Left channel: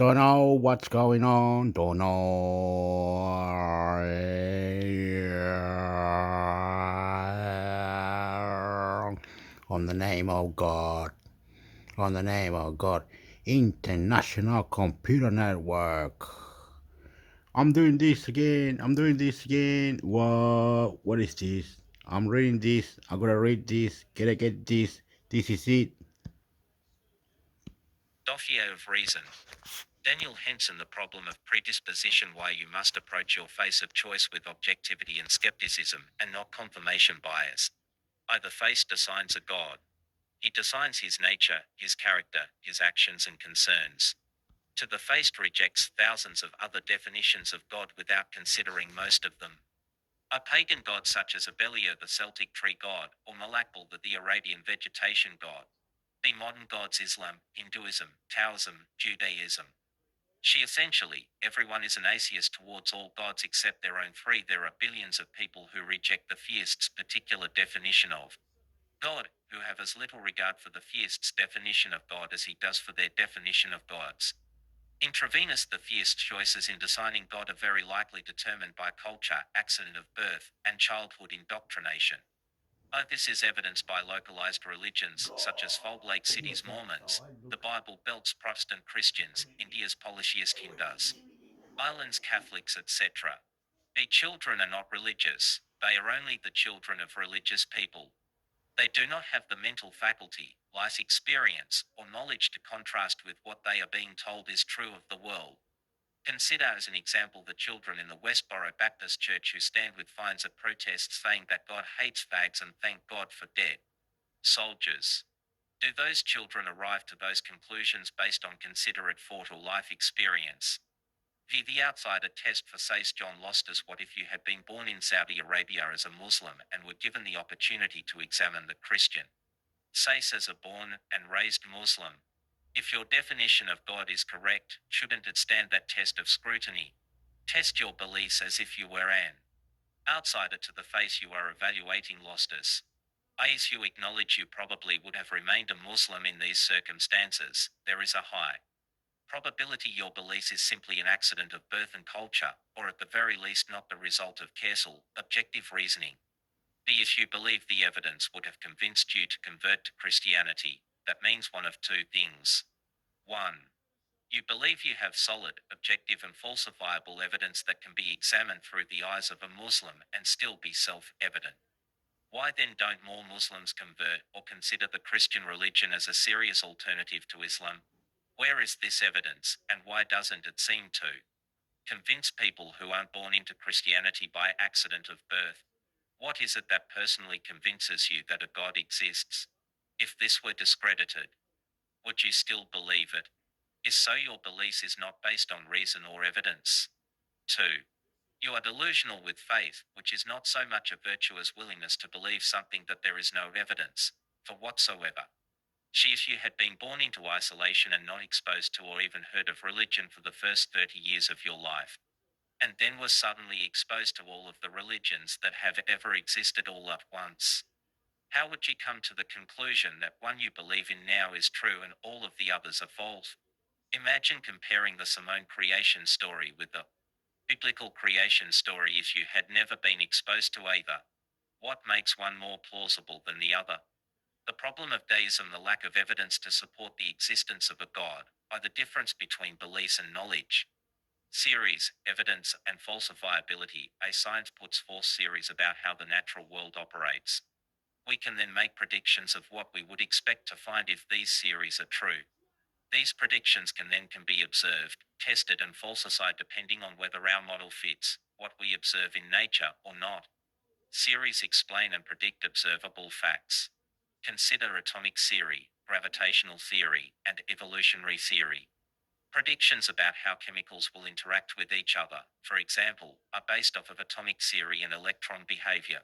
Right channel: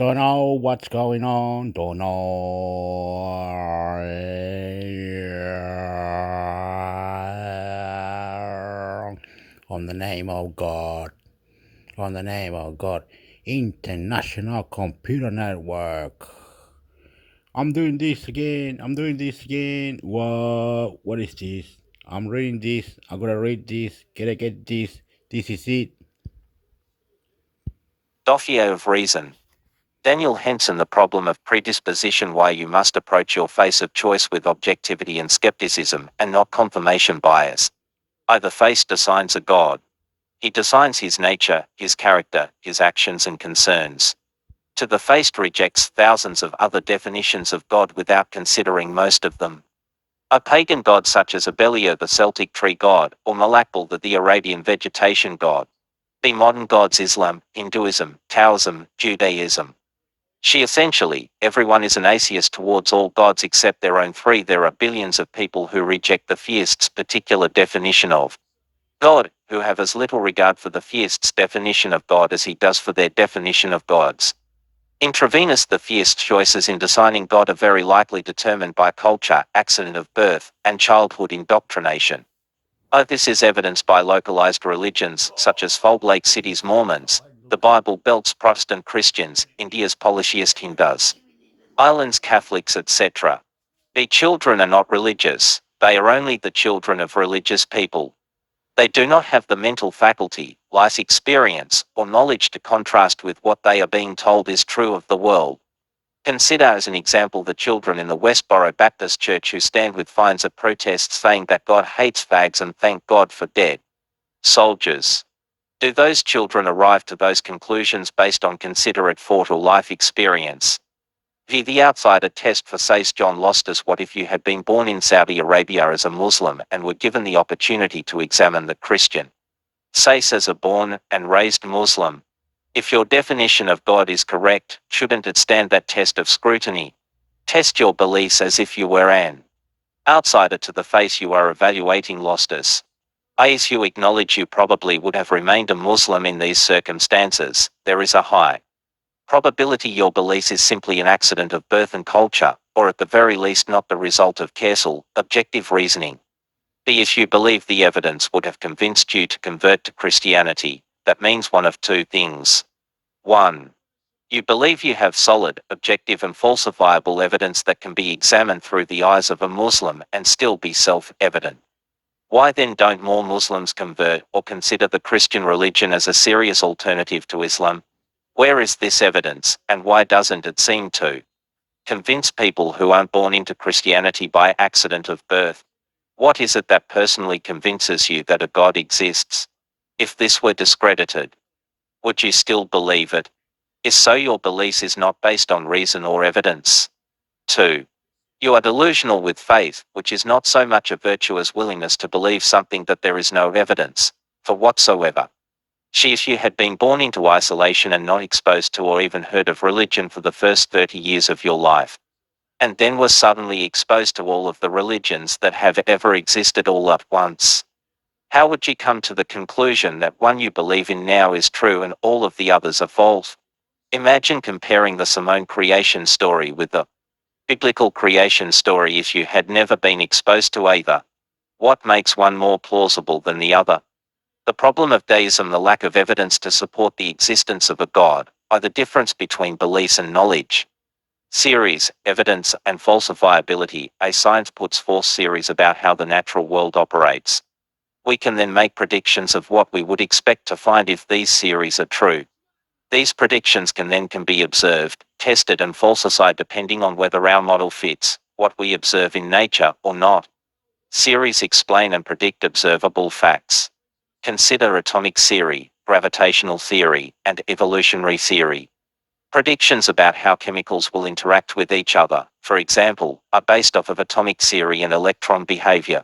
Don't know what's going on. Don't know. On the name of God. On the name of God. International Computer Network. I'm doing this again. I'm doing this again. What is this? I'm reading this. I'm gonna read this. Gotta get this. This is it. Dossier of Reason. Daniel Henson. The problem of predisposition. Why you must approach your face of choice with objectivity and skepticism, and not confirmation bias. The face designs a God. He designs his nature, his character, his actions and concerns. To the faced rejects thousands of other definitions of God without considering most of them. A pagan god such as Abelio the Celtic tree god, or Malakbal the Arabian vegetation god. The modern gods Islam, Hinduism, Taoism, Judaism. She essentially, everyone is an atheist towards all gods except their own three. There are billions of people who reject the theist's particular definition of God, who have as little regard for the theist's definition of God as he does for their definition of gods. Intravenous. The theist's choices in designing God are very likely determined by culture, accident of birth, and childhood indoctrination. This is evidenced by localized religions such as Salt Lake City's Mormons, the Bible Belt's Protestant Christians, India's polytheist Hindus, Ireland's Catholics, etc. The children are not religious, they are only the children of religious people. They do not have the mental faculty, life experience, or knowledge to contrast with what they are being told is true of the world. Consider as an example the children in the Westboro Baptist Church who stand with fines at protests saying that God hates fags and thank God for dead soldiers. Do those children arrive to those conclusions based on considerate thought or life experience? The outsider test for says John Lostis. What if you had been born in Saudi Arabia as a Muslim and were given the opportunity to examine the Christian says as a born and raised Muslim? If your definition of God is correct, shouldn't it stand that test of scrutiny? Test your beliefs as if you were an outsider to the face you are evaluating. Lostis. As you acknowledge you probably would have remained a Muslim in these circumstances, there is a high probability your belief is simply an accident of birth and culture, or at the very least not the result of careful, objective reasoning. If you believe the evidence would have convinced you to convert to Christianity, that means one of two things. 1. You believe you have solid, objective and falsifiable evidence that can be examined through the eyes of a Muslim and still be self-evident. Why then don't more Muslims convert or consider the Christian religion as a serious alternative to Islam? Where is this evidence, and why doesn't it seem to convince people who aren't born into Christianity by accident of birth? What is it that personally convinces you that a God exists? If this were discredited, would you still believe it? If so, your belief is not based on reason or evidence. 2. You are delusional with faith, which is not so much a virtue as willingness to believe something that there is no evidence for whatsoever. If you had been born into isolation and not exposed to or even heard of religion for the first 30 years of your life, and then were suddenly exposed to all of the religions that have ever existed all at once, how would you come to the conclusion that one you believe in now is true and all of the others are false? Imagine comparing the Simone creation story with the biblical creation story if you had never been exposed to either. What makes one more plausible than the other? The problem of deism, the lack of evidence to support the existence of a God, are the difference between beliefs and knowledge. Series, evidence, and falsifiability. A science puts forth theories about how the natural world operates. We can then make predictions of what we would expect to find if these theories are true. These predictions can be observed, tested and falsified depending on whether our model fits what we observe in nature or not. Theories explain and predict observable facts. Consider atomic theory, gravitational theory, and evolutionary theory. Predictions about how chemicals will interact with each other, for example, are based off of atomic theory and electron behavior.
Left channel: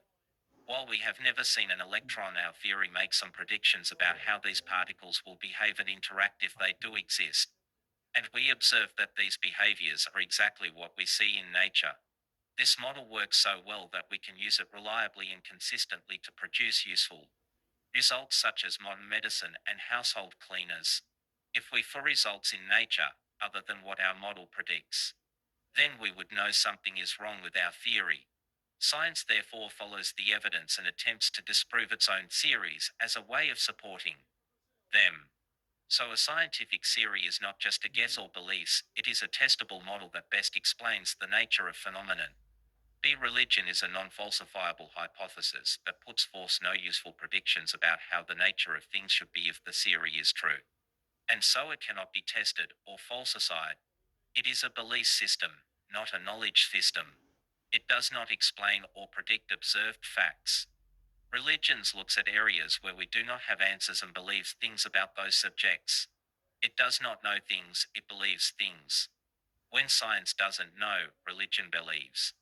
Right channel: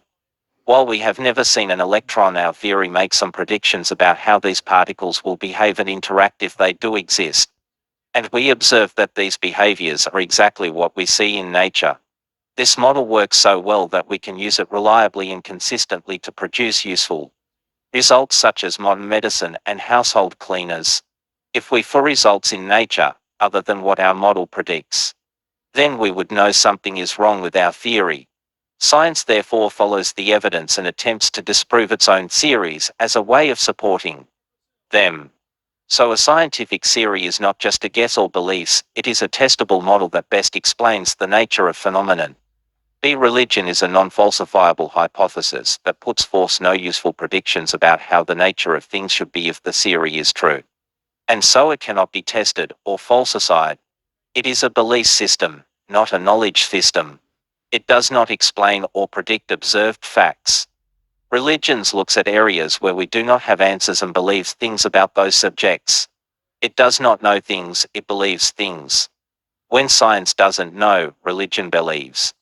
While we have never seen an electron, our theory makes some predictions about how these particles will behave and interact if they do exist. And we observe that these behaviors are exactly what we see in nature. This model works so well that we can use it reliably and consistently to produce useful results such as modern medicine and household cleaners. If we for results in nature, other than what our model predicts. Then we would know something is wrong with our theory. Science therefore follows the evidence and attempts to disprove its own theories as a way of supporting them. So a scientific theory is not just a guess or beliefs, it is a testable model that best explains the nature of phenomenon. B. Religion is a non-falsifiable hypothesis that puts forth no useful predictions about how the nature of things should be if the theory is true. And so it cannot be tested or falsified. It is a belief system, not a knowledge system. It does not explain or predict observed facts. Religions looks at areas where we do not have answers and believes things about those subjects. It does not know things, it believes things. When science doesn't know, religion believes.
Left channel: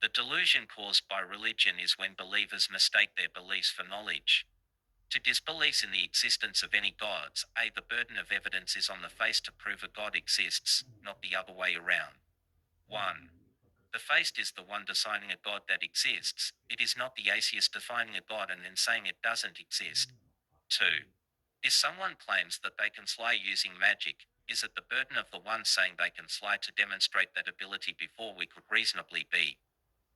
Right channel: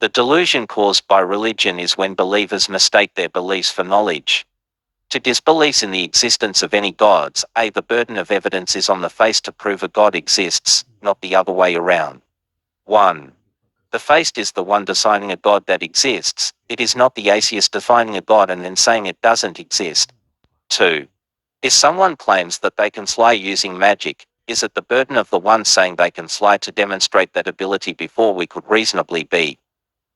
The delusion caused by religion is when believers mistake their beliefs for knowledge. To disbelief in the existence of any gods, the burden of evidence is on the face to prove a god exists, not the other way around. 1. The faith is the one deciding a god that exists, it is not the atheist defining a god and then saying it doesn't exist. 2. If someone claims that they can fly using magic, is it the burden of the one saying they can fly to demonstrate that ability before we could reasonably be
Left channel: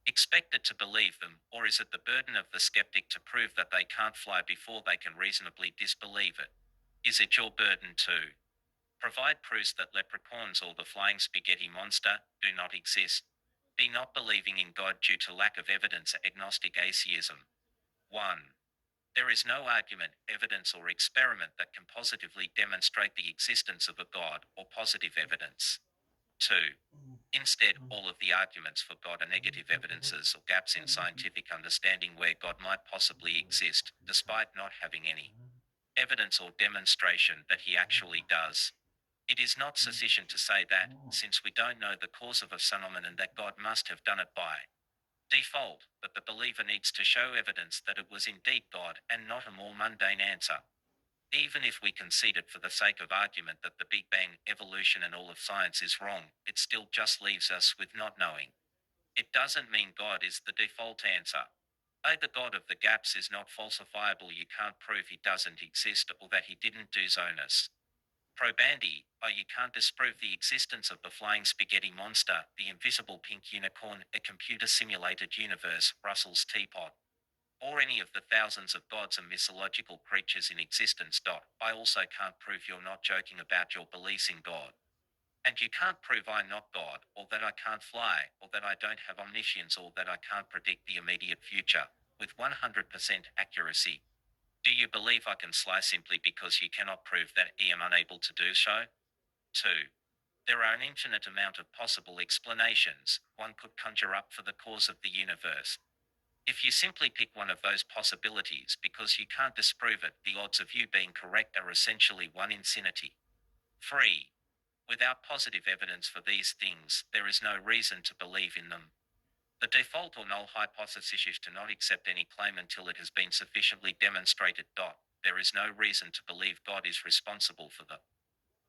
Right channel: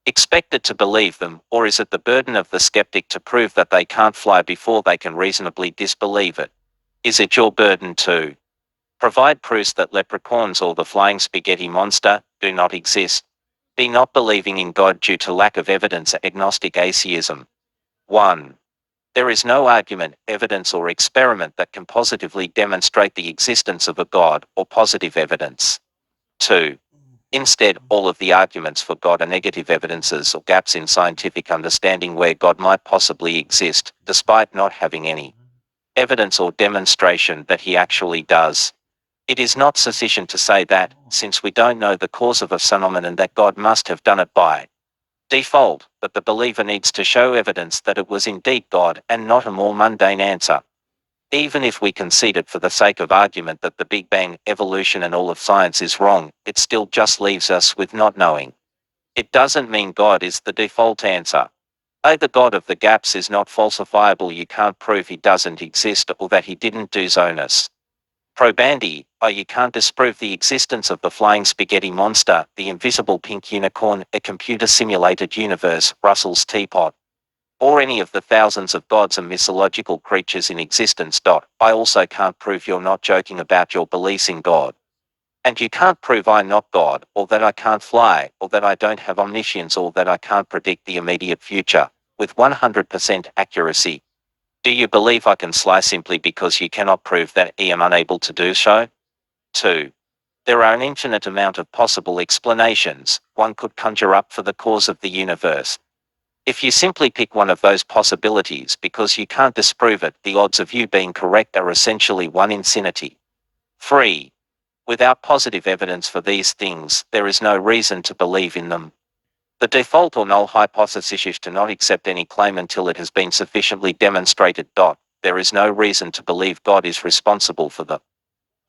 expected to believe them, or is it the burden of the skeptic to prove that they can't fly before they can reasonably disbelieve it? Is it your burden to provide proofs that leprechauns or the flying spaghetti monster do not exist? B. Not believing in God due to lack of evidence, agnostic atheism. 1. There is no argument, evidence or experiment that can positively demonstrate the existence of a God, or positive evidence. 2. Instead, all of the arguments for God are negative evidences or gaps in scientific understanding where God might possibly exist, despite not having any evidence or demonstration that he actually does. It is not sufficient to say that, since we don't know the cause of a phenomenon, that God must have done it by default, but the believer needs to show evidence that it was indeed God and not a more mundane answer. Even if we concede it for the sake of argument that the Big Bang, evolution and all of science is wrong, it still just leaves us with not knowing. It doesn't mean God is the default answer. The God of the gaps is not falsifiable, you can't prove he doesn't exist or that he didn't do Zonus. Probandi, you can't disprove the existence of the flying spaghetti monster, the invisible pink unicorn, a computer-simulated universe, Russell's teapot, or any of the thousands of gods and mythological creatures in existence. I also can't prove you're not joking about your beliefs in God. And you can't prove I'm not God, or that I can't fly, or that I don't have omniscience, or that I can't predict the immediate future with 100% accuracy. Do you believe I can fly simply because you cannot prove that I am unable to do so? 2. There are an infinite amount of possible explanations one could conjure up for the cause of the universe. If you simply pick one of those possibilities because you can't disprove it, the odds of you being correct are essentially 1 in infinity. 3. Without positive evidence for these things, there is no reason to believe in them. The default or null hypothesis is to not accept any claim until it has been sufficiently demonstrated. There is no reason to believe God is responsible for the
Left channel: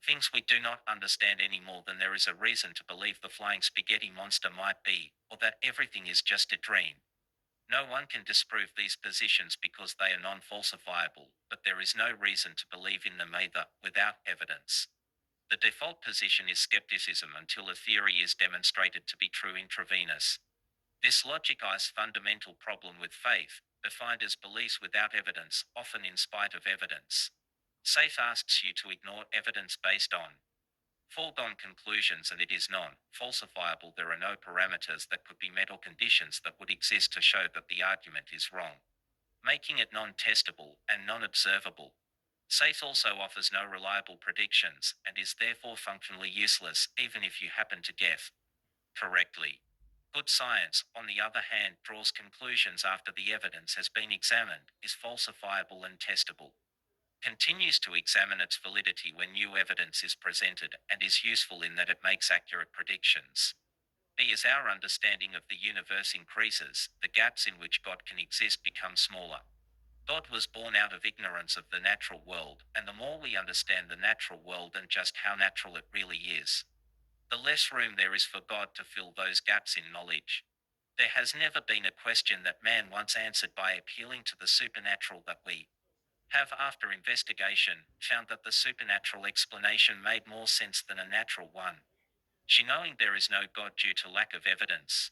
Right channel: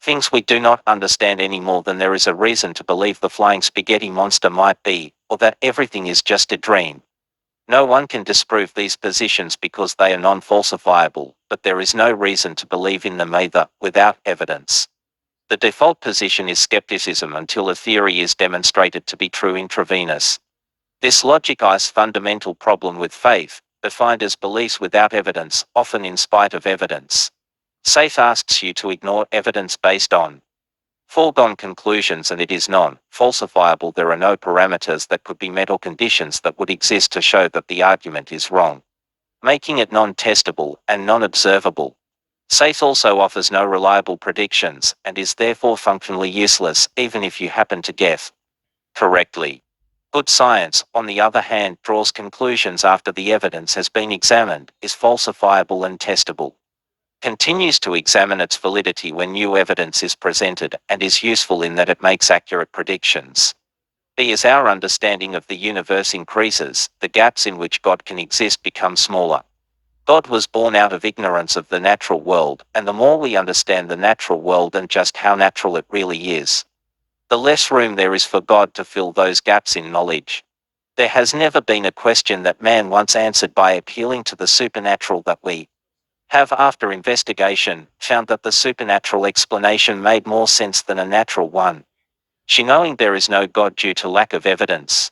things we do not understand any more than there is a reason to believe the flying spaghetti monster might be, or that everything is just a dream. No one can disprove these positions because they are non-falsifiable, but there is no reason to believe in them either, without evidence. The default position is skepticism until a theory is demonstrated to be true intravenous. This logic is fundamental problem with faith, defined as beliefs without evidence, often in spite of evidence. Faith asks you to ignore evidence based on foregone conclusions, and it is non-falsifiable. There are no parameters that could be met or conditions that would exist to show that the argument is wrong, making it non-testable and non-observable. Faith also offers no reliable predictions, and is therefore functionally useless, even if you happen to guess correctly. Good science, on the other hand, draws conclusions after the evidence has been examined, is falsifiable and testable, continues to examine its validity when new evidence is presented, and is useful in that it makes accurate predictions. B. As our understanding of the universe increases, the gaps in which God can exist become smaller. God was born out of ignorance of the natural world, and the more we understand the natural world and just how natural it really is, the less room there is for God to fill those gaps in knowledge. There has never been a question that man once answered by appealing to the supernatural that we have, after investigation, found that the supernatural explanation made more sense than a natural one. She, knowing there is no God due to lack of evidence.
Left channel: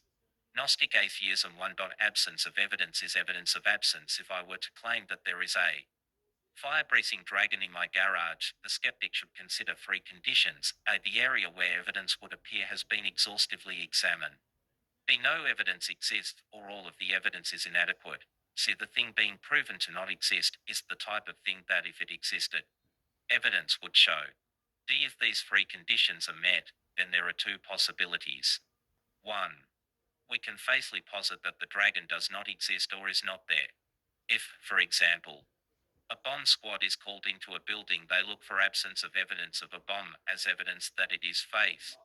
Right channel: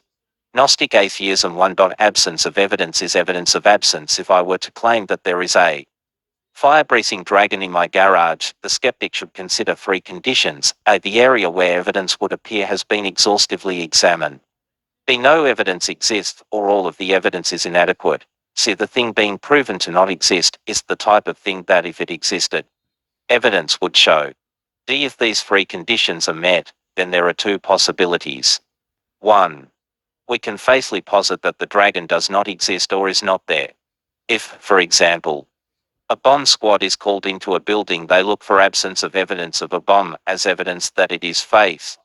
Gnostic atheism 1. Absence of evidence is evidence of absence. If I were to claim that there is a fire-breathing dragon in my garage, the skeptic should consider three conditions: A. The area where evidence would appear has been exhaustively examined. B. No evidence exists, or all of the evidence is inadequate. C. The thing being proven to not exist is the type of thing that, if it existed, evidence would show. D. If these three conditions are met, then there are two possibilities. 1. We can faithfully posit that the dragon does not exist or is not there. If, for example, a bomb squad is called into a building, they look for absence of evidence of a bomb as evidence that it is faith.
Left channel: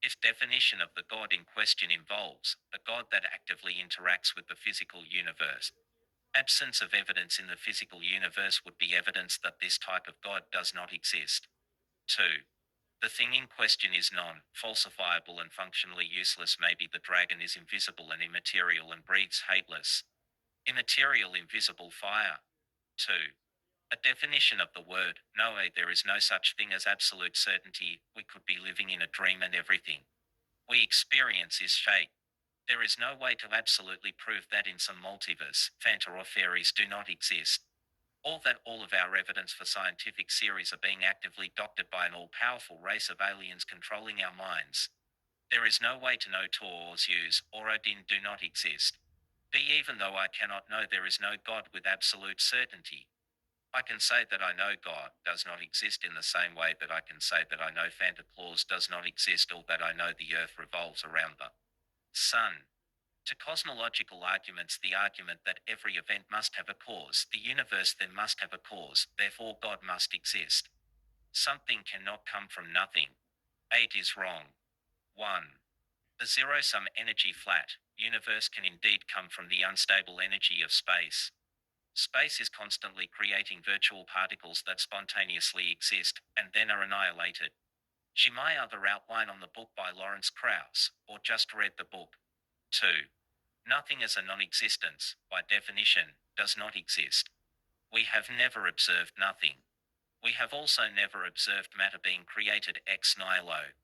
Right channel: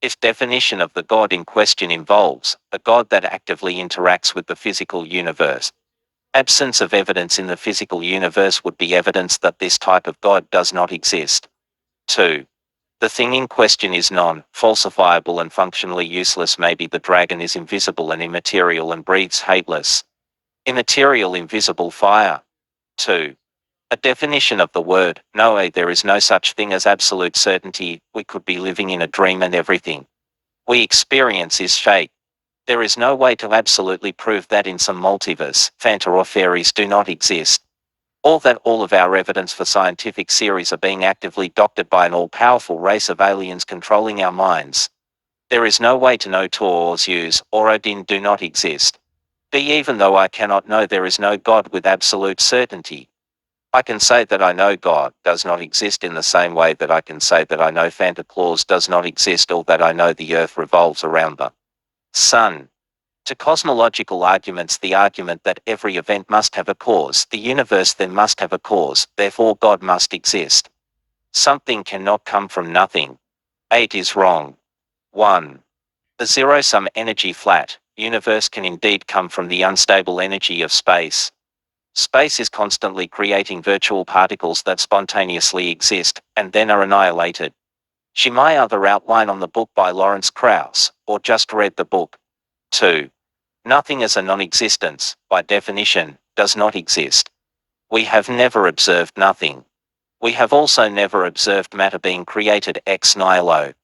If definition of the God in question involves a God that actively interacts with the physical universe, absence of evidence in the physical universe would be evidence that this type of God does not exist. 2. The thing in question is non-falsifiable and functionally useless. Maybe the dragon is invisible and immaterial and breathes hateless, immaterial, invisible fire. 2. A definition of the word no. There is no such thing as absolute certainty. We could be living in a dream and everything we experience is fake. There is no way to absolutely prove that in some multiverse, Fanta or fairies do not exist, or that all of our evidence for scientific theories are being actively doctored by an all-powerful race of aliens controlling our minds. There is no way to know Tor or Zeus or Odin do not exist. B. Even though I cannot know there is no God with absolute certainty, I can say that I know God does not exist in the same way that I can say that I know Santa Claus does not exist, or that I know the earth revolves around the sun. To cosmological arguments, the argument that every event must have a cause, the universe then must have a cause, therefore God must exist. Something cannot come from nothing. 8 is wrong. 1. The zero-sum energy flat universe can indeed come from the unstable energy of space. Space is constantly creating virtual particles that spontaneously exist, and then are annihilated. See my other outline on the book by Lawrence Krauss, or just read the book. 2. Nothing as a non-existence, by definition, does not exist. We have never observed nothing. We have also never observed matter being created ex nihilo.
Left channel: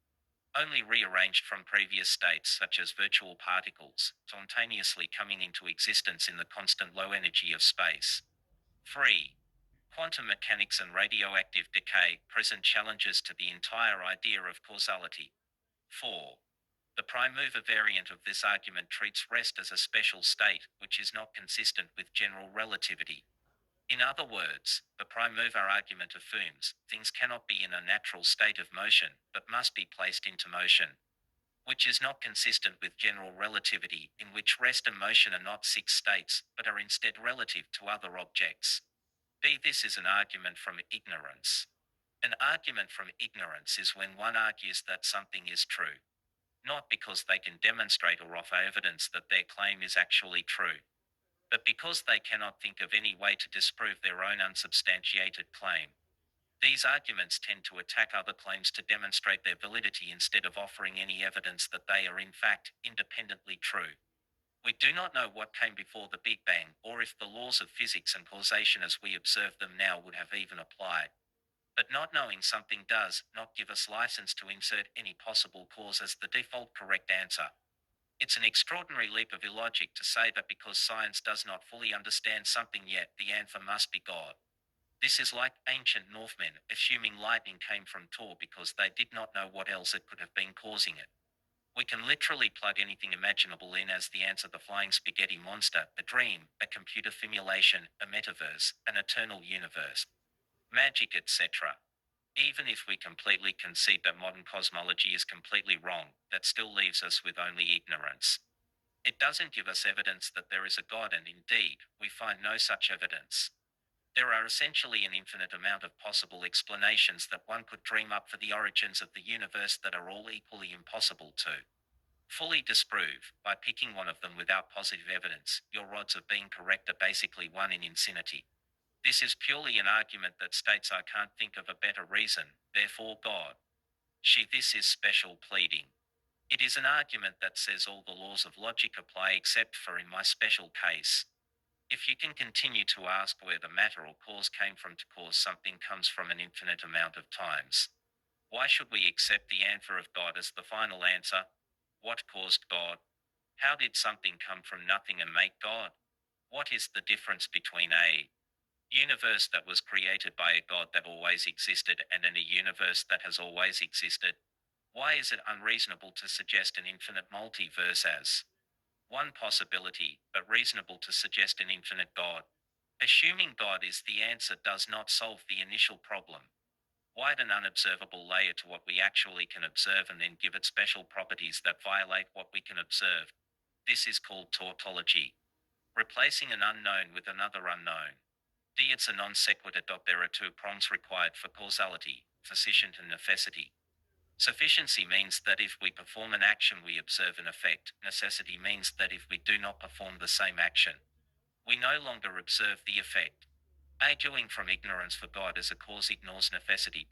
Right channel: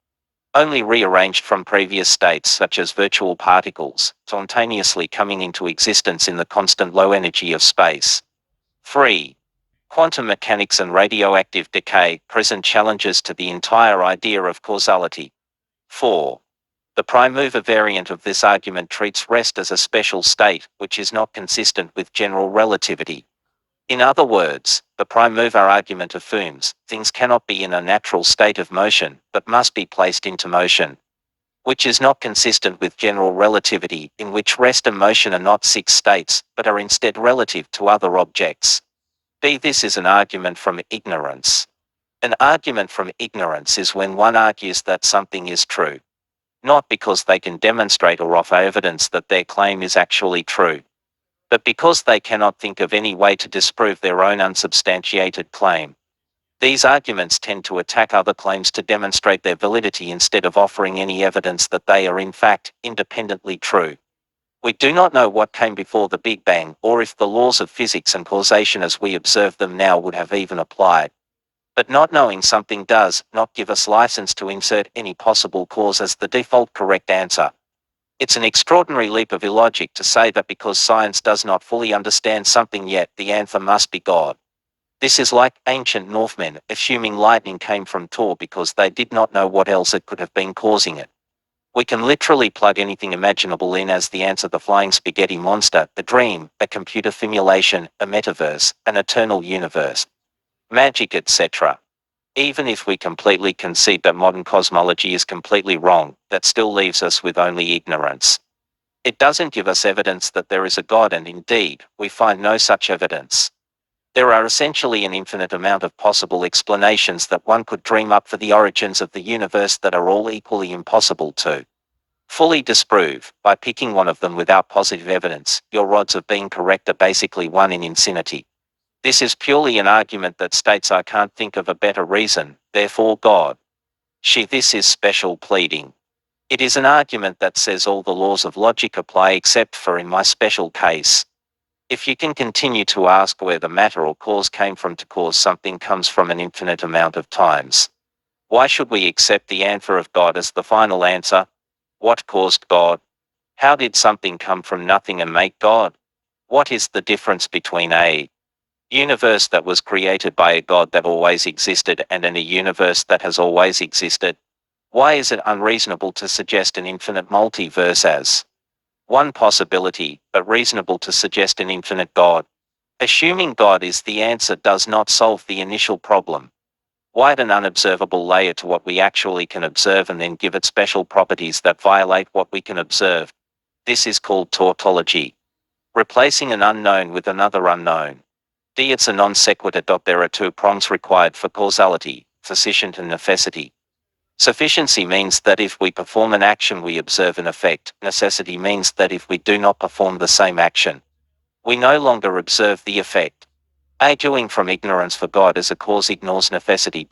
Only rearranged from previous states, such as virtual particles, spontaneously coming into existence in the constant low energy of space. 3. Quantum mechanics and radioactive decay present challenges to the entire idea of causality. 4. The prime mover variant of this argument treats rest as a special state, which is not consistent with general relativity. In other words, the prime mover argument affirms things cannot be in a natural state of motion, but must be placed into motion, which is not consistent with general relativity, in which rest and motion are not fixed states, but are instead relative to other objects. B. This is an argument from ignorance. An argument from ignorance is when one argues that something is true, not because they can demonstrate or offer evidence that their claim is actually true, but because they cannot think of any way to disprove their own unsubstantiated claim. These arguments tend to attack other claims to demonstrate their validity instead of offering any evidence that they are in fact independently true. We do not know what came before the Big Bang, or if the laws of physics and causation as we observe them now would have even applied. But not knowing something does not give us license to insert any possible cause as the default correct answer. It's an extraordinary leap of illogic to say that because science does not fully understand something yet, the answer must be God. This is like ancient Northmen assuming lightning came from Thor because they did not know what else it could have been causing it. We can literally plug anything imaginable in as the answer: the flying spaghetti monster, a dream, a computer simulation, a metaverse, an eternal universe, magic, etc. Even if we completely concede that modern cosmology is completely wrong, that still leaves us with only ignorance. It doesn't give us evidence that there is a God, and indeed, we find no such evidence. There are essentially an infinite amount of possible explanations that one could dream up for the origins of the universe that are all equally impossible to fully disprove. By picking one of them without positive evidence, your odds of being correct are basically 1 in infinity. This is purely an argument that states I can't think of a better reason, therefore God. This is special pleading. It is an argument that says all the laws of logic apply except for in my special case. If you can continue to ask where the matter or cause came from to cause something comes from an infinite amount of times, why should we accept the answer of God as the final answer? What caused God? How did something come from nothing and make God? What is the difference between a universe that was created by a God that always existed and a universe that has always existed? Why is it unreasonable to suggest an infinite multiverse as one possibility, but reasonable to suggest an infinite God? Assuming God is the answer does not solve the initial problem. Why add an unobservable layer to what we actually can observe and then give it special properties that violate what we can observe? This is called tautology. Replacing an unknown with another unknown. It's a non sequitur. There are two prongs required for causality, sufficient and necessity. Sufficiency means that if we perform an action we observe an effect. Necessity means that if we do not perform the same action, we no longer observe the effect. Arguing from ignorance for God as a cause ignores necessity.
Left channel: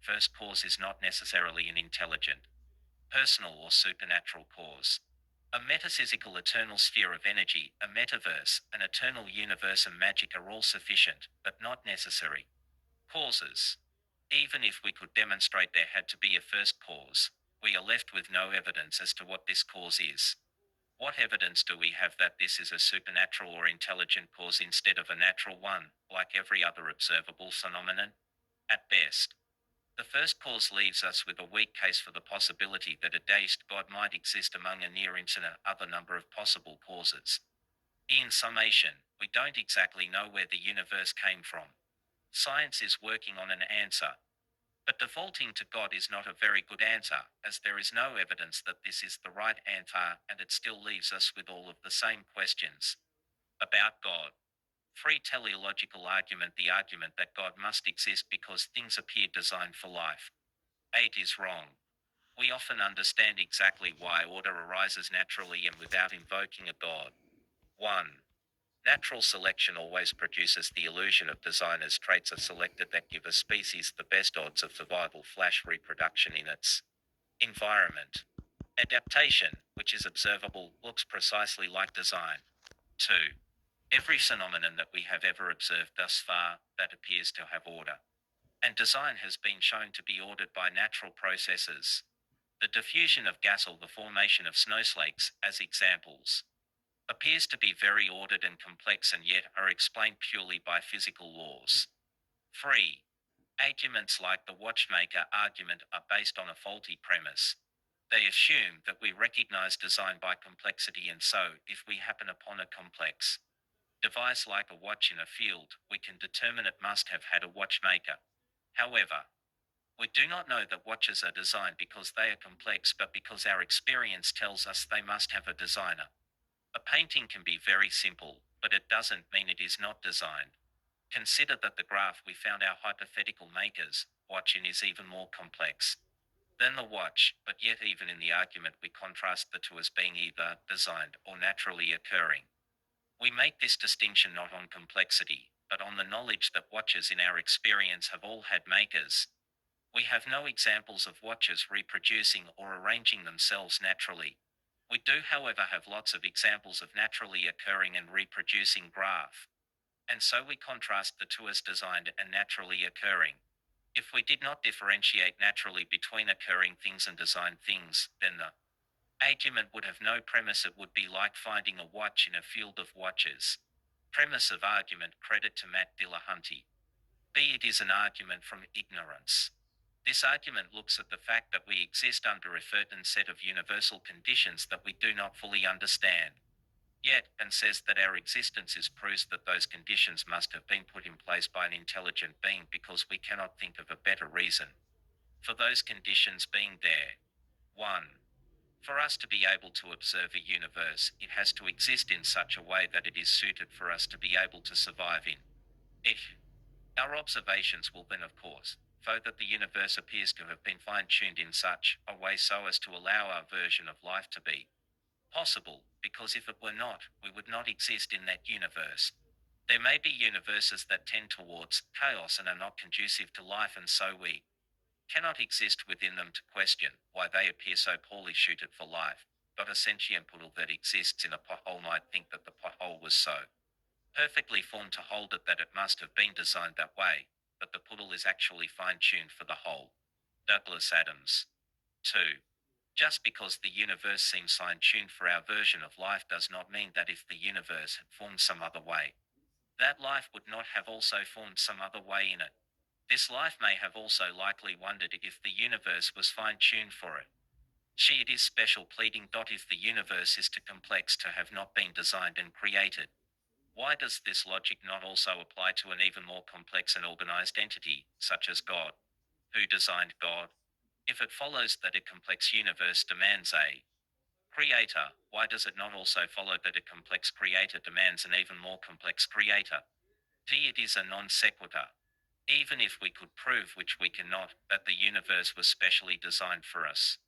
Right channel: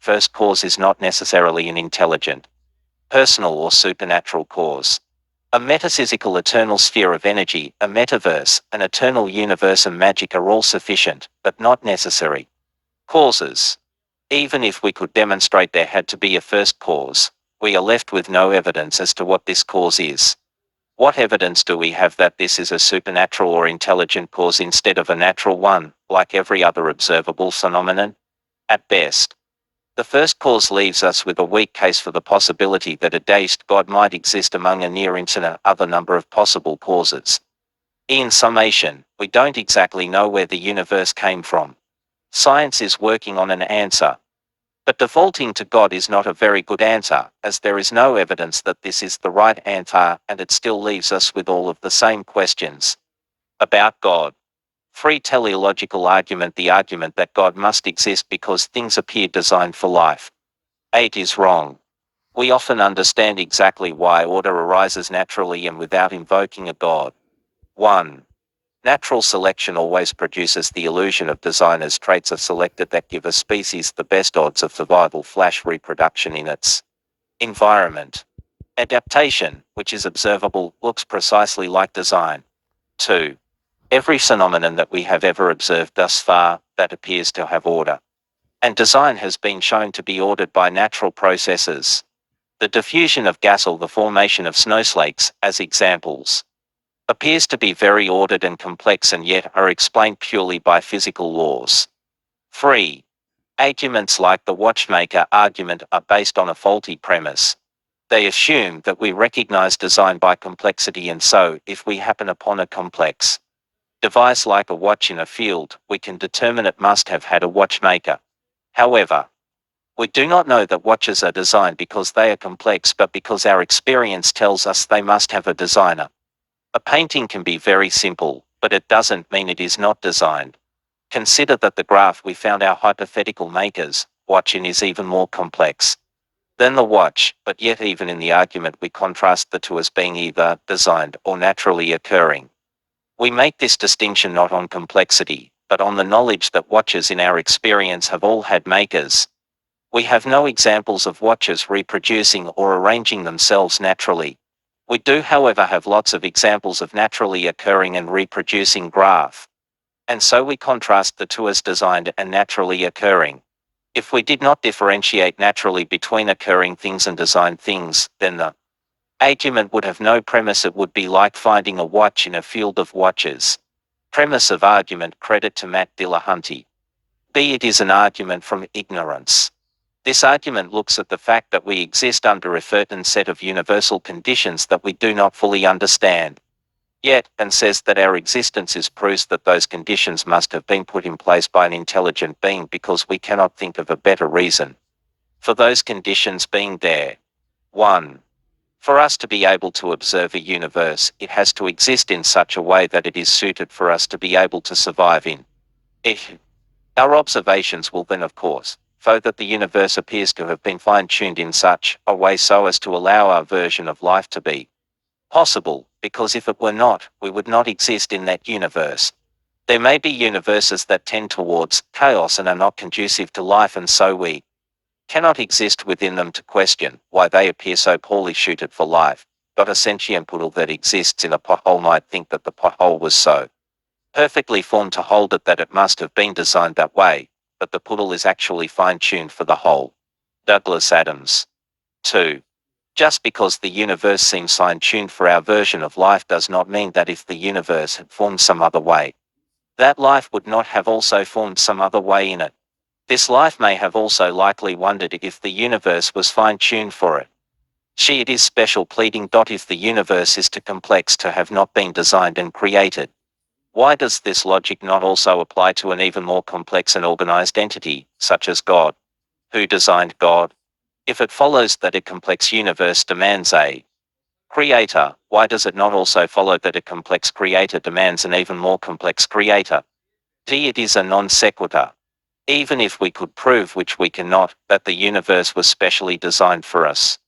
First cause is not necessarily an intelligent, personal or supernatural cause. A metaphysical eternal sphere of energy, a metaverse, an eternal universe and magic are all sufficient, but not necessary causes. Even if we could demonstrate there had to be a first cause, we are left with no evidence as to what this cause is. What evidence do we have that this is a supernatural or intelligent cause instead of a natural one, like every other observable phenomenon? At best, the first cause leaves us with a weak case for the possibility that a deist God might exist among a near infinite other number of possible causes. In summation, we don't exactly know where the universe came from. Science is working on an answer. But defaulting to God is not a very good answer, as there is no evidence that this is the right answer, and it still leaves us with all of the same questions about God. Free teleological argument. The argument that God must exist because things appear designed for life. 8 is wrong. We often understand exactly why order arises naturally and without invoking a God. 1. Natural selection always produces the illusion of design as traits are selected that give a species the best odds of survival / reproduction in its environment. Adaptation, which is observable, looks precisely like design. 2. Every phenomenon that we have ever observed thus far, that appears to have order and design has been shown to be ordered by natural processes. The diffusion of gas or the formation of snowflakes, as examples, appears to be very ordered and complex and yet are explained purely by physical laws. 3. Arguments like the watchmaker argument are based on a faulty premise. They assume that we recognize design by complexity, and so, if we happen upon a complex device like a watch in a field, we can determine it must have had a watchmaker. However, we do not know that watches are designed because they are complex, but because our experience tells us they must have a designer. A painting can be very simple, but it doesn't mean it is not designed. Consider that the graph we found our hypothetical makers watch in is even more complex than the watch, but yet even in the argument we contrast the two as being either designed or naturally occurring. We make this distinction not on complexity, but on the knowledge that watches in our experience have all had makers. We have no examples of watches reproducing or arranging themselves naturally. We do, however, have lots of examples of naturally occurring and reproducing graph. And so we contrast the two as designed and naturally occurring. If we did not differentiate naturally between occurring things and designed things, then the argument would have no premise. It would be like finding a watch in a field of watches. Premise of argument. Credit to Matt Dillahunty. B. It is an argument from ignorance. This argument looks at the fact that we exist under a certain set of universal conditions that we do not fully understand yet, and says that our existence is proof that those conditions must have been put in place by an intelligent being because we cannot think of a better reason for those conditions being there. 1. For us to be able to observe a universe, it has to exist in such a way that it is suited for us to be able to survive in it. Our observations will then, of course, show that the universe appears to have been fine-tuned in such a way so as to allow our version of life to be possible, because if it were not, we would not exist in that universe. There may be universes that tend towards chaos and are not conducive to life, and so we cannot exist within them to question why they appear so poorly suited for life. But a sentient poodle that exists in a pothole might think that the pothole was so perfectly formed to hold it that it must have been designed that way, but the poodle is actually fine-tuned for the whole. Douglas Adams. 2. Just because the universe seems fine-tuned for our version of life does not mean that if the universe had formed some other way, that life would not have also formed some other way in it. This life may have also likely wondered if the universe was fine-tuned for it. It is special pleading. If the universe is too complex to have not been designed and created, why does this logic not also apply to an even more complex and organized entity, such as God? Who designed God? If it follows that a complex universe demands a creator, why does it not also follow that a complex creator demands an even more complex creator? It is a non sequitur. Even if we could prove, which we cannot, that the universe was specially designed for us,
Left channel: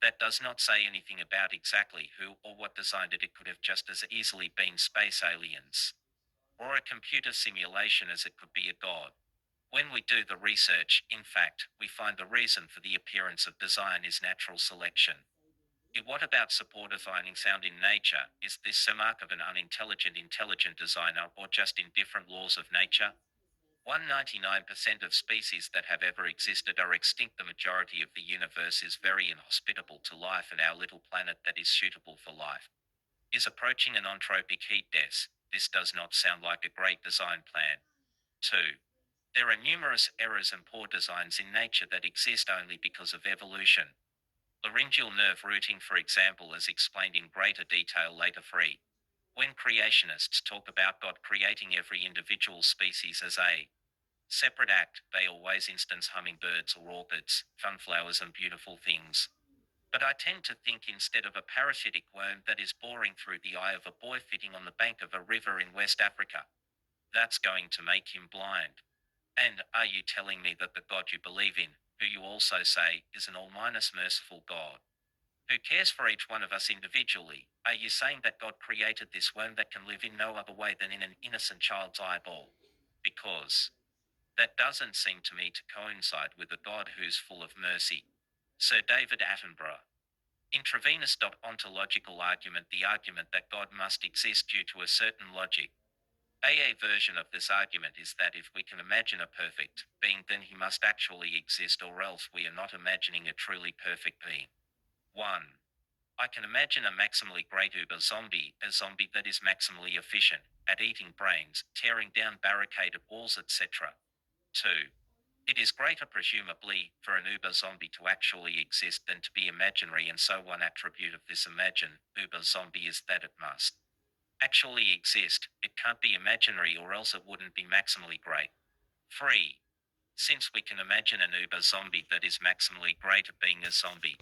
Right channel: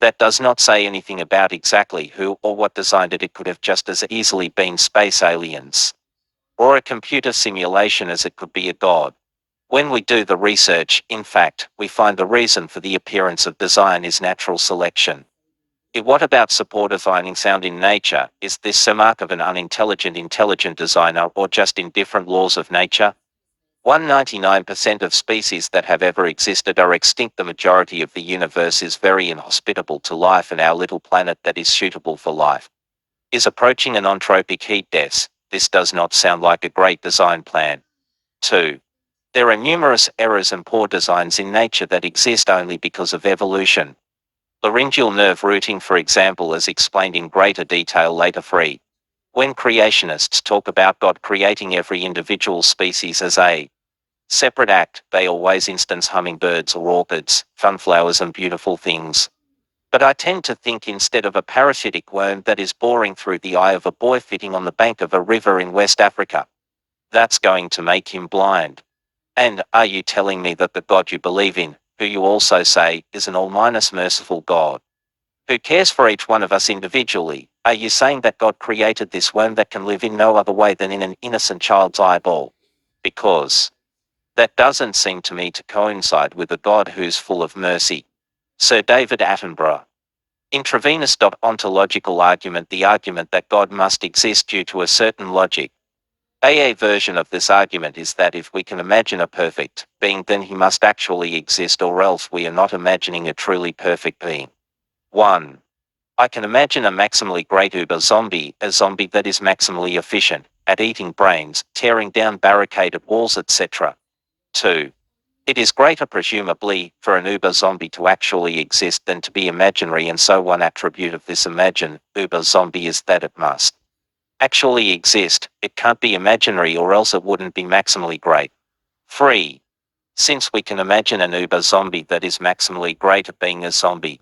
that does not say anything about exactly who or what designed it. It could have just as easily been space aliens, or a computer simulation, as it could be a god. When we do the research, in fact, we find the reason for the appearance of design is natural selection. What about supportifying sound in nature? Is this a mark of an unintelligent intelligent designer, or just indifferent laws of nature? 199% of species that have ever existed are extinct. The majority of the universe is very inhospitable to life, and our little planet that is suitable for life is approaching an entropic heat death. This does not sound like a great design plan. 2. There are numerous errors and poor designs in nature that exist only because of evolution. Laryngeal nerve routing, for example, is explained in greater detail later. 3. When creationists talk about God creating every individual species as a separate act, they always instance hummingbirds or orchids, sunflowers and beautiful things. But I tend to think instead of a parasitic worm that is boring through the eye of a boy sitting on the bank of a river in West Africa. That's going to make him blind. And are you telling me that the God you believe in, who you also say is an all-minus merciful God, who cares for each one of us individually, are you saying that God created this worm that can live in no other way than in an innocent child's eyeball? Because that doesn't seem to me to coincide with a God who's full of mercy. Sir David Attenborough. Intravenous. Ontological argument. The argument that God must exist due to a certain logic. A version of this argument is that if we can imagine a perfect being, then he must actually exist, or else we are not imagining a truly perfect being. 1. I can imagine a maximally great uber zombie, a zombie that is maximally efficient at eating brains, tearing down barricaded walls, etc. 2. It is greater, presumably, for an uber zombie to actually exist than to be imaginary, and so one attribute of this uber zombie is that it must actually exist. It can't be imaginary, or else it wouldn't be maximally great. 3. Since we can imagine an uber zombie that is maximally great at being a zombie,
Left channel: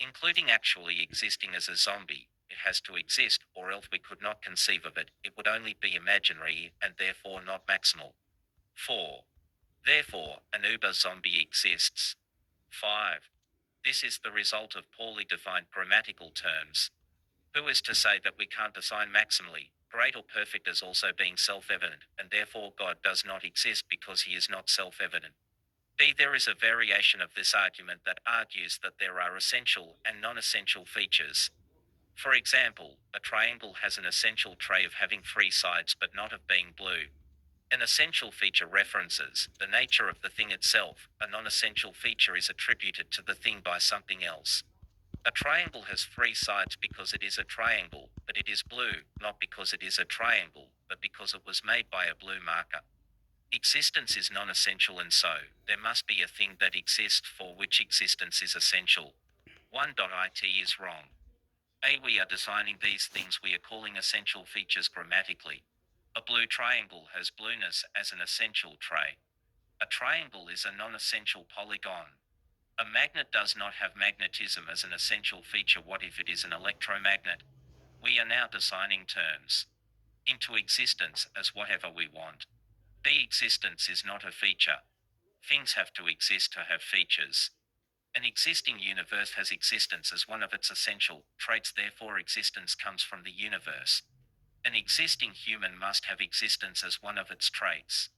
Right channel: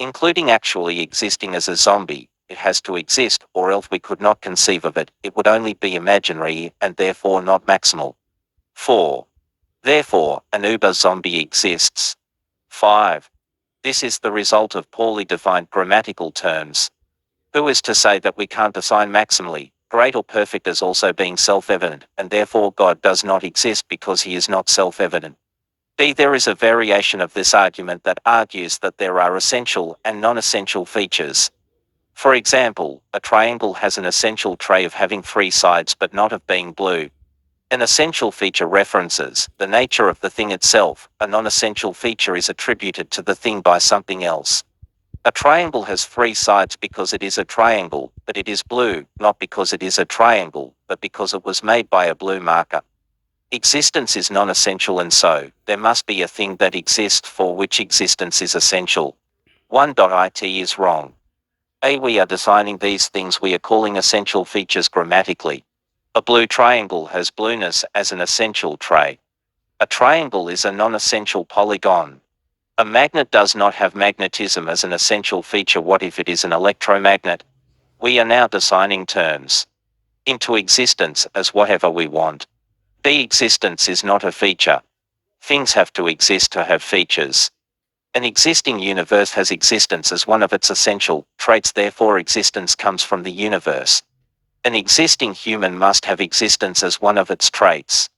including actually existing as a zombie, it has to exist, or else we could not conceive of it. It would only be imaginary and therefore not maximal. 4. Therefore, an uber zombie exists. 5. This is the result of poorly defined grammatical terms. Who is to say that we can't define maximally great or perfect as also being self-evident, and therefore God does not exist because he is not self-evident? There is a variation of this argument that argues that there are essential and non-essential features. For example, a triangle has an essential trait of having 3 sides but not of being blue. An essential feature references the nature of the thing itself. A non-essential feature is attributed to the thing by something else. A triangle has 3 sides because it is a triangle, but it is blue, not because it is a triangle, but because it was made by a blue marker. Existence is non-essential, and so there must be a thing that exists for which existence is essential. 1.it is wrong. We are designing these things we are calling essential features grammatically. A blue triangle has blueness as an essential trait. A triangle is a non-essential polygon. A magnet does not have magnetism as an essential feature. What if it is an electromagnet? We are now designing terms into existence as whatever we want. The existence is not a feature. Things have to exist to have features. An existing universe has existence as one of its essential traits, therefore existence comes from the universe. An existing human must have existence as one of its traits.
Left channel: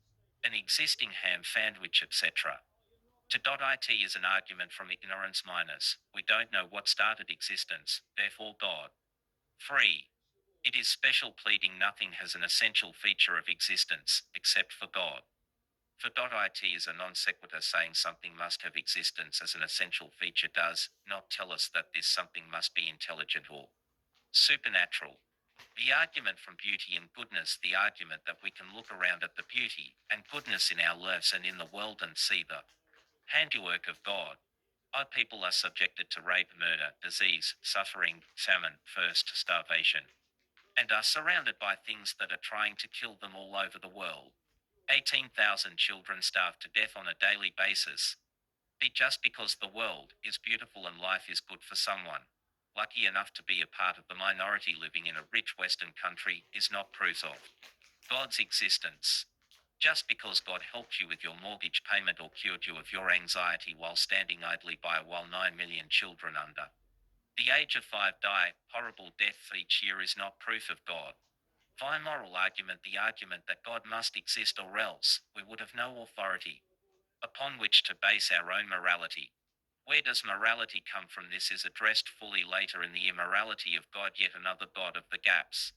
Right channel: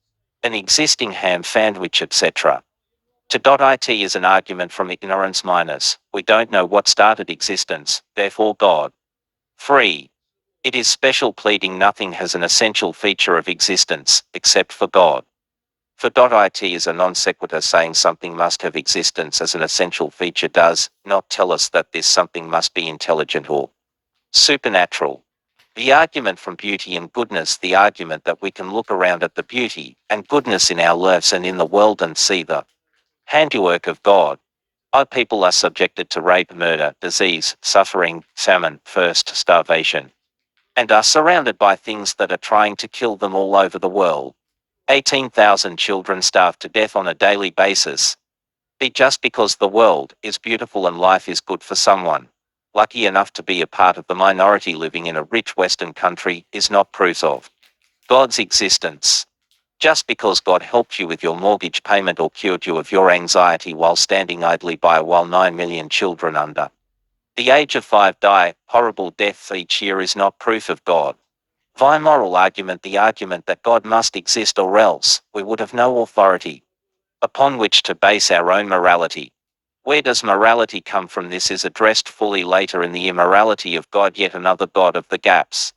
An existing ham sandwich, etc. It is an argument from ignorance minus, we don't know what started existence, therefore God. 3. It is special pleading. Nothing has an essential feature of existence, except for God. For it is a non sequitur saying something must have existence as an essential feature does not tell us that this something must be intelligent or supernatural. The argument from beauty and goodness, the argument that we can look around at the beauty and goodness in our lives and in the world and see the handiwork of God. Our people are subjected to rape, murder, disease, suffering, famine, thirst, starvation, and are surrounded by things that are trying to kill them all over the world. 18,000 children starve to death on a daily basis. Just because the world is beautiful and life is good for someone lucky enough to be a part of the minority living in a rich Western country is not proof of God's existence. Just because God helped you with your mortgage payment or cured you of your anxiety while standing idly by while 9 million children under the age of 5 die horrible deaths each year is not proof of God. Via moral argument, the argument that God must exist or else we would have no authority upon which to base our own morality. Where does morality come from? This is addressed fully later in the immorality of God, yet another God of the gaps.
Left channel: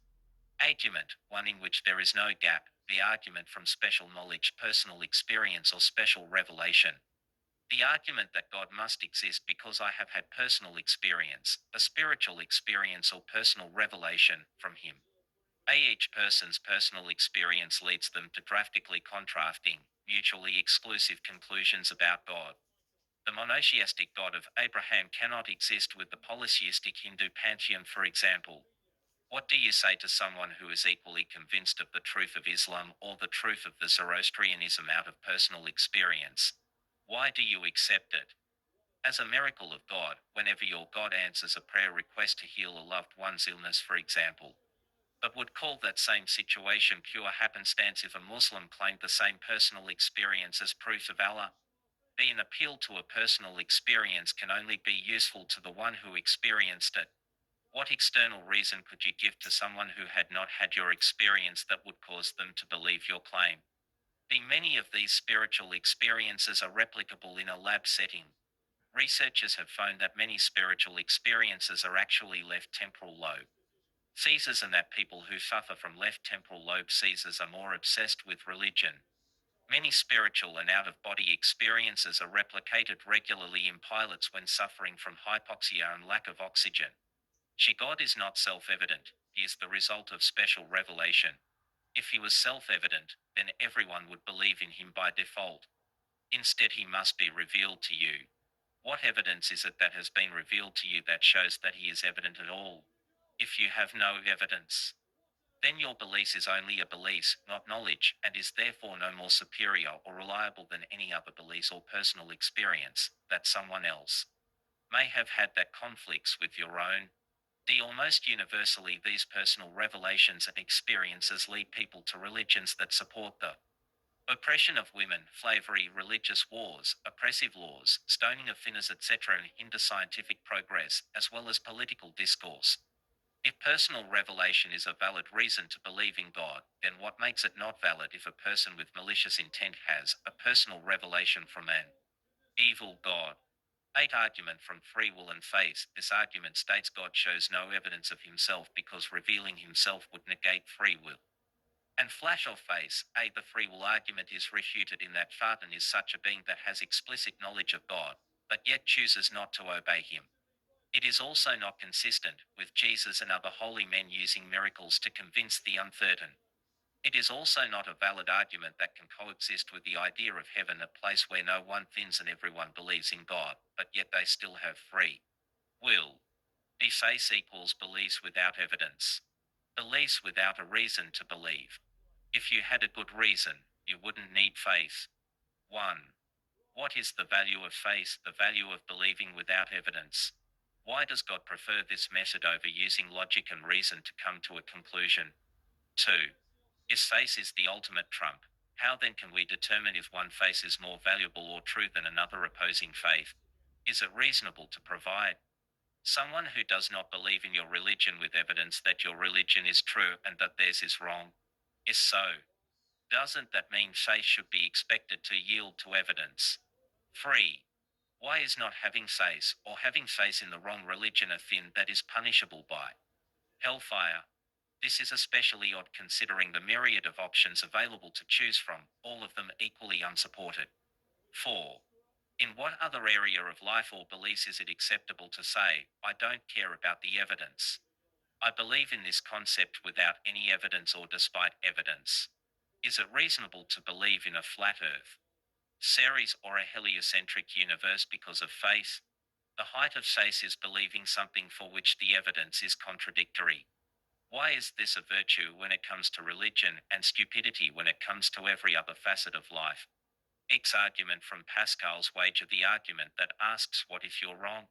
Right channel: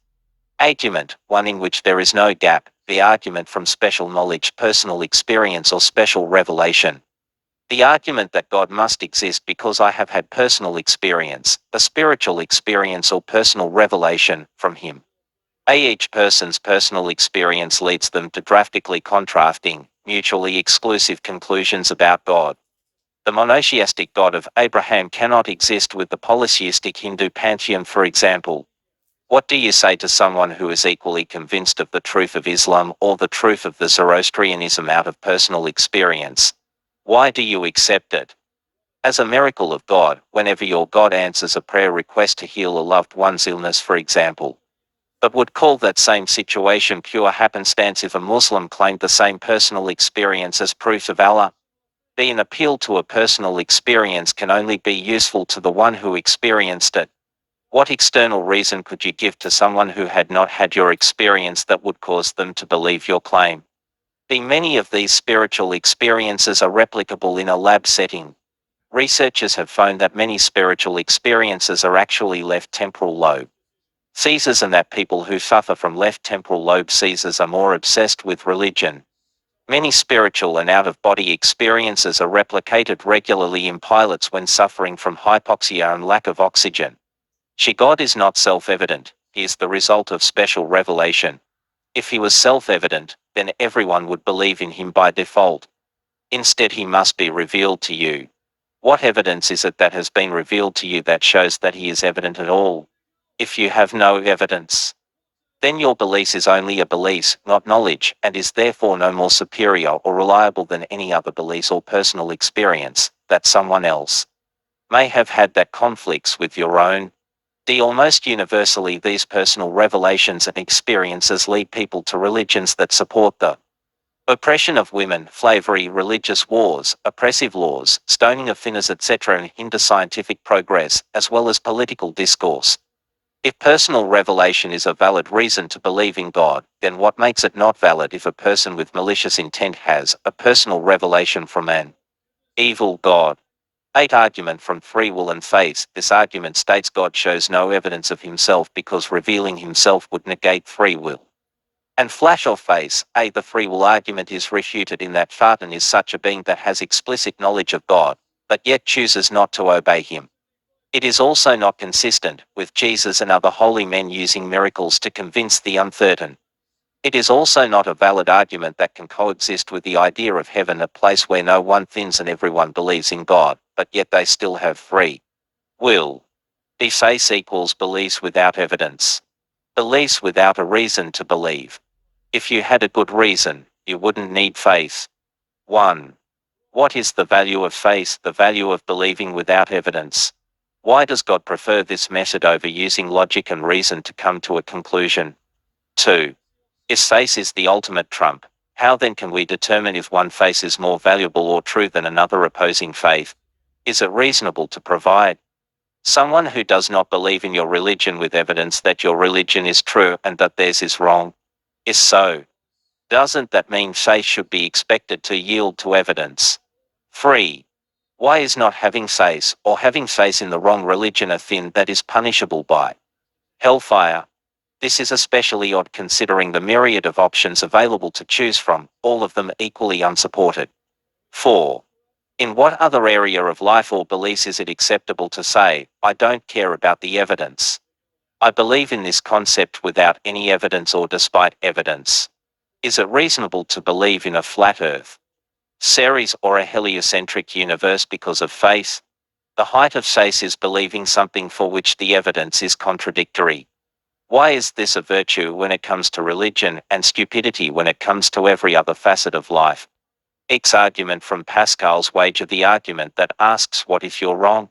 Argument, one in which there is no gap, the argument from special knowledge, personal experience or special revelation. The argument that God must exist because I have had personal experience, a spiritual experience or personal revelation from Him. Each person's personal experience leads them to drastically contrasting, mutually exclusive conclusions about God. The monotheistic God of Abraham cannot exist with the polytheistic Hindu pantheon, for example. What do you say to someone who is equally convinced of the truth of Islam or the truth of the Zoroastrianism out of personal experience? Why do you accept it as a miracle of God whenever your God answers a prayer request to heal a loved one's illness, for example? But would call that same situation pure happenstance if a Muslim claimed the same personal experience as proof of Allah? An appeal to a personal experience can only be useful to the one who experienced it. What external reason could you give to someone who had not had your experience that would cause them to believe your claim? Many of these spiritual experiences are replicable in a lab setting. Researchers have found that many spiritual experiences are actually left temporal lobe seizures, and that people who suffer from left temporal lobe seizures are more obsessed with religion. Many spiritual and out-of-body experiences are replicated regularly in pilots when suffering from hypoxia and lack of oxygen. God is not self-evident, He is the result of special revelation. If He was self-evident, then everyone would believe in Him by default. Instead, He must be revealed to you. What evidence is it that has been revealed to you that shows that He is evident at all? If you have no evidence, then your belief is only a belief, not knowledge, and is therefore no more superior or reliable than any other belief or personal experience that someone else may have had that conflicts with your own. Almost universally, these personal revelations and experiences lead people to religions that support the oppression of women, slavery, religious wars, oppressive laws, stoning of sinners, etc., and hinder scientific progress, as well as political discourse. If personal revelation is a valid reason to believe in God, then what makes it not valid if a person with malicious intent has a personal revelation from an evil God? 8. Argument from free will and faith. This argument states God shows no evidence of Himself because revealing Himself would negate free will and flash of faith. The free will argument is refuted in that Satan is such a being that has explicit knowledge of God, but yet chooses not to obey Him. It is also not consistent with Jesus and other holy men using miracles to convince the uncertain. It is also not a valid argument that can coexist with the idea of heaven, a place where no one thins and everyone believes in God, but yet they still have free will. Faith equals beliefs without evidence. Beliefs without a reason to believe. If you had a good reason, you wouldn't need faith. 1. What is the value of faith? The value of believing without evidence. Why does God prefer this method over using logic and reason to come to a conclusion? 2. If faith is the ultimate trump, how then can we determine if one faith is more valuable or true than another opposing faith? Is it reasonable to provide someone who does not believe in your religion with evidence that your religion is true and that theirs is wrong? If so, doesn't that mean faith should be expected to yield to evidence? 3. Why is not having faith or having faith in the wrong religion a sin that is punishable by hellfire? This is especially odd considering the myriad of options available to choose from, all of them equally unsupported. 4. In what other area of life or beliefs is it acceptable to say, I don't care about the evidence? I believe in this concept without any evidence or despite evidence. Is it reasonable to believe in a flat Earth, Ceres, or a heliocentric universe because of faith? The height of faith is believing something for which the evidence is contradictory. Why is this a virtue when it comes to religion, and stupidity when it comes to every other facet of life? X argument from Pascal's wager, the argument that asks, what if you're wrong?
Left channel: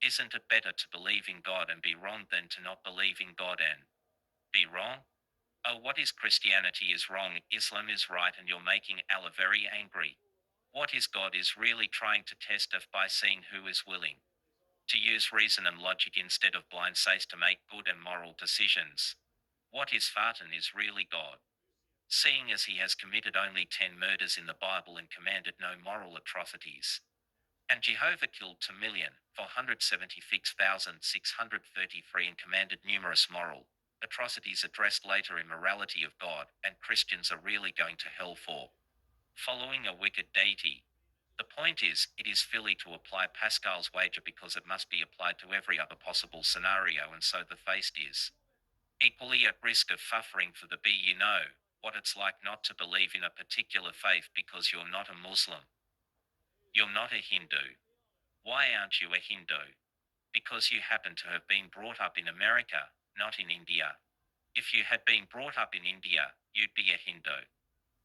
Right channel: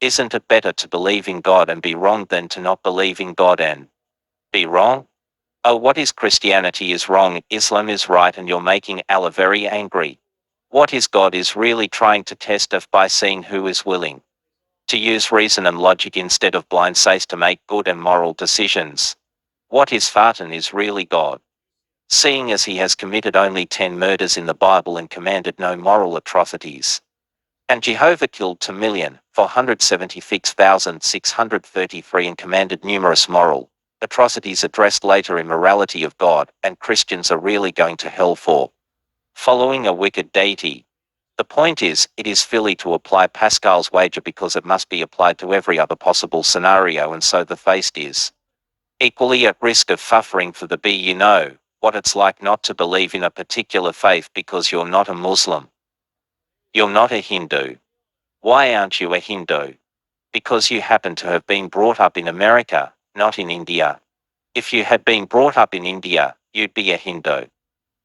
Isn't it better to believe in God and be wrong than to not believe in God and be wrong? Oh, what is Christianity is wrong, Islam is right, and you're making Allah very angry. What is God is really trying to test us by seeing who is willing to use reason and logic instead of blind faith to make good and moral decisions. What is Satan is really God, seeing as he has committed only 10 murders in the Bible and commanded no moral atrocities. And Jehovah killed 2,476,633 and commanded numerous moral atrocities addressed later immorality of God, and Christians are really going to hell for following a wicked deity. The point is, it is silly to apply Pascal's wager because it must be applied to every other possible scenario, and so the theist is equally at risk of suffering for the you know what it's like not to believe in a particular faith because you're not a Muslim. You're not a Hindu. Why aren't you a Hindu? Because you happen to have been brought up in America, not in India. If you had been brought up in India, you'd be a Hindu.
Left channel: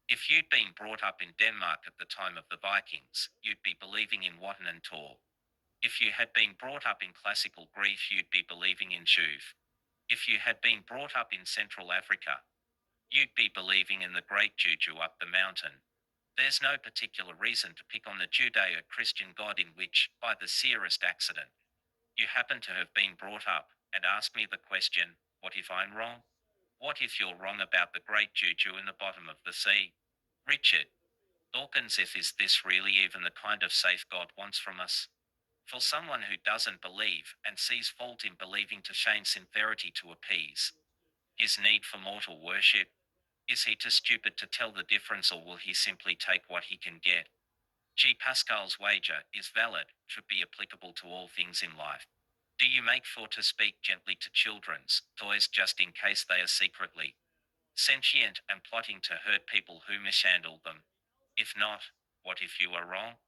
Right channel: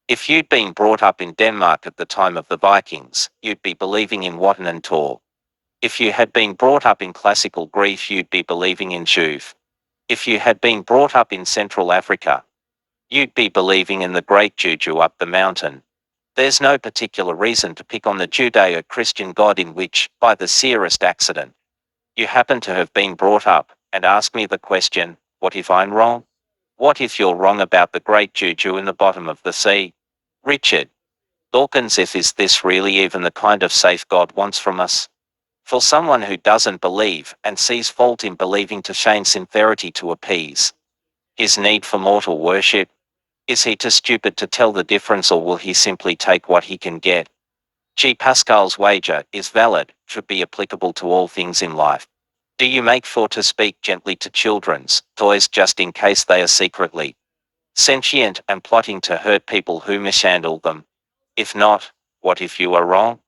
If you'd been brought up in Denmark at the time of the Vikings, you'd be believing in Wotan and Thor. If you had been brought up in classical Greece, you'd be believing in Juve. If you had been brought up in Central Africa, you'd be believing in the great Juju up the mountain. There's no particular reason to pick on the Judeo-Christian God in which, by the seerest accident, you happen to have been brought up, and ask me the question, what if I'm wrong? What if you're wrong about the great Juju in the bottom of the sea? Richard Dawkins, if is this really even the kind of safe God wants from us? For someone who doesn't believe and sees fault in believing to feign sincerity to appease his need for mortal worship, is he too stupid to tell the difference, or will he simply take what he can get? G. Pascal's wager is valid, should be applicable to all things in life. Do you make sure to speak gently to children's toys just in case they are secretly sentient and plotting to hurt people who mishandle them? If not, what if you are wrong?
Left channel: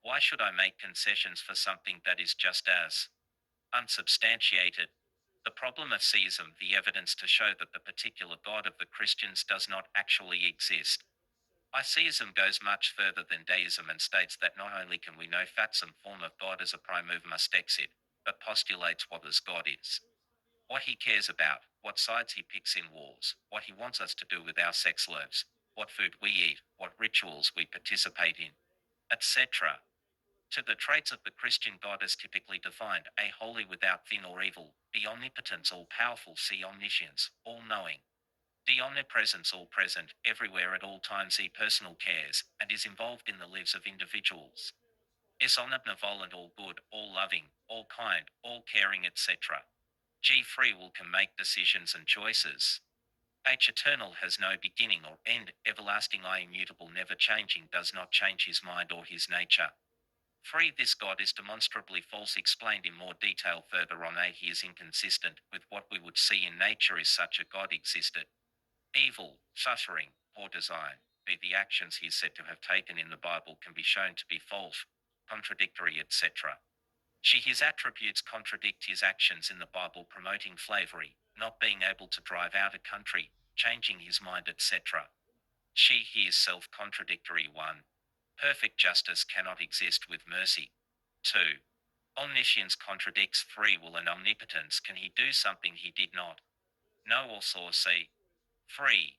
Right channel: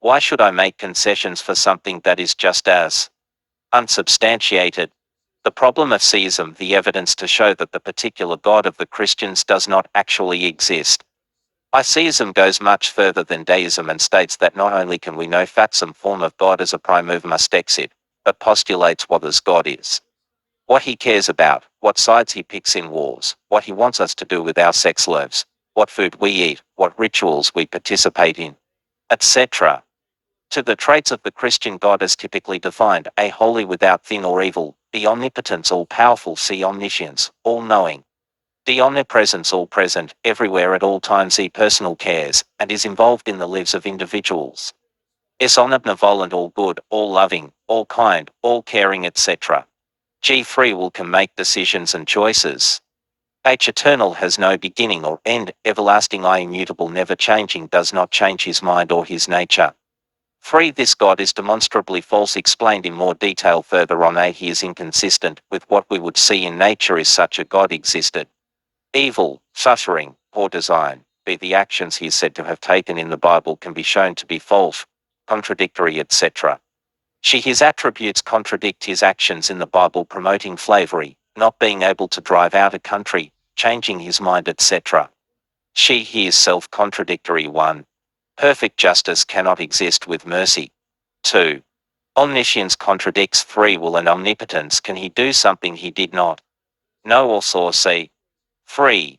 Why should I make concessions for something that is just as unsubstantiated? The problem of theism, the evidence to show that the particular God of the Christians does not actually exist. Theism goes much further than deism and states that not only can we know that some form of God as a prime must exist, but postulates what this God is, what he cares about, what sides he picks in wars, what he wants us to do with our sex lives, what food we eat, what rituals we participate in, etc. To the traits of the Christian God as typically defined: A, holy without sin or evil; B, omnipotence, all-powerful; C, omniscience, all-knowing; D, omnipresence, all-present, everywhere at all times; E, personal cares, and is involved in the lives of individuals; S, omnibenevolent, all-good, all-loving, all-kind, all-caring, etc. G, free will, can make decisions and choices. H, eternal, has no beginning or end; everlasting, I, immutable, never changing, does not change his mind or his nature. 3. This God is demonstrably false, explained in more detail further on. A, he is inconsistent with what we would see in nature if such a God existed. Evil, suffering, poor design. B, the actions he is said to have taken in the Bible can be shown to be false, contradictory, etc. C, his attributes contradict his actions in the Bible, promoting slavery, not being able to drive out a country, changing his mind, etc. He is self-contradictory. 1. Perfect justice cannot exist with mercy. 2. Omniscience contradicts free will and omnipotence. Can he do something he did not know or saw? C. 3.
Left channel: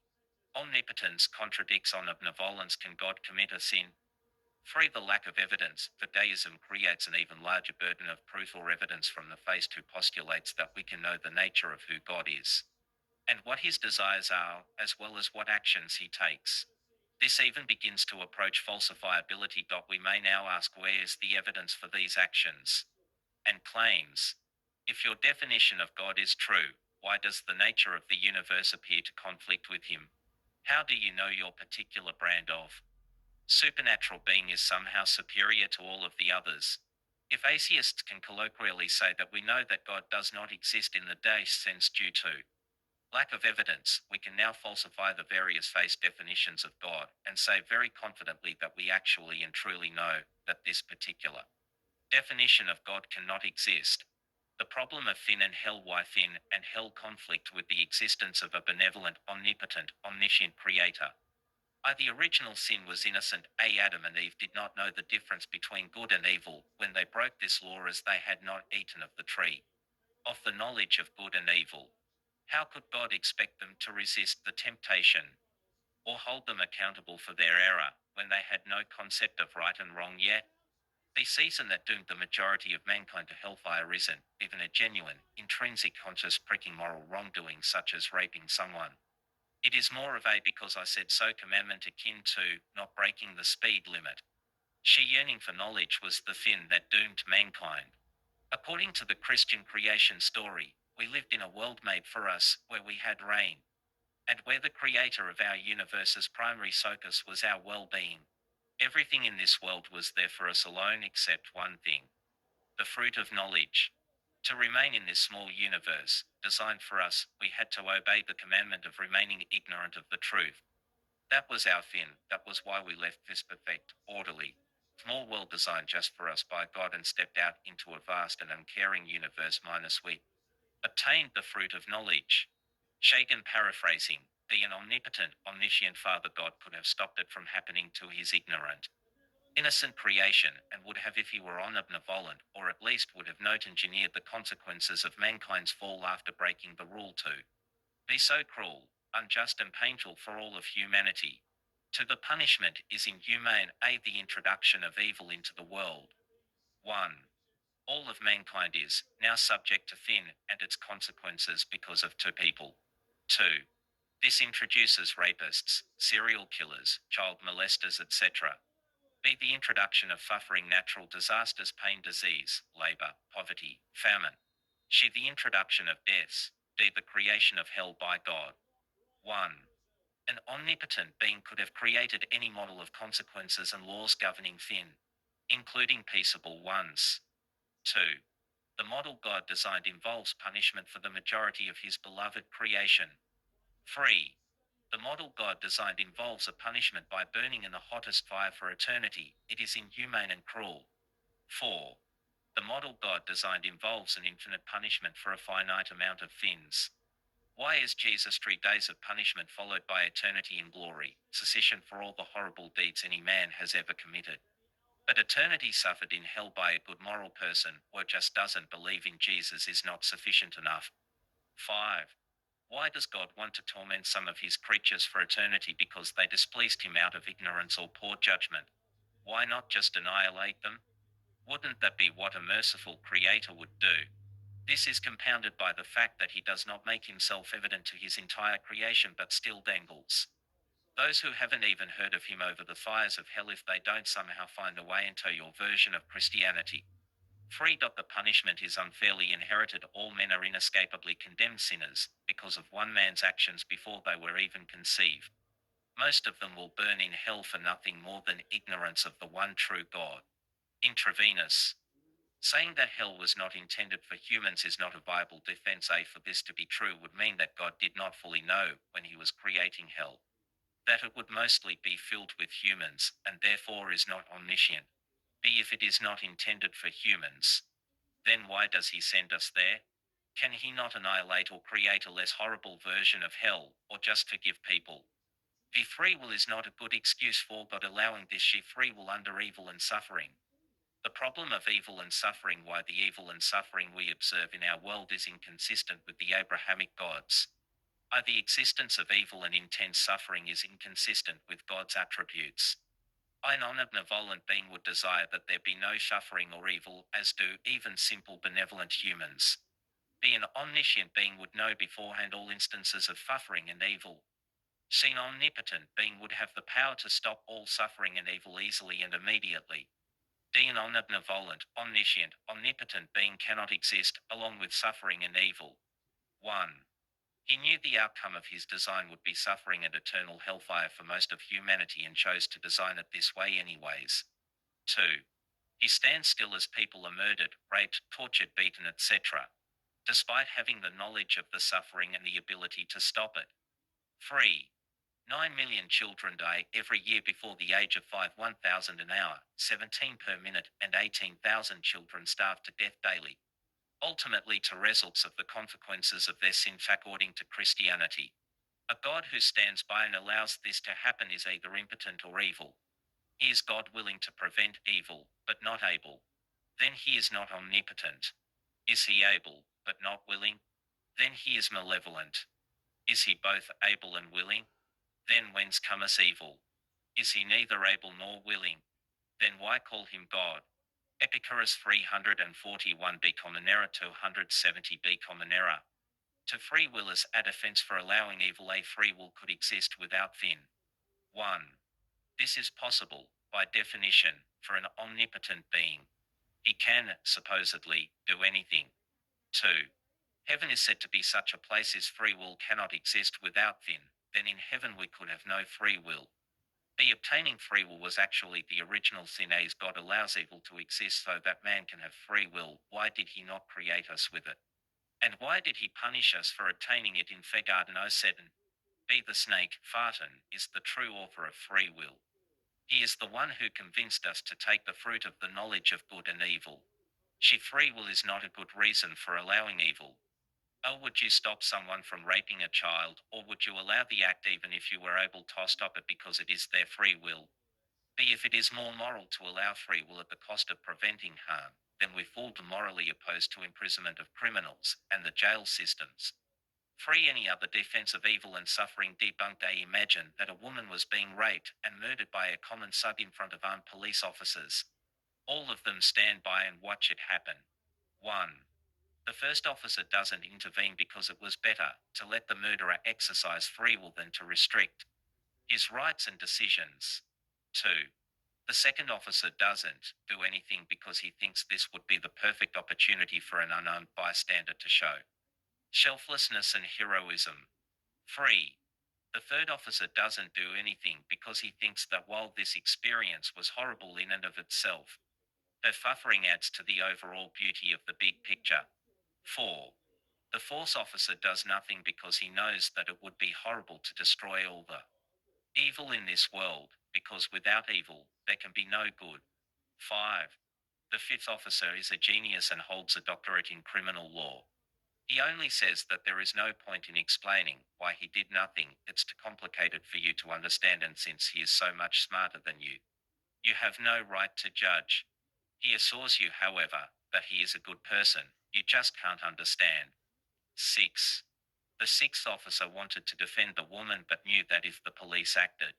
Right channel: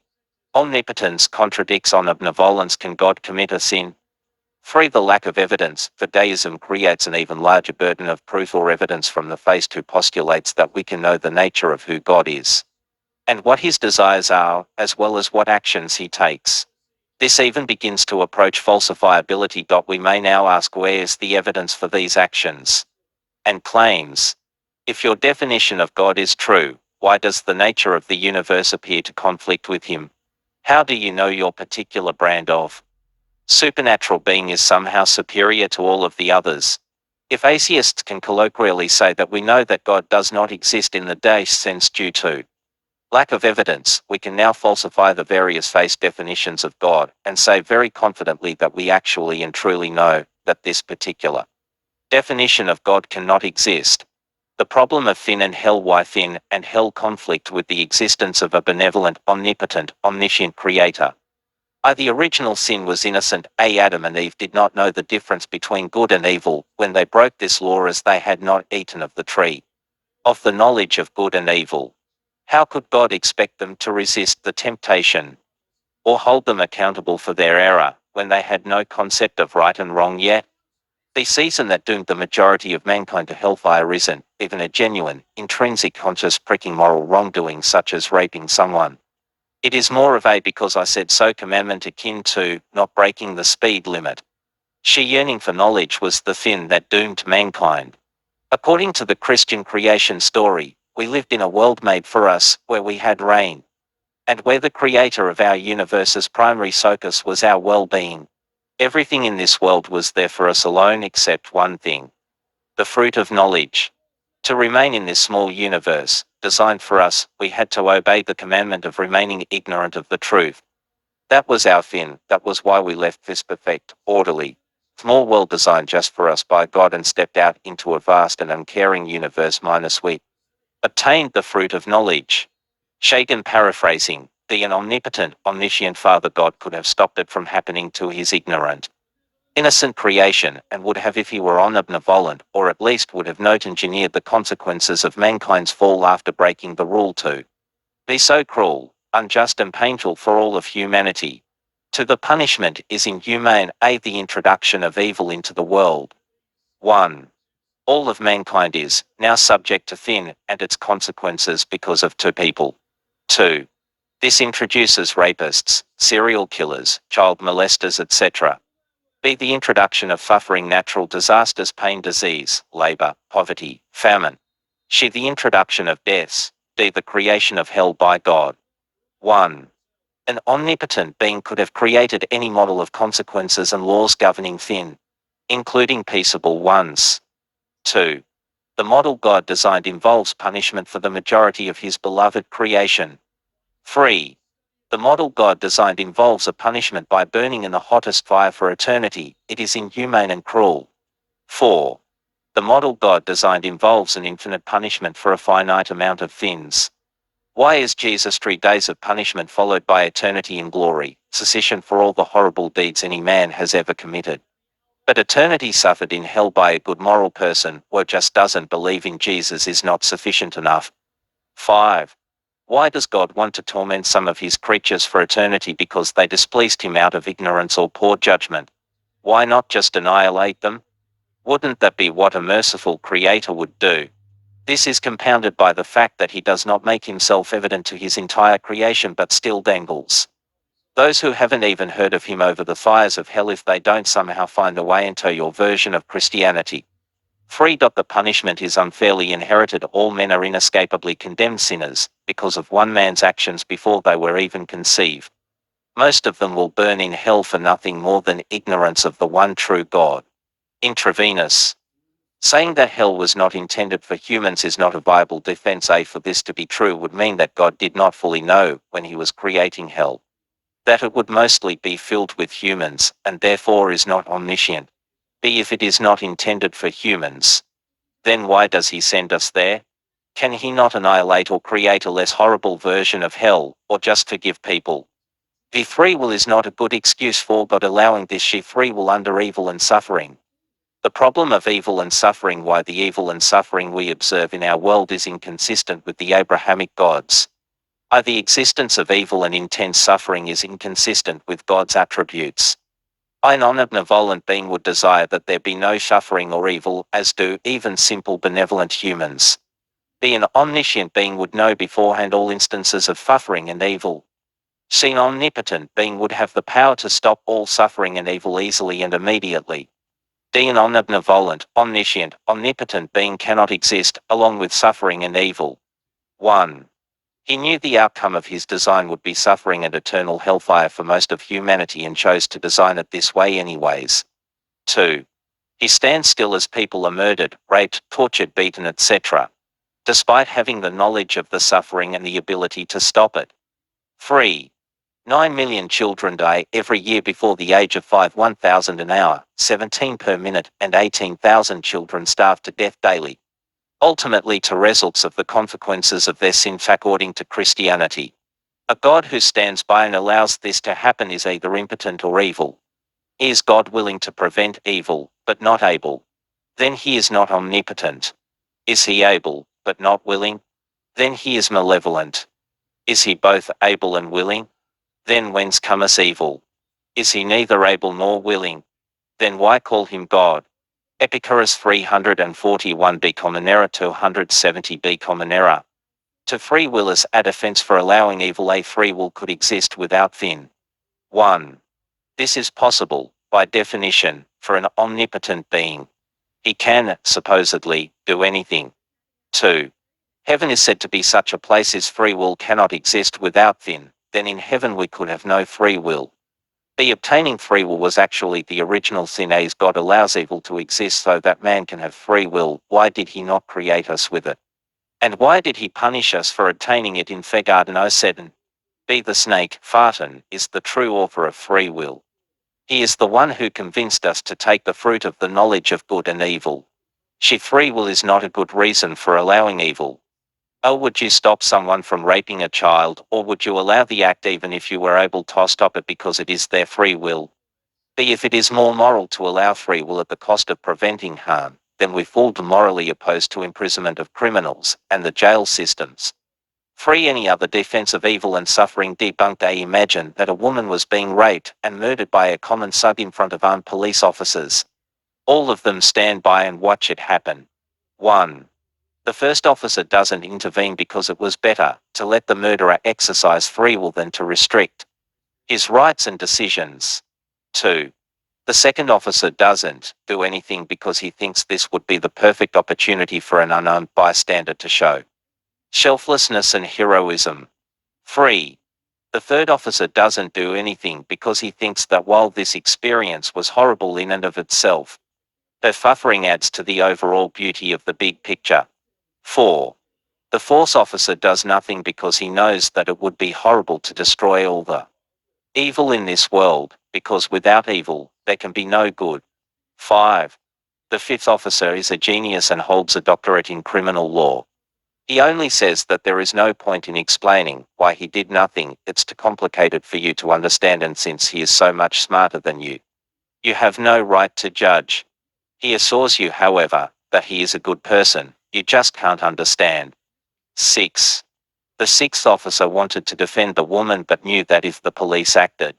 Omnipotence contradicts omnibenevolence. Can God commit a sin? 3. The lack of evidence for deism creates an even larger burden of proof or evidence from the theist who postulates that we can know the nature of who God is and what his desires are, as well as what actions he takes. This even begins to approach falsifiability. We may now ask, where is the evidence for these actions and claims? If your definition of God is true, Why does the nature of the universe appear to conflict with him? How do you know your particular brand of supernatural being is somehow superior to all of the others? If atheists can colloquially say that we know that God does not exist in the Daesh sense due to lack of evidence, we can now falsify the various face definitions of God and say very confidently that we actually and truly know that this particular definition of God cannot exist. The problem of sin and hell. Why sin and hell conflict with the existence of a benevolent, omnipotent, omniscient creator? The original sin was innocent. Adam and Eve did not know the difference between good and evil when they broke this law, as they had not eaten of the tree of the knowledge of good and evil. How could God expect them to resist the temptation or hold them accountable for their error when they had no concept of right and wrong yet? The season that doomed the majority of mankind to hellfire isn't even a genuine, intrinsic, conscious, pricking moral wrongdoing such as raping someone. It is more of a because I said so commandment, akin to not breaking the speed limit. Sheer yearning for knowledge was the fin that doomed mankind. According to the Christian creation story, we lived in a world made for us, where we had reign, and where the creator of our universe's primary focus was our well-being. Everything in this world was there for us alone except one thing: the fruit of knowledge. To remain in this small universe, designed for us, we had to obey the commandment of remaining ignorant of the truth. That was our fin. That was why we left this perfect, orderly, small world designed just for us by God and stepped out into a vast and uncaring universe minus we obtained the fruit of knowledge. Shagan paraphrasing, an omnipotent, omniscient Father God could have stopped it from happening to his ignorant, innocent creation, and would have if he were omnibenevolent, or at least would have not engineered the consequences of mankind's fall after breaking the rule to be so cruel, unjust and painful for all of humanity. To the punishment is inhumane. The introduction of evil into the world. 1. All of mankind is now subject to sin and its consequences because of two people. 2. This introduces rapists, serial killers, child molesters, etc. B. The introduction of suffering, natural disasters, pain, disease, labor, poverty, famine. C. The introduction of deaths. D. The creation of hell by God. 1. An omnipotent being could have created any model of consequences and laws governing sin, including peaceable ones. 2. The model God designed involves punishment for the majority of his beloved creation. 3. The model God designed involves a punishment by burning in the hottest fire for eternity. It is inhumane and cruel. 4. The model God designed involves an infinite punishment for a finite amount of sins. Why is Jesus 3 days of punishment followed by eternity in glory, cessation for all the horrible deeds any man has ever committed? But eternity suffered in hell by a good moral person, or just doesn't believe in Jesus, is not sufficient enough. 5. Why does God want to torment some of his creatures for eternity? Because they displeased him out of ignorance or poor judgment. Why not just annihilate them? Wouldn't that be what a merciful creator would do? This is compounded by the fact that he does not make himself evident to his entire creation but still dangles those who haven't even heard of him over the fires of hell if they don't somehow find a way into your version of Christianity. 3. The punishment is unfairly inherited. All men are inescapably condemned sinners, because of one man's actions before they were even conceived. Most of them will burn in hell for nothing more than ignorance of the one true God. Intravenous. Saying that hell was not intended for humans is not a viable defense. For this to be true would mean that God did not fully know, when he was creating hell, that it would mostly be filled with humans, and therefore is not omniscient. B. If it is not intended for humans, then why does he send us there? Can he not annihilate or create a less horrible version of hell, or just forgive people? The free will is not a good excuse for God allowing this free will under evil and suffering. The problem of evil and suffering. Why the evil and suffering we observe in our world is inconsistent with the Abrahamic gods. The existence of evil and intense suffering is inconsistent with God's attributes. An omnibenevolent being would desire that there be no suffering or evil, as do even simple benevolent humans. An omniscient being would know beforehand all instances of suffering and evil. An omnipotent being would have the power to stop all suffering and evil easily and immediately. An omnibenevolent, omniscient, omnipotent being cannot exist, along with suffering and evil. 1. He knew the outcome of his design would be suffering and eternal hellfire for most of humanity and chose to design it this way anyways. 2. He stands still as people are murdered, raped, tortured, beaten, etc., despite having the knowledge of the suffering and the ability to stop it. 3. 9 million children die every year before the age of 5, 1,000 an hour, 17 per minute, and 18,000 children starve to death daily, ultimately to results of the consequences of their sin according to Christianity. A God who stands by and allows this to happen is either impotent or evil. Is God willing to prevent evil, but not able? Then he is not omnipotent. Is he able, but not willing? Then he is malevolent. Is he both able and willing? Then whence cometh evil? Is he neither able nor willing? Then why call him God? Epicurus 341b common error 270b common error. To free will is a defense for allowing evil. A free will could exist without sin. 1. This is possible, by definition, for an omnipotent being. He can, supposedly, do anything. 2. Heaven is said to be such a place as free will cannot exist without sin, then in heaven we could have no free will. The obtaining free will was actually the original sin. As God allows evil to exist so that man can have free will, why did he not create us with it? And why did he punish us for attaining it in Garden 07? B. The snake, Farton, is the true author of free will. He is the one who convinced us to take the fruit of the knowledge of good and evil. Free will is not a good reason for allowing evil. Oh, would you stop someone from raping a child, or would you allow the act even if you were able to stop it because it is their free will? B. If it is more moral to allow free will at the cost of preventing harm, then we fall morally opposed to imprisonment of criminals and the jail systems. Free any other defense of evil and suffering debunked. Imagine that a woman was being raped and murdered by a common sub in front of armed police officers. All of them stand by and watch it happen. 1. The first officer doesn't intervene because it was better to let the murderer exercise free will than to restrict his rights and decisions. 2. The second officer doesn't do anything because he thinks this would be the perfect opportunity for an unarmed bystander to show selflessness and heroism. 3. The third officer doesn't do anything because he thinks that while this experience was horrible in and of itself, her suffering adds to the overall beauty of the big picture. 4. The fourth officer does nothing because he knows that it would be horrible to destroy all the evil in this world, because without evil, there can be no good. 5. The fifth officer is a genius and holds a doctorate in criminal law. He only says that there is no point in explaining why he did nothing, it's too complicated for you to understand, and since he is so much smarter than you have no right to judge. He assures you, however, that he is a good person, you just can't understand. 6. The sixth officer wanted to defend the woman but knew that if the police acted,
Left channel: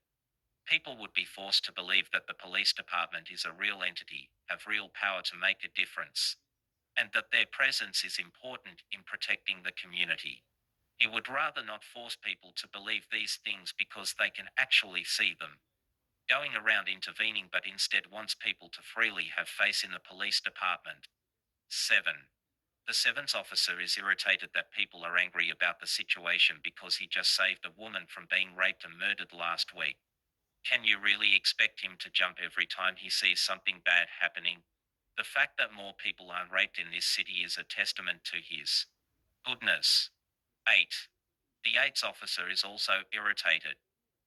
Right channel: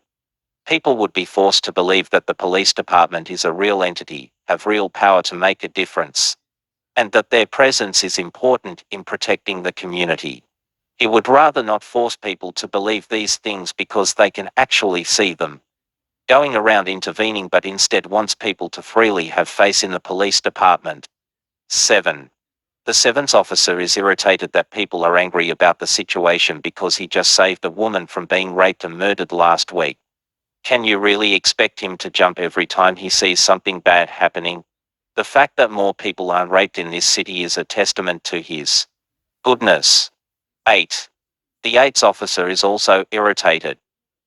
people would be forced to believe that the police department is a real entity, have real power to make a difference, and that their presence is important in protecting the community. He would rather not force people to believe these things because they can actually see them going around intervening, but instead wants people to freely have faith in the police department. 7. The seventh officer is irritated that people are angry about the situation because he just saved a woman from being raped and murdered last week. Can you really expect him to jump every time he sees something bad happening? The fact that more people aren't raped in this city is a testament to his goodness. 8. The eighth officer is also irritated.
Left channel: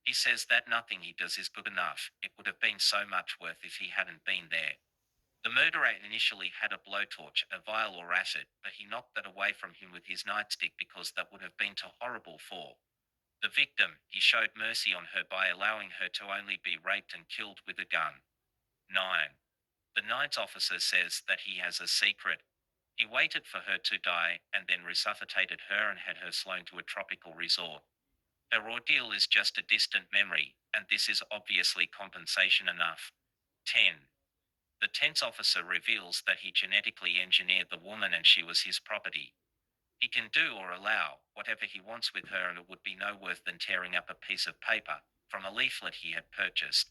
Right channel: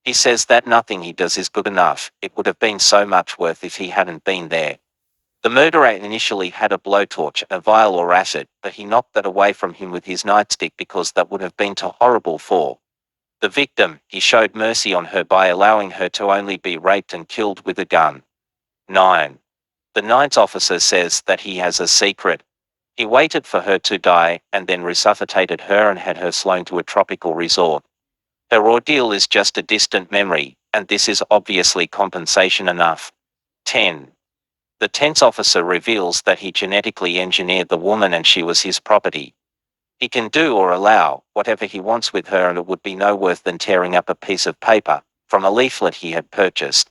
He says that nothing he does is good enough, it would have been so much worse if he hadn't been there. The murderer initially had a blowtorch, a vial or acid, but he knocked that away from him with his nightstick because that would have been too horrible for the victim. He showed mercy on her by allowing her to only be raped and killed with a gun. 9. The ninth officer says that he has a secret. He waited for her to die and then resuscitated her and had her flown to a tropical resort. Her ordeal is just a distant memory, and this is obviously compensation enough. 10. The tenth officer reveals that he genetically engineered the woman and she was his property. He can do or allow whatever he wants with her, and it would be no worse than tearing up a piece of paper from a leaflet he had purchased.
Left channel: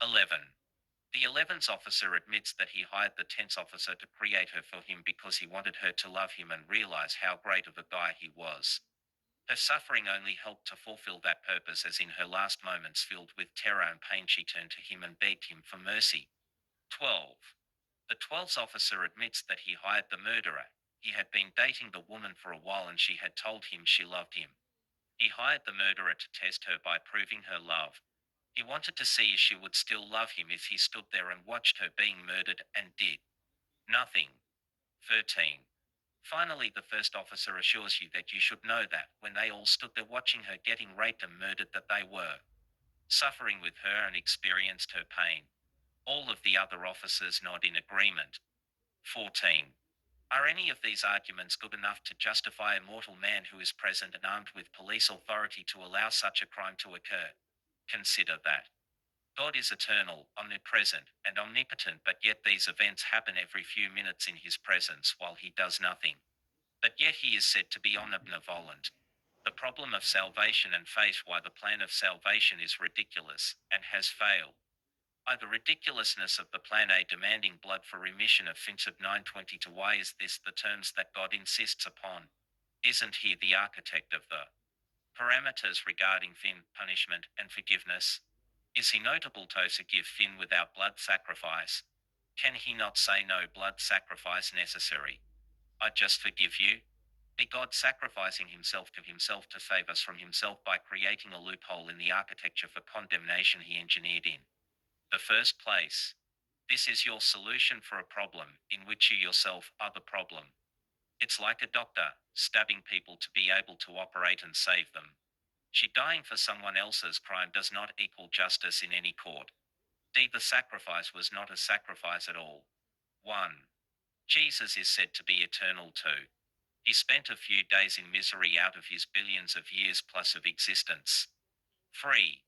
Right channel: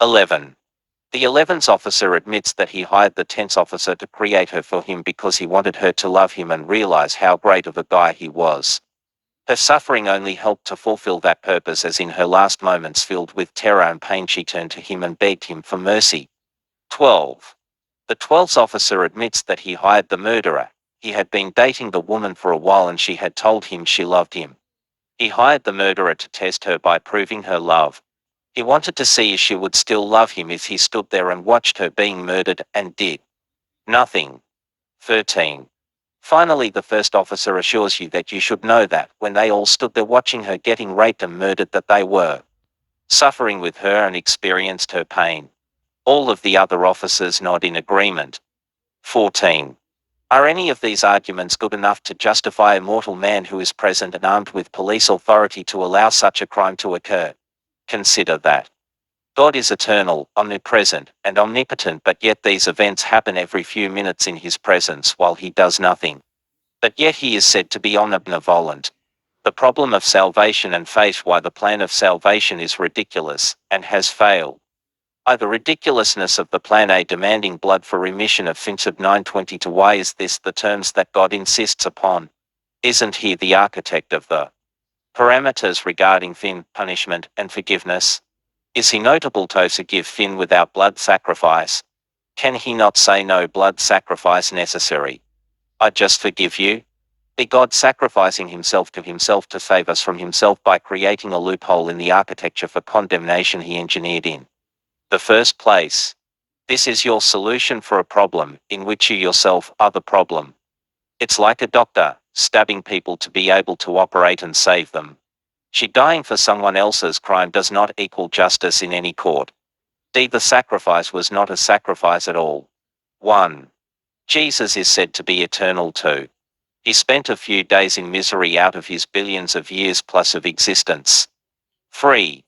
11. The 11th officer admits that he hired the 10th officer to create her for him because he wanted her to love him and realize how great of a guy he was. Her suffering only helped to fulfill that purpose, as in her last moments filled with terror and pain she turned to him and begged him for mercy. 12. The 12th officer admits that he hired the murderer. He had been dating the woman for a while and she had told him she loved him. He hired the murderer to test her by proving her love. He wanted to see if she would still love him if he stood there and watched her being murdered, and did nothing. 13. Finally, the first officer assures you that you should know that, when they all stood there watching her getting raped and murdered, that they were suffering with her and experienced her pain. All of the other officers nod in agreement. 14. Are any of these arguments good enough to justify a mortal man who is present and armed with police authority to allow such a crime to occur? Consider that God is eternal, omnipresent, and omnipotent, but yet these events happen every few minutes in his presence while he does nothing. But yet he is said to be omnibenevolent. The problem of salvation and faith, why the plan of salvation is ridiculous, and has failed. The ridiculousness of the plan A demanding blood for remission of sins of 920 to why is this the terms that God insists upon? Isn't he the architect of the parameters regarding sin, punishment, and forgiveness? Is he notable to forgive sin without blood sacrifice? Can he not say no blood sacrifice necessary? I just forgive you? Be God sacrificing himself to save us from himself by creating a loophole in the architecture for condemnation he engineered in the first place. This is your solution for a problem in which you yourself are the problem. It's like a doctor stabbing people to be able to operate and save them. She dying for someone else's crime does not equal justice in any court. The sacrifice was not a sacrifice at all. 1. Jesus is said to be eternal too. He spent a few days in misery out of his billions of years plus of existence. 3.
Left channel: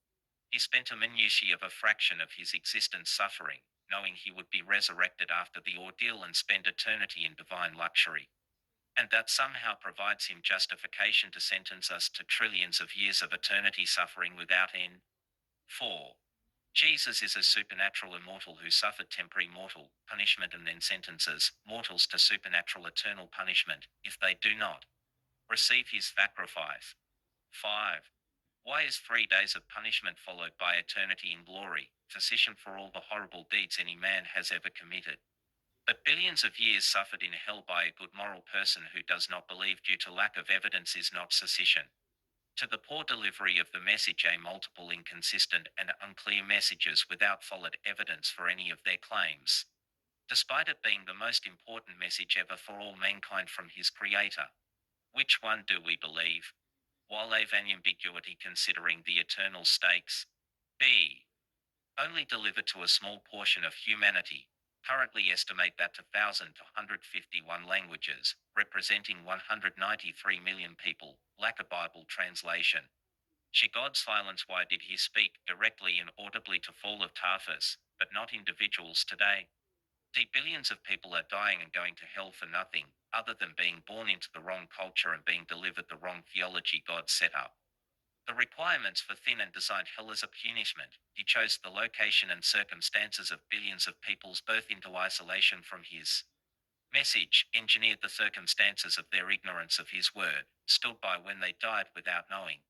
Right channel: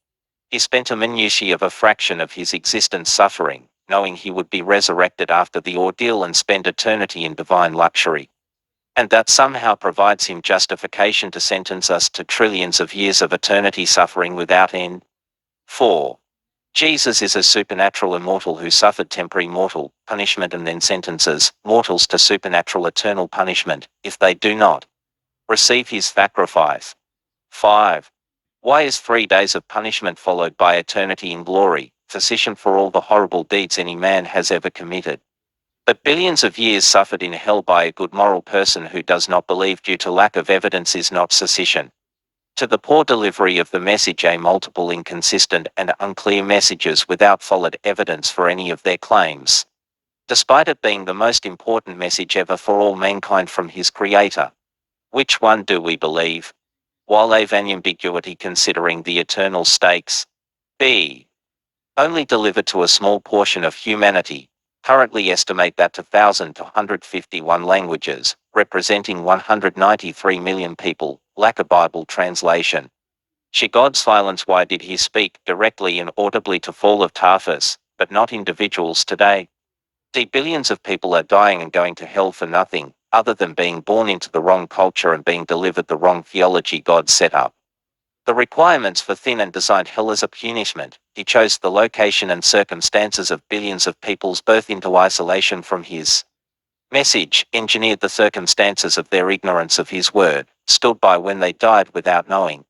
He spent a minutiae of a fraction of his existence suffering, knowing he would be resurrected after the ordeal and spend eternity in divine luxury. And that somehow provides him justification to sentence us to trillions of years of eternity suffering without end. 4. Jesus is a supernatural immortal who suffered temporary mortal punishment and then sentences mortals to supernatural eternal punishment, if they do not receive his sacrifice. 5. Why is 3 days of punishment followed by eternity in glory, sufficient for all the horrible deeds any man has ever committed? But billions of years suffered in hell by a good moral person who does not believe due to lack of evidence is not sufficient. To the poor delivery of the message a multiple inconsistent and unclear messages without solid evidence for any of their claims. Despite it being the most important message ever for all mankind from his creator. Which one do we believe? While ambiguity considering the eternal stakes. B. Only delivered to a small portion of humanity. Currently estimate that to 1,000 to 151 languages, representing 193 million people, lack a Bible translation. God's silence. Why did he speak directly and audibly to fall of Tarsus, but not individuals today? Billions of people are dying and going to hell for nothing, other than being born into the wrong culture and being delivered the wrong theology God set up. The requirements for thin and designed hell as a punishment. He chose the location and circumstances of billions of people's birth into isolation from his message, engineered the circumstances of their ignorance of his word, stood by when they died without knowing,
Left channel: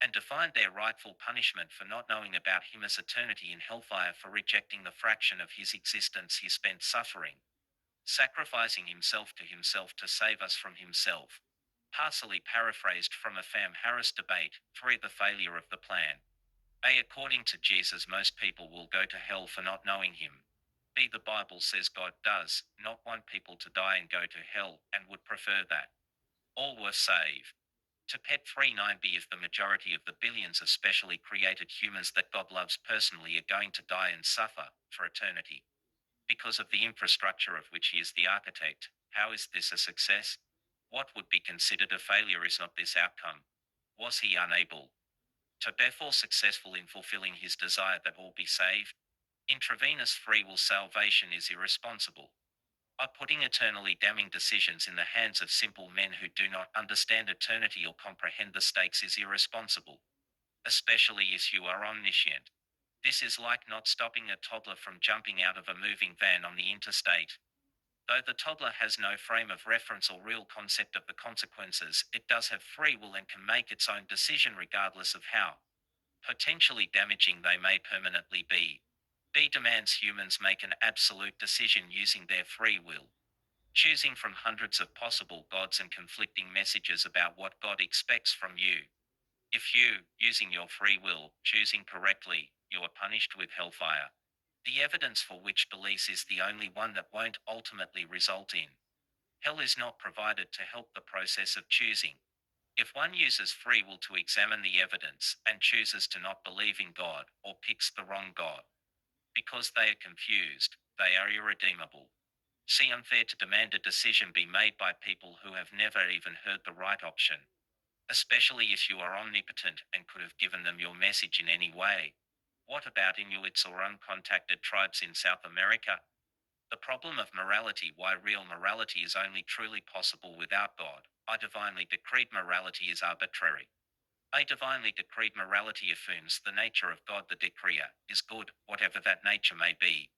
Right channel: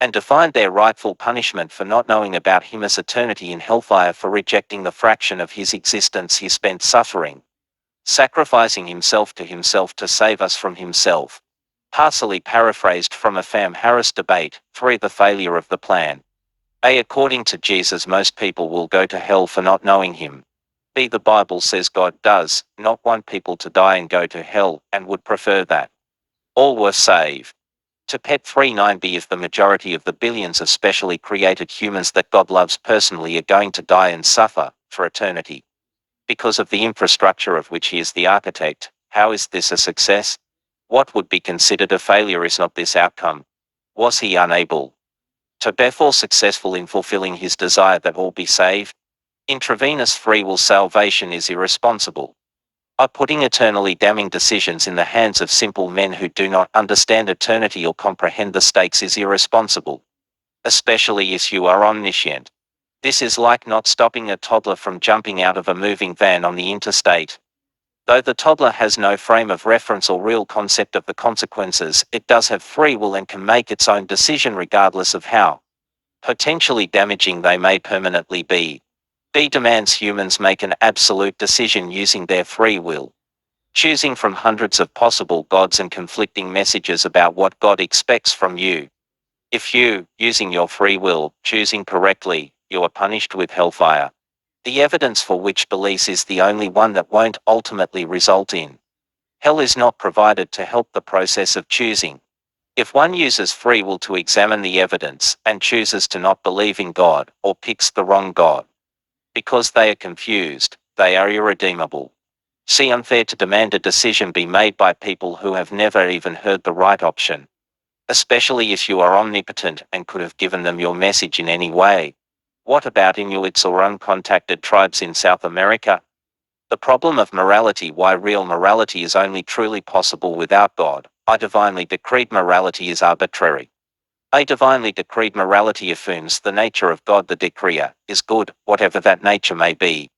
and defined their rightful punishment for not knowing about him as eternity in hellfire for rejecting the fraction of his existence he spent suffering, sacrificing himself to save us from himself. Partially paraphrased from a Fam Harris debate. 3. The failure of the plan. A. According to Jesus, most people will go to hell for not knowing him. B. The Bible says God does not want people to die and go to hell, and would prefer that all were saved. To Pet 39. B. If the majority of the billions of specially created humans that God loves personally are going to die and suffer for eternity because of the infrastructure of which he is the architect, how is this a success? What would be considered a failure is not this outcome. Was he unable to therefore successful in fulfilling his desire that all be saved? Intravenous free will salvation is irresponsible. Putting eternally damning decisions in the hands of simple men who do not understand eternity or comprehend the stakes is irresponsible. Especially if you are omniscient. This is like not stopping a toddler from jumping out of a moving van on the interstate. Though the toddler has no frame of reference or real concept of the consequences, it does have free will and can make its own decision regardless of how potentially damaging they may permanently be. B demands humans make an absolute decision using their free will, choosing from hundreds of possible gods and conflicting messages about what God expects from you. If you, using your free will, choosing correctly, you are punished with hellfire. The evidence for which beliefs is the only one that won't ultimately result in hell is not provided to help the process of choosing. If one uses free will to examine the evidence and chooses to not believe in God or picks the wrong God because they are confused, they are irredeemable. See, unfair to demand a decision be made by people who have never even heard the right option, especially if you are omnipotent and could have given them your message in any way. What about Inuits or uncontacted tribes in South America? The problem of morality, why real morality is only truly possible without God. A divinely decreed morality is arbitrary. A divinely decreed morality affirms the nature of God the decreer is good, whatever that nature may be.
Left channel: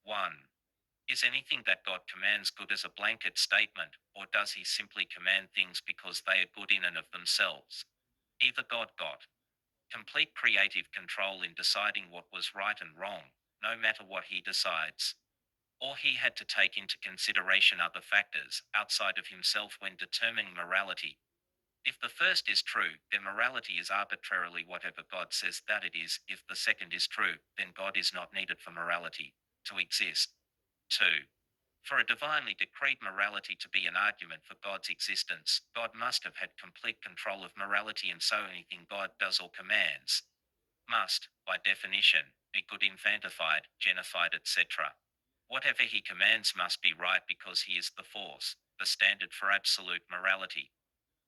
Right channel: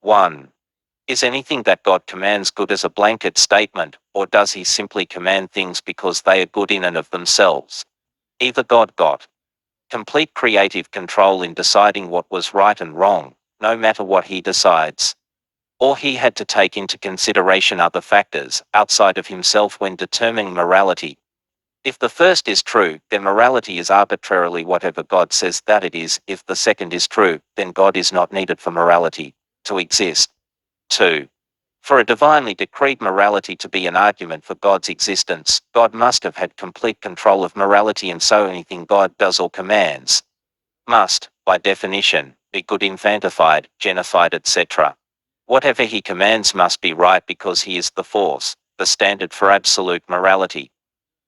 1. Is anything that God commands good as a blanket statement, or does he simply command things because they are good in and of themselves? Either God got complete creative control in deciding what was right and wrong, no matter what he decides, or he had to take into consideration other factors outside of himself when determining morality. If the first is true, then morality is arbitrarily whatever God says that it is. If the second is true, then God is not needed for morality to exist. 2. For a divinely decreed morality to be an argument for God's existence, God must have had complete control of morality, and so anything God does or commands must, by definition, be good, infantified, genified, etc. Whatever he commands must be right because he is the force, the standard for absolute morality.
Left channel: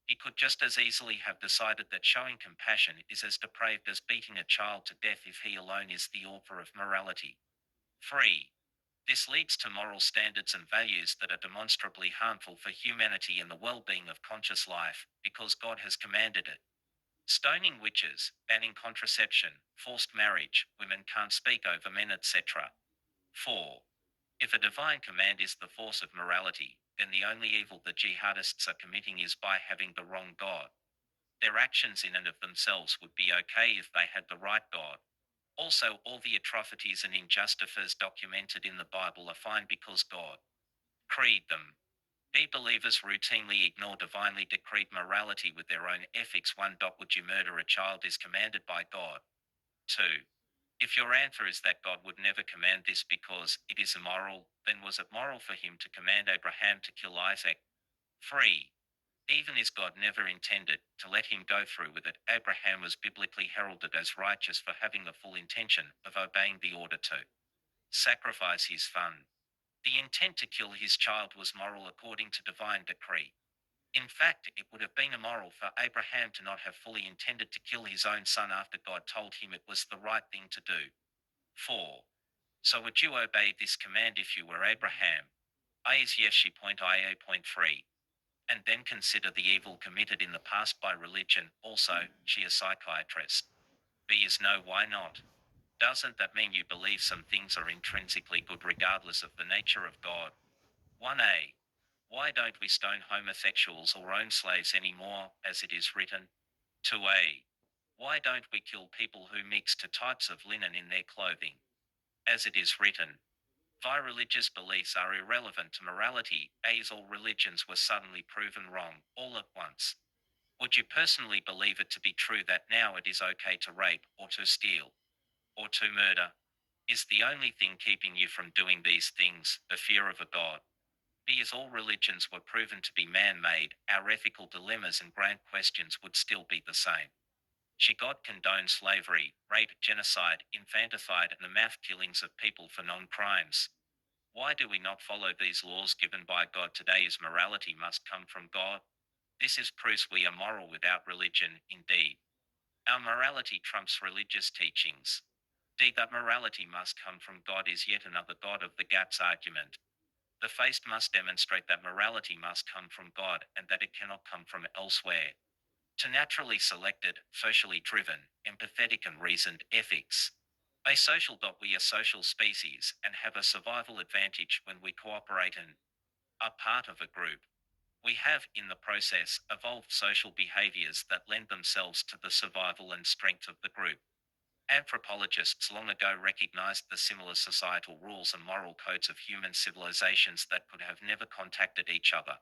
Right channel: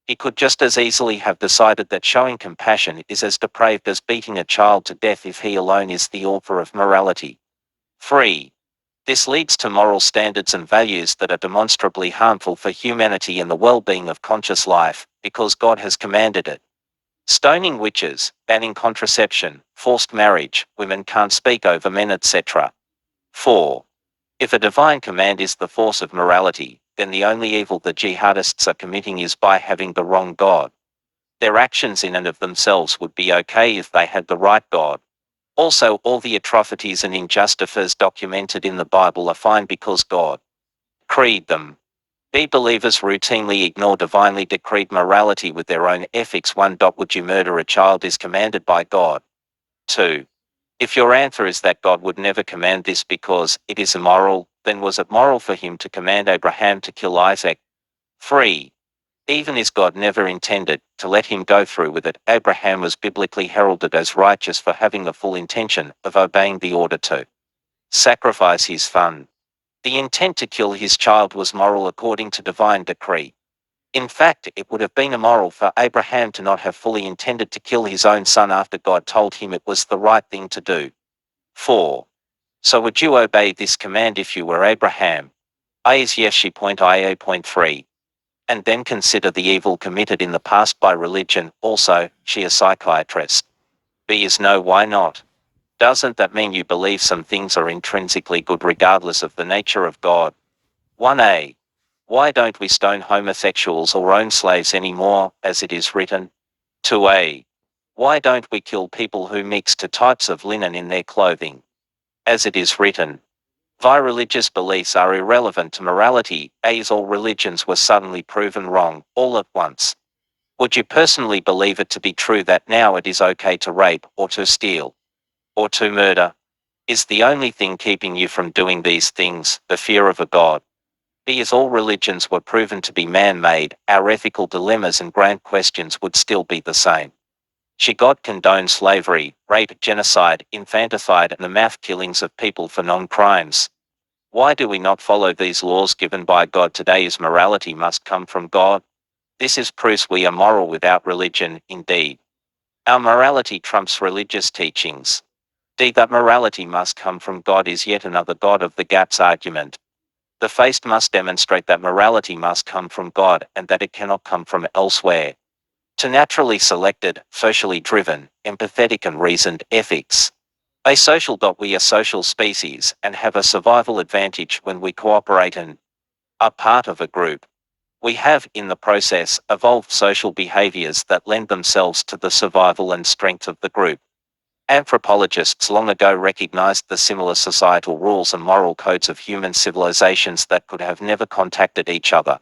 He could just as easily have decided that showing compassion is as depraved as beating a child to death if he alone is the author of morality. 3. This leads to moral standards and values that are demonstrably harmful for humanity and the well-being of conscious life, because God has commanded it. Stoning witches, banning contraception, forced marriage, women can't speak over men, etc. 4. If a divine command is the force of morality, then the only evil the jihadists are committing is by having the wrong God. Their actions in and of themselves would be okay if they had the right God. Also, all the atrocities and injustices documented in the Bible are fine because God decreed them. Believers routinely ignore divinely decreed morality with their own ethics. 1. Would you murder a child is commanded by God? 2. If your answer is that God would never command this because it is immoral, then was it moral for him to command Abraham to kill Isaac? 3. Even as God never intended to let him go through with it, Abraham was biblically heralded as righteous for having the full intention of obeying the order to sacrifice his son. The intent to kill his child was moral according to divine decree. In fact, it would have been immoral for Abraham to not have fully intended to kill his own son after God told him it was the right thing to do. 4. So would you obey this command if you were Abraham? A is yes. She.ia.3. And then consider the evil committed in the past by religion. Also, she a psychiatrist. B is no. Why not? Doesn't that mean you believe some things are intrinsically good regardless of the nature of God? 1a. Why don't we stone homosexuals or own slaves anymore, as it is written? 2a. Why don't we kill people who mix two types of linen in their clothing, as it is written? Why religious beliefs are irrelevant to morality, as all religions were suddenly proven wrong, all at once. Would you personally believe it to be true that now it is okay to rape, or to steal, or to murder? Is the only thing keeping you from doing these things the fear of a God? B. As all religions were proven to be man-made, our ethical dilemmas and grand questions would still be the same. Should God condone slavery, rape, genocide, infanticide, and the mass killings of people for non-crimes? Why do we not follow these laws given by God today, as morality must come from God? This is proof we are moral without religion. Indeed, our morality trumps religious teachings. D. That morality must come from God is yet another God of the gaps argument. The faith must demonstrate that morality must come from God and that it cannot come from elsewhere. To naturally selected, socially driven, empathetic and reasoned ethics, Asocial. We are social species and have a survival advantage when we cooperate and are part of a group. We have, in the process, evolved social behaviors that lend themselves to the survival and strength of the group. Anthropologists long ago recognized the similar societal rules and moral codes of human civilizations that could have never contacted each other.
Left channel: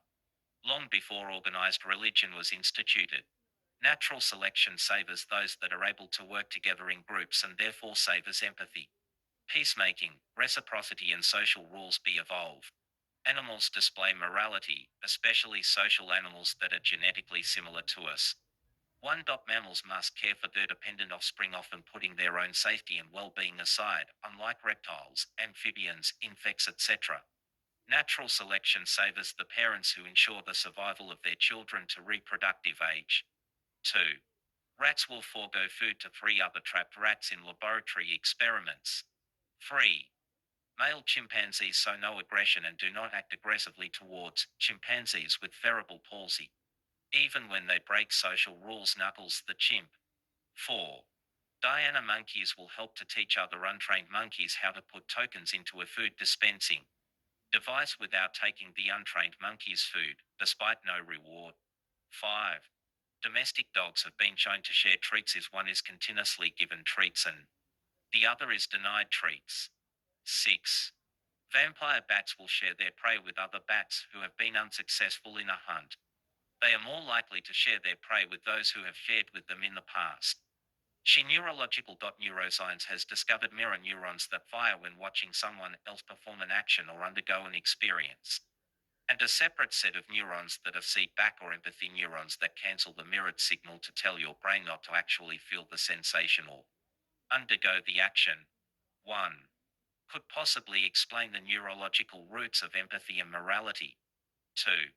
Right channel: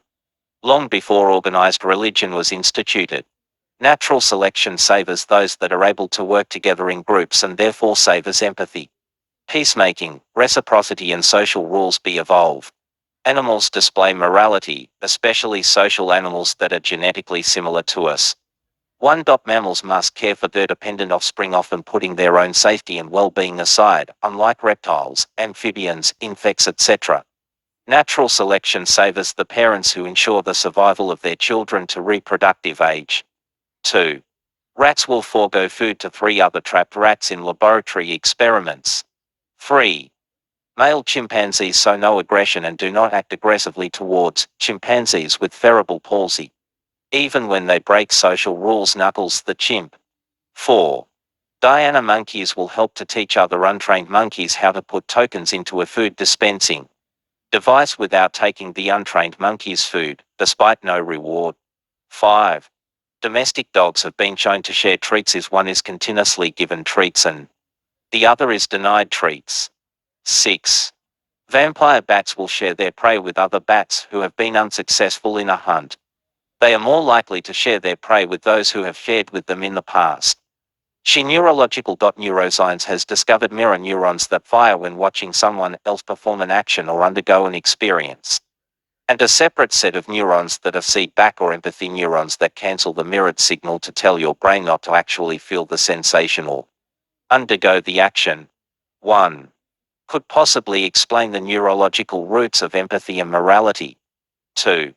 Long before organized religion was instituted, natural selection savors those that are able to work together in groups and therefore savors empathy, peacemaking, reciprocity and social rules be evolved. Animals display morality, especially social animals that are genetically similar to us. 1. Mammals must care for their dependent offspring, often putting their own safety and well-being aside, unlike reptiles, amphibians, insects, etc. Natural selection savors the parents who ensure the survival of their children to reproductive age. 2. Rats will forego food to 3 other trapped rats in laboratory experiments. 3. Male chimpanzees show no aggression and do not act aggressively towards chimpanzees with cerebral palsy. Even when they break social rules, Knuckles the chimp. 4. Diana monkeys will help to teach other untrained monkeys how to put tokens into a food dispensing device without taking the untrained monkey's food, despite no reward. 5. Domestic dogs have been shown to share treats if one is continuously given treats and the other is denied treats. 6. Vampire bats will share their prey with other bats who have been unsuccessful in a hunt. They are more likely to share their prey with those who have shared with them in the past. She neurological. Neuroscience has discovered mirror neurons that fire when watching someone else perform an action or undergo an experience. And a separate set of neurons that are feedback or empathy neurons that cancel the mirrored signal to tell your brain not to actually feel the sensation or undergo the action. 1. Could possibly explain the neurological roots of empathy and morality. 2.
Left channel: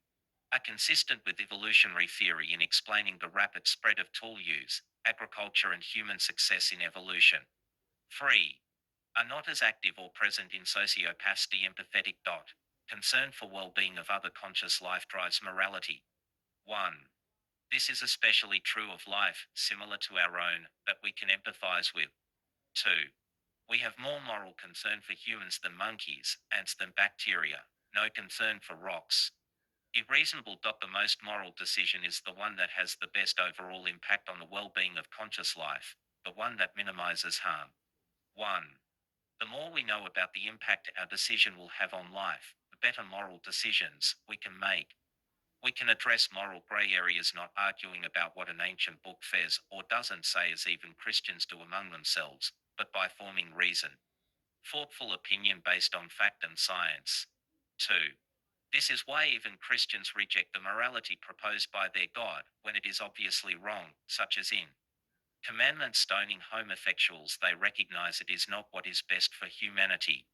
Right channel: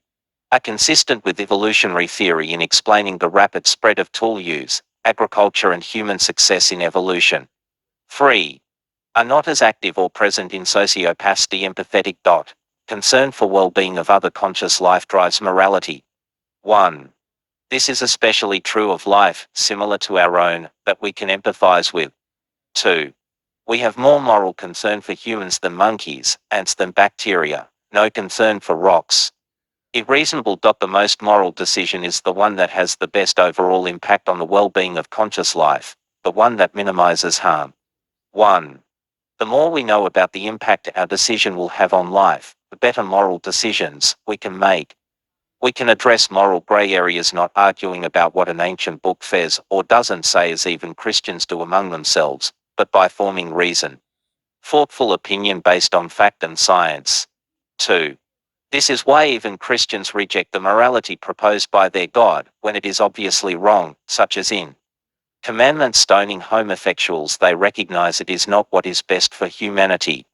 Are consistent with evolutionary theory in explaining the rapid spread of tool use, agriculture and human success in evolution. 3. Are not as active or present in sociopathy empathetic. Concern for well-being of other conscious life drives morality. 1. This is especially true of life, similar to our own, that we can empathize with. 2. We have more moral concern for humans than monkeys, ants than bacteria, no concern for rocks. Reasonable. The most moral decision is the one that has the best overall impact on the well-being of conscious life, the one that minimizes harm. 1. The more we know about the impact our decision will have on life, the better moral decisions we can make. We can address moral gray areas, not arguing about what an ancient book says or doesn't say, as even Christians do among themselves, but by forming reason. Thoughtful opinion based on fact and science. 2. This is why even Christians reject the morality proposed by their God when it is obviously wrong, such as in commandment stoning homosexuals. They recognize it is not what is best for humanity.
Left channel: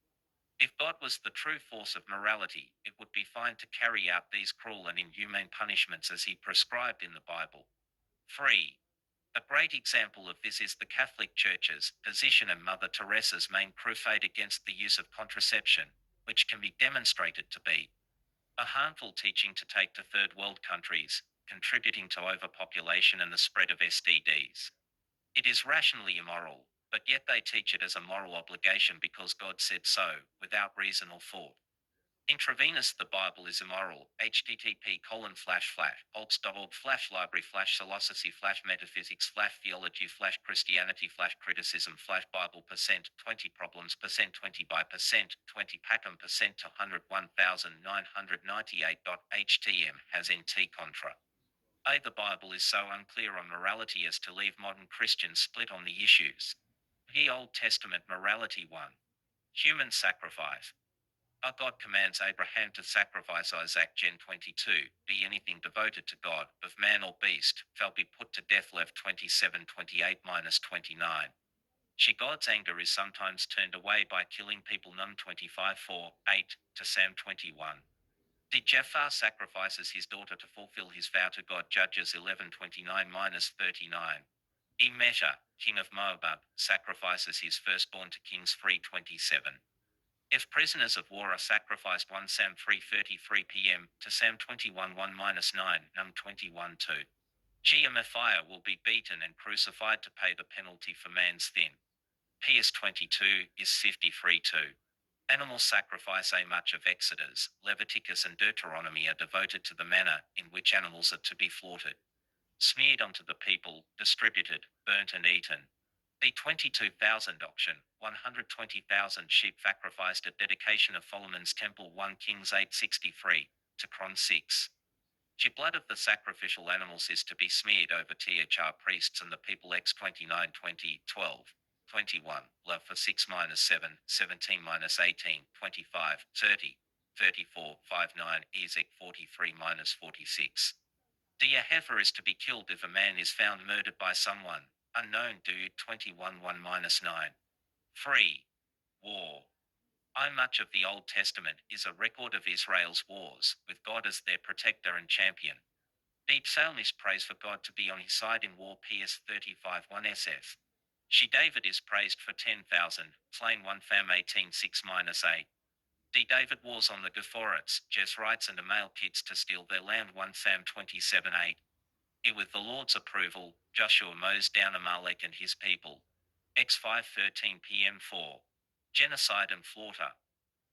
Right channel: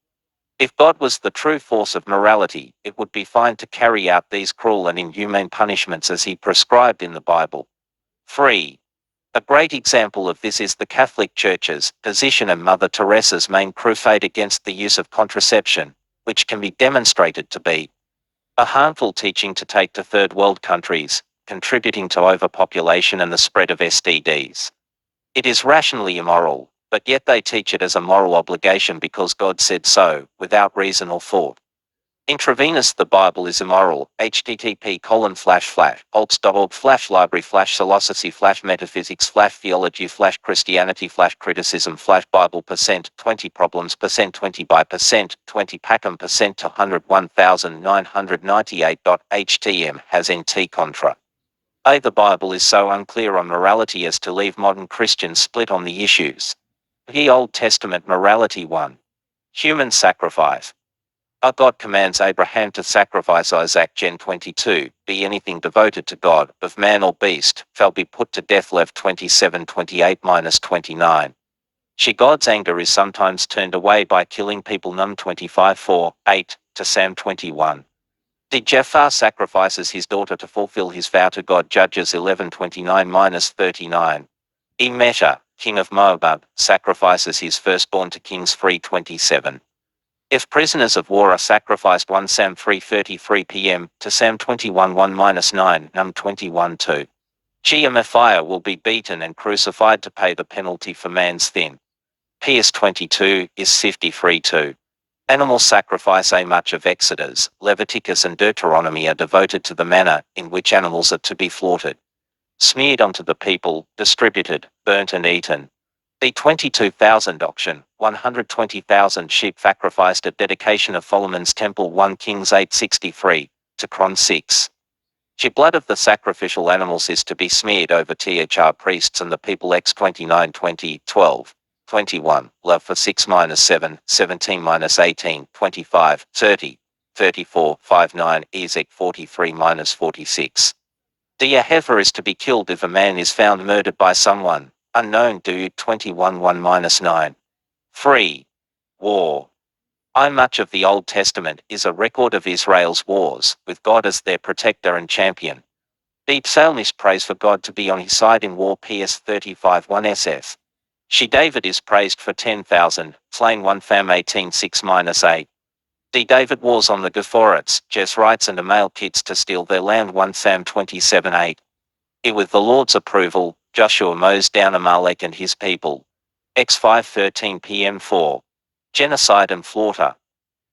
If God was the true force of morality, it would be fine to carry out these cruel and inhumane punishments as he prescribed in the Bible. 3. A great example of this is the Catholic Church's position and Mother Teresa's main crusade against the use of contraception, which can be demonstrated to be a harmful teaching to take to third world countries, contributing to overpopulation and the spread of STDs. It is rationally immoral, but yet they teach it as a moral obligation because God said so, without reason or thought. Intravenous. The Bible is immoral. http://alts.org/library/philosophy/metaphysics/theology/Christianity/criticism Bible %20 problems %20 by %20 Packham to 101,998.htm has NT contra. The Bible is so unclear on morality as to leave modern Christians split on the issues. The Old Testament morality 1. Human sacrifice. God commands Abraham to sacrifice Isaac. Gen 22, be anything devoted to God, of man or beast, shall be put to death. Lev 27:28-29. God's anger is sometimes turned away by killing people. Num 25:4-8 to Sam 21. Jephthah sacrifices his daughter to fulfill his vow to God. Judges 11:29-39. Meshach, king of Moab, sacrifices his firstborn to Kings 3:27. If prisoners of war are sacrificed. 1 Sam 3:33 p.m. to Sam 21:1-9 Num 21:2. Mephiah will be beaten and crucified to pay the penalty for man's sin. PS 22 is 53-2. Animal sacrifice. Much of Exodus, Leviticus and Deuteronomy are devoted to the manner in which animals are to be slaughtered, smeared onto the people, distributed, burnt and eaten. The 22,000 auction, 120,000 sheep sacrificed at dedication of Solomon's temple 1 Kings 8:63, to Chron 6. The blood of the sacrificial animals is to be smeared over thr priests and the people X 29:20, 12, 21, love for 6-7, 17-18, 25, 30, 34, 59, Ezek 43-46. The heifer is to be killed if a man is found murdered by someone, unknown. Dude 21:1-9. 3. War. Much of the Old Testament is a record of Israel's wars, with God as their protector and champion. The psalmist prays for God to be on his side in war. PS 35:1 SF. David is praised for 10,000, slain 1 Fam 18:6-8. David wars on the Gephorites, Jezrites and Amalekites to steal their land 1 Sam 27:8. With the Lord's approval, Joshua mows down Amalek and his people. X 5:13 PM 4. Genocide and slaughter.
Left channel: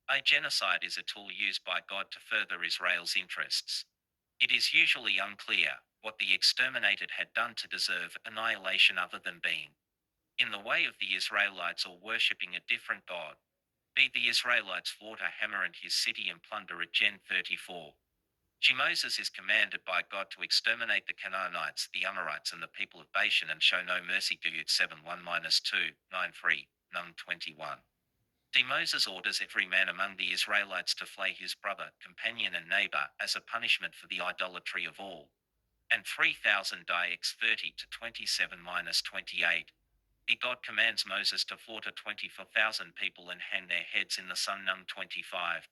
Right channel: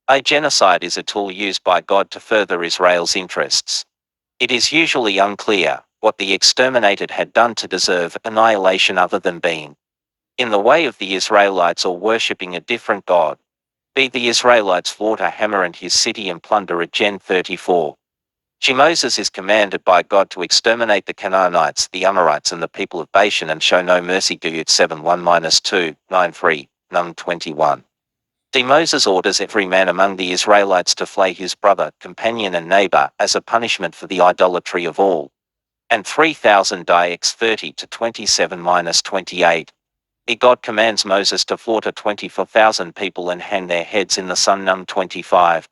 A genocide is a tool used by God to further Israel's interests. It is usually unclear what the exterminated had done to deserve annihilation other than being in the way of the Israelites or worshipping a different god. The Israelites slaughter Hamor and his city and plunder it. Gen 34. Moses is commanded by God to exterminate the Canaanites, the Amorites and the people of Bashan and show no mercy. Duyut 7:1-2, 9:3, Num 21. Moses orders every man among the Israelites to flay his brother, companion and neighbor as a punishment for the idolatry of all. And 3,000 die. X 30-27-28. God commands Moses to slaughter 24,000 people and hang their heads in the sun. Num 25.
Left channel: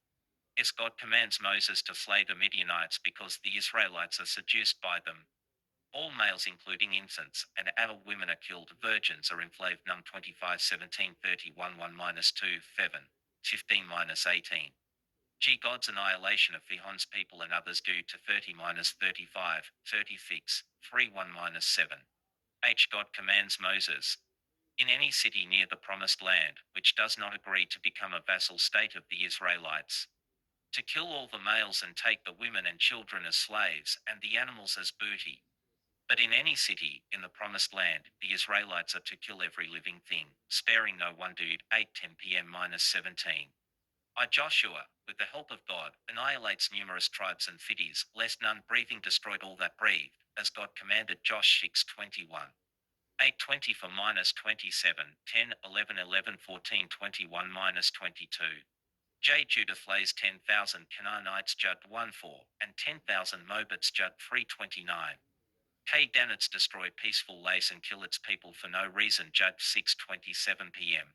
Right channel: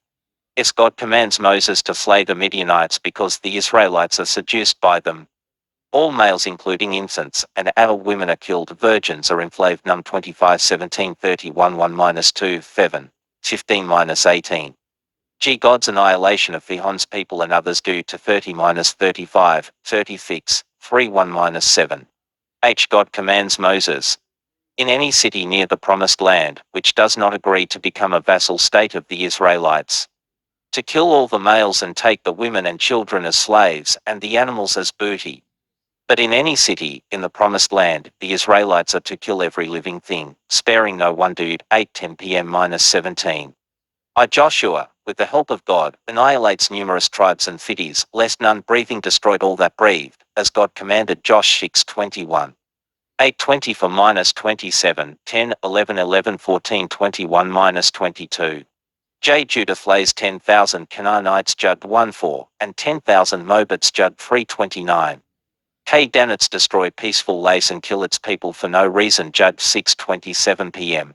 God commands Moses to slay the Midianites because the Israelites are seduced by them. All males including infants and adult women are killed. Virgins are enslaved. Num 25:17-31-1-2 7, 15-18. God's annihilation of Sihon's people and others due to 30-35, 36, 3-1-7. God commands Moses. In any city near the promised land, which does not agree to become a vassal state of the Israelites, to kill all the males and take the women and children as slaves and the animals as booty. But in any city, in the promised land, the Israelites are to kill every living thing, sparing no one. Dude 8:10 PM-17. Joshua, with the help of God, annihilates numerous tribes and cities, lest none breathing destroyed all that breathed, as God commanded. Josh 6:21. 8:20 for -27, 10, 11, 11, 14, 21-22. Judah flays 10,000 Canaanites. Judd 1:4, and 10,000 Moabites. Judd 3:29. Danites destroy peaceful Lace and kill its people for no reason. Judd 6:27 PM.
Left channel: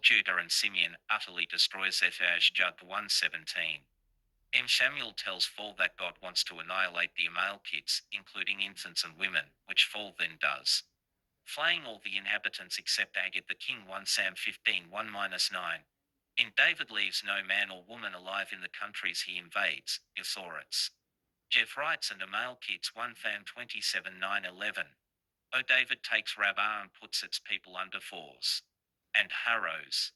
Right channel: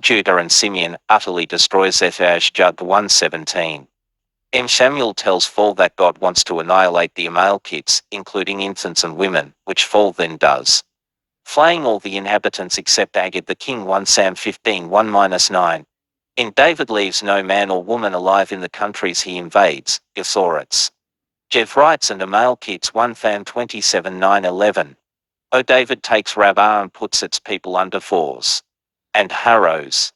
Judah and Simeon utterly destroys Zephaj. Judd 1:17. Samuel tells Saul that God wants to annihilate the Amalekites, including infants and women, which Saul then does, flaying all the inhabitants except Agag the king. 1 Sam 15:1-9. David leaves no man or woman alive in the countries he invades, Gesorites, Jezrites and Amalekites. 1 Sam 27:9-11. David takes Rabbah and puts its people under force and harrows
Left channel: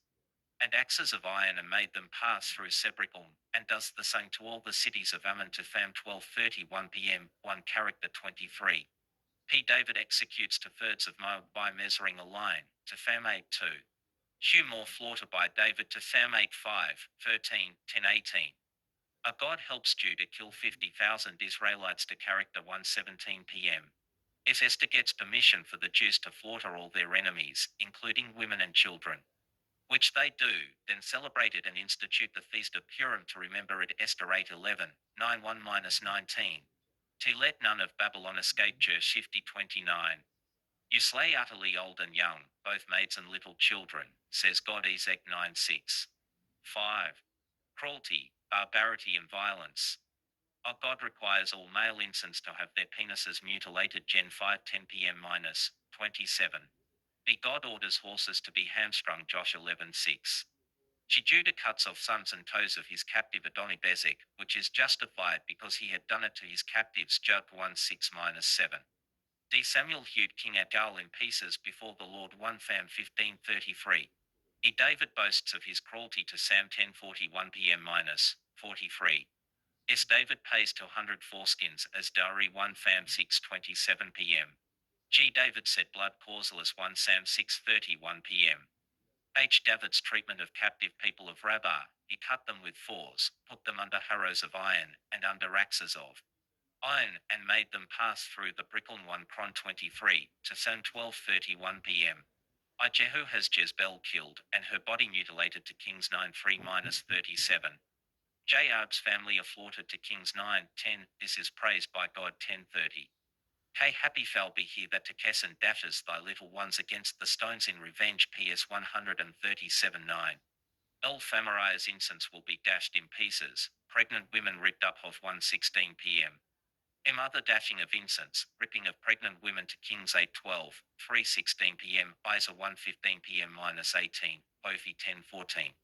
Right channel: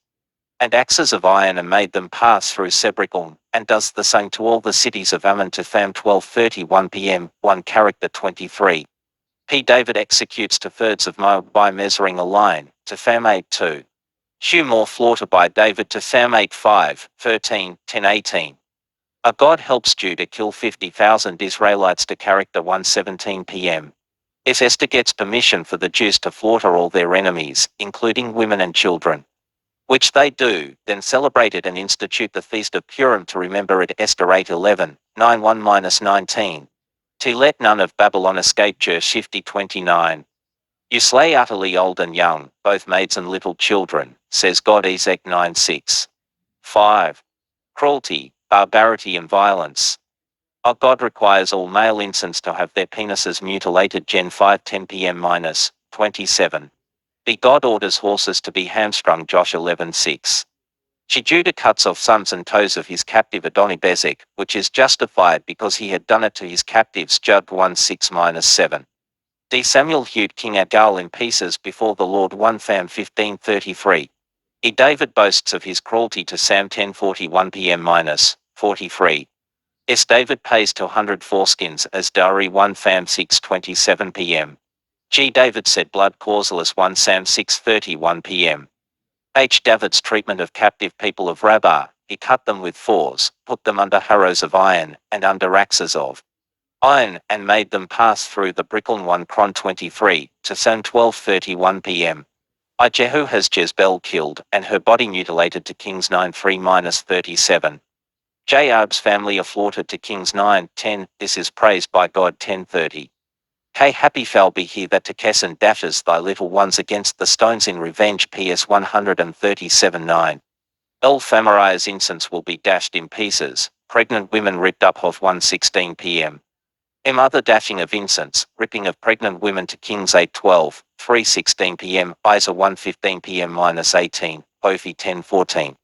and axes of iron and made them pass through Sebricum, and does the same to all the cities of Ammon. To Tham 12:31 PM, 1 Character 23. David executes 2/3 of Moab by measuring a line, to Tham 8:2. More slaughter by David. To Tham 8:5, 13, 10-18. God helps Judah kill 50,000 Israelites. To Character 1:17 PM. Esther gets permission for the Jews to slaughter all their enemies, including women and children, which they do, then celebrate it and institute the Feast of Purim to remember it. Esther 8:11, 9:1-19. To let none of Babylon escape. Jer 50:29. You slay utterly old and young, both maids and little children, says God. Ezek 9:6. 5. Cruelty, barbarity and violence. God requires all male infants to have their penises mutilated. Gen 5:10 PM-27. God orders horses to be hamstrung. Josh 11:6. Judah cuts off sons and toes of his captive Adonibezek, which is justified because he had done it to his captives. Judd 1:6-7. D. Samuel hewed King Agag in pieces before the Lord 1 Fam 1533. E. David boasts of his cruelty to Sam 10:41 p.m. minus 43. S. David pays 200 foreskins as dowry 1 Fam 6:27 p.m. G. David said blood causeless 1 Sam 6:31 p.m. H. David's treatment of captive people of Rabbah, he cut them with fours, put them under harrows of iron, and under axes of iron, and made them pass through the Bricklin 1 Cron 23, to Sam 12:31 p.m. I. Jehu has Jezebel killed, and her body mutilated to Kings 9:3-37. J. Arb's family are slaughtered to Kings 9:10, this is praised by God 10:30. K. Happy shall be he that to Kesson dashes thy little ones against the stones in revenge PS 137:9. L. Famaria's incense will be dashed in pieces, pregnant women ripped up of 1:16 p.m. M. Other dashing of incense, ripping of pregnant women to Kings 8:12, 3:16 p.m. Isa 1:15 p.m. -18, Ophi 10:14.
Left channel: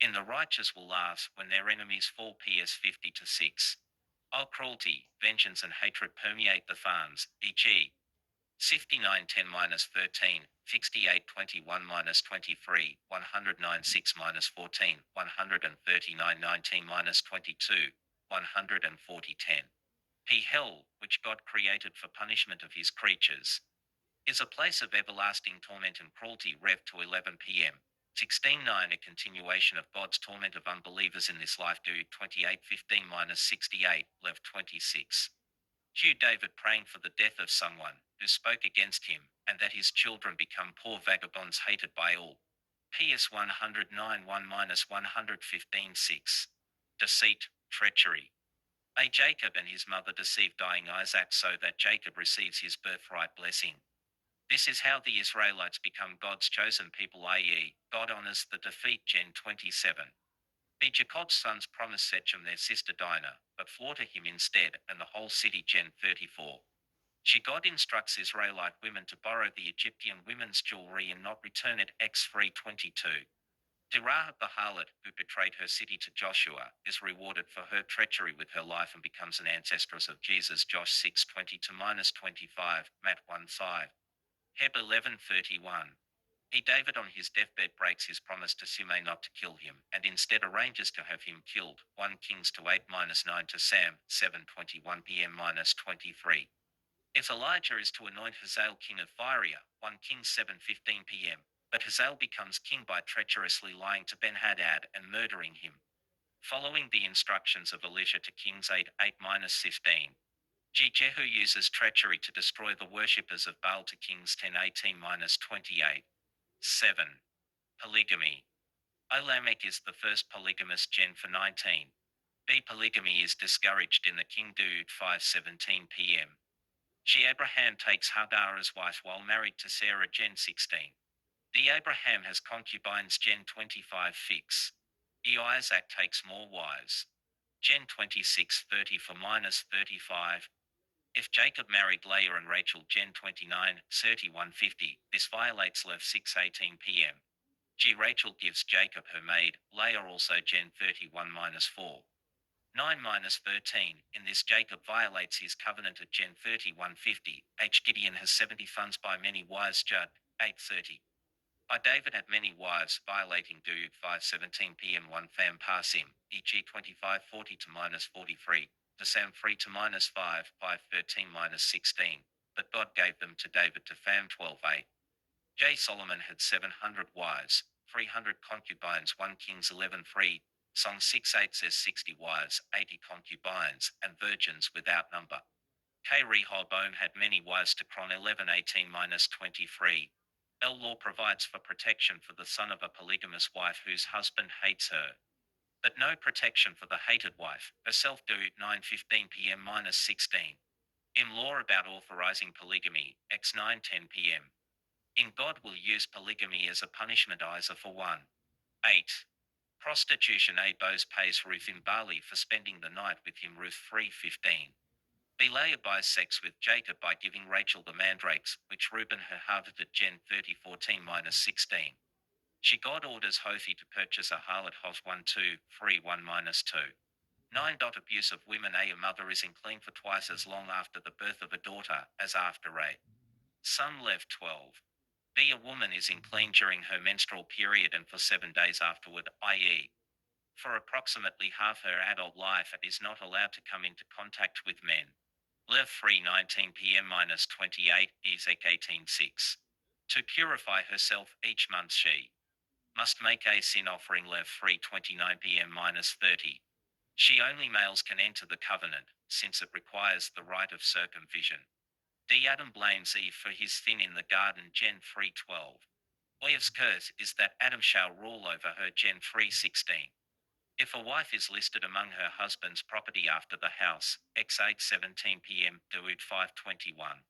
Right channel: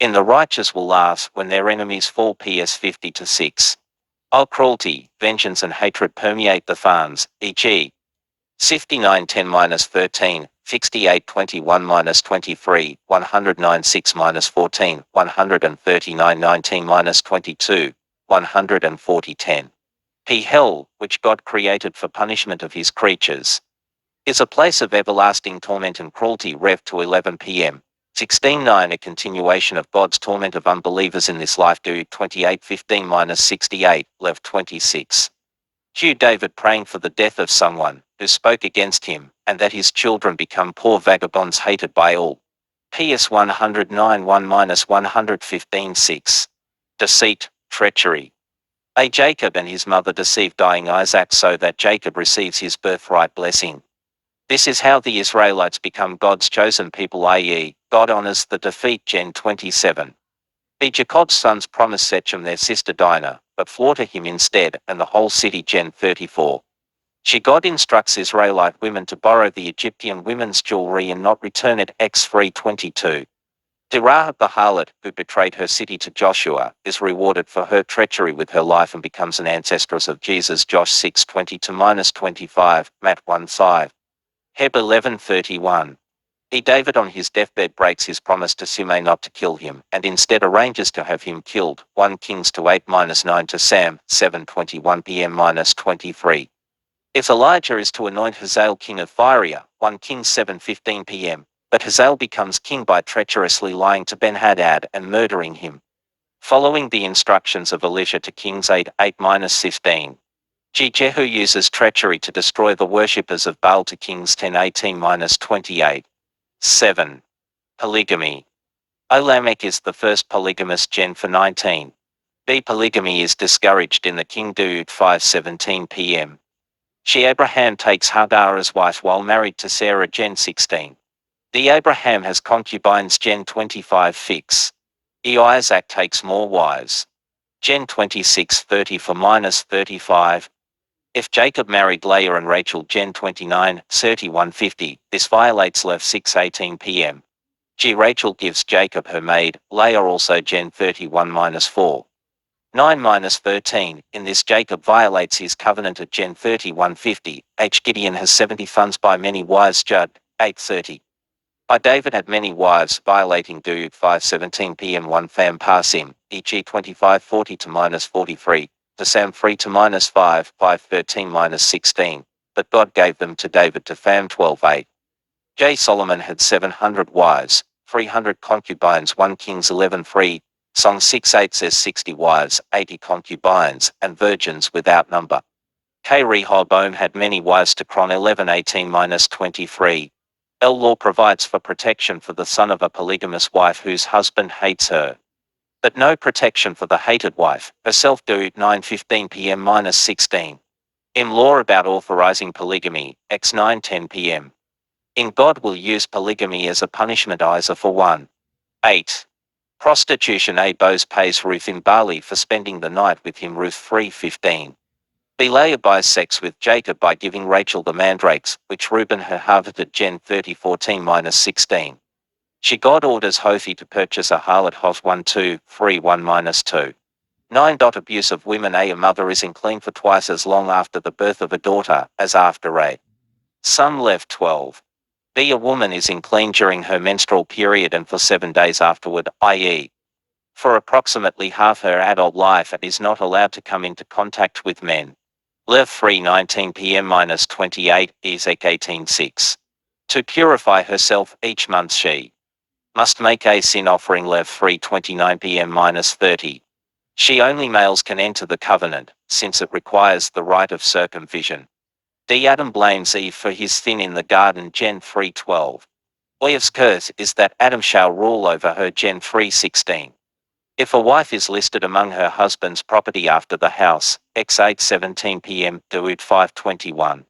In the righteous will laugh when their enemies fall PS 50-6. Oh, cruelty, vengeance and hatred permeate the farms, e.g. 59:10-13, 68:21-23, 109:6-14, 139:19-22, 140:10. P. Hell, which God created for punishment of his creatures, is a place of everlasting torment and cruelty. Rev. to 11 p.m. 16:9. A continuation of God's torment of unbelievers in this life. Do 28:15-68, Lev. 26. Q. David praying for the death of someone who spoke against him, and that his children become poor vagabonds hated by all. PS 109:1-115:6. Deceit, treachery. A. Jacob and his mother deceive dying Isaac so that Jacob receives his birthright blessing. This is how the Israelites become God's chosen people, i.e., God honors the defeat. Gen 27. B. Jacob's sons promise Sechem their sister Dinah, but slaughter him instead, and the whole city. Gen 34. She God instructs Israelite women to borrow the Egyptian women's jewelry and not return it. X 3:22. Rahab the harlot, who betrayed her city to Joshua, is rewarded for her treachery with her life and becomes an ancestress of Jesus. Josh 6:20-25, Matt 1:5. Heb 11:31. E. David on his deathbed breaks his promise to Shimei not to kill him, and instead arranges to have him killed. 1 Kings 8-9 to Sam 7:21 p.m. -23. If Elijah is to anoint Hazael king of Syria, 1 Kings 7:15 p.m., but Hazael becomes king by treacherously lying to Ben-Hadad and murdering him. Following the instructions of Elisha to Kings 8:8-15. Jehu uses treachery to destroy the worshippers of Baal to Kings 10:18-28. 7. Polygamy. O. Lamech is the first polygamist. Gen 19. B. Polygamy is discouraged in the King Daud 5:17 p.m. She Abraham takes Hagar as wife while married to Sarah. Gen 16. D. Abraham has concubines. Gen 25 fix. E. Isaac takes more wives. Gen 26:30 for -35. If Jacob married Leah and Rachel. Gen 29, 31:50, this violates Lev 6:18 p.m. G. Rachel gives Jacob her maid, Leah also. Gen 31-4. 9-13, in this Jacob violates his covenant at Gen 31:50. H. Gideon has 70 sons by many wives. Judd 8:30. I. David had many wives, violating Dude 5:17 p.m. 1 Fam Parsim, e.g. 25:40 to -43. To Sam 3 to -5, 5:13 -16, but God gave them to David to Fam 12:8. J. Solomon had 700 wives, 300 concubines. 1 Kings 11:3, Song 6:8 says 60 wives, 80 concubines, and virgins without number. K. Rehoboam had many wives. To Chron 11:18 -23. L. Law provides for protection for the son of a polygamous wife whose husband hates her, but no protection for the hated wife herself. Do 9:15 p.m. -16. M. Law about authorizing polygamy, X 9:10 p.m. In God will use polygamy as a punishment. Isa for 1. 8. Prostitution. A. Boaz pays Ruth in Bali for spending the night with him. Ruth 3:15. B. Leah buys sex with Jacob by giving Rachel the mandrakes, which Reuben had harvested. Gen 30:14 -16. She God orders Hophni to purchase a harlot. Hos 1:2-3 1-2. 9. Abuse of women. A mother is unclean for twice as long after the birth of a daughter, as after a Some Lev 12. B. A woman is unclean during her menstrual period and for 7 days afterward, i.e., for approximately half her adult life, and is not allowed to come into contact with men. Lev 3 19 p.m-28, Ezek 18:6. To purify herself each month she must make a sin offering. Lev 3 29 p.m-30. She only males can enter the covenant, since it requires the rite of circumcision. D. Adam blames Eve for his sin in the garden. Gen 3:12. Eve's curse is that Adam shall rule over her. Gen 3:16. If a wife is listed among her husband's property after the house, X 8:17 p.m. Dawood 5:21.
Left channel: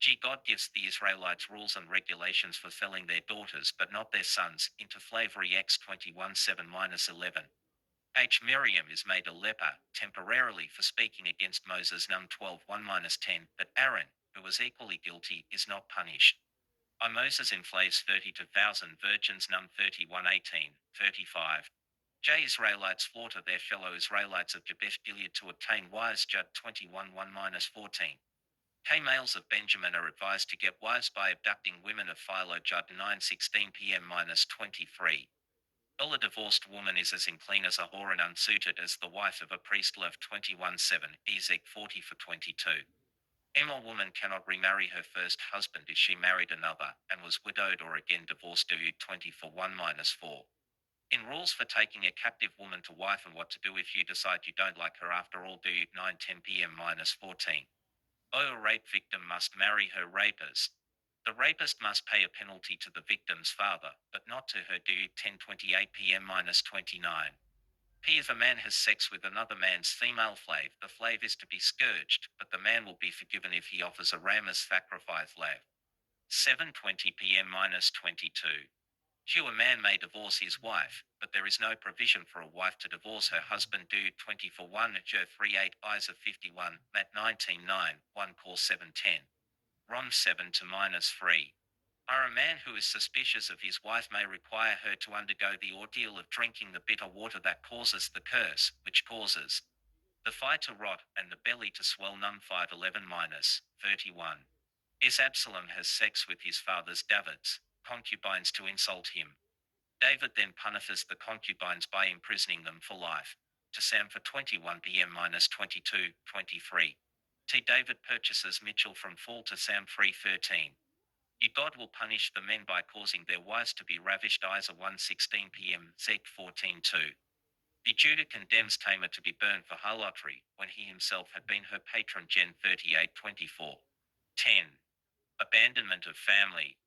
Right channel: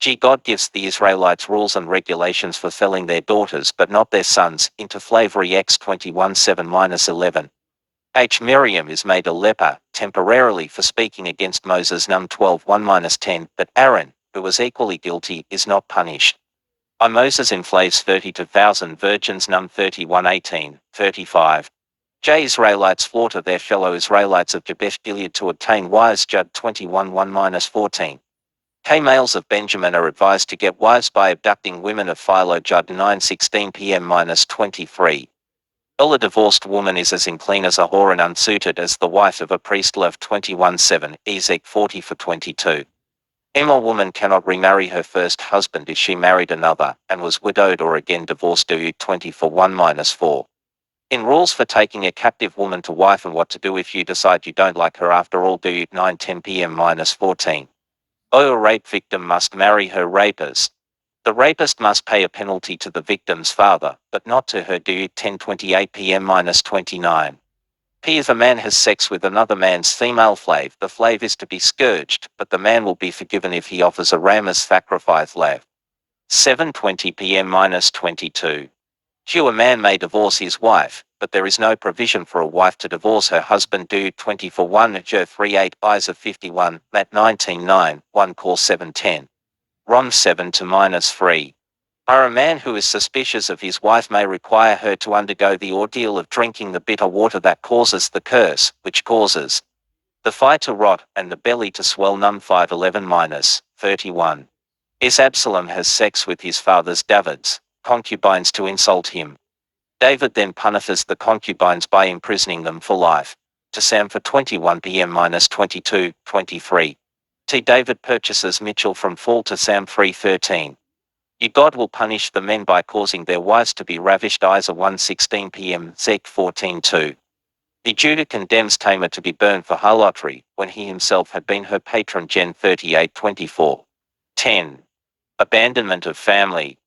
G. God gives the Israelites rules and regulations for selling their daughters but not their sons into slavery. X 21:7-11. H. Miriam is made a leper, temporarily, for speaking against Moses. Num 12:1-10, but Aaron, who was equally guilty, is not punished. I. Moses enslaves 32,000 virgins. Num 31:18, 35. J. Israelites slaughter their fellow Israelites of Jabesh Gilead to obtain wives. Judd 21:1-14. K. Males of Benjamin are advised to get wives by abducting women of Philo. Judd 9:16 p.m-23. A divorced woman is as unclean as a whore and unsuited as the wife of a priest. Lev 21:7, Ezek 40:22. A woman cannot remarry her first husband if she married another, and was widowed or again divorced. Do 24:1-4. In rules for taking a captive woman to wife and what to do if you decide you don't like her after all. Do 9:10 p.m-14. A rape victim must marry her rapist. The rapist must pay a penalty to the victim's father, but not to her. Do 10:28 p.m-29. P. If a man has sex with another man's female slave, the slave is to be scourged, but the man will be forgiven if he offers a ram as sacrifice. Lev 7:20 p.m-22. Q. A man may divorce his wife, but there is no provision for a wife to divorce her husband. Do 24:1, Joe 3:8, Isa 51, Matt 19:9, 1 Cor 7:10. Rom 7-3. A man who is suspicious of his wife may require her to undergo the ordeal of drinking the bitter water that causes the curse, which causes the thigh to rot and the belly to swell. Num 5:11-31. Is Absalom has sex with his father's David's concubines to insult him. David then punishes the concubines by imprisoning them for life. To Sam for 21 p.m-22, 23. T. David purchases Mitchell from Fall. To Sam 3:13. God will punish the men by causing their wives to be ravished. Isa 1:16 p.m. Zek 14:2. Judah condemns Tamar to be burned for harlotry, when he himself had been her patron. Gen 38:24. 10. Abandonment of family.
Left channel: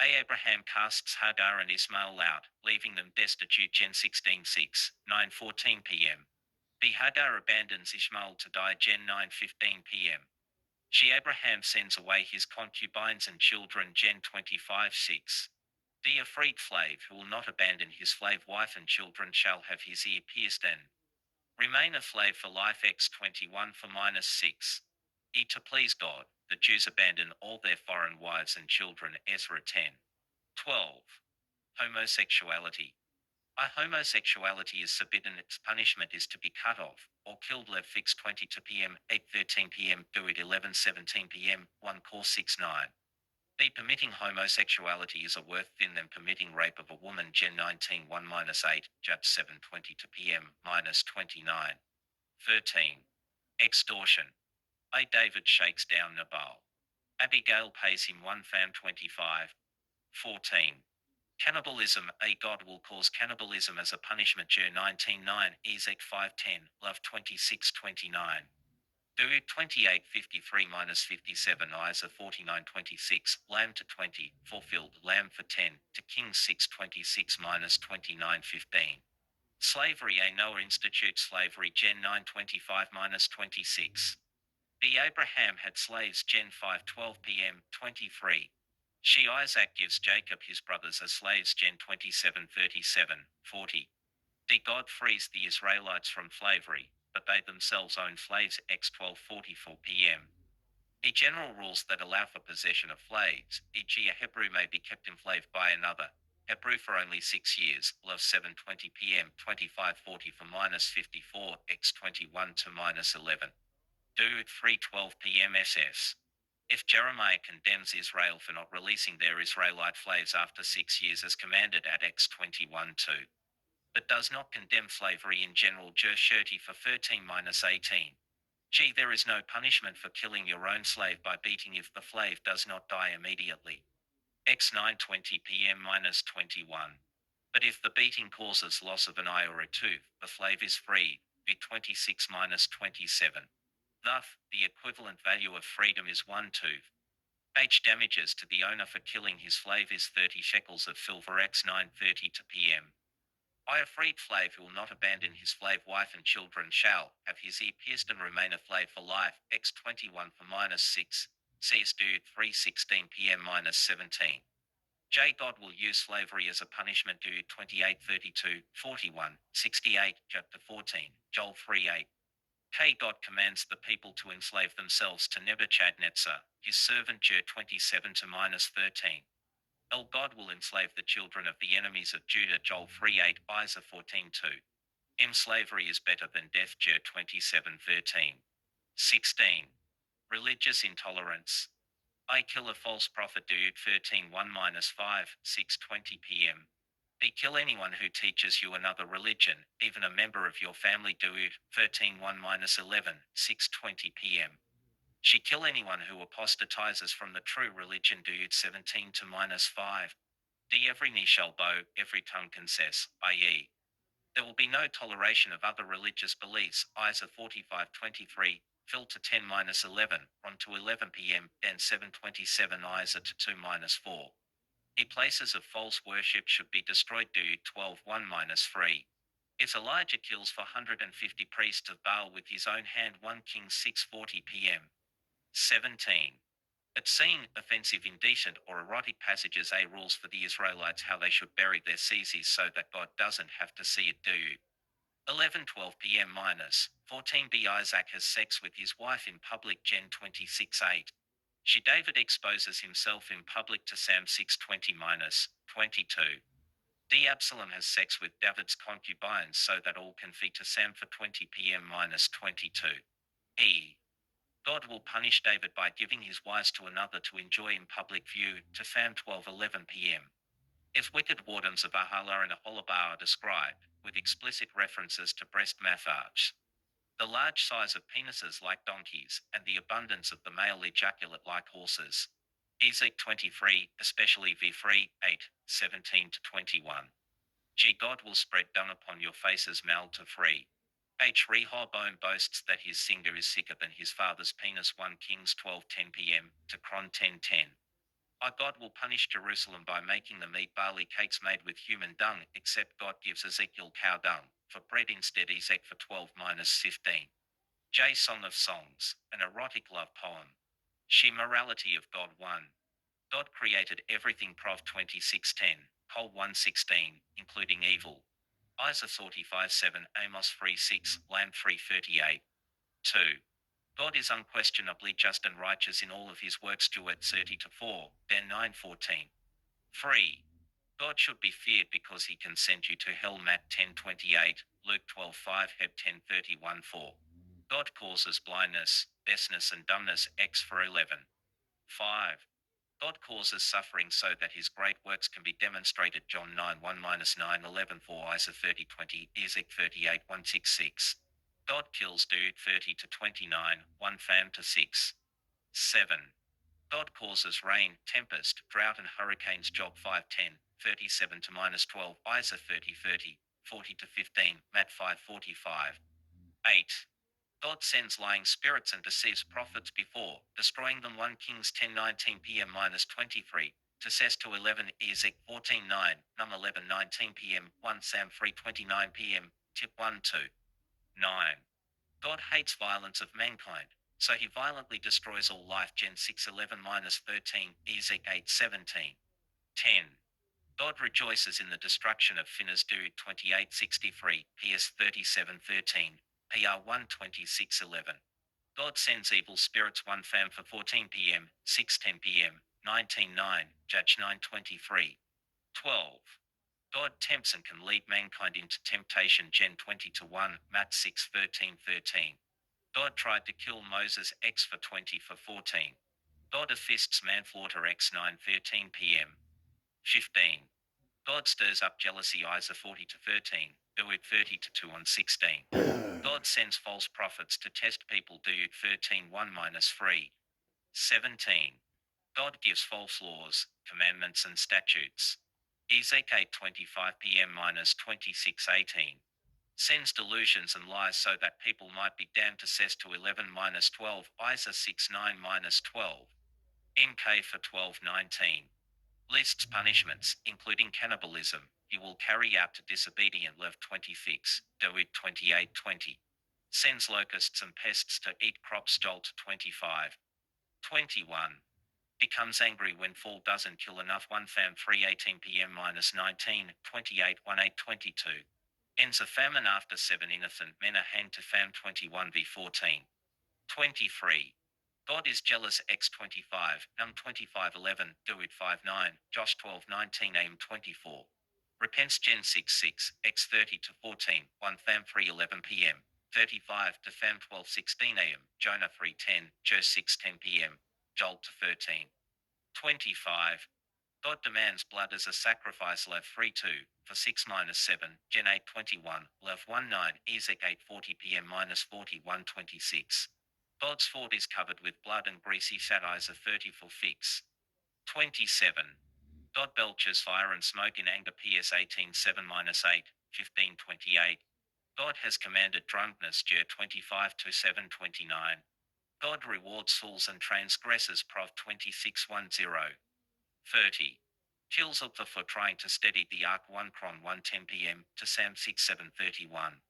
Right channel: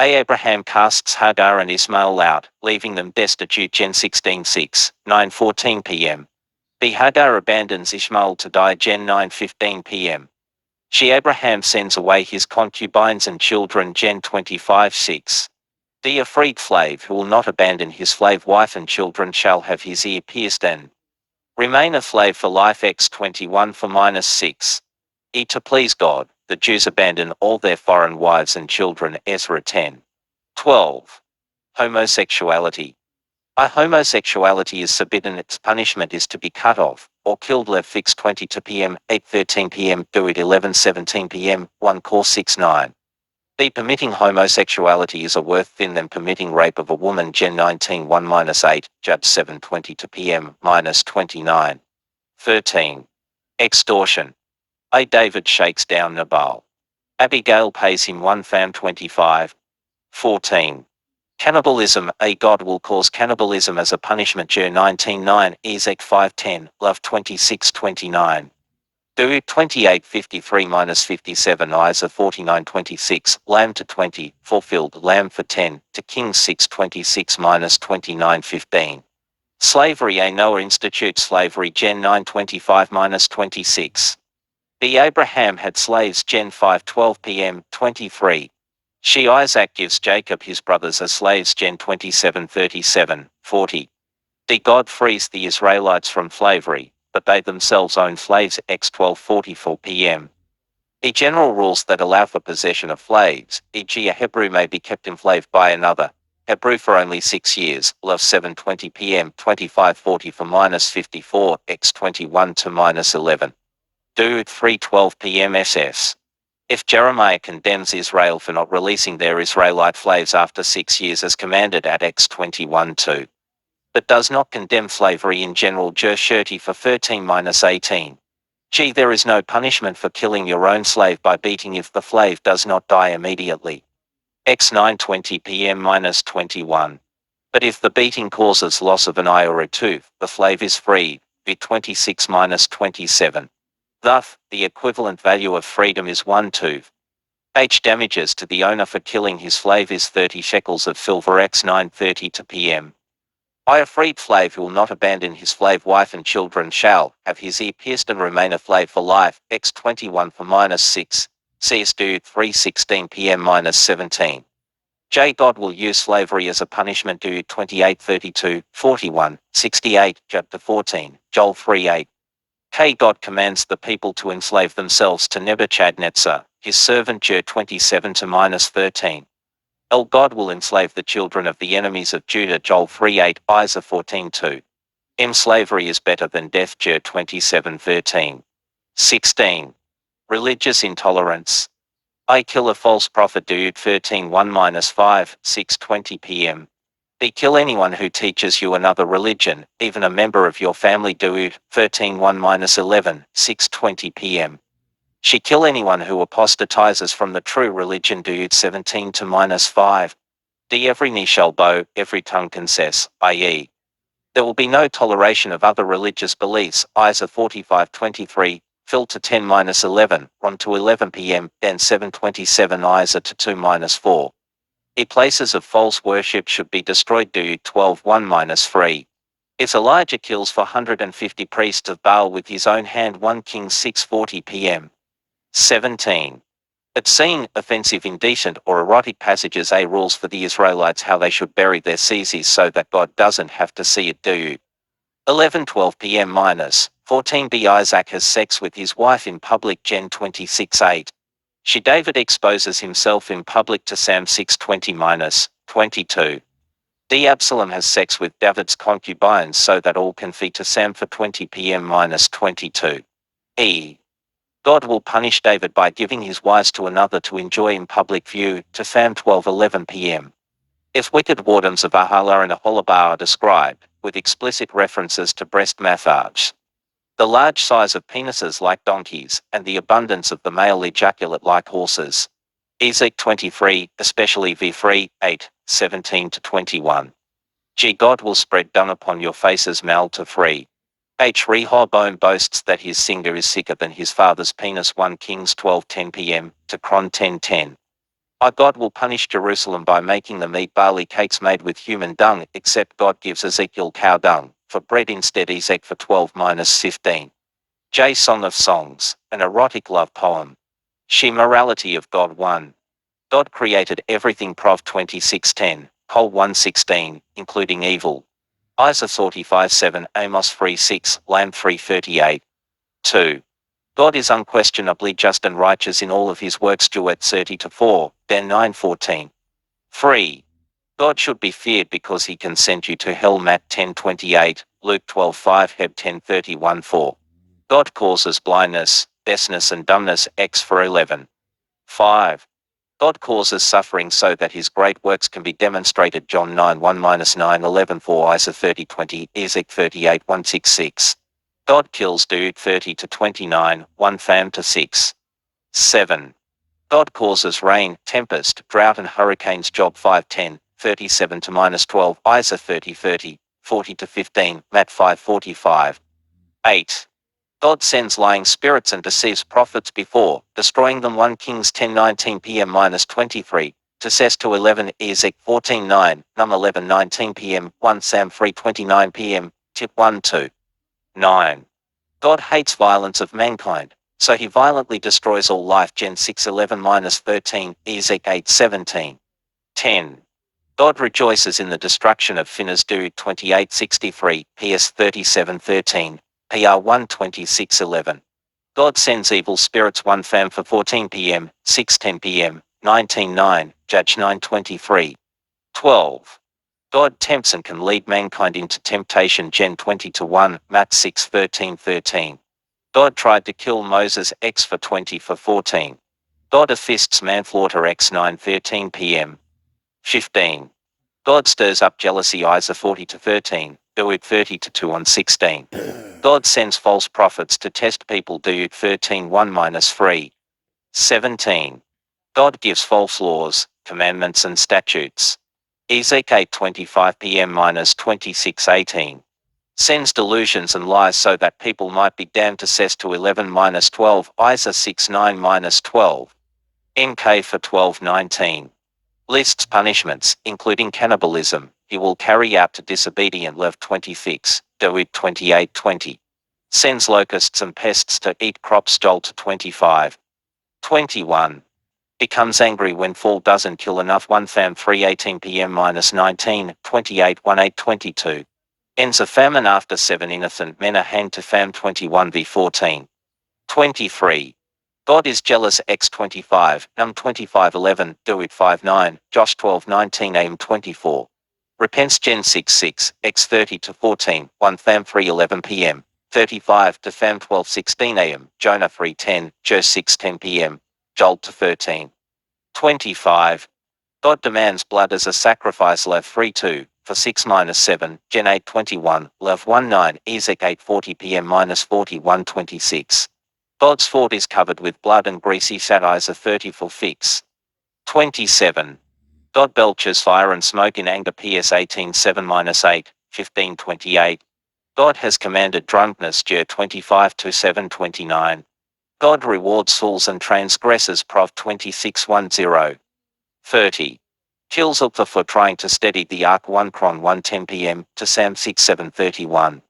Abraham casts Hagar and Ismail out, leaving them destitute. Gen 16:6, 9:14 p.m. B. Hagar abandons Ishmael to die. Gen 9:15 p.m. Abraham sends away his concubines and children. Gen 25:6. D. A freed slave who will not abandon his slave wife and children shall have his ear pierced and remain a slave for life. X 21:6. E. To please God, the Jews abandon all their foreign wives and children. Ezra 10:12. Homosexuality. Homosexuality is forbidden. Its punishment is to be cut off, or killed. Lev fix 22 p.m, 8:13 p.m, do it 11:17 p.m, 1 Cor 6:9. B. Permitting homosexuality is a worse sin than permitting rape of a woman. Gen 19:1-8, Judge 7:22 p.m-29. 13. Extortion. A. David shakes down Nabal. Abigail pays him 1 fam 25. 14. Cannibalism. A. God will cause cannibalism as a punishment. Jer 19:9, Ezek 5:10, Love 26:29. Do 28:53-57, Isa 49:26, Lamb to 20, fulfilled. Lamb for 10, to Kings 6:26-29:15. Slavery. A. Noah institutes slavery. Gen 9:25-26. B. Abraham had slaves. Gen 5:12 p.m. 23. Isaac gives Jacob his brothers as slaves. Gen 27:37, 40. D. God frees the Israelites from slavery, but they themselves own slaves. X 12:44 p.m. General rules that allow for possession of slaves, e.g. a Hebrew may be kept enslaved by another Hebrew for only 6 years. Love 7:20 p.m. 25:40 for -54, X 21 to -11. Do 3:12 p.m. SS. If Jeremiah condemns Israel for not releasing their Israelite slaves after 6 years as commanded at Acts 21:2, but does not condemn slavery in general, Jershirti for 13-18. G. There is no punishment for killing your own slave by beating if the slave does not die immediately. X 9:20 p.m-21. But if the beating causes loss of an eye or a tooth, the slave is free. V 26-27. Thus, the equivalent value of freedom is 1 tooth. H. Damages to the owner for killing his slave is 30 shekels of silver. X 9:30 to p.m. I. A freed slave who will not abandon his slave wife and children shall have his ear pierced and remain a slave for life. X 21 for -6. CS Dude 3:16 p.m-17. J. God will use slavery as a punishment. Dude 28:32, 41, 68, chapter 14, Joel 3:8. K. God commands the people to enslave themselves to Nebuchadnezzar, his servant. Jer 27 to -13. L. God will enslave the children of the enemies of Judah. Joel 3:8, Isaiah 14:2. M. Slavery is better than death. Jer 27:13. 16. Religious intolerance. I. Kill a false prophet. Dude 13:1-5, 6:20 p.m. B. Kill anyone who teaches you another religion, even a member of your family. Dude 13:1-11, 6:20 p.m. She. Kill anyone who apostatizes from the true religion. Dude 17 to -5. D. Every knee shall bow, every tongue confess, i.e., there will be no toleration of other religious beliefs. Isaiah 45:23, Phil to 10-11, 1 to 11 p.m., then 7:27 Isaiah to 2-4. E. Places of false worship should be destroyed. Dude 12:1-3. If Elijah kills 450 priests of Baal with his own hand. 1 Kings 6:40 p.m. 17. Obscene, offensive, indecent, or erotic passages. A. Rules for the Israelites how they should bury their feces so that God doesn't have to see it. Dude 11:12 p.m-14 b. Isaac has sex with his wife in public. Gen 26:8. She. David exposes himself in public to Sam 6:20-22. D. Absalom has sex with David's concubines so that all can flee to Sam for 20 p.m-22. E. God will punish David by giving his wives to another to enjoy in public view. To Sam 12:11 p.m. If wicked wardens of Ahala and Aholabah are described, with explicit references to breast massage, the large size of penises like donkeys, and the abundance of the male ejaculate like horses. Ezek 23, especially v3, 8, 17-21. G. God will spread dung upon your faces. Mal to 3. H. Rehoboam boasts that his singer is sicker than his father's penis. 1 Kings 12:10 p.m. to Chron 10:10. I. God will punish Jerusalem by making them eat barley cakes made with human dung, except God gives Ezekiel cow dung for bread instead. Ezek for 12-15. J. Song of Songs, an erotic love poem. She. Morality of God. 1. God created everything. Prov 26:10, Col 1:16, including evil. Isaiah 45:7, Amos 3:6, Lamb 3:38. 2. God is unquestionably just and righteous in all of his works. Juet 30-4, Dan 9:14. 3. God should be feared because he can send you to hell. Matt 10:28, Luke 12:5, Heb 10:31-4. God causes blindness, deafness and dumbness. X 4:11. 5. God causes suffering so that his great works can be demonstrated. John 9:1-9:11-4, Isaiah 30:20, Ezek 38:166. God kills. Dude 30-29, 1 Pham to 6. 7. God causes rain, tempest, drought and hurricanes. Job 5:10, 37-12, Isaiah 30:30, 40-15, Matt 5:45. 8. God sends lying spirits and deceives prophets before destroying them. 1 Kings 10:19 p.m-23, to Ses to 11, Ezek 14:9, Num 11:19 p.m, 1 Sam 3:29 p.m, Tip 1-2. 9. God hates violence of mankind, so he violently destroys all life. Gen 6:11-13, Ezek 8:17. 10. God rejoices in the destruction of sinners. Dude 28:63, PS 37:13. PR 126:11. God sends evil spirits. 1 Pham for 14 p.m., 6:10 p.m., 19:9, Judge 9:23. 12. God tempts and can lead mankind into temptation. Gen 20-1, Matt 6:13-13. God tried to kill Moses. X for 20 for 14. God assists manslaughter x 9:13 p.m. 15. God stirs up jealousy Isa 40 to 13, Duit 30 to 2 on 16. God sends false prophets to test people Duit 13 1-3. 17. God gives false laws, commandments and statutes. Ezekiel 25 p.m-26:18. Sends delusions and lies so that people might be damned to cess to 11-12 Isa 6:9-12. NK for 12:19. Lists punishments, including cannibalism, he will carry out to disobedient Lev 26, Doeg 28:20. Sends locusts and pests to eat crops Joel to 25. 21. Becomes angry when fall doesn't kill enough 1 Tham 3:18 p.m-19, 28 18:22. Ends a famine after 7 innocent men are hanged to Pham 21v14. 23. God is jealous x 25, Num 25:11, Doeg 5:9, Josh 12:19 am 24. Repents Gen 6:6, x 30 to 14, 1 Tham 3:11 p.m. 35 to Pham 12:16 am, Jonah 3:10, Jer 6:10 p.m. Joel to 13. 25. God demands blood as a sacrifice Lev 3:2, for 6-7, Gen 8:21, Lev 1:9, Ezek 8:40 p.m-41:26. God's fort is covered with blood and greasy satires of 30 for fix. 27. God belches fire and smoke in anger PS 18:7-8, 15:28. God has commanded drunkenness Jer 25 to 7:29. God rewards fools and transgressors Prov 26:10. 30. Kills Uktha for trying to steady the ark 1 Cron 1:10 p.m. to Sam 6:7:31.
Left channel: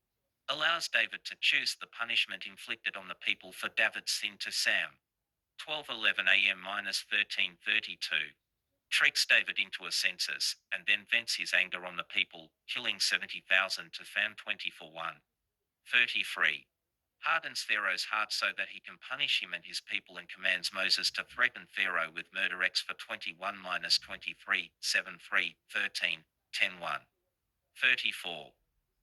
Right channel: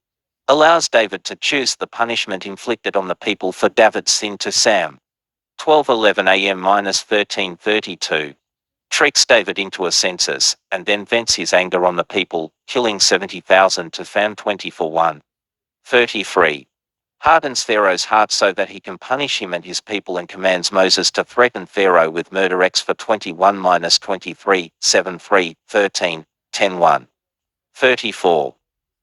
Allows David to choose the punishment inflicted on the people for David's sin to Sam 12:11 a.m-13:32. Tricks David into a census, and then vents his anger on the people, killing 70,000 to Pham 24:1. 33. Hardens Pharaoh's heart so that he can punish him and his people and commands Moses to threaten Pharaoh with murder x for 21-23, 7:3, 13, 10:1. 34.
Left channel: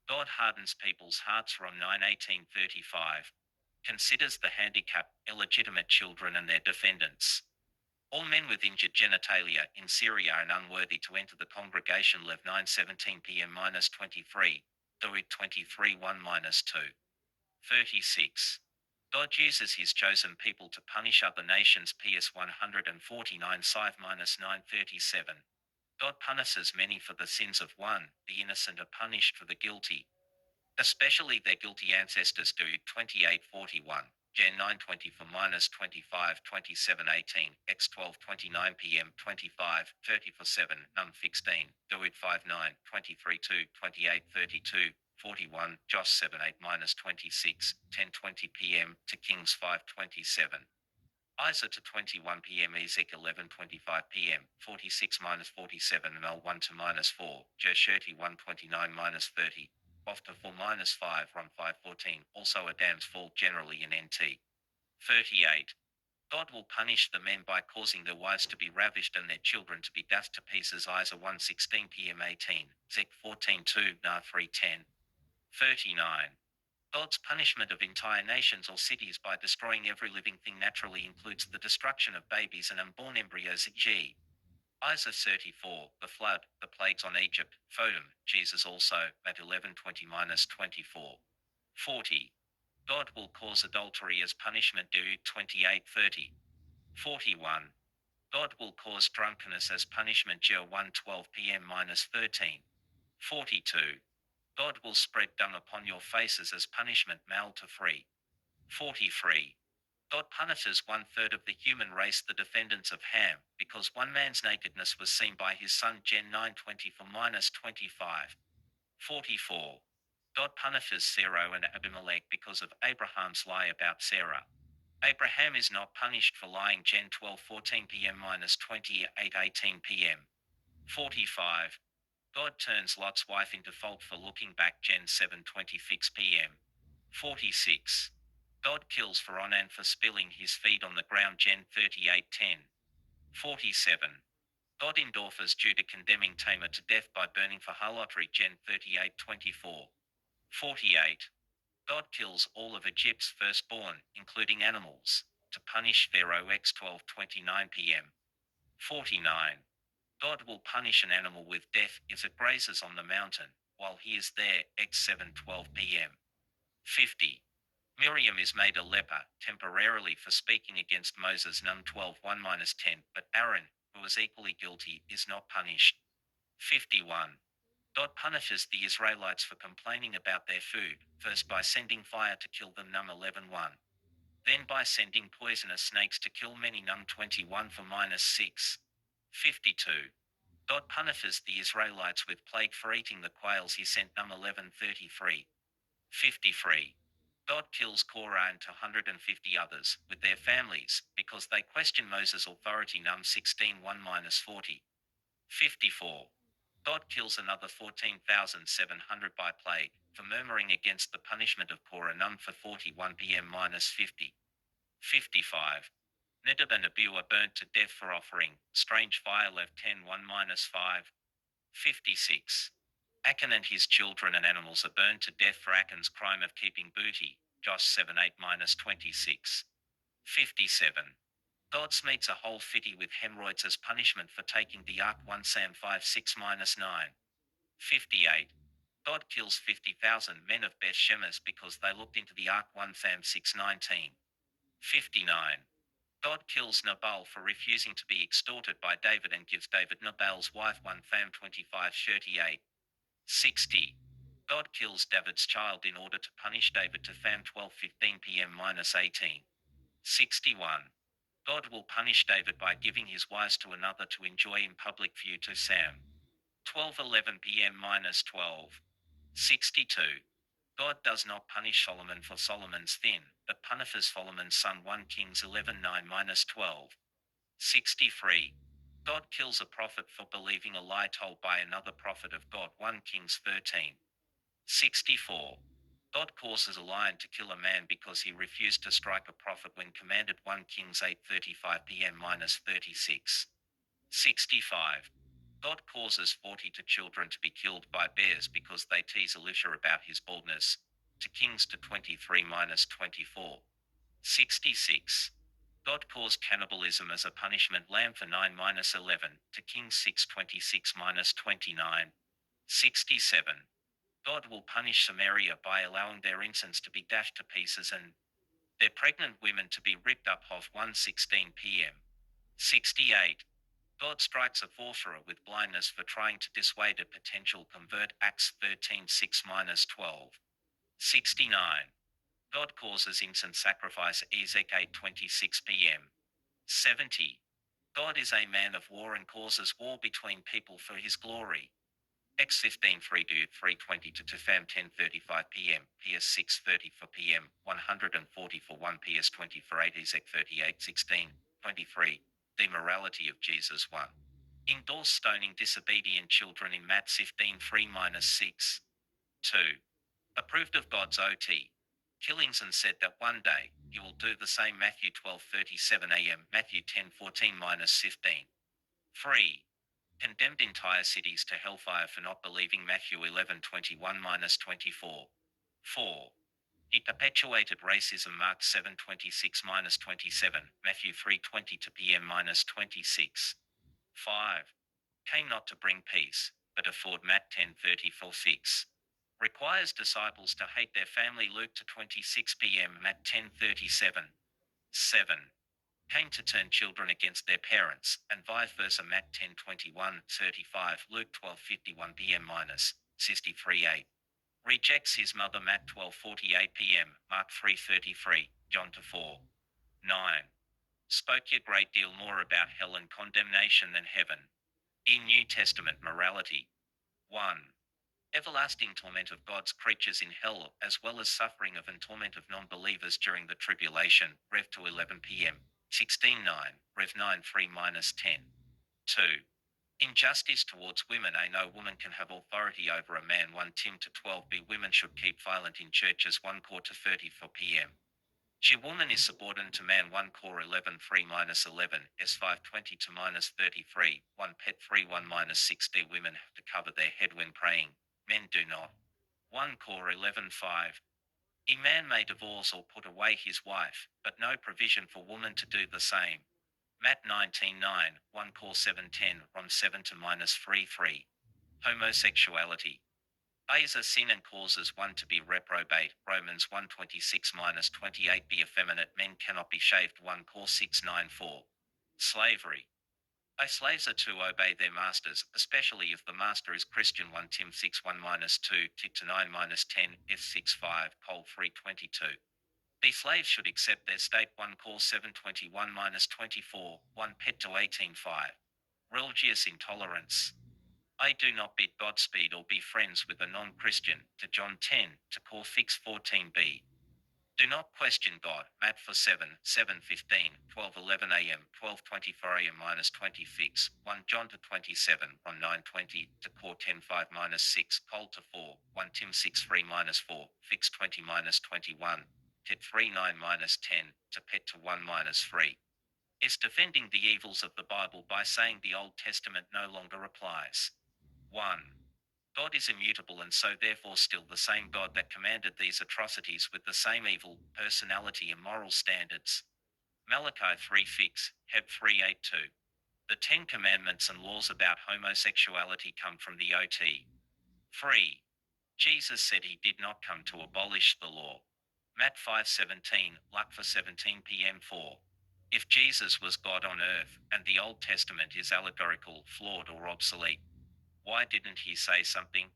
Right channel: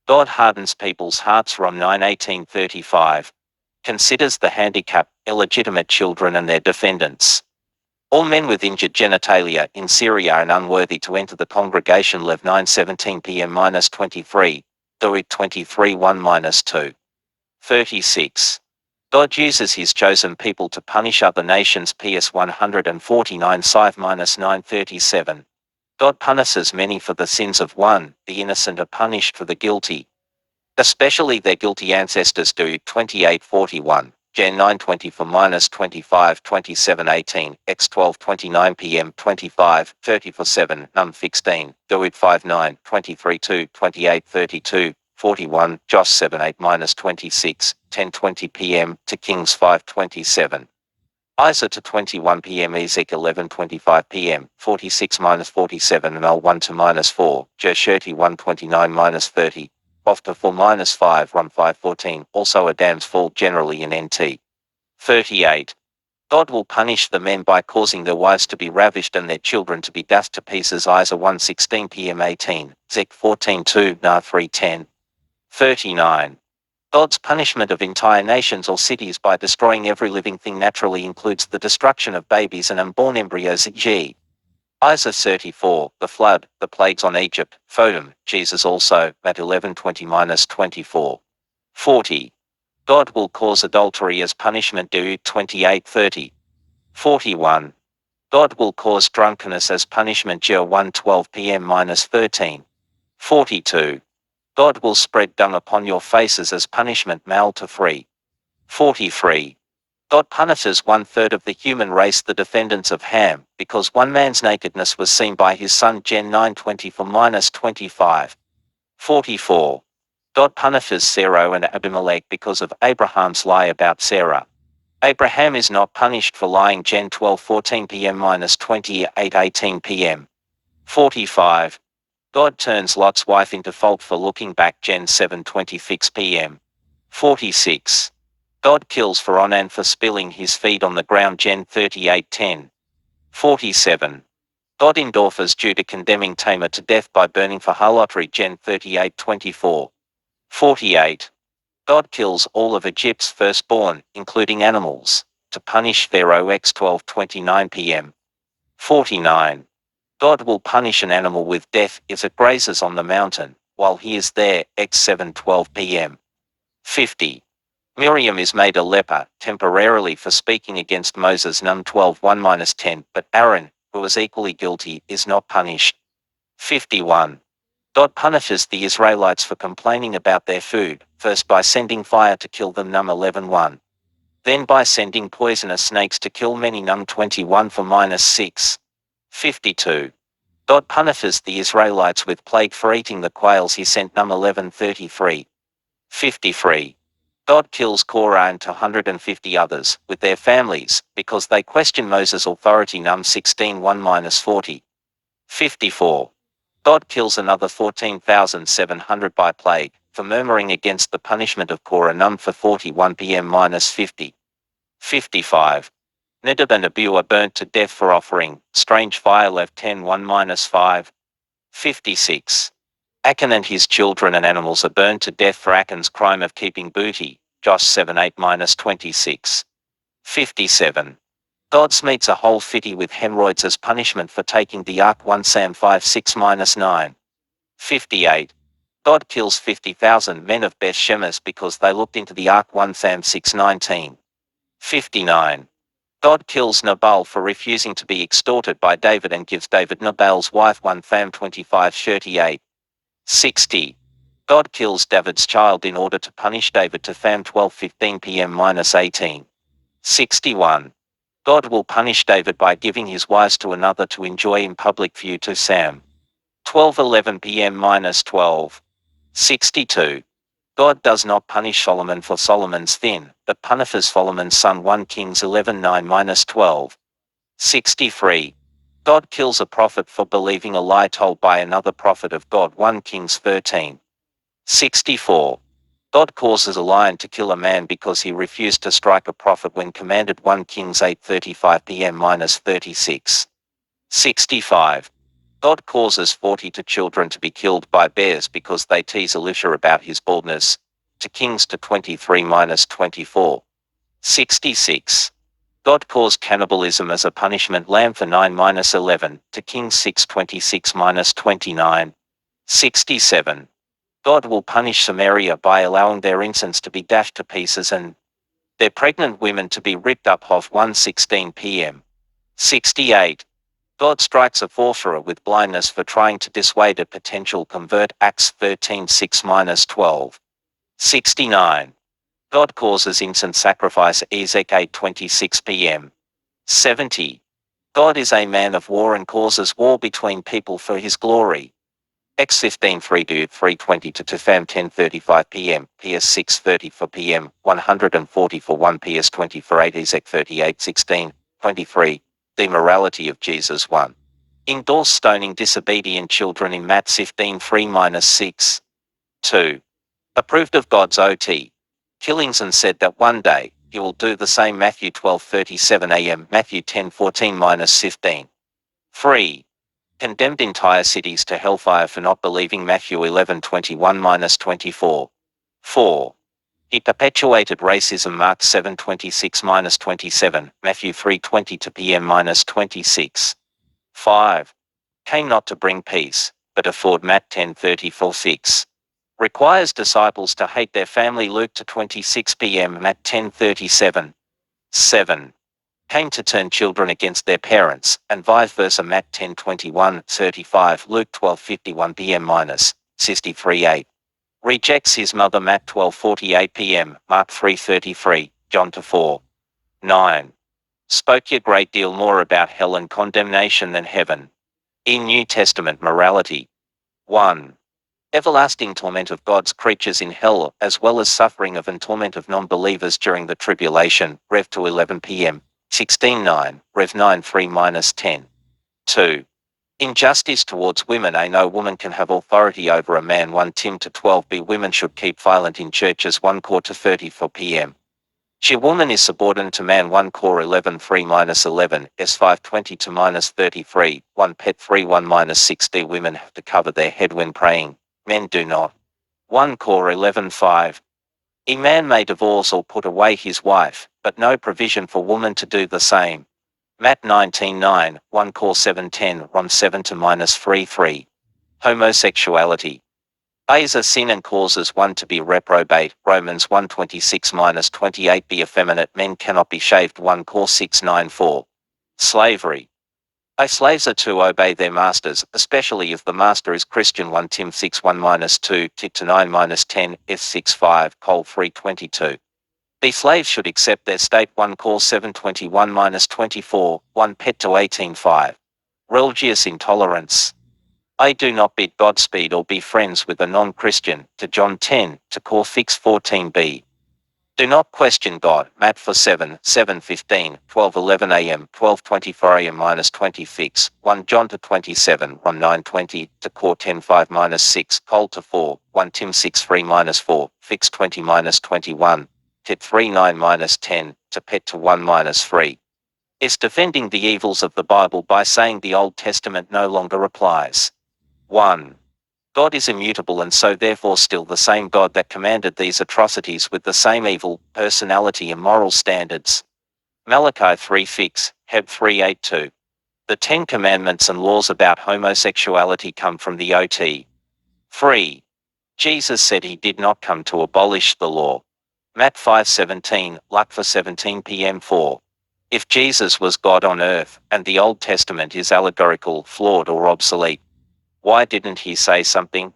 God hardens people's hearts Rom 9:18-35. Considers the handicapped, illegitimate children and their defendants. All men with injured genitalia in Syria and unworthy to enter the congregation Lev 9:17 p.m-23, Doeg 23:1-2. 36. God uses his chosen people to punish other nations PS 149 5-937. God punishes many for the sins of one, the innocent are punished for the guilty, especially their guilty ancestors do 28:41, Gen 9:20 for -25 27:18, X 12:29 p.m. 25 30 for 7, Num 16, Doeg 5:9 23:2 28:32. 41, Josh 7:8-26, 10:20 p.m. to Kings 5:27. Isa to 21 p.m. Ezek 11:25 p.m. 46-47 and L 1 to -4, Jershurti 1:29-30, Bofta 4-5 Ron 5:14. Also Adam's fall generally in NT. 38. God will punish the men by causing their wives to be ravished and their children to be dashed to pieces Isa 1:16 p.m. 18, Zek 14:2 Nah 3:10. 39. God's punishment of entire nations or cities by destroying every living thing naturally includes the destruction of babies and unborn embryos e.g. Isa 34, the flood, the plagues on Egypt, Fodom, Jesus also, Matt 11:20-24. 40. God will cause adultery as punishment Deut 28:30. 41. God will cause drunkenness as punishment Jer 1:12 p.m-13. 42. God will spread dung upon your faces as punishment Mal to 3. 43. God punishes 1/3 of the human race the defendants of Ham, because one man's nakedness was seen by his son Gen 9:20 for -25. 44. God punishes Sarah and Abimelech because of Abraham's lie about Sarah. Abraham is not punished for lying Gen 12:14 p.m-28:18 p.m. 45. God turns Lot's wife into fault for looking back Gen 7:26 p.m. 46. God kills Pharaoh for spilling his feed on the ground Gen 38:10. 47. God endorphers Judah condemning Tamar to death by burning for harlotry Gen 38:24. 48. God kills all of Egypt's firstborn, including animals. to punish Pharaoh x 12:29 p.m. 49. God will punish an animal with death if it grazes on the mountain, while he is there, x 7:12 p.m. 50. Miriam is made a leper, temporarily for speaking against Moses Num 12:1-10, but Aaron, who was equally guilty, is not punished. 51. God punishes the Israelites for complaining about their food, first by sending fire to kill them Num 11:1. Then by sending poisonous snakes to kill many Num 21 for -6. 52. God punishes the Israelites with plague for eating the quails he sent Num 11:33. 53. God kills Korah and 250 others, with their families, because they question Moses' authority Num 16:1-40. 54. God kills another 14,700 by plague, for murmuring against the punishment of Korah Num for 41 p.m-50. 55. Nadab and Abihu are burnt to death for offering strange fire Lev 10:1-5. 56. Achan and his children and animals are burned to death for Achan's crime of keeping booty, Josh 7:8-26. 57. God smeets a whole city with hemorrhoids as punishment for taking the ark 1 Sam 5:6-9. 58. God kills 50,000 men of Beth Shemesh because they looked into the ark 1 Sam 6:19. 59. God kills Nabal for refusing to be extorted by David and gives David Nabal's wife 1 Tham 25:38. 60. God kills David's child in order to punish David to Tham 12:15 p.m-18. 61. God will punish David by giving his wives to another to enjoy in public view to Sam 12:11 p.m-12. 62. God does not punish Solomon for Solomon's sin, but punishes Solomon's son 1 Kings 11:9-12. 63. God kills a prophet for believing a lie told by another prophet of God 1 Kings 13. 64. God causes a lion to kill a man because he refused to strike a prophet when commanded 1 Kings 8:35 p.m-36. 65. God causes 42 children to be killed by bears because they tease Elisha about his baldness, to Kings 23-24. 66. God caused cannibalism as a punishment lamb for 9-11, to Kings 6:26-29. 67. God will punish Samaria by allowing their incense to be dashed to pieces and their pregnant women to be ripped up Hof 1:16 p.m. 68. God strikes a sorcerer with blindness for trying to dissuade a potential convert Acts 13:6-12. 69. God causes incense sacrifice Ezek 8:26 p.m. 70. God is a man of war and causes war between people for his glory. X 15:3-3:20 to Tufam 10:35 p.m. PS 6:34 p.m. 140 for 1 PS 20 for 8 Ezek 38:16, 23. The morality of Jesus 1. Endorse stoning disobedient children in Matt 15:3-6. 2. Approved of God's OT. Killings and said that one day, he will do the same Matthew 12:37 am Matthew 10:14-15. 3. Condemned entire cities to hellfire for not believing Matthew 11:21-24. 4. He perpetuated racism Mark 7:26-27, Matthew 3:20 to p.m-26. 5. Came not to bring peace, but afford Matt 10:34-6. Requires disciples to hate their family Luke 26 p.m. Matt 10:37. 7. Came to turn children against their parents, and vice versa Matt 10:21-35 Luke 12:51 p.m-63:8. Rejects his mother Matt 12:48 p.m. Mark 3:33, John 4. 9. Spoke a great deal more about hell and condemnation than heaven. In New Testament morality. 1. Everlasting torment of God's creatures in hell, as well as suffering of and torment of non-believers during the tribulation, Rev 2:11 p.m. 16:9, Rev 9:3-10. 2. Injustice towards women. No woman can have authority over a man 1 Tim 12b. Women should keep silent in churches 1 Cor 34 p.m. She woman is subordinate to man 1 Cor 11:3-11, S 5:20-33, 1 Pet 3:1-6d. Women have to cover their head when praying, men do not. 1 Cor 11:5. A man may divorce or put away his wife, but no provision for woman to do the same. Matt 19:9, 1 Cor 7:10, Rom 7 to -3:3. Homosexuality. A is a sin and causes one to be reprobate. Romans 1:26-28. Be effeminate. Men cannot be shaved. 1 Cor 6:9-4. Slavery. A slaves are to obey their masters, especially if the master is Christian. 1 Tim 6:1-2, Tit to 9-10, F 6:5, Col 3:22. The slaves should accept their state. 1 Cor 7:21-24, 1 Pet to 18:5. Religious intolerance. I do not bid Godspeed or be friends with a non-Christian, to John 10, to Cor Fix 14b. Do not question God, Matt 4:7, 7:15, 12:11 a.m., 12:24 a.m. -20 Fix, 1 John to 27, 1 9:20, to Cor 10:5-6, Col to 4, 1 Tim 6:3-4, Fix 20-21, Tit 3:9-10, to Pet to 1-3. Is defending the evils of the Bible by saying the Old Testament no longer applies. 1. God is immutable and so therefore still the same God that commanded these atrocities with the same evil, personality and moral standards. Malachi 3 Fix, Heb 3:8-2. The Ten Commandments and laws about homosexuality come from the OT. 3. Jesus said he did not come to abolish the law. Matt 5:17, Luke 4:17 p.m. 4. If Jesus was God on earth, and the Old Testament is allegorical, flawed or obsolete, why didn't he say something?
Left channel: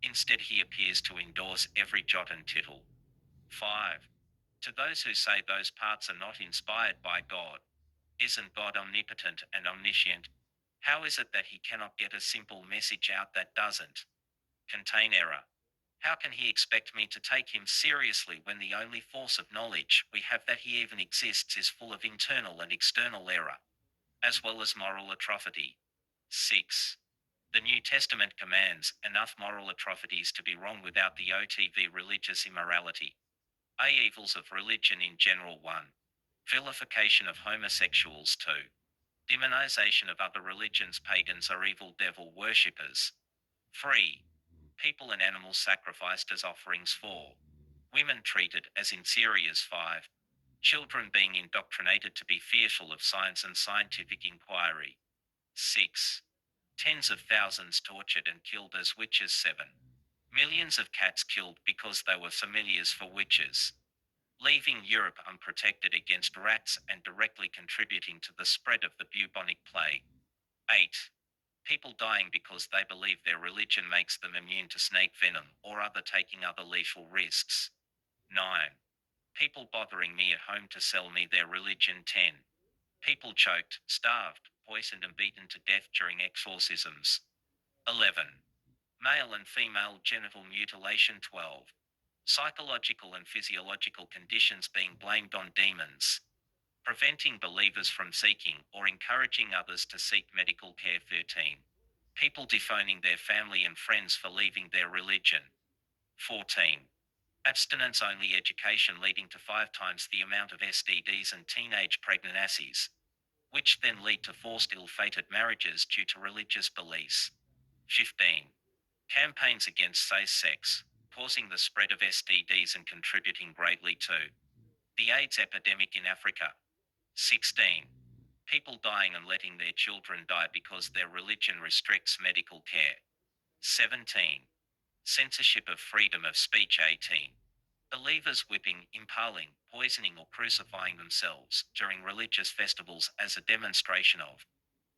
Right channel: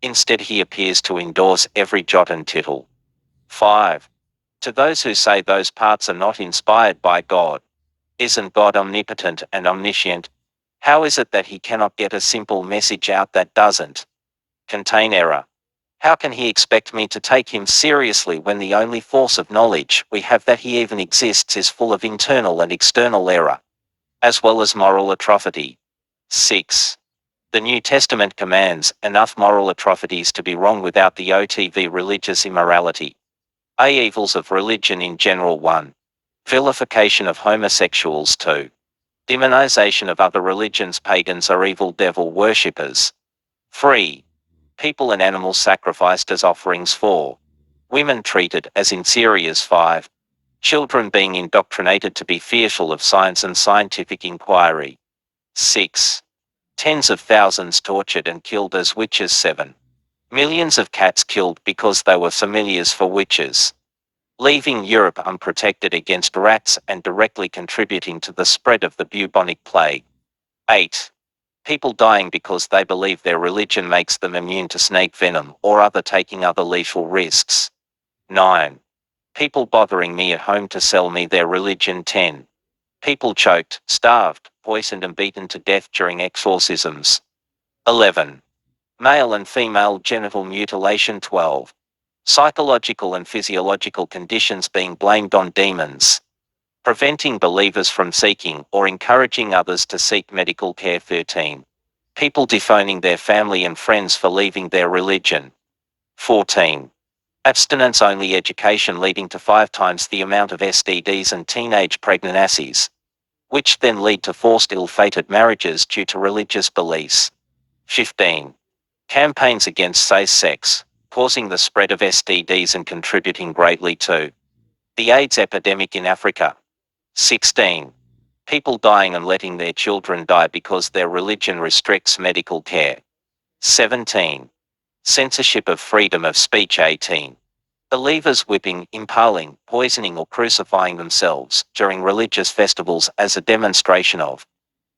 Instead he appears to endorse every jot and tittle. 5. To those who say those parts are not inspired by God, isn't God omnipotent and omniscient? How is it that he cannot get a simple message out that doesn't contain error? How can he expect me to take him seriously when the only force of knowledge we have that he even exists is full of internal and external error, as well as moral atrophy? 6. The New Testament commands enough moral atrocities to be wrong without the OTV religious immorality. A. Evils of religion in general. 1. Vilification of homosexuals. 2. Demonization of other religions. Pagans are evil devil worshippers. 3. People and animals sacrificed as offerings. 4. Women treated as inferiors. 5. Children being indoctrinated to be fearful of science and scientific inquiry. 6. Tens of thousands tortured and killed as witches. 7. Millions of cats killed because they were familiars for witches, leaving Europe unprotected against rats and directly contributing to the spread of the bubonic plague. 8. People dying because they believe their religion makes them immune to snake venom or taking other lethal risks. 9. People bothering me at home to sell me their religion. 10. People choked, starved, poisoned and beaten to death during exorcisms. 11. Male and female genital mutilation. 12. Psychological and physiological conditions being blamed on demons. Preventing believers from seeking or encouraging others to seek medical care. 13. People dephoning their family and friends for leaving their religion. 14. Abstinence-only education leading to 5 times the amount of STDs and teenage pregnancies, which then lead to forced ill-fated marriages due to religious beliefs. 15. Campaigns against safe sex, causing the spread of STDs and contributing greatly to the AIDS epidemic in Africa. 16. People dying and letting their children die because their religion restricts medical care. 17. Censorship of freedom of speech. 18. Believers whipping, impaling, poisoning or crucifying themselves during religious festivals as a demonstration of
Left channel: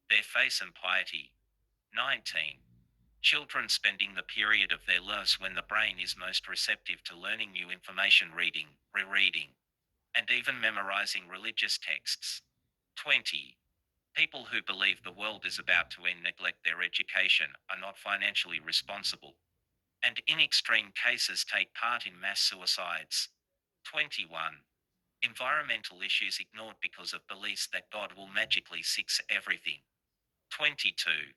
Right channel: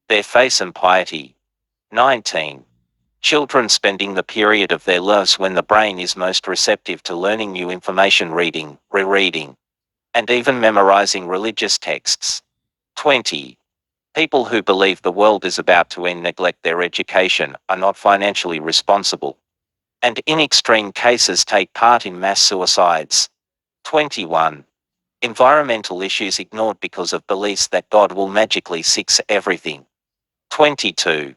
their faith and piety. 19. Children spending the period of their lives when the brain is most receptive to learning new information, reading, rereading, and even memorizing religious texts. 20. People who believe the world is about to end, neglect their education, are not financially responsible, and in extreme cases take part in mass suicides. 21. Environmental issues ignored because of beliefs that God will magically fix everything. 22.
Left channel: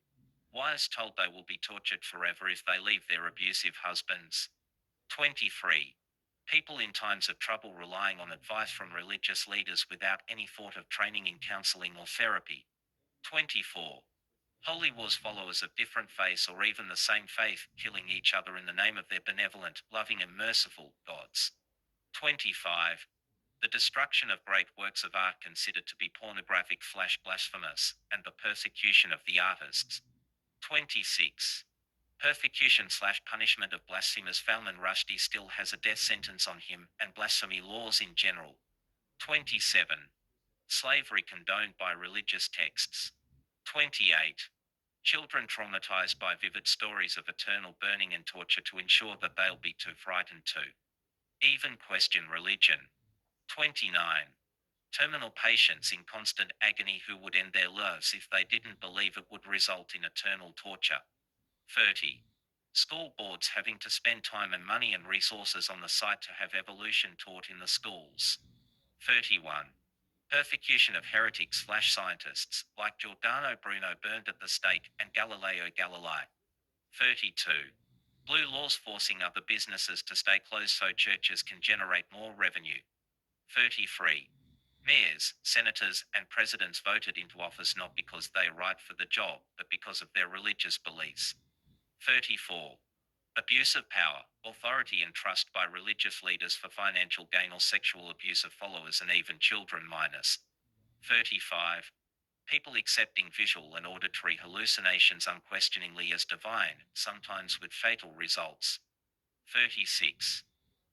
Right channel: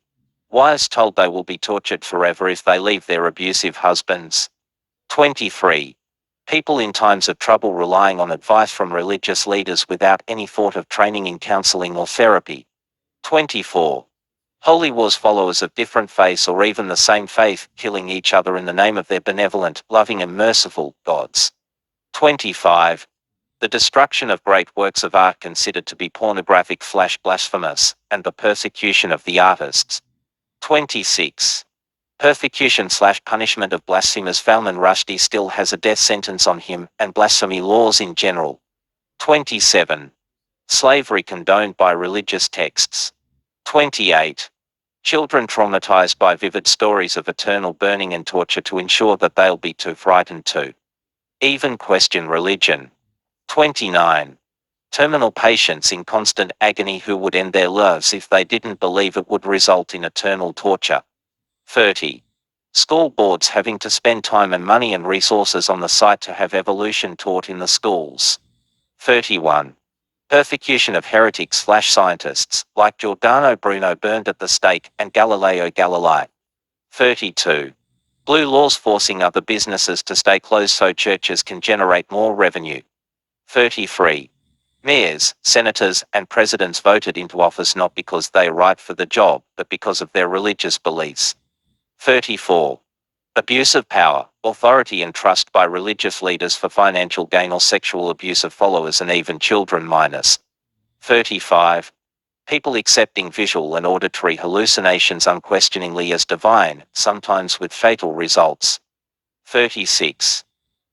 Wives told they will be tortured forever if they leave their abusive husbands. 23. People in times of trouble relying on advice from religious leaders without any thought of training in counseling or therapy. 24. Holy wars, followers of different faiths or even the same faith, killing each other in the name of their benevolent, loving and merciful gods. 25. The destruction of great works of art considered to be pornographic / blasphemous, and the persecution of the artists. 26. Persecution / punishment of blasphemers. Salman Rushdie still has a death sentence on him, and blasphemy laws in general. 27. Slavery condoned by religious texts. 28. Children traumatized by vivid stories of eternal burning and torture to ensure that they'll be too frightened to even question religion. 29. Terminal patients in constant agony who would end their lives if they didn't believe it would result in eternal torture. 30. School boards having to spend time and money and resources on the site to have evolution taught in the schools. 31. Persecution of heretics / scientists, like Giordano Bruno burned at the stake, and Galileo Galilei. 32. Blue laws forcing other businesses to stay closed so churches can generate more revenue. 33. Mayors, senators, and presidents voted into office not because they are right for the job, but because of their religious beliefs. 34. Abuse of power, authority and trust by religious leaders for financial gain or sexual abuse of followers and even children minors. 35. People accepting visual and auditory hallucinations unquestioningly as divine, sometimes with fatal results. 36.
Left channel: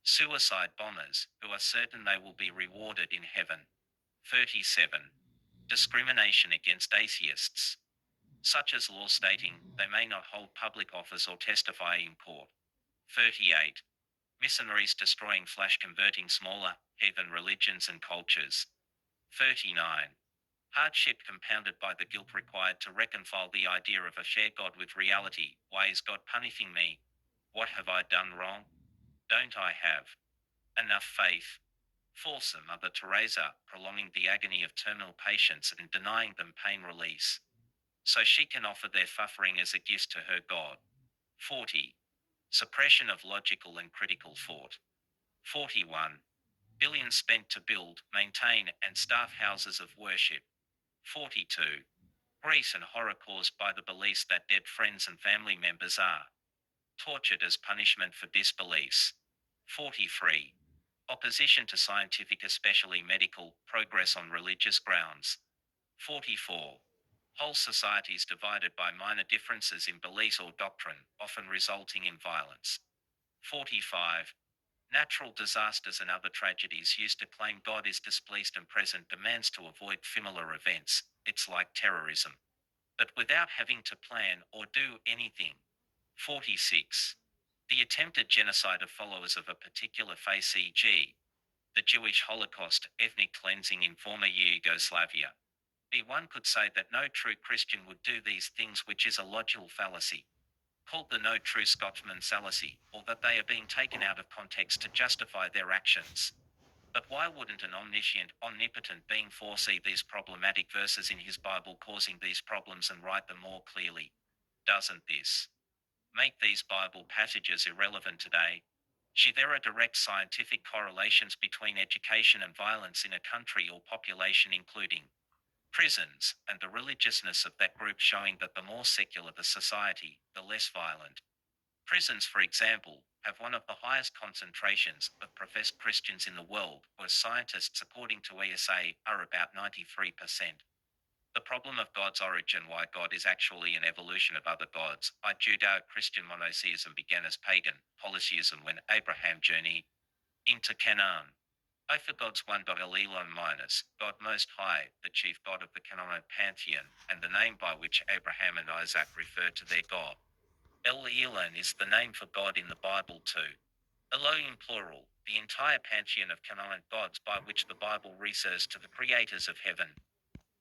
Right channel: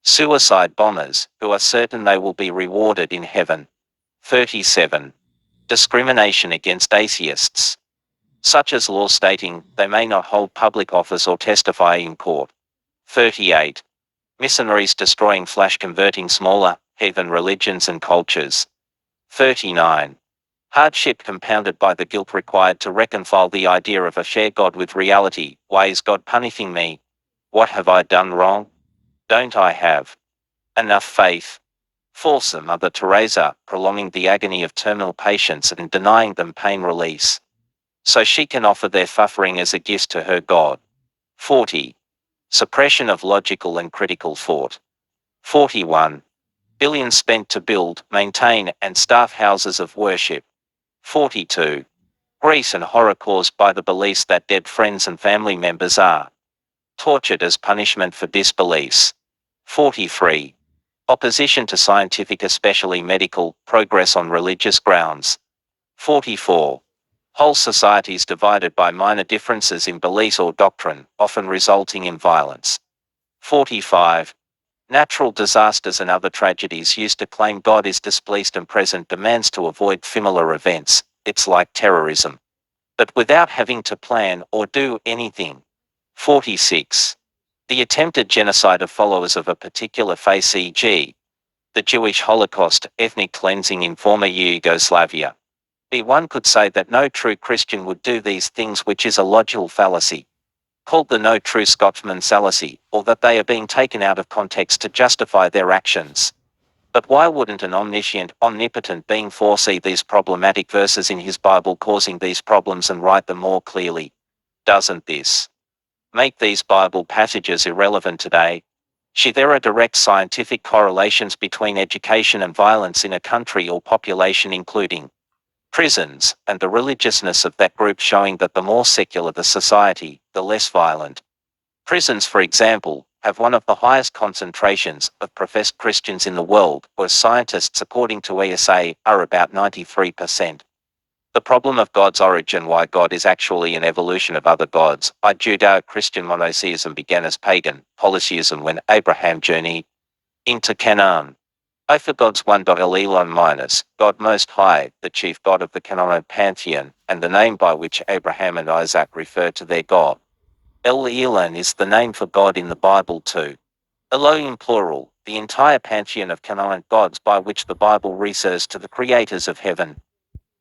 Suicide bombers, who are certain they will be rewarded in heaven. 37. Discrimination against atheists, such as law stating they may not hold public office or testify in court. 38. Missionaries destroying / converting smaller, heathen religions and cultures. 39. Hardship compounded by the guilt required to reconcile the idea of a shared God with reality. Why is God punishing me? What have I done wrong? Don't I have enough faith? False Mother Teresa, prolonging the agony of terminal patients and denying them pain release, so she can offer their suffering as a gift to her God. 40. Suppression of logical and critical thought. 41. Billions spent to build, maintain, and staff houses of worship. 42. Grief and horror caused by the beliefs that dead friends and family members are tortured as punishment for disbeliefs. 43. Opposition to scientific, especially medical, progress on religious grounds. 44. Whole societies divided by minor differences in beliefs or doctrine, often resulting in violence. 45. Natural disasters and other tragedies used to claim God is displeased and present demands to avoid similar events. It's like terrorism, but without having to plan or do anything. 46. The attempted genocide of followers of a particular faith, e.g., the Jewish Holocaust, ethnic cleansing in former Yugoslavia. One could say that no true Christian would do these things, which is a logical fallacy, called the no true Scotsman fallacy, or that they are being taken out of context to justify their actions. But why wouldn't an omniscient, omnipotent being foresee these problematic verses in his Bible causing these problems and write them more clearly? Doesn't this make these Bible passages irrelevant today? There are direct scientific correlations between education and violence in a country or population, including prisons, and the religiousness of that group, showing that the more secular the society, the less violent. Prisons, for example, have one of the highest concentrations of professed Christians in the world, where scientists, according to ESA, are about 93%. The problem of God's origin, why God is actually an evolution of other gods. Judeo-Christian monotheism began as pagan polytheism when Abraham journeyed into Canaan. For God's one Elon minus, God Most High, the chief god of the Canaanite pantheon, and the name by which Abraham and Isaac refer to their God. El Elon is the name for God in the Bible too. Elohim plural, the entire pantheon of Canaanite gods by which the Bible refers to the creators of heaven.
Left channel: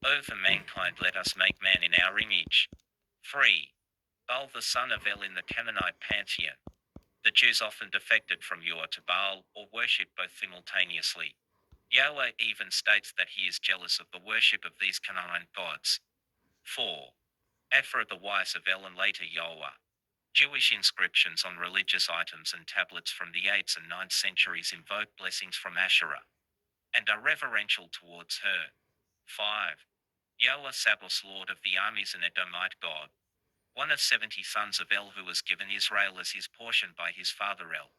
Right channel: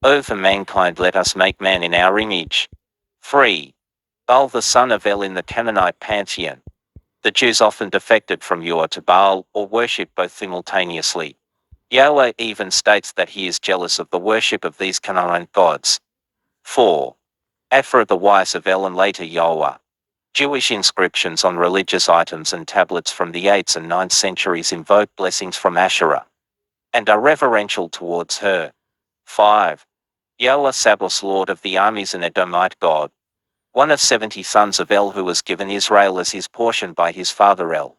O for mankind let us make man in our image. 3. Baal the son of El in the Canaanite pantheon. The Jews often defected from Ur to Baal, or worshipped both simultaneously. Yahweh even states that he is jealous of the worship of these Canaanite gods. 4. Aphra the wife of El and later Yahweh. Jewish inscriptions on religious items and tablets from the 8th and 9th centuries invoke blessings from Asherah and are reverential towards her. 5. Yahweh Sabaoth, Lord of the armies and Edomite god. One of 70 sons of El who was given Israel as his portion by his father El.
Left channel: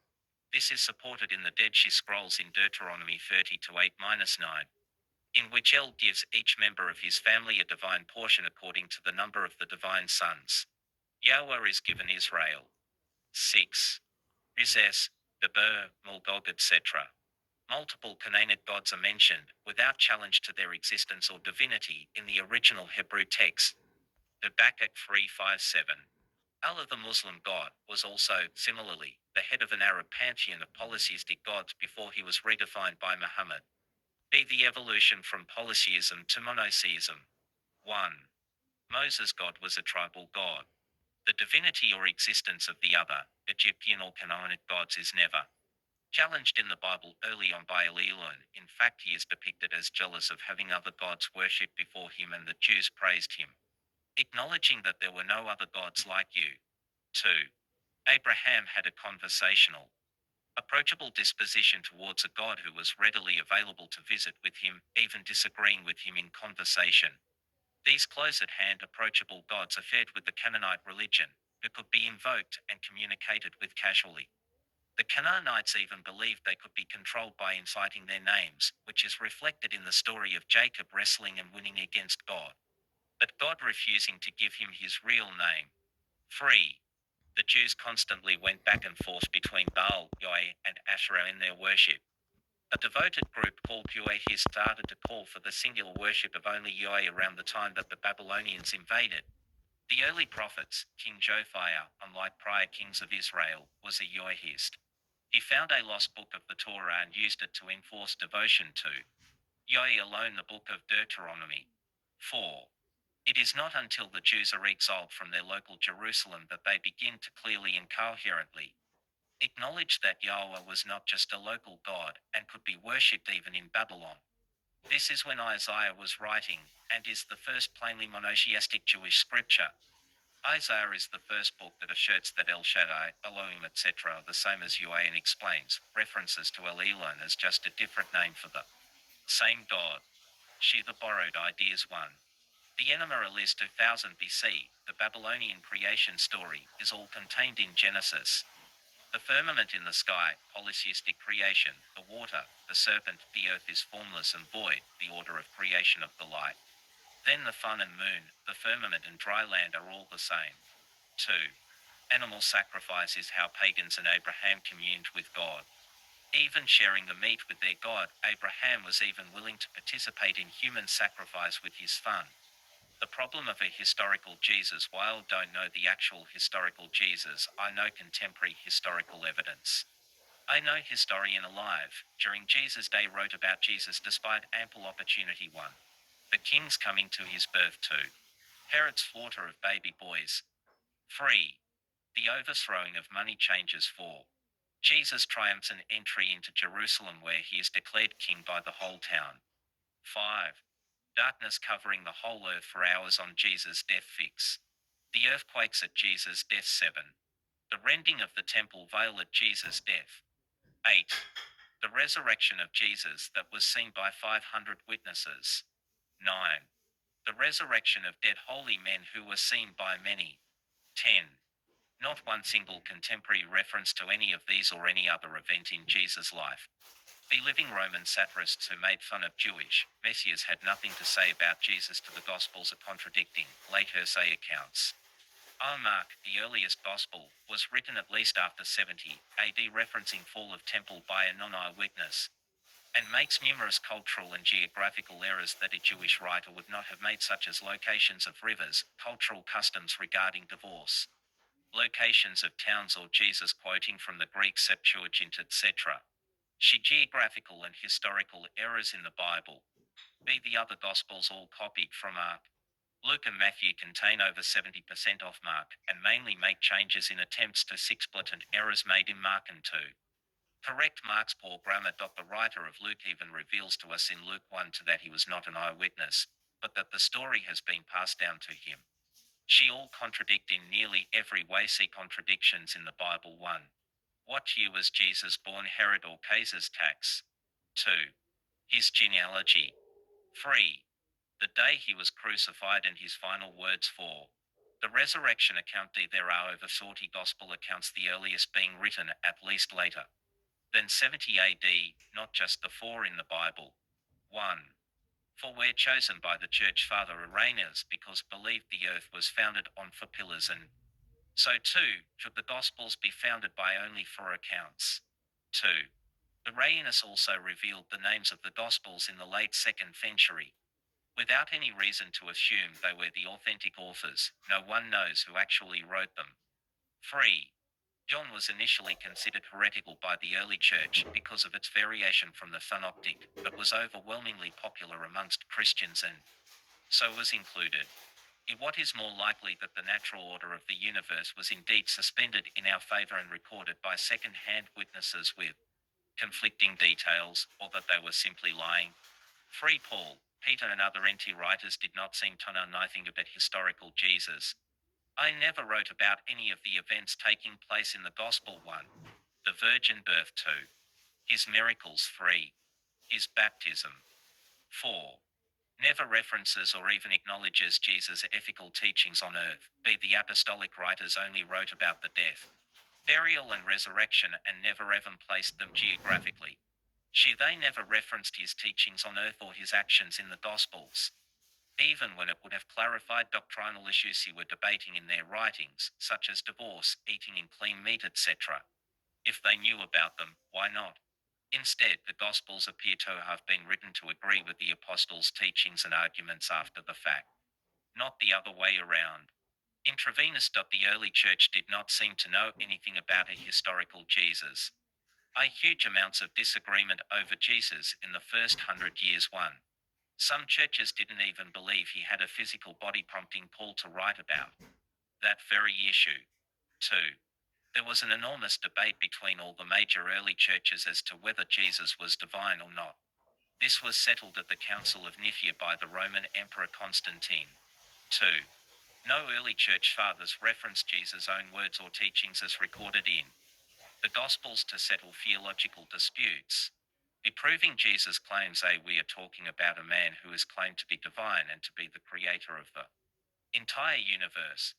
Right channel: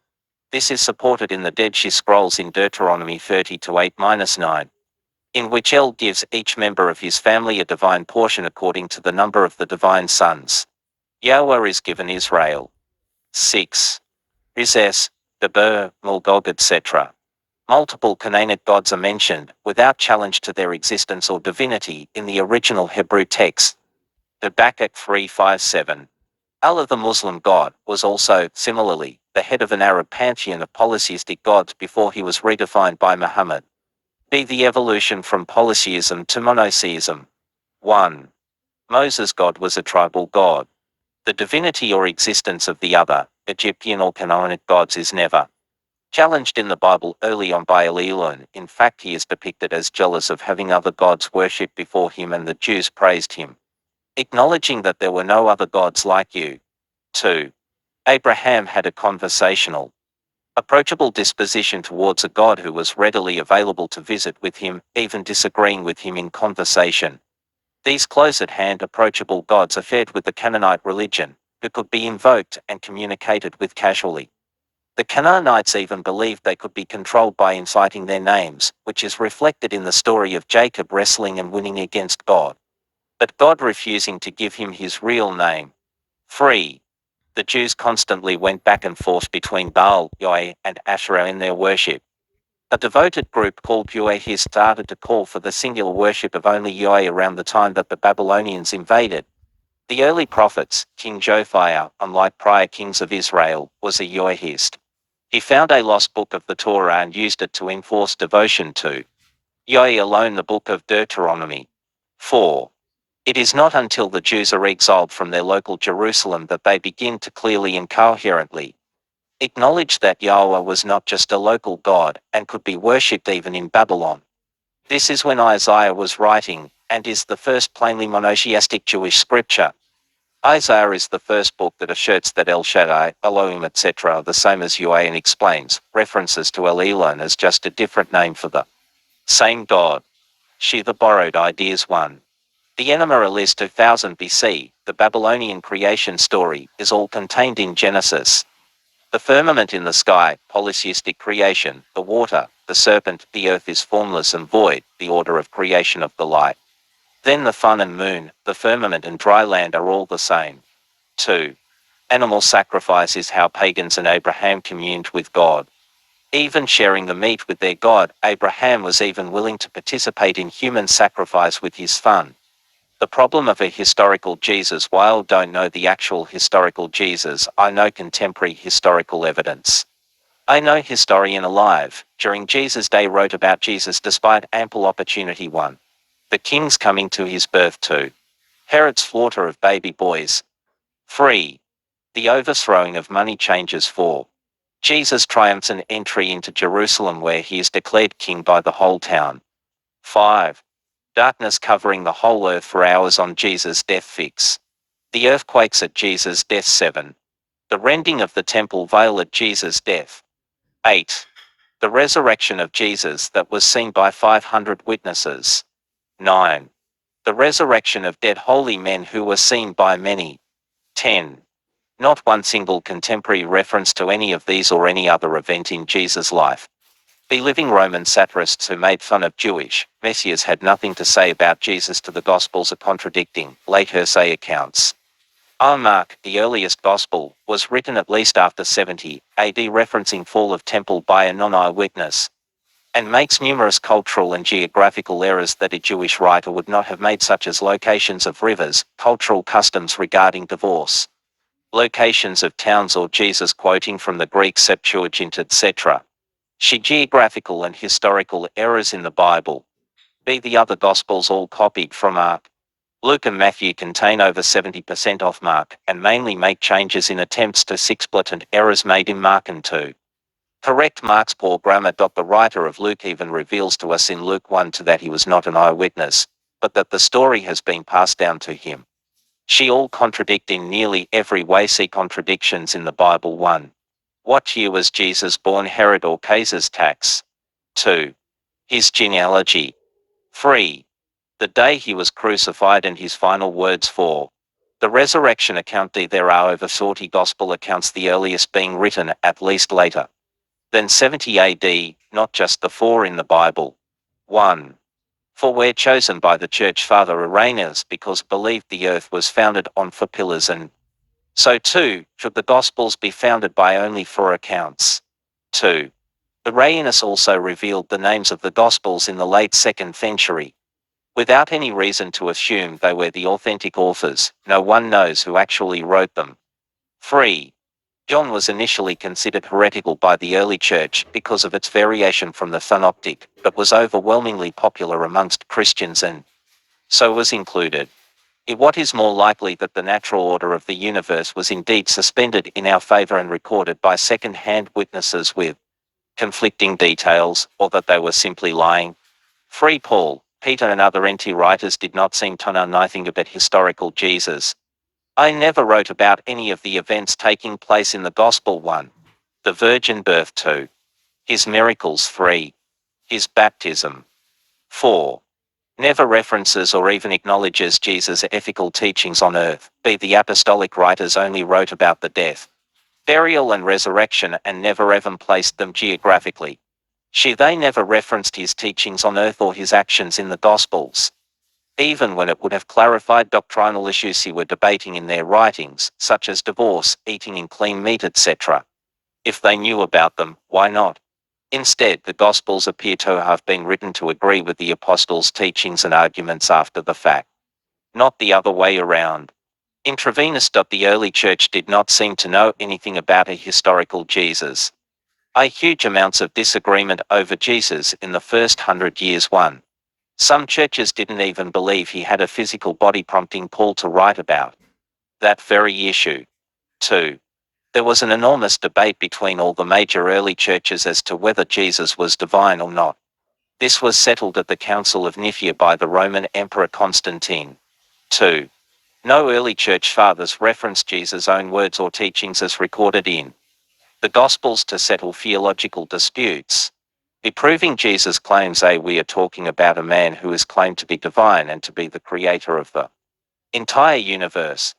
This is supported in the Dead Sea Scrolls in Deuteronomy 30-8-9, in which El gives each member of his family a divine portion according to the number of the divine sons. Yahweh is given Israel. 6. Izes, Deber, Mulgog, etc. Multiple Canaanite gods are mentioned, without challenge to their existence or divinity, in the original Hebrew text. Habakkuk 3:5-7. Allah, the Muslim god, was also, similarly, the head of an Arab pantheon of polytheistic gods before he was redefined by Muhammad. B. The evolution from polytheism to monotheism. 1. Moses' god was a tribal god. The divinity or existence of the other, Egyptian or Canaanite gods is never challenged in the Bible early on by Elon. In fact, he is depicted as jealous of having other gods worshipped before him, and the Jews praised him, acknowledging that there were no other gods like you. 2. Abraham had a conversational, approachable disposition towards a God who was readily available to visit with him, even disagreeing with him in conversation. These close-at-hand approachable gods are fed with the Canaanite religion, who could be invoked and communicated with casually. The Canaanites even believed they could be controlled by inciting their names, which is reflected in the story of Jacob wrestling and winning against God, but God refusing to give him his real name. 3. The Jews constantly went back and forth between Baal, Yahweh, and Asherah in their worship. A devoted group called Yahweh started to call for the singular worship of only Yahweh around the time that the Babylonians invaded. The early prophets, King Josiah, unlike prior kings of Israel, was a Yahwehist. He found a lost book of the Torah and used it to enforce devotion to Yahweh alone, the book of Deuteronomy. 4. It is not until the Jews are exiled from their local Jerusalem that they begin to clearly and coherently acknowledge that Yahweh was not just a local god and could be worshipped even in Babylon. This is when Isaiah was writing, and is the first plainly monotheistic Jewish scripture. Isaiah is the first book that asserts that El Shaddai, Elohim, etc. are the same as Yahweh, and explains references to El Elon as just a different name for the same God. She the borrowed ideas 1. The Enema Elise 2000 BC, the Babylonian creation story, is all contained in Genesis. The firmament in the sky, polytheistic creation, the water, the serpent, the earth is formless and void, the order of creation of the light. Then the sun and moon, the firmament and dry land are all the same. 2. Animal sacrifice is how pagans and Abraham communed with God. Even sharing the meat with their God, Abraham was even willing to participate in human sacrifice with his son. The problem of a historical Jesus. While I don't know the actual historical Jesus, I know contemporary historical evidence. I know historian alive, during Jesus' day, wrote about Jesus despite ample opportunity. 1. The king's coming to his birth. 2. Herod's slaughter of baby boys. 3. The overthrowing of money changers. 4. Jesus' triumphant entry into Jerusalem, where he is declared king by the whole town. 5. Darkness covering the whole earth for hours on Jesus' death. 6. The earthquakes at Jesus' death. 7. The rending of the temple veil at Jesus' death. 8. The resurrection of Jesus that was seen by 500 witnesses. 9. The resurrection of dead holy men who were seen by many. 10. Not one single contemporary reference to any of these or any other event in Jesus' life. The living Roman satirists who made fun of Jewish messiahs had nothing to say about Jesus to the Gospels are contradicting late hearsay accounts. Mark, the earliest Gospel, was written at least after 70 AD, referencing fall of temple by a non-eyewitness, and makes numerous cultural and geographical errors that a Jewish writer would not have made, such as locations of rivers, cultural customs regarding divorce, locations of towns, or Jesus quoting from the Greek Septuagint, etc. She geographical and historical errors in the Bible. B. The other Gospels all copied from Mark. Luke and Matthew contain over 70% of Mark, and mainly make changes in attempts to fix blatant errors made in Mark and 2. Correct Mark's poor grammar. The writer of Luke even reveals to us in Luke 1:2 that he was not an eyewitness, but that the story has been passed down to him. She all contradict in nearly every way. See contradictions in the Bible. 1. What year was Jesus born? Herod or Caesar's tax? 2. His genealogy. 3. The day he was crucified and his final words. 4. The resurrection account. There are over 40 gospel accounts, the earliest being written, at least later, Then 70 AD, not just the 4 in the Bible. 1. For we're chosen by the church father Irenaeus because believed the earth was founded on 4 pillars, and so too should the Gospels be founded by only 4 accounts. 2. Irenaeus also revealed the names of the Gospels in the late 2nd century. Without any reason to assume they were the authentic authors, no one knows who actually wrote them. 3. John was initially considered heretical by the early church because of its variation from the synoptic, but was overwhelmingly popular amongst Christians and so was included. What is more likely that the natural order of the universe was indeed suspended in our favor and recorded by second-hand witnesses with conflicting details, or that they were simply lying? 3. Paul, Peter and other NT writers did not seem to know anything about historical Jesus. I never wrote about any of the events taking place in the Gospel. 1. The virgin birth. 2. His miracles. 3. His baptism. 4. Never references or even acknowledges Jesus' ethical teachings on earth. The apostolic writers only wrote about the death, burial and resurrection and never even placed them geographically. They never referenced his teachings on earth or his actions in the Gospels, even when it would have clarified doctrinal issues he were debating in their writings, such as divorce, eating in clean meat, etc. If they knew about them, why not? Instead, the Gospels appear to have been written to agree with the apostles' teachings and arguments after the fact, not the other way around. Intravenous. The early church did not seem to know anything about a historical Jesus. Huge amounts of disagreement over Jesus in the first 100 years. 1. Some churches didn't even believe he had a physical body, prompting Paul to write about that very issue. 2. There was an enormous debate between all the major early churches as to whether Jesus was divine or not. This was settled at the Council of Nicaea by the Roman Emperor Constantine. 2. No early church fathers referenced Jesus' own words or teachings as recorded in the Gospels to settle theological disputes. Proving Jesus' claims. We are talking about a man who is claimed to be divine and to be the creator of the entire universe.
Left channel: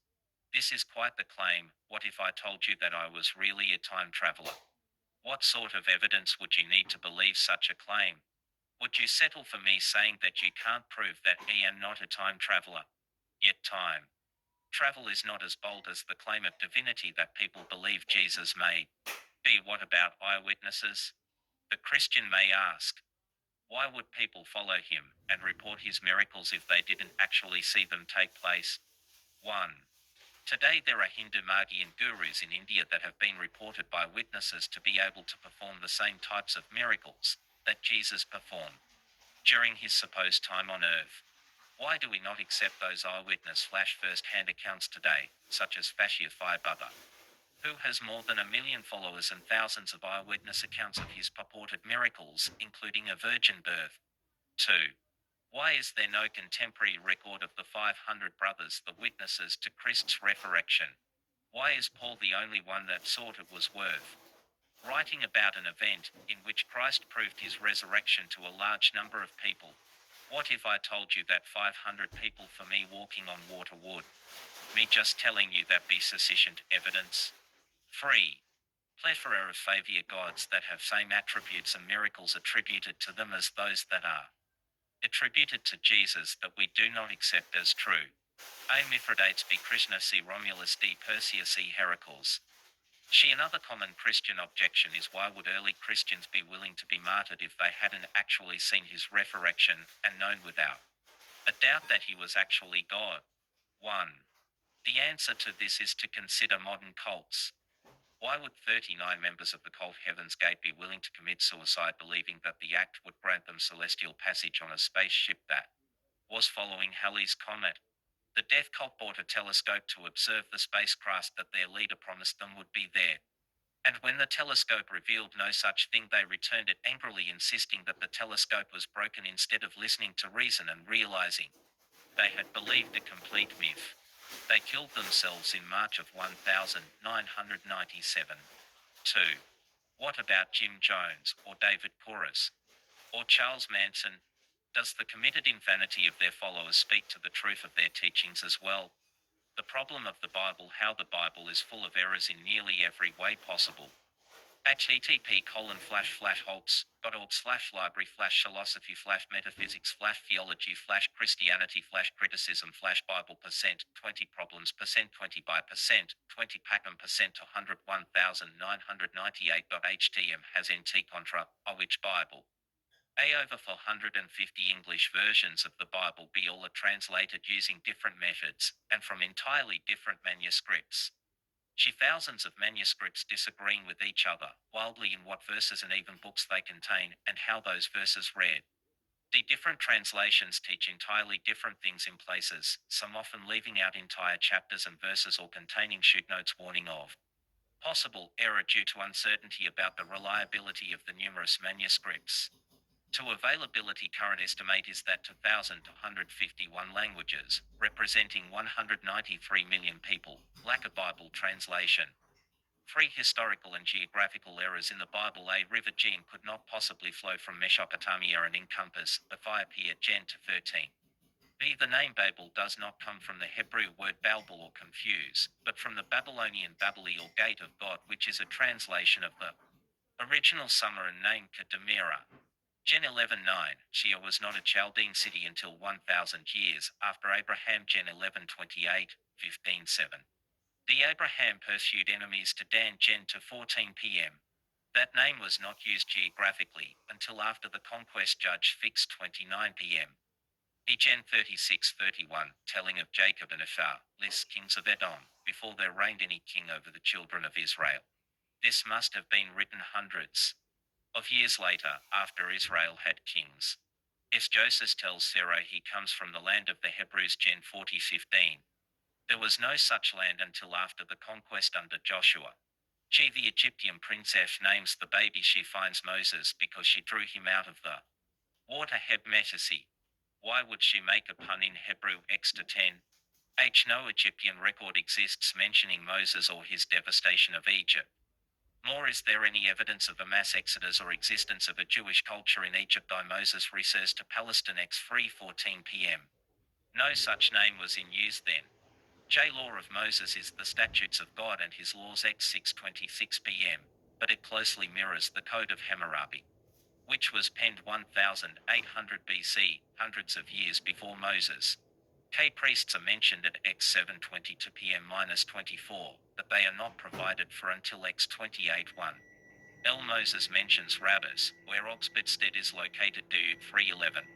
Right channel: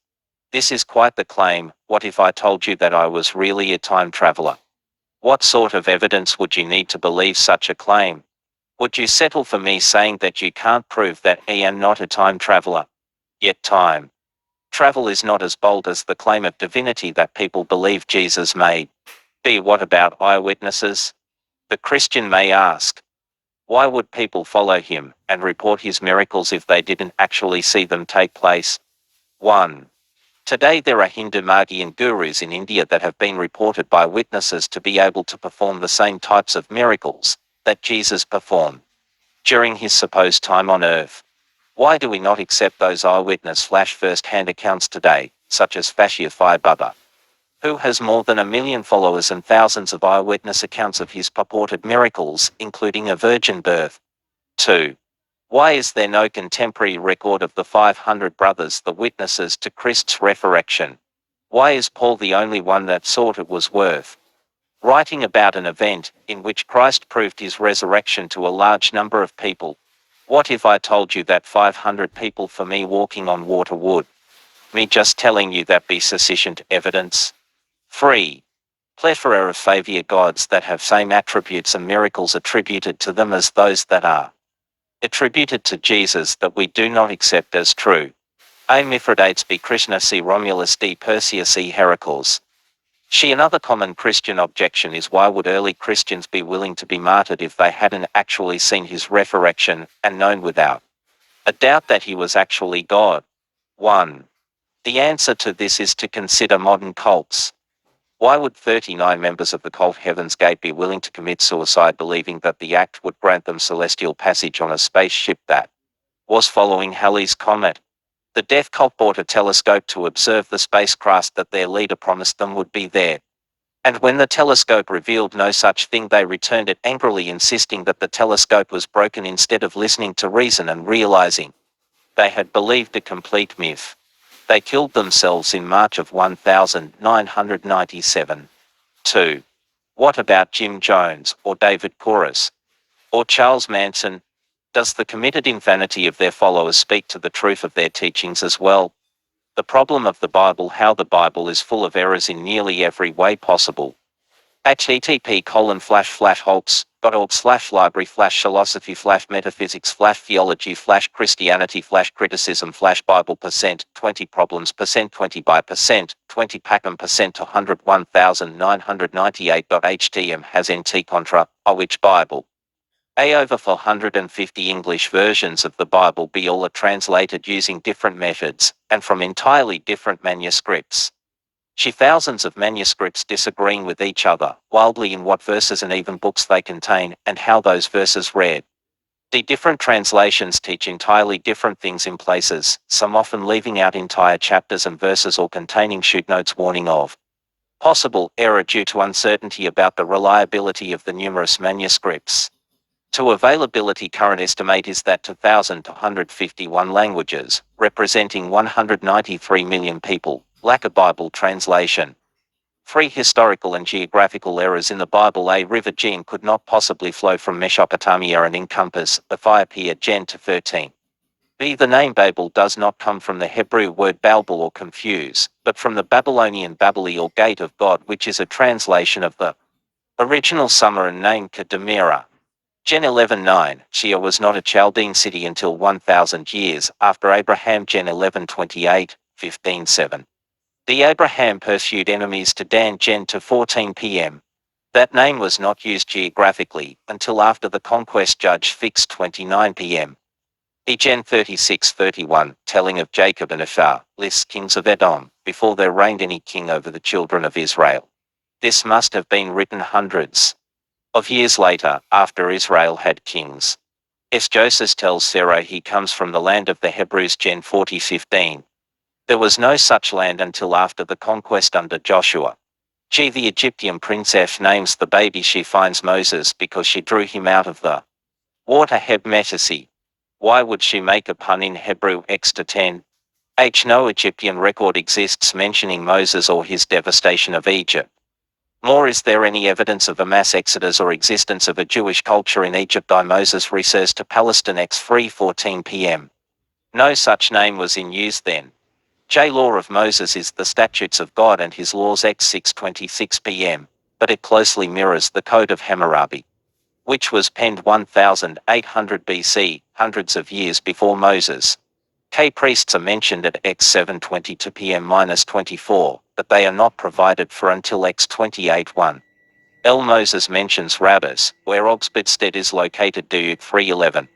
This is quite the claim. What if I told you that I was really a time traveler? What sort of evidence would you need to believe such a claim? Would you settle for me saying that you can't prove that I am not a time traveler? Yet time travel is not as bold as the claim of divinity that people believe Jesus made. What about eyewitnesses? The Christian may ask, why would people follow him and report his miracles if they didn't actually see them take place? 1. Today there are Hindu Magian gurus in India that have been reported by witnesses to be able to perform the same types of miracles that Jesus performed during his supposed time on earth. Why do we not accept those eyewitness first-hand accounts today, such as Bhai Baba, who has more than 1 million followers and thousands of eyewitness accounts of his purported miracles, including a virgin birth? 2. Why is there no contemporary record of the 500 brothers, the witnesses to Christ's resurrection? Why is Paul the only one that thought it was worth writing about an event in which Christ proved his resurrection to a large number of people? What if I told you that 500 people for me walking on water would me just telling you that be sufficient evidence? 3. Plethora of favor gods that have same attributes and miracles attributed to them as those that are attributed to Jesus that we do not accept as true. A. Mithridates B. Krishna C. Romulus D. Perseus C. Heracles. Another common Christian objection is, why would early Christians be willing to be martyred if they hadn't actually seen his resurrection and known without a doubt that he was actually God? 1. The answer to this is to consider modern cults. Why would 39 members of the cult Heaven's Gate be willing to commit suicide believing that the act would grant them celestial passage on a spaceship that was following Halley's Comet? The death cult bought a telescope to observe the spacecraft that their leader promised them would be there. And when the telescope revealed no such thing, they returned it angrily, insisting that the telescope was broken instead of listening to reason and realizing they had believed a complete myth. They killed themselves in March of 1997. 2. What about Jim Jones, or David Koresh, or Charles Manson? Does the committed insanity of their followers speak to the truth of their teachings as well? The problem of the Bible: how the Bible is full of errors in nearly every way possible. http://holtz.org/philosophy/metaphysics/philosophy/metaphysics/Bible%, 20 problems%, 20 20 packham% 101,998.htm has nt contra, which Bible. A over 450 English versions of the Bible be all are translated using different methods, and from entirely different manuscripts. She thousands of manuscripts disagreeing with each other, wildly in what verses and even books they contain, and how those verses read. The different translations teach entirely different things in places, some often leaving out entire chapters and verses or containing footnotes warning of possible error due to uncertainty about the reliability of the numerous manuscripts. To availability, current estimate is that 2,251 languages, representing 193 million people, lack a Bible translation. 3 historical and geographical errors in the Bible. A river Gene could not possibly flow from Mesopotamia and encompass Ethiopia. Gen to 13. B. The name Babel does not come from the Hebrew word Balbal or confuse, but from the Babylonian Babeli or Gate of God, which is a translation of the original Sumerian name Kedemira. Gen 11:9. Shia was not a Chaldean city until 1,000 years after Abraham. Gen 11:28, 15:7. The Abraham pursued enemies to Dan. Gen to 14 p.m. That name was not used geographically until after the conquest. Judge fixed 29 p.m. Gen 36:31, telling of Jacob and Ephah, lists kings of Edom, before there reigned any king over the children of Israel. This must have been written hundreds of years later, after Israel had kings. Joseph tells Sarah he comes from the land of the Hebrews. Gen 40:15. There was no such land until after the conquest under Joshua. The Egyptian princess names the baby she finds Moses because she drew him out of the water. Heb Metasi. Why would she make a pun in Hebrew? X to 10. No Egyptian record exists mentioning Moses or his devastation of Egypt. Nor is there any evidence of a mass exodus or existence of a Jewish culture in Egypt. Moses refers to Palestine. X 3:14 p.m. No such name was in use then. Law of Moses is the statutes of God and his laws. X 6:26 p.m. But it closely mirrors the Code of Hammurabi, which was penned 1800 BC, hundreds of years before Moses. Priests are mentioned at X 7:22 p.m.-24, but they are not provided for until X 28:1. Moses mentions rabbis, where Ogbedstead is located. Dude 3:11.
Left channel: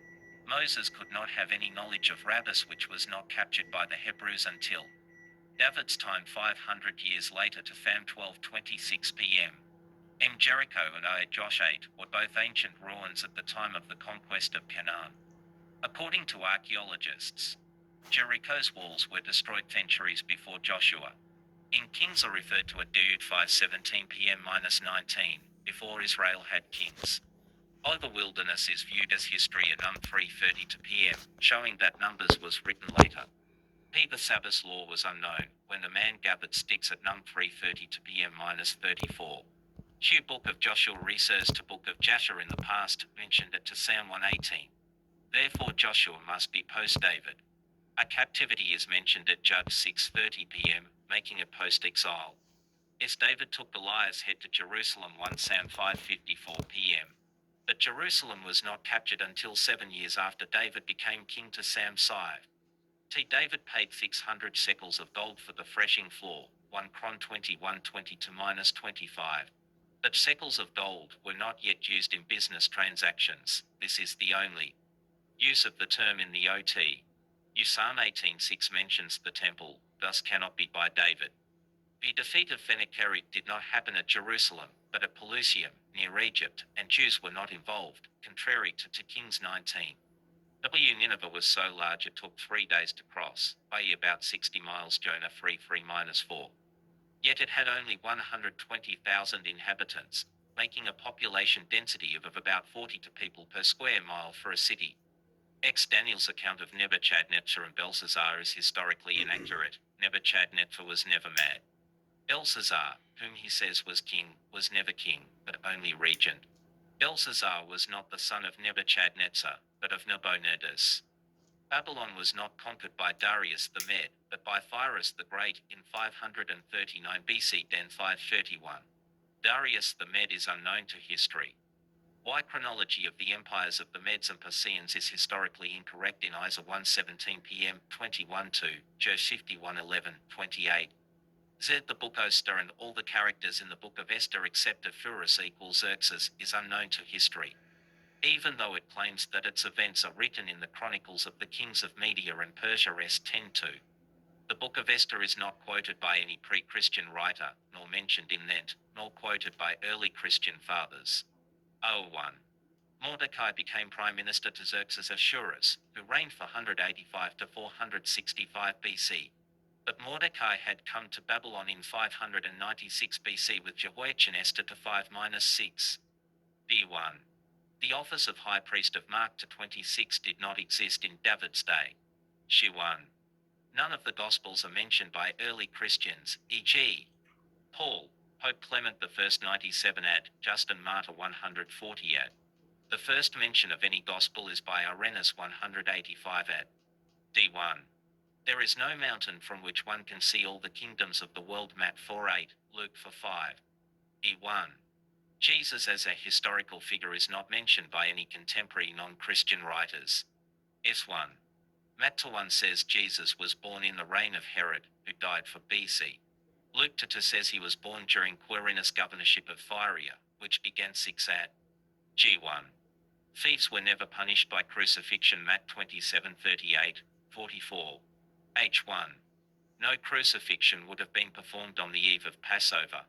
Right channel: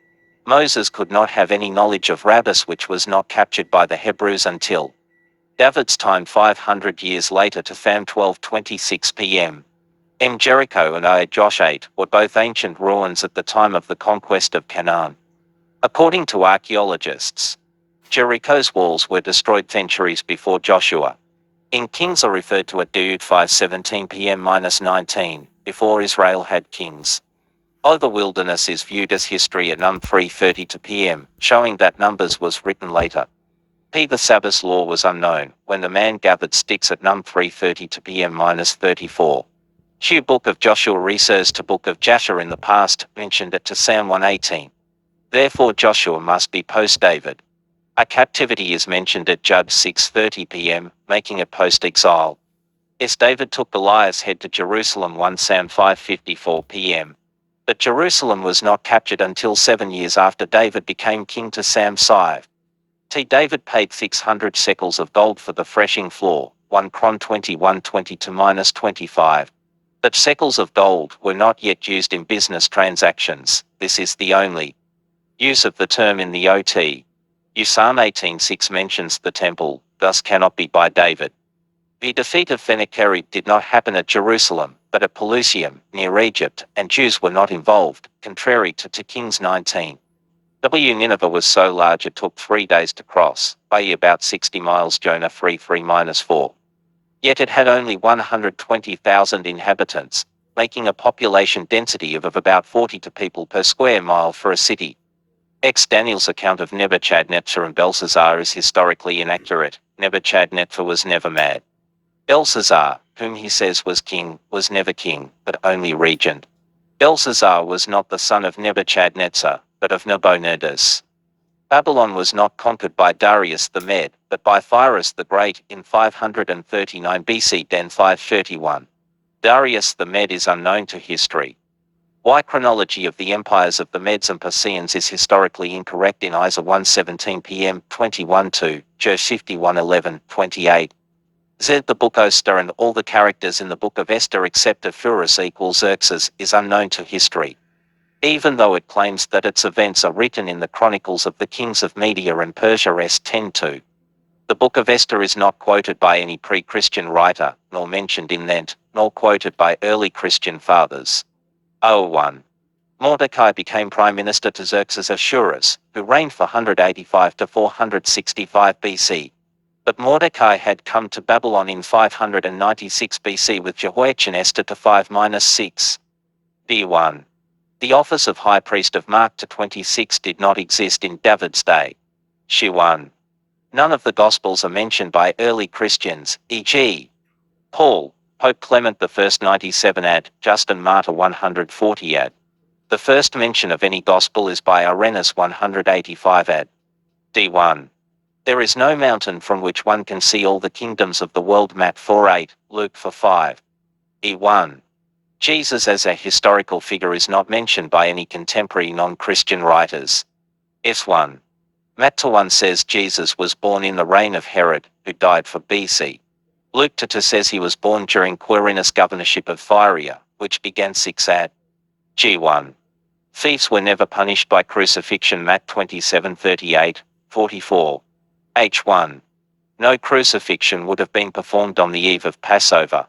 Moses could not have any knowledge of rabbis, which was not captured by the Hebrews until David's time 500 years later. To Fam 12:26 p.m. Jericho and Josh 8 were both ancient ruins at the time of the conquest of Canaan. According to archaeologists, Jericho's walls were destroyed centuries before Joshua. In Kings are referred to at Dude 5:17 p.m.-19, before Israel had kings. The wilderness is viewed as history at Num 3:32 p.m., showing that Numbers was written later. The Sabbath law was unknown when the man gathered sticks at Num 3:32 p.m.-34. Book of Joshua refers to Book of Jasher in the past, mentioned it to Psalm 118. Therefore Joshua must be post-David. A captivity is mentioned at Judge 6:30 p.m., making it post-exile. David took Goliath's head to Jerusalem. 1 Sam 5:54 p.m. But Jerusalem was not captured until 7 years after David became king. To Sam 5. David paid 600 shekels of gold for the threshing floor. 1 Chron 21:20-25. But shekels of gold were not yet used in business transactions. This is the only use of the term in the OT. Psalm 18:6 mentions the temple, thus cannot be by David. The defeat of Sennacherib did not happen at Jerusalem, but at Pelusium, near Egypt, and Jews were not involved, contrary to 2 Kings 19. Nineveh was so large it took 3 days to cross, i.e. about 60 miles. Jonah 3:3-4. Yet it had only 120,000 inhabitants, making a population density of about 42 people per square mile for a city. Daniel's account of Nebuchadnezzar and Belshazzar is historically inaccurate. Nebuchadnezzar was never mad. Belshazzar, whom he says was king, was never king, but only regent. Belshazzar was not the son of Nebuchadnezzar, but of Nabonidus. Babylon was not conquered by Darius the Mede, but by Cyrus the Great in 539 BC. Den 531. Darius the Mede is unknown to history. Why chronology of the empires of the Medes and Persians is historically incorrect in Isa 1:17 p.m. 21-2, Jer 51:11-28. Z. The book Esther and all the characters in the book of Esther except Ephrus equals Xerxes is unknown to history. Even though it claims that its events are written in the chronicles of the kings of Media and Persia S10-2. The book of Esther is not quoted by any pre-Christian writer, nor mentioned in Lent, nor quoted by early Christian fathers. 01. Mordecai became prime minister to Xerxes Ahasuerus, who reigned for 185 to 465 BC. But Mordecai had come to Babylon in 596 BC with Jehoiachin Esther to 5-6. D1. The office of high priest of Mark to 26 did not exist in David's day. She 1. None of the Gospels are mentioned by early Christians, e.g. Paul, Pope Clement I 97 ad, Justin Martyr 140 ad. The first mention of any Gospel is by Irenaeus 185 ad. D1. There is no mountain from which one can see all the kingdoms of the world Matt 4:8, Luke 4:5. E1. Jesus as a historical figure is not mentioned by any contemporary non-Christian writers. S1. Matt 1 says Jesus was born in the reign of Herod, who died for BC. Luke 2 says he was born during Quirinius' governorship of Phyria, which began 6 AD. G1. Thieves were never punished by crucifixion Matt 27:38, 44. H1. No crucifixion would have been performed on the eve of Passover.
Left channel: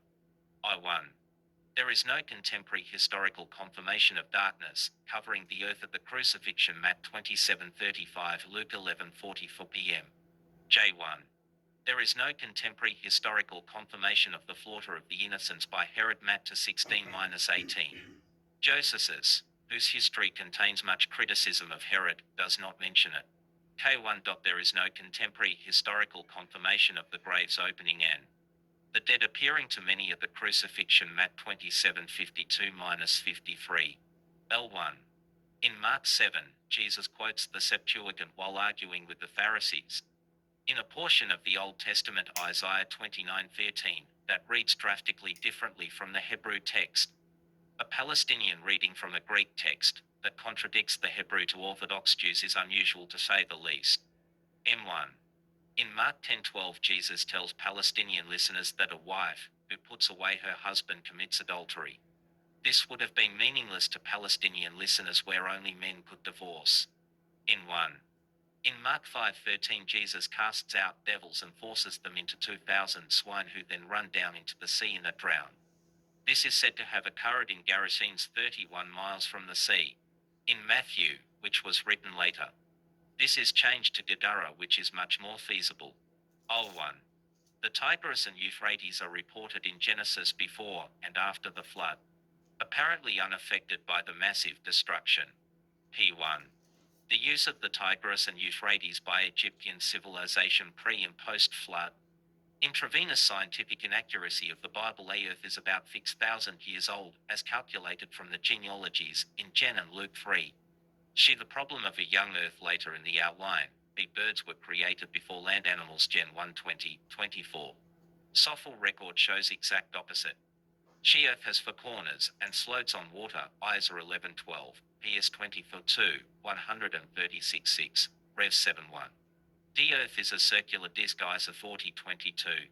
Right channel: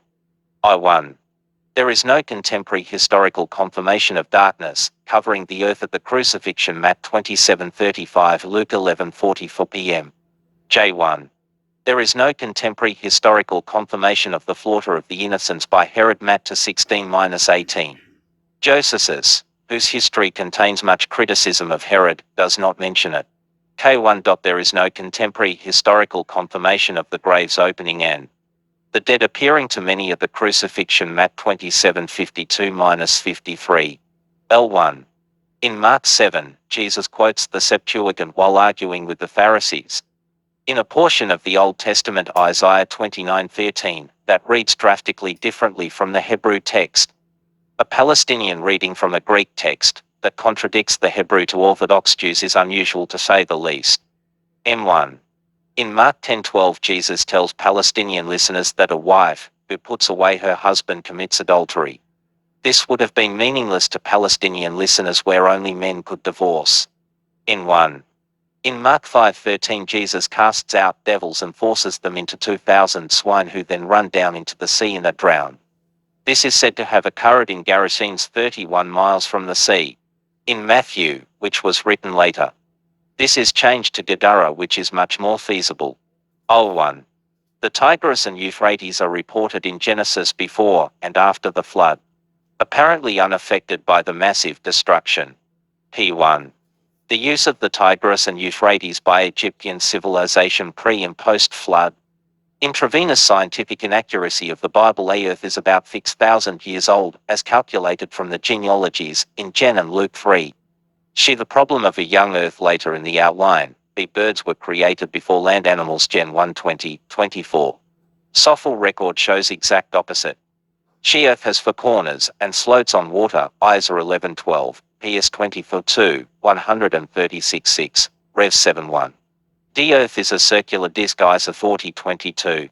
I1. There is no contemporary historical confirmation of darkness covering the earth at the crucifixion Matt 27:35 Luke 11:44 p.m. J1. There is no contemporary historical confirmation of the slaughter of the innocents by Herod Matt 16-18. Josephus, whose history contains much criticism of Herod, does not mention it. K1. There is no contemporary historical confirmation of the grave's opening and the dead appearing to many at the crucifixion Matt 27:52-53. L1. In Mark 7, Jesus quotes the Septuagint while arguing with the Pharisees. In a portion of the Old Testament Isaiah 29:13, that reads drastically differently from the Hebrew text. A Palestinian reading from a Greek text that contradicts the Hebrew to Orthodox Jews is unusual to say the least. M1. In Mark 10:12 Jesus tells Palestinian listeners that a wife, who puts away her husband commits adultery. This would have been meaningless to Palestinian listeners where only men could divorce. N1. In Mark 5:13 Jesus casts out devils and forces them into 2,000 swine who then run down into the sea and are drowned. This is said to have occurred in Gerasenes 31 miles from the sea. In Matthew, which was written later, this is changed to Gadara, which is much more feasible. O1. The Tigris and Euphrates are reported in Genesis before and after the flood, apparently unaffected by the massive destruction. P1. The use of the Tigris and Euphrates by Egyptian civilization pre- and post-flood. Intravenous scientific inaccuracy of the Bible. A Earth is about 6,000 years old, as calculated from the genealogies in Gen and Luke 3. She the problem of a young Earth later in the outline. B birds were created before land animals Gen 1:20-24. Sophil record shows exact opposite. She Earth has 4 corners and floats on water. Isa 11:12, PS 24:2, 136:6, Rev 7:1. D Earth is a circular disk. Isa 40:22.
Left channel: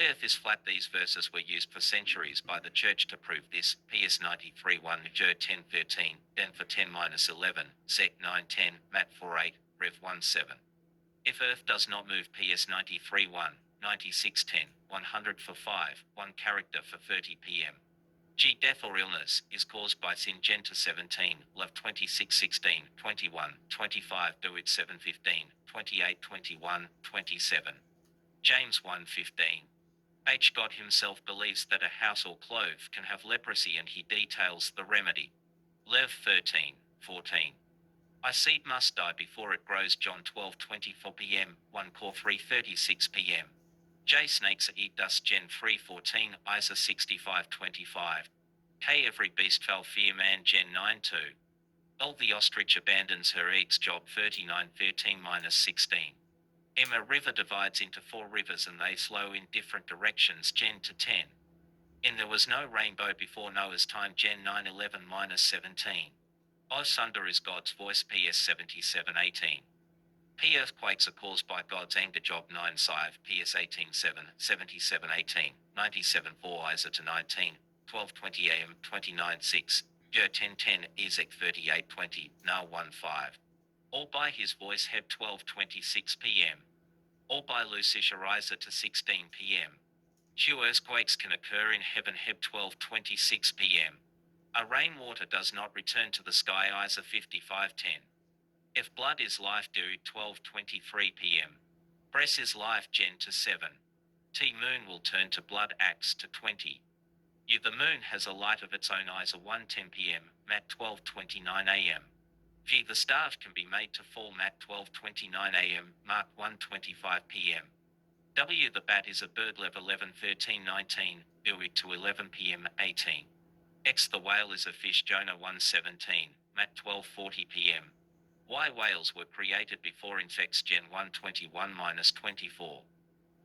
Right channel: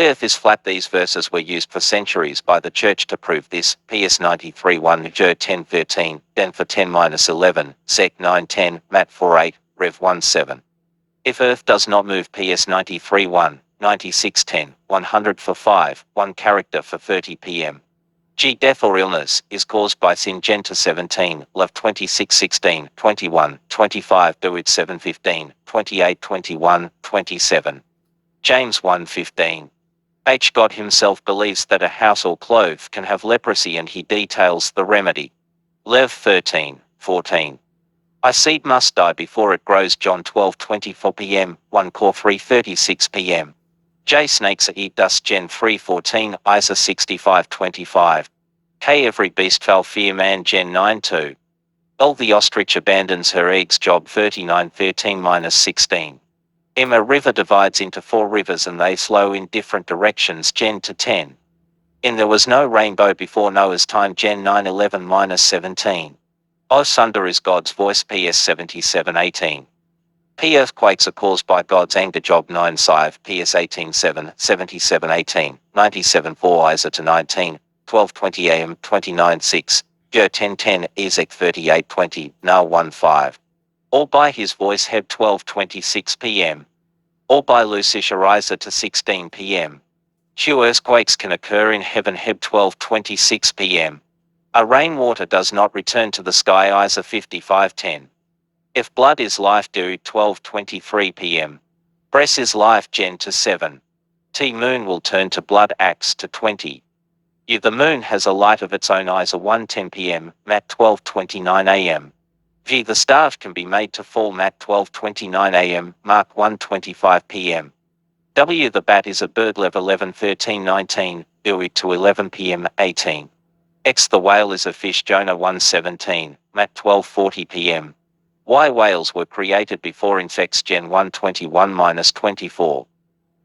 Earth is flat. These verses were used for centuries by the Church to prove this. PS 93:1, Jer 10:13, Denver 10-11, Sec 9:10, Matt 4:8, Rev 1:7. If Earth does not move. PS 93:1, 96:10, 100 for 5, 1 character for 30 p.m. G. Death or illness is caused by sin. Gen 17, Love 26:16, 21, 25, Do it 7:15, 28, 21, 27. James 1:15. H. God himself believes that a house or clothes can have leprosy and he details the remedy. Lev 13:14. I seed must die before it grows. John 12:24 p.m., 1 Cor 3:36 p.m. J. Snakes eat dust. Gen 3:14, Isa 65:25. K. Every beast shall fear man. Gen 9:2. L. The ostrich abandons her eggs. Job 39:13-16. M. A river divides into 4 rivers and they flow in different directions. Gen to 10. In There Was No Rainbow Before Noah's Time Gen 911-17. O Thunder is God's Voice PS 7718. P Earthquakes are caused by God's anger Job 9 5 PS 18:7 77:18 97:4 Isa to 19 12:20 AM 29:6 Joe 10:10 Ezek 38:20 Now 1:5. All by His Voice Heb 12:26 PM. All by Lucish Isa to 16 PM. Few earthquakes can occur in heaven Heb 12:26 PM. A rainwater does not return to the sky Isa 55:10. If blood is life do 12:23 PM. Breath is life Gen to 7. T moon will turn to blood Acts to 20. U the moon has a light of its own Isa 1:10 PM, Mat 12:29 AM. V the star can be made to fall Mat 12:29 AM, Mark 1:25 PM. W the bat is a bird Lev 11:13-19, Ui to 11 PM 18. X the whale is a fish Jonah 1:17, Mat 12:40 PM. Y whales were created before infects Gen 1:21-24.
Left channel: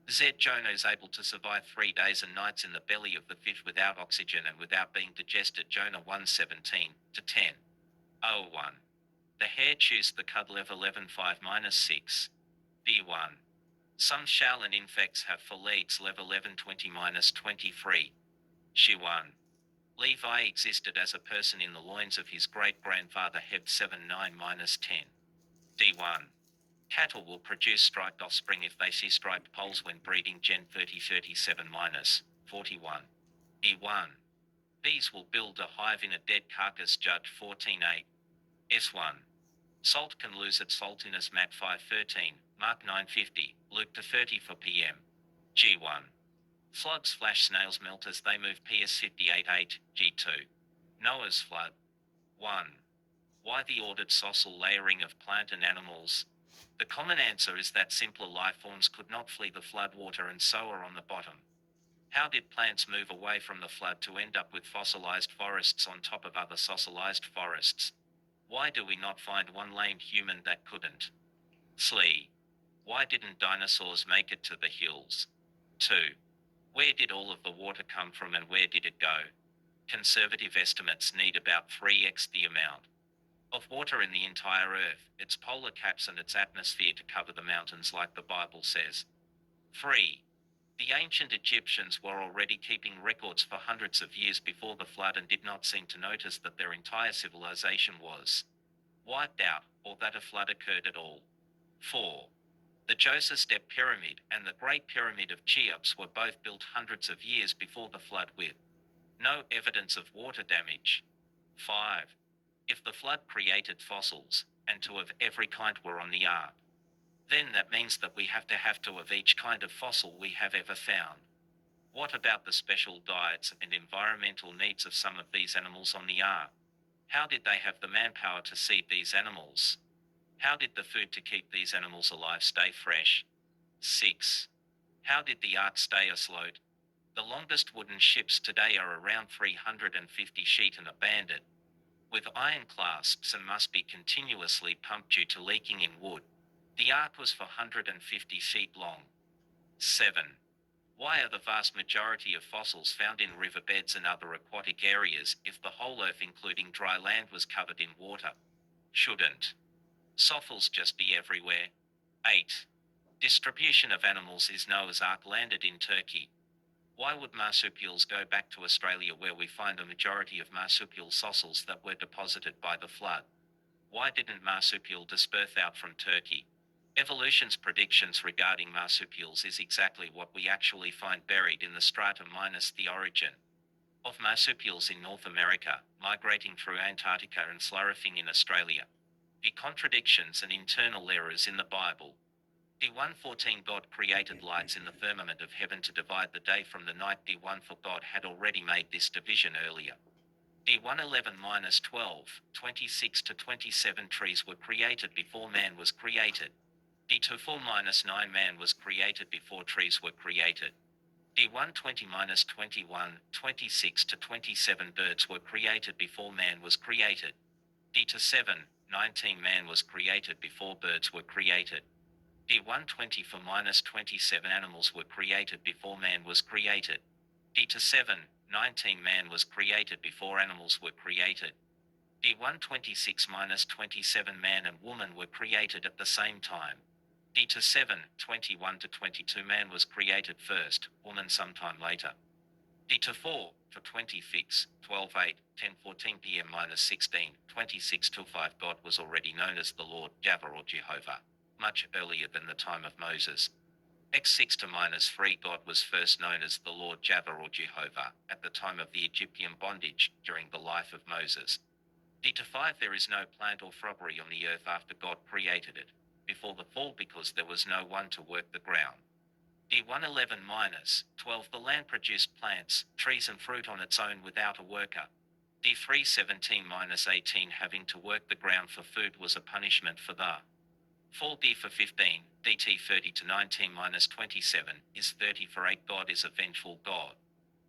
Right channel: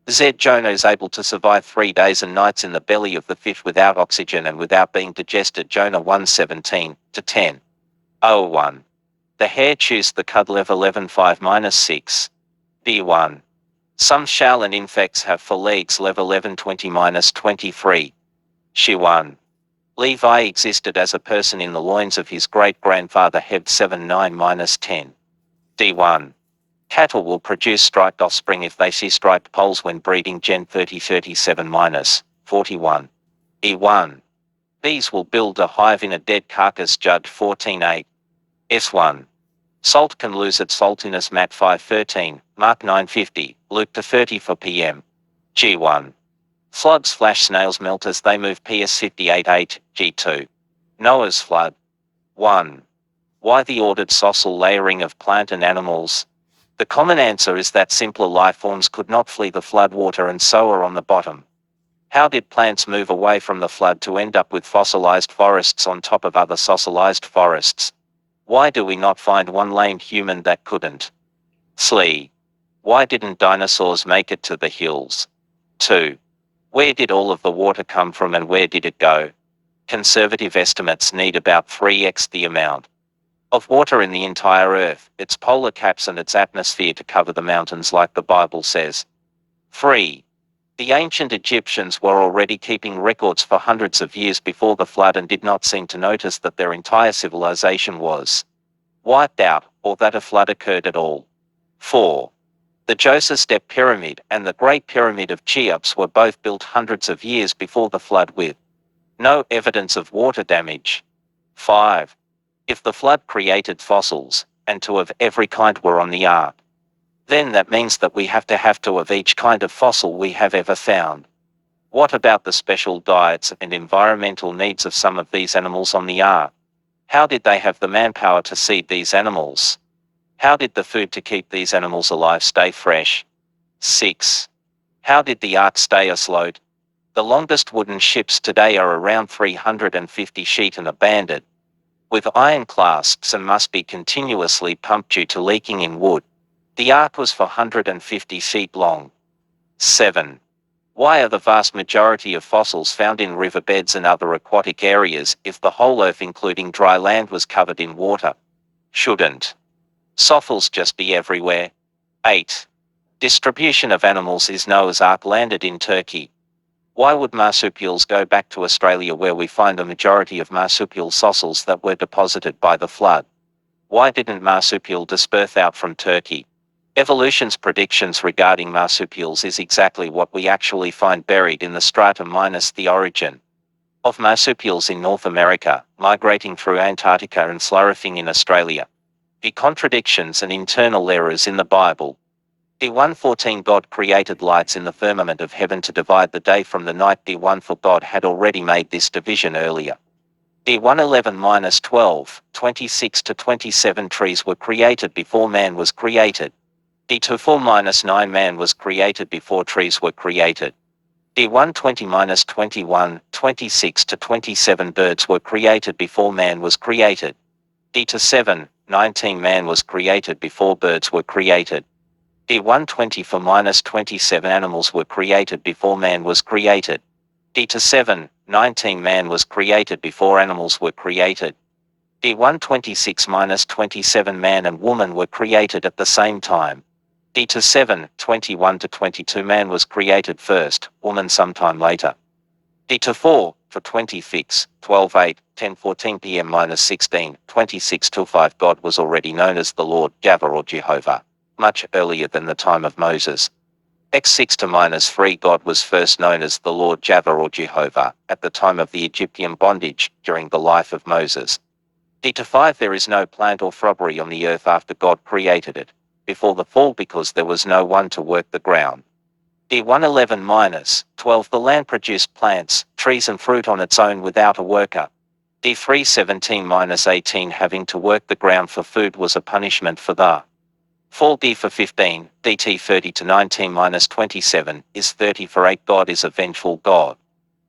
Z Jonah is able to survive 3 days and nights in the belly of the fish without oxygen and without being digested Jonah 1:17-10. 01. The hare chews the cud Lev 11:5-6. D1. Some shall and infects have 4 legs Lev 11:20-23. She 1. Levi existed as a person in the loins of his great-grandfather Heb 7:9-10. D1. Cattle will produce striped offspring if they see striped poles when breeding Gen 30:37-41. E1. Bees will build a hive in a dead carcass Judd 14:8. S1. Salt can lose its saltiness Mat 5:13, Mark 9:50, Luke to 34 PM. G1. Floods flash snails melt as they move PS 58:8, G2. Noah's flood. 1. Why the ordered social layering of plant and animals? The common answer is that simpler life forms could not flee the flood water and so are on the bottom. How did plants move away from the flood to end up with fossilized forests on top of other fossilized forests? Why do we not find one lame human that couldn't flee? Why didn't dinosaurs make it to the hills? 2. Where did all of the water come from and where did it go? Conservative estimates need about 3x the amount of water in the entire Earth, its polar caps and its atmosphere to cover the mountains like the Bible says. 3. The ancient Egyptians were already keeping records for hundreds of years before the flood and did not seem to notice that their entire civilization was wiped out, or that a flood occurred at all. 4. The Djoser Step Pyramid and the Great Pyramid of Cheops were both built hundreds of years before the flood with no evidence of water damage. 5. If the flood created fossils, and two of every kind were on the ark, then that means that we have to of each kind of fossil we have ever found. What about the special diets and environmental needs of some of these animals on the ark? How did they have the manpower to feed these animals? How did the food to keep these animals alive stay fresh? 6. How did the ark stay afloat? The longest wooden ships today are around 350 feet and are banded with iron clasps and must be continuously pumped due to leaking in wood. The ark was 450 feet long. 7. Why are the vast majority of fossils found in riverbeds and other aquatic areas if the whole earth including dry land was covered in water? Shouldn't fossils just be everywhere? 8. Distribution of animals is Noah's Ark landed in Turkey. Why would marsupials go back to Australia where we find the majority of marsupial fossils that were deposited by the flood? Why didn't marsupial disperse out from Turkey? Evolution's predictions regarding marsupials is exactly what we actually find buried in the strata minus the origin of marsupials in North America, migrating through Antarctica and flourishing in Australia. The contradictions and internal errors in the Bible. D1:14 God created lights in the firmament of heaven to divide the day from the night. D1 for God had already made this division earlier. D1:11-12, 26-27 trees were created before man was created. D24-9 man was created before trees were created. D1:20-21, 26-27 birds were created before man was created. D27, 19 man was created before birds were created. D1:20 for -27 animals were created before man was created. D27, 19 Man was created before animals were created. D126 - 27 Man and woman were created at the same time. D7 21 to 22 Man was created first, woman sometime later. D4 for 20 fix 12:8 10:14 p.m. -16 26 till 5 God was already known as the Lord Java or Jehovah, much earlier than the time of Moses. X6 to -3 God was first known as the Lord Java or Jehovah at the time of the Egyptian bondage during the life of Moses. D5 There is no plant or shrubbery on the earth after God created it, before the fall because there was no one to work the ground. D111 - 12 The land produced plants, trees and fruit on its own without a worker. D317 - 18 Having to work the ground for food was a punishment for the fall. D for 15, DT 30 to 19 - 27 is 30 for 8 God is a vengeful God.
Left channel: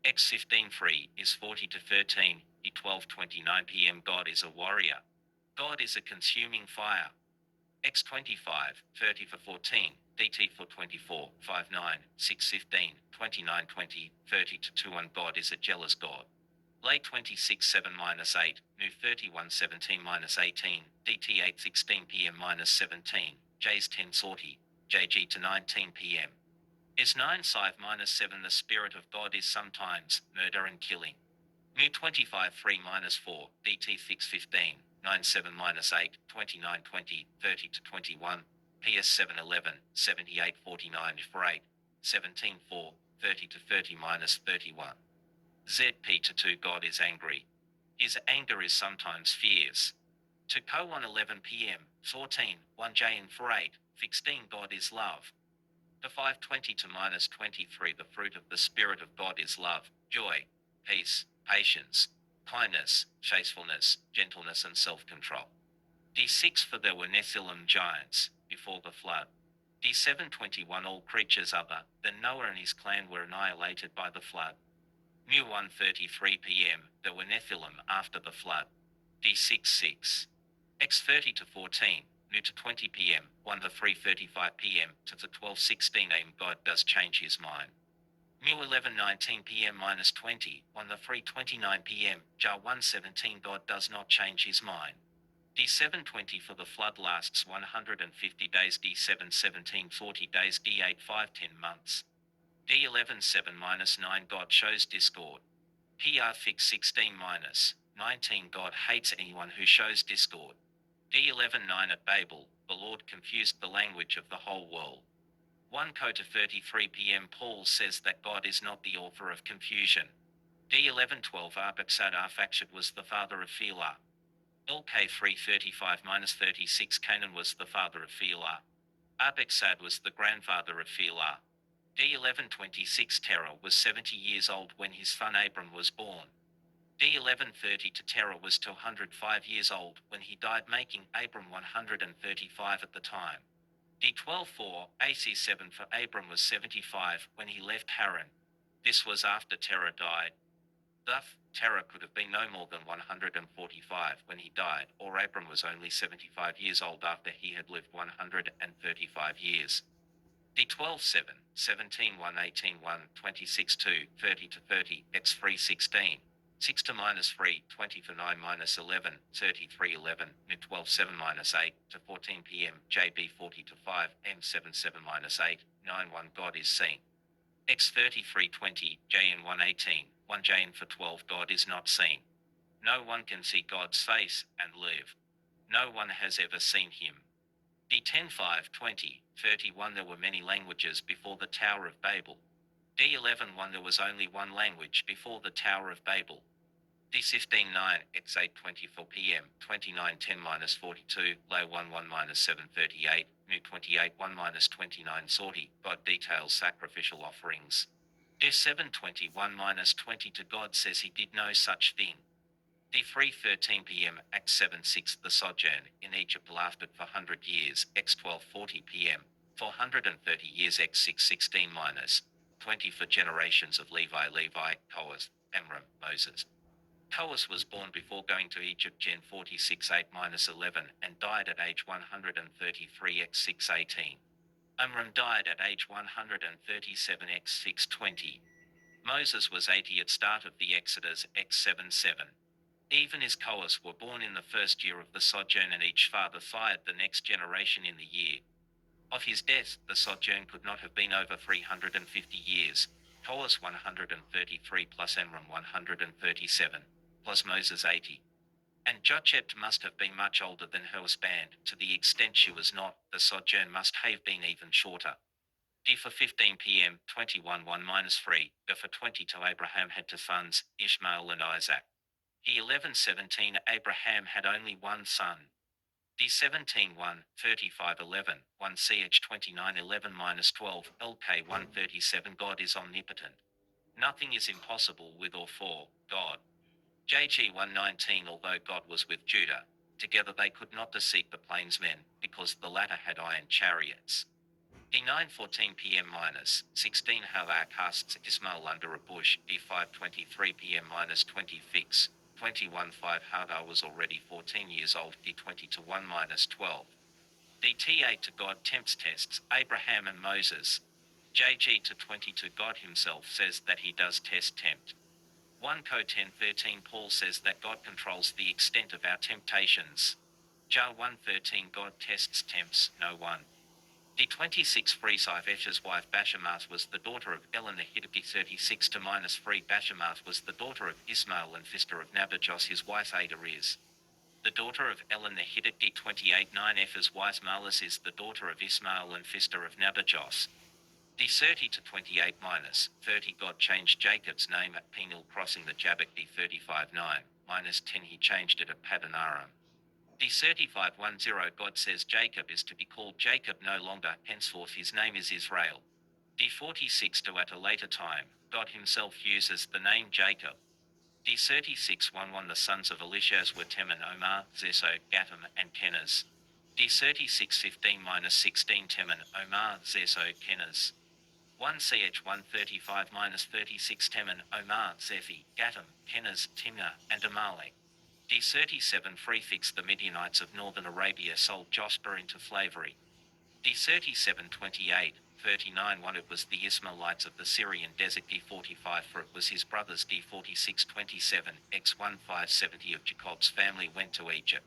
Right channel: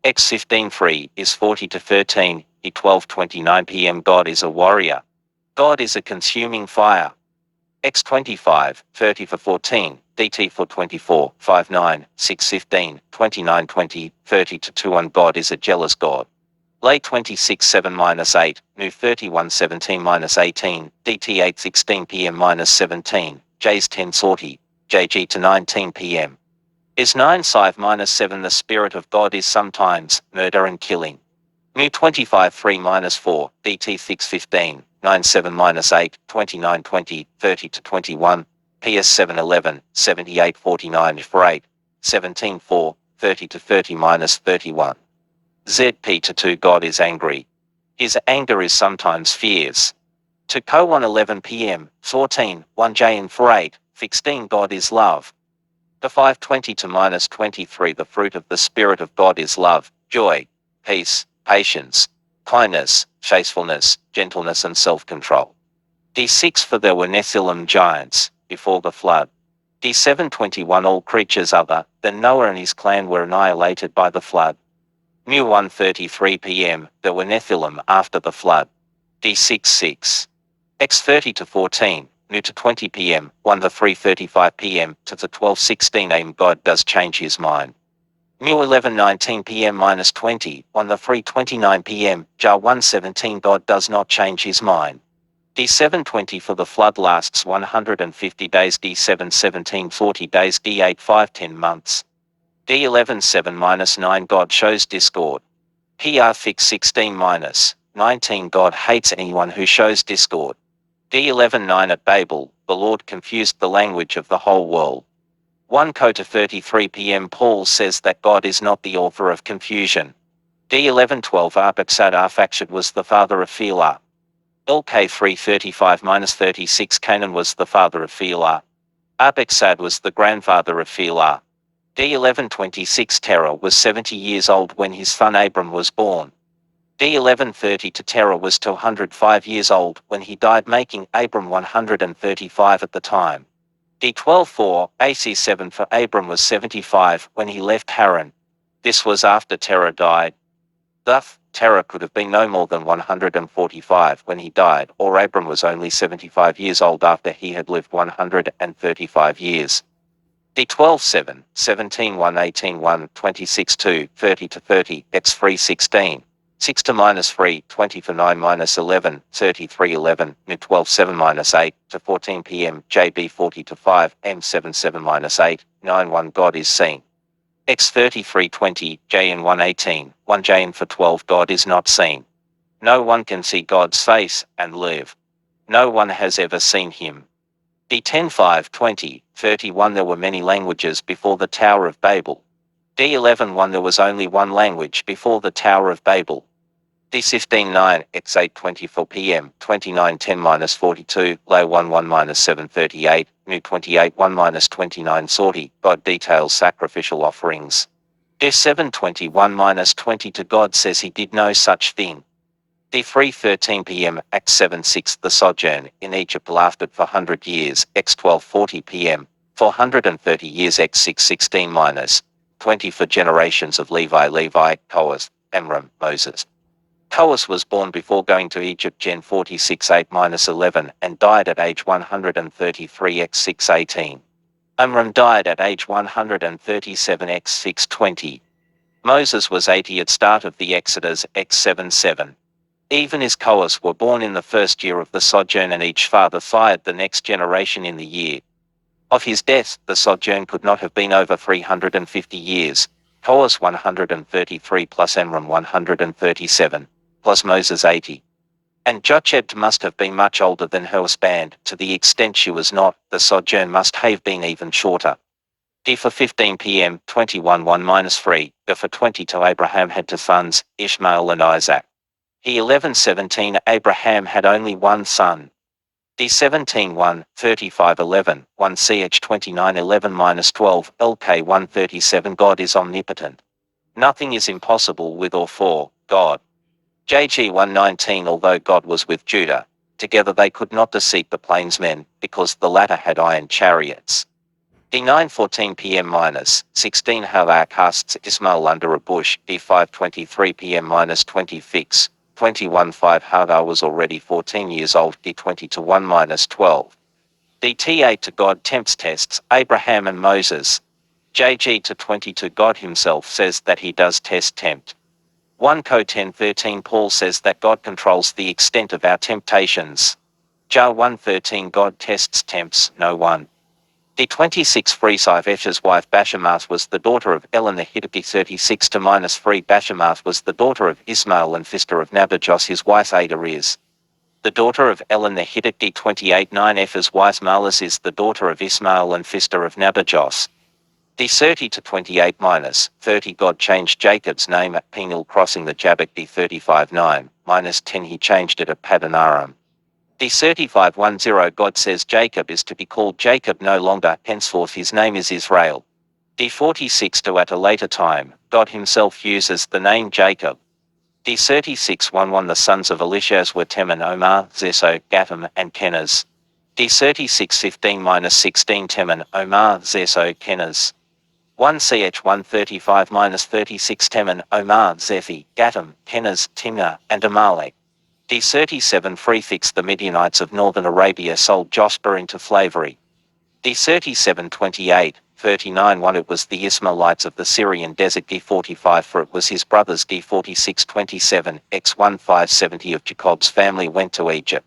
X 15 3 is 40 to 13, D 12:29 p.m. God is a warrior. God is a consuming fire. X 25, 30 for 14, DT for 24, 59, 6 15, 29 20, 30 to 21 God is a jealous God. Lay 26 7 - 8, New 31 17 - 18, DT 8 16 p.m. -17, J's 10 sortie, JG to 19 p.m. Is 9 5 - 7 The Spirit of God is sometimes murder and killing. New 25 3 - 4, DT 6 15, 9 7 - 8, 29 20, 30 to 21, PS 7 11, 78 49 for 8, 17 4, 30 to 30 - 31. ZP to 2 God is angry. His anger is sometimes fierce. To Co 1 11 p.m., 14, 1 J and for 8, 16 God is love. To 5:20 to -23 The fruit of the Spirit of God is love, joy, peace, patience, kindness, faithfulness, gentleness and self-control. D6 For there were Nephilim giants, before the flood. D7:21 All creatures other than Noah and his clan were annihilated by the flood. New 1:33 p.m. There were Nephilim after the flood. D6 6. X 30 to 14. New to 20 p.m., 1 to 3:35 p.m. to the 12:16 a.m. God does change his mind. New 11:19 p.m. -20, 1 to 3:29 p.m., Jar 1:17 God does not change his mind. D7:20 For the flood lasts 150 days. D7:17 40 days. D8 5 10 months. D11 7 - 9 God shows discord. PR fix 16 - 19 God hates anyone who shows discord. D11 9 At Babel, the Lord confused the language of the whole world. 1 Co to 33 p.m. Paul says that God is not the author of confusion. D11 12 Arphaxad Arphaxad was the father of Philar. LK 335 - 36 Canaan was the father of Philar. Arphaxad was the grandfather of Philar. D11 26 Terah was 70 years old when his son Abram was born. D11 30 to Terah was 205 years old when he died, making Abram 135 at the time. D12 4 AC7 for Abram was 75 when he left Haran. This was after Terah died. Thus, Terah could have been no more than 145 when he died, or Abram was only 75 years old after he had lived 135 years. D12 7, 17 1 18 1 26 2 30 to 30 X 3 16. 6 to -3, 20 for 9 -11, 33 11, N 12 7 -8 to 14 p.m. JB 40 to 5, M 7 7 -8, 9 1 God is seen. X 33 20, JN 118, 1 JN for 12 God is not seen. No one can see God's face and live. No one has ever seen him. D10 5 20, 31 There were many languages before the Tower of Babel. D11 1 There was only one language before the Tower of Babel. D15 9 X 8 24 p.m. 29 10 -42 Low 1 1 -7 38 New 28 1 -29 sortie God details sacrificial offerings. D7 21 -20 To God says he did no such thing. D3 13 p.m. Act 7 6 The sojourn in Egypt lasted for 100 years. X 12 40 p.m. 430 years. X 6 16 -20 For generations of Levi, Kohath, Amram, Moses. Kohath was born before going to Egypt Gen 46 8 -11 and died at age 133 X 6 18. Amram died at age 137 X 6 20. Moses was 80 at start of the Exodus, X 7:7. Even as Koas were born in the first year of the sojourn, and each father fired the next generation in the year of his death. The sojourn could not have been over 350 years. Koas 133 plus Amram 137, plus Moses 80. And Jochebed must have been much older than her husband. To the extent she was not, the sojourn must have been even shorter. D for 15 p.m. 21:1-3. D for 22 Abraham had two sons, Ishmael and Isaac. He 11:17 Abraham had only one son. D 17:1, 35:11, 1 ch 29:11-12 LK 137 God is omnipotent. Nothing is impossible with or for God. JG 119 Although God was with Judah, together they could not deceive the plainsmen, because the latter had iron chariots. D 9:14 p.m-16 Hagar casts Ismail under a bush. D 5:23 p.m-20 fix. 21:5 Hagar was already 14 years old. D 20:1-12. DT8 to God tempts tests Abraham and Moses. JG to 22 God himself says that he does test tempt. 1 Co 10:13 Paul says that God controls the extent of our temptations. Jar 1:13 God tests tempts no one. D26 Freesifesh's wife Bashemarth was the daughter of Elon the Hittite. 36-3 Bashemarth was the daughter of Ismail and sister of Nabajos. His wife Ada is the daughter of Elon the Hittite. D28-9 Eph's wife Malis is the daughter of Ismail and sister of Nabajos. D30-28-30 God changed Jacob's name at Peniel crossing the Jabbok. D35-9-10 He changed it at Paddan Aram. D35-10 God says Jacob is to be called Jacob no longer, henceforth his name is Israel. D46 At a later time, God himself uses the name Jacob. D36-11 The sons of Elishaz were Teman, Omar, Zeso, Gatam, and Kenaz. D36-15-16 Teman, Omar, Zeso, Kenaz. 1 ch 135-36 Teman, Omar, Zephi, Gatam, Kenaz, Timnah, and Amalek. D37 Prefix The Midianites of northern Arabia sold Joshua into slavery. D37-28-39 It was the Ishmaelites of the Syrian desert. D45 For it was his brothers. D46-27 X1570 of Jacob's family went to Egypt.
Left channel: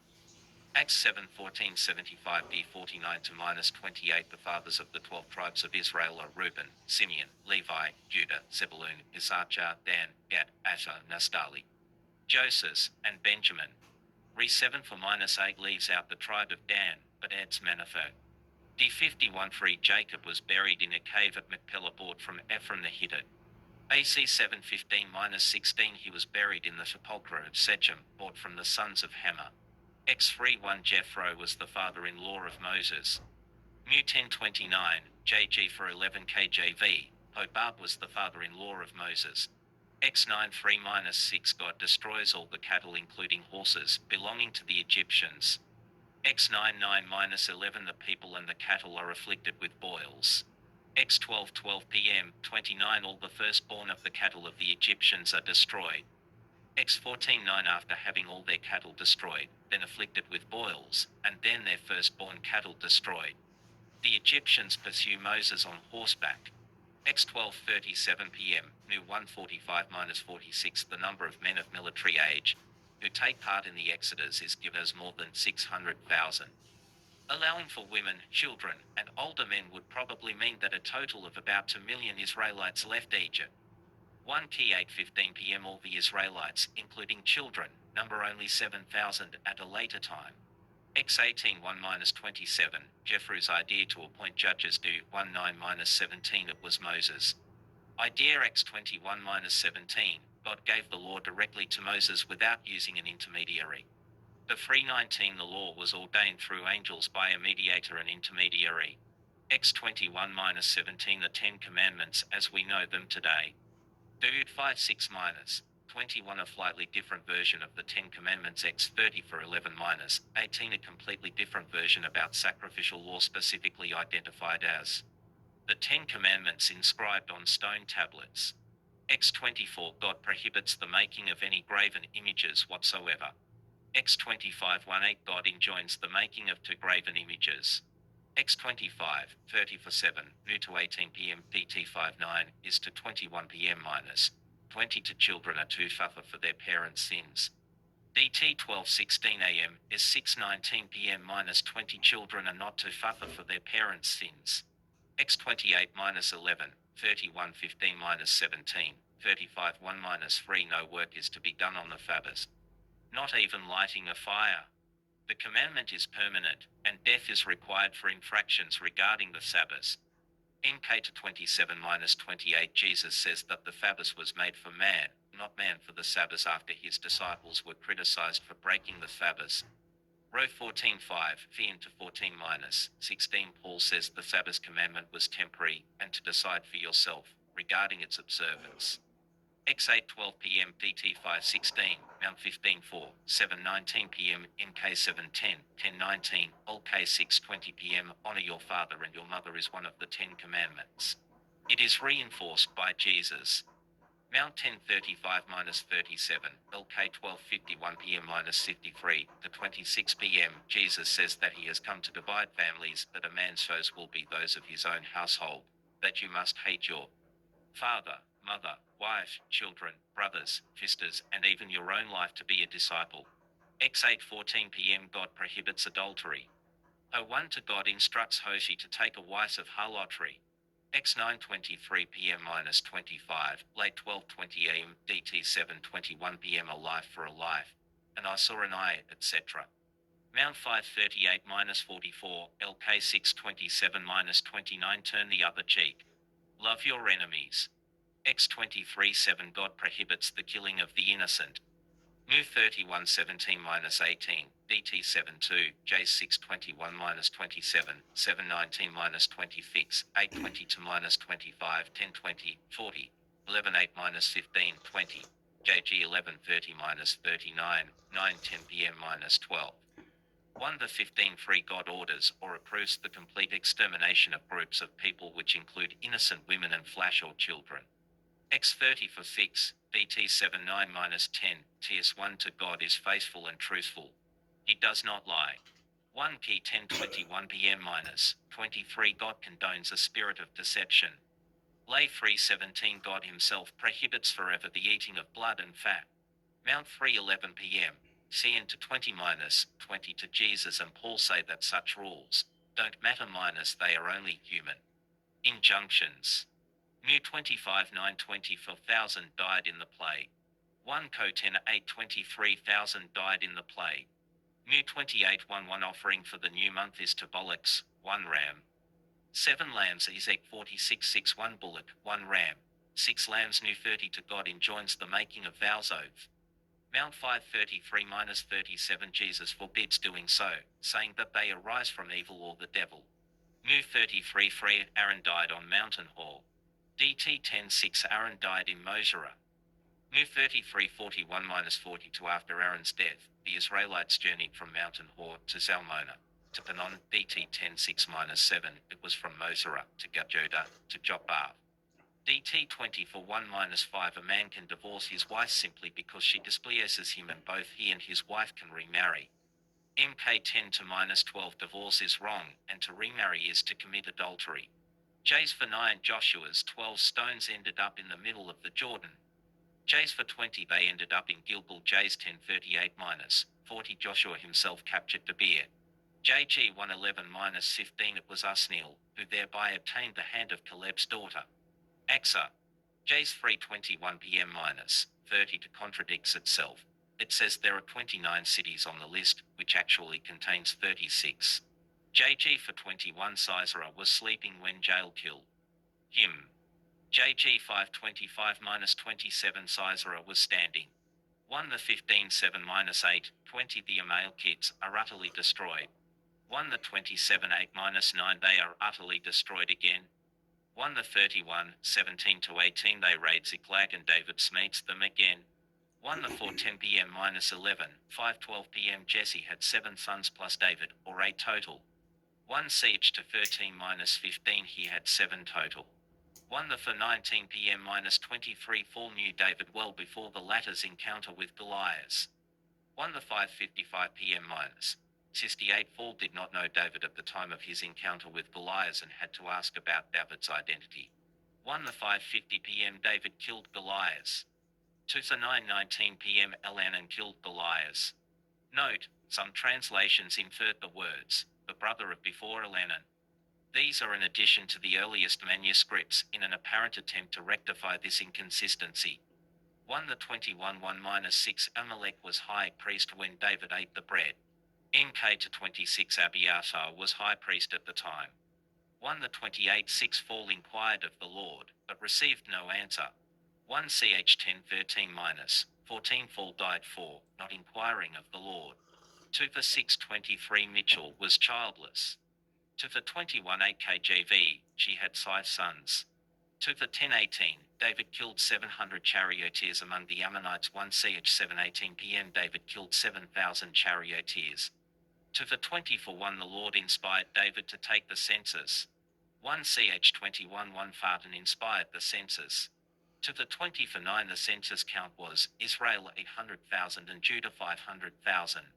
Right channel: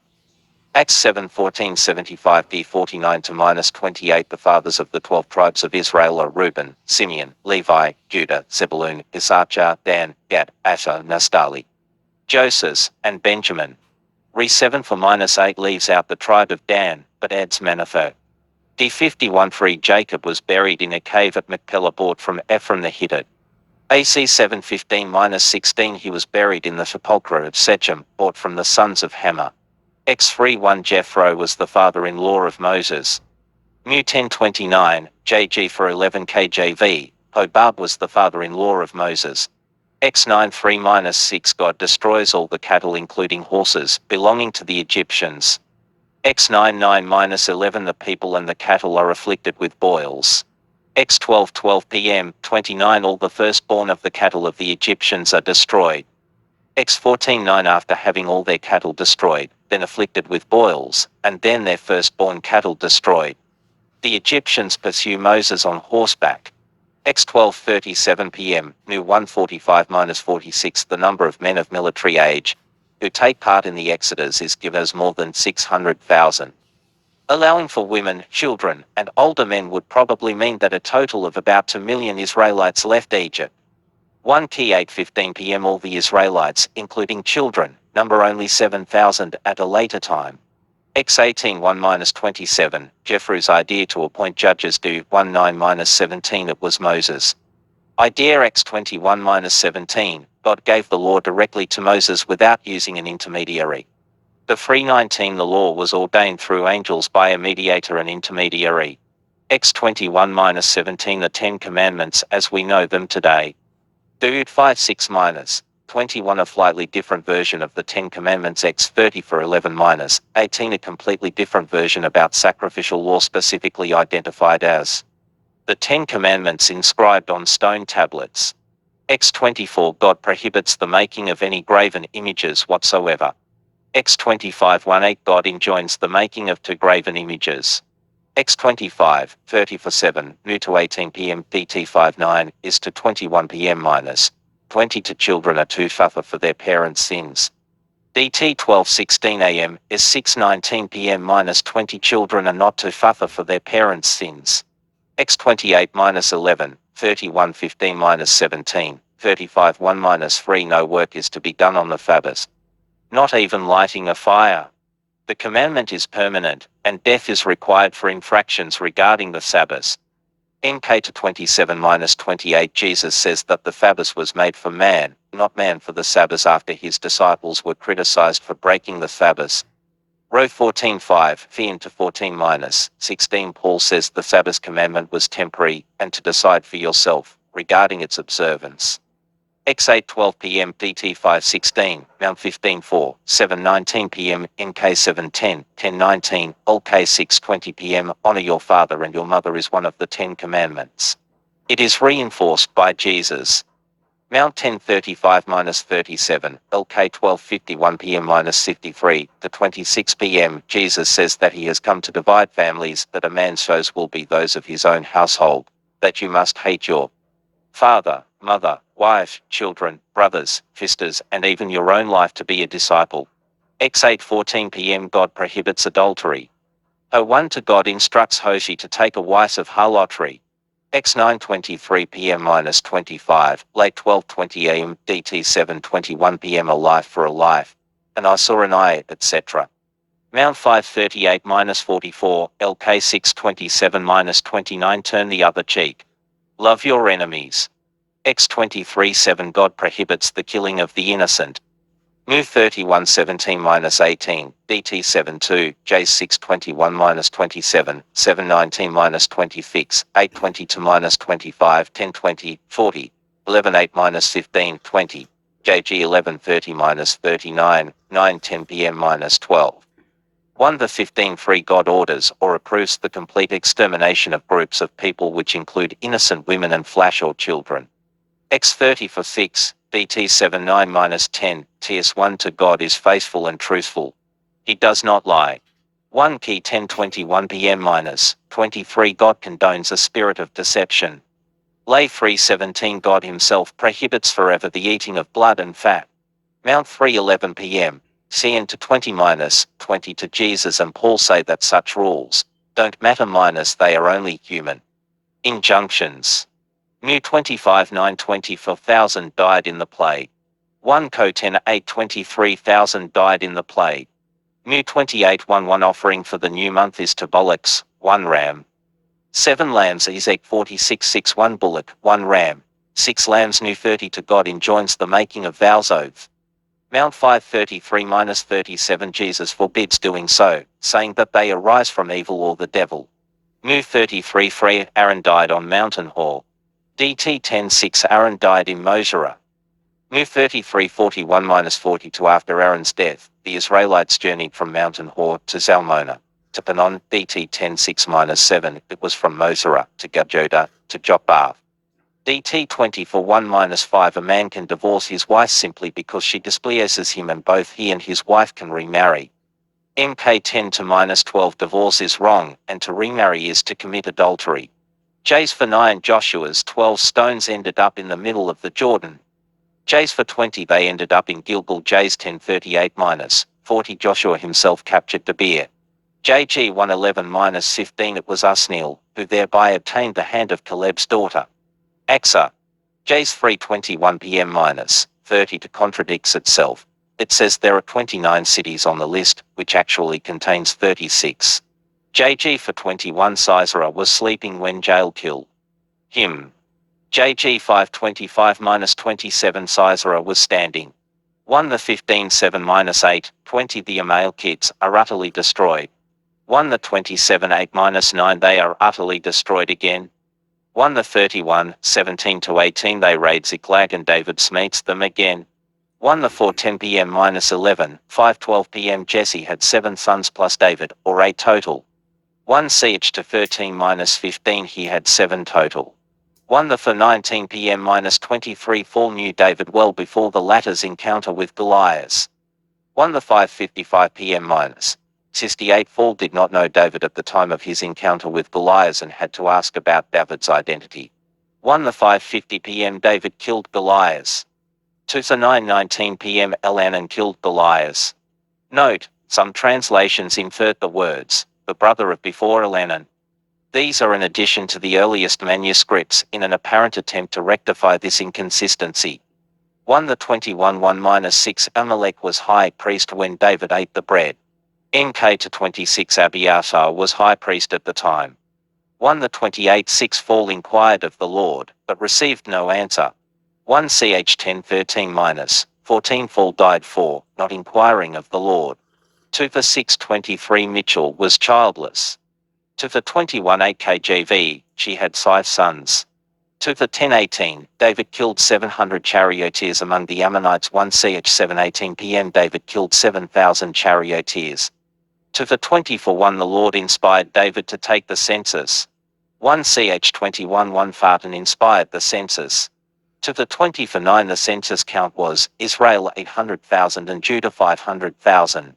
Acts 7:14-75 D49-28 The fathers of the 12 tribes of Israel are Reuben, Simeon, Levi, Judah, Zebulun, Issachar, Dan, Gad, Asher, Naphtali, Joseph, and Benjamin. Re 7 for -8 leaves out the tribe of Dan, but adds Manasseh. D51 3 Jacob was buried in a cave at Machpelah bought from Ephraim the Hittite. AC 7:15-16 He was buried in the sepulchre of Shechem, bought from the sons of Hamor. X31 Jethro was the father-in-law of Moses. Mu 1029, JG for 11 KJV, Hobab was the father-in-law of Moses. X93-6 God destroys all the cattle including horses belonging to the Egyptians. X99-11 The people and the cattle are afflicted with boils. X12 p.m. 29 All the firstborn of the cattle of the Egyptians are destroyed. X14-9 After having all their cattle destroyed, then afflicted with boils, and then their firstborn cattle destroyed, the Egyptians pursue Moses on horseback. X12:37 p.m. New 145-46 The number of men of military age who take part in the Exodus is given as more than 600,000. Allowing for women, children, and older men would probably mean that a total of about 2 million Israelites left Egypt. 1 Key 8:15 p.m. All the Israelites, including children, number only 7,000 at a later time. X18-1-27, Jeffrey's idea to appoint judges due 19-17 It was Moses' idea. X21-17, God gave the law directly to Moses without using an intermediary. The 319 The law was ordained through angels by a mediator and intermediary. X21-17 The Ten Commandments as we know them today. Dude 56-21 A slightly different version of the Ten Commandments. X30 for 11-18 A completely different version about sacrificial law specifically identified as the Ten Commandments inscribed on stone tablets. X24 God prohibits the making of any graven images whatsoever. X25-18 God enjoins the making of two graven images. X25, 30 for 7, new to 18 p.m. DT59 is to 21 p.m. minus 20 to children are to suffer for their parents' sins. DT 12:16 a.m. is 6:19 p.m. minus 20 children are not to suffer for their parents' sins. X28 minus 11, 31:15 minus 17, 35 1 minus 3 no work is to be done on the Sabbath. Not even lighting a fire. The commandment is permanent, and death is required for infractions regarding the Sabbath. NK to 27-28 Jesus says that the Sabbath was made for man, not man for the Sabbath after his disciples were criticized for breaking the Sabbath. Row 14:5, Thean to 14-16 Paul says the Sabbath commandment was temporary, and to decide for yourself, regarding its observance. X8 12 p.m. DT 5:16, Mount 15:4, 7:19 p.m. NK 7:10, 10:19, LK 6:20 p.m. Honor your father and your mother is one of the 10 commandments. It is reinforced by Jesus. Mount 10:35-37, LK 12:51 p.m. -53 to 26 p.m. Jesus says that he has come to divide families, that a man's foes will be those of his own household, that you must hate your father, mother, wife, children, brothers, sisters, and even your own life to be a disciple. X 8:14 p.m. God prohibits adultery. O1 to God instructs Hoshi to take a wife of harlotry. X 9:23 p.m. -25, late 12:20 a.m. DT 7:21 p.m. a life for a life, an eye saw an eye, etc. Mount 5:38 -44, LK 6:27 -29 turn the other cheek. Love your enemies. X23:7 God prohibits the killing of the innocent. New 31:17-18, DT 72, J 6:21-27, 7:19-26, 8:20 to -25, 10:20, 40, 11:8 -15, 20, JG 11:30-39, 9:10 p.m. -12. 1 the 15 free God orders or approves the complete extermination of groups of people which include innocent women and flash or children. X30 for 6, BT 79-10, TS1 to God is faithful and truthful. He does not lie. 1 Key 10:21 p.m. -23 God condones a spirit of deception. Lay 3:17 God himself prohibits forever the eating of blood and fat. Mount 3:11 p.m. CN to 20-20 to Jesus and Paul say that such rules don't matter they are only human injunctions. New 25-9-24,000 died in the plague. 1 Co 10-8-23,000 died in the plague. New 28-1-1 offering for the new month is to bullocks, 1 ram. 7 lambs Ezek 46-6-1 bullock, 1 ram. 6 lambs New 30 to God enjoins the making of vows oath. Mount 5:33-37 Jesus forbids doing so, saying that they arise from evil or the devil. New 33 Frey Aaron died on Mountain Hall. DT 10:6 Aaron died in Mosera. New 33:41-42 After Aaron's death, the Israelites journeyed from Mountain Hor to Zalmona, to Panon. DT 10:6-7 It was from Mosera to Gajoda to Jopbath. DT 20 for 1-5 A man can divorce his wife simply because she displeases him and both he and his wife can remarry. MK 10 to -12 Divorce is wrong, and to remarry is to commit adultery. J's for 9 Joshua's 12 stones ended up in the middle of the Jordan. J's for 20 they ended up in Gilgal. J's 10:38-40 Joshua himself captured Debir. JG 1:11-15 It was Usniel, who thereby obtained the hand of Caleb's daughter. Axa. J's 3:21 p.m. -30 to contradicts itself. It says there are 29 cities on the list, which actually contains 36. JG for 21 Sisera was sleeping when Jael killed him. JG 5:25-27 Sisera was standing. 1 the 15:7-8, 20 the Amalekite are utterly destroyed. 1 the 27:8-9 they are utterly destroyed again. 1 the 31:17-18 they raid Ziklag and David smites them again. 1 the 4:10 p.m. -11, 5:12 p.m. Jesse had 7 sons plus David, or 8 total. 1 CH to 13-15 he had 7 total. 1 the for 19 p.m. -23 Paul knew David well before the latter's encounter with Goliath. 1 the 5:55 p.m. 68 Saul did not know David at the time of his encounter with Goliath and had to ask about David's identity. 1 the 5:50 p.m. David killed Goliath. 2 the 9:19 p.m. Elhanan killed Goliath. Note, some translations invert the words, the brother of before Elhanan. These are in addition to the earliest manuscripts in an apparent attempt to rectify this inconsistency. 1 the 21 1-6 Amalek was high priest when David ate the bread. NK to 26 Abiathar was high priest at the time. 1 the 28 6 Saul inquired of the Lord, but received no answer. 1 ch 10:13-14 Saul died for not inquiring of the Lord. 2 for 6:23 Mitchell was childless. 2 for 21:8 KJV, she had 5 sons. 2 for 10:18, David killed 700 charioteers among the Ammonites. 1 ch 7:18 p.m. David killed 7,000 charioteers. 2 for 20 for 1 the Lord inspired David to take the census. 1 ch 21:1 Farton inspired the census. 2 for 20 for 9 the census count was Israel 800,000 and Judah 500,000.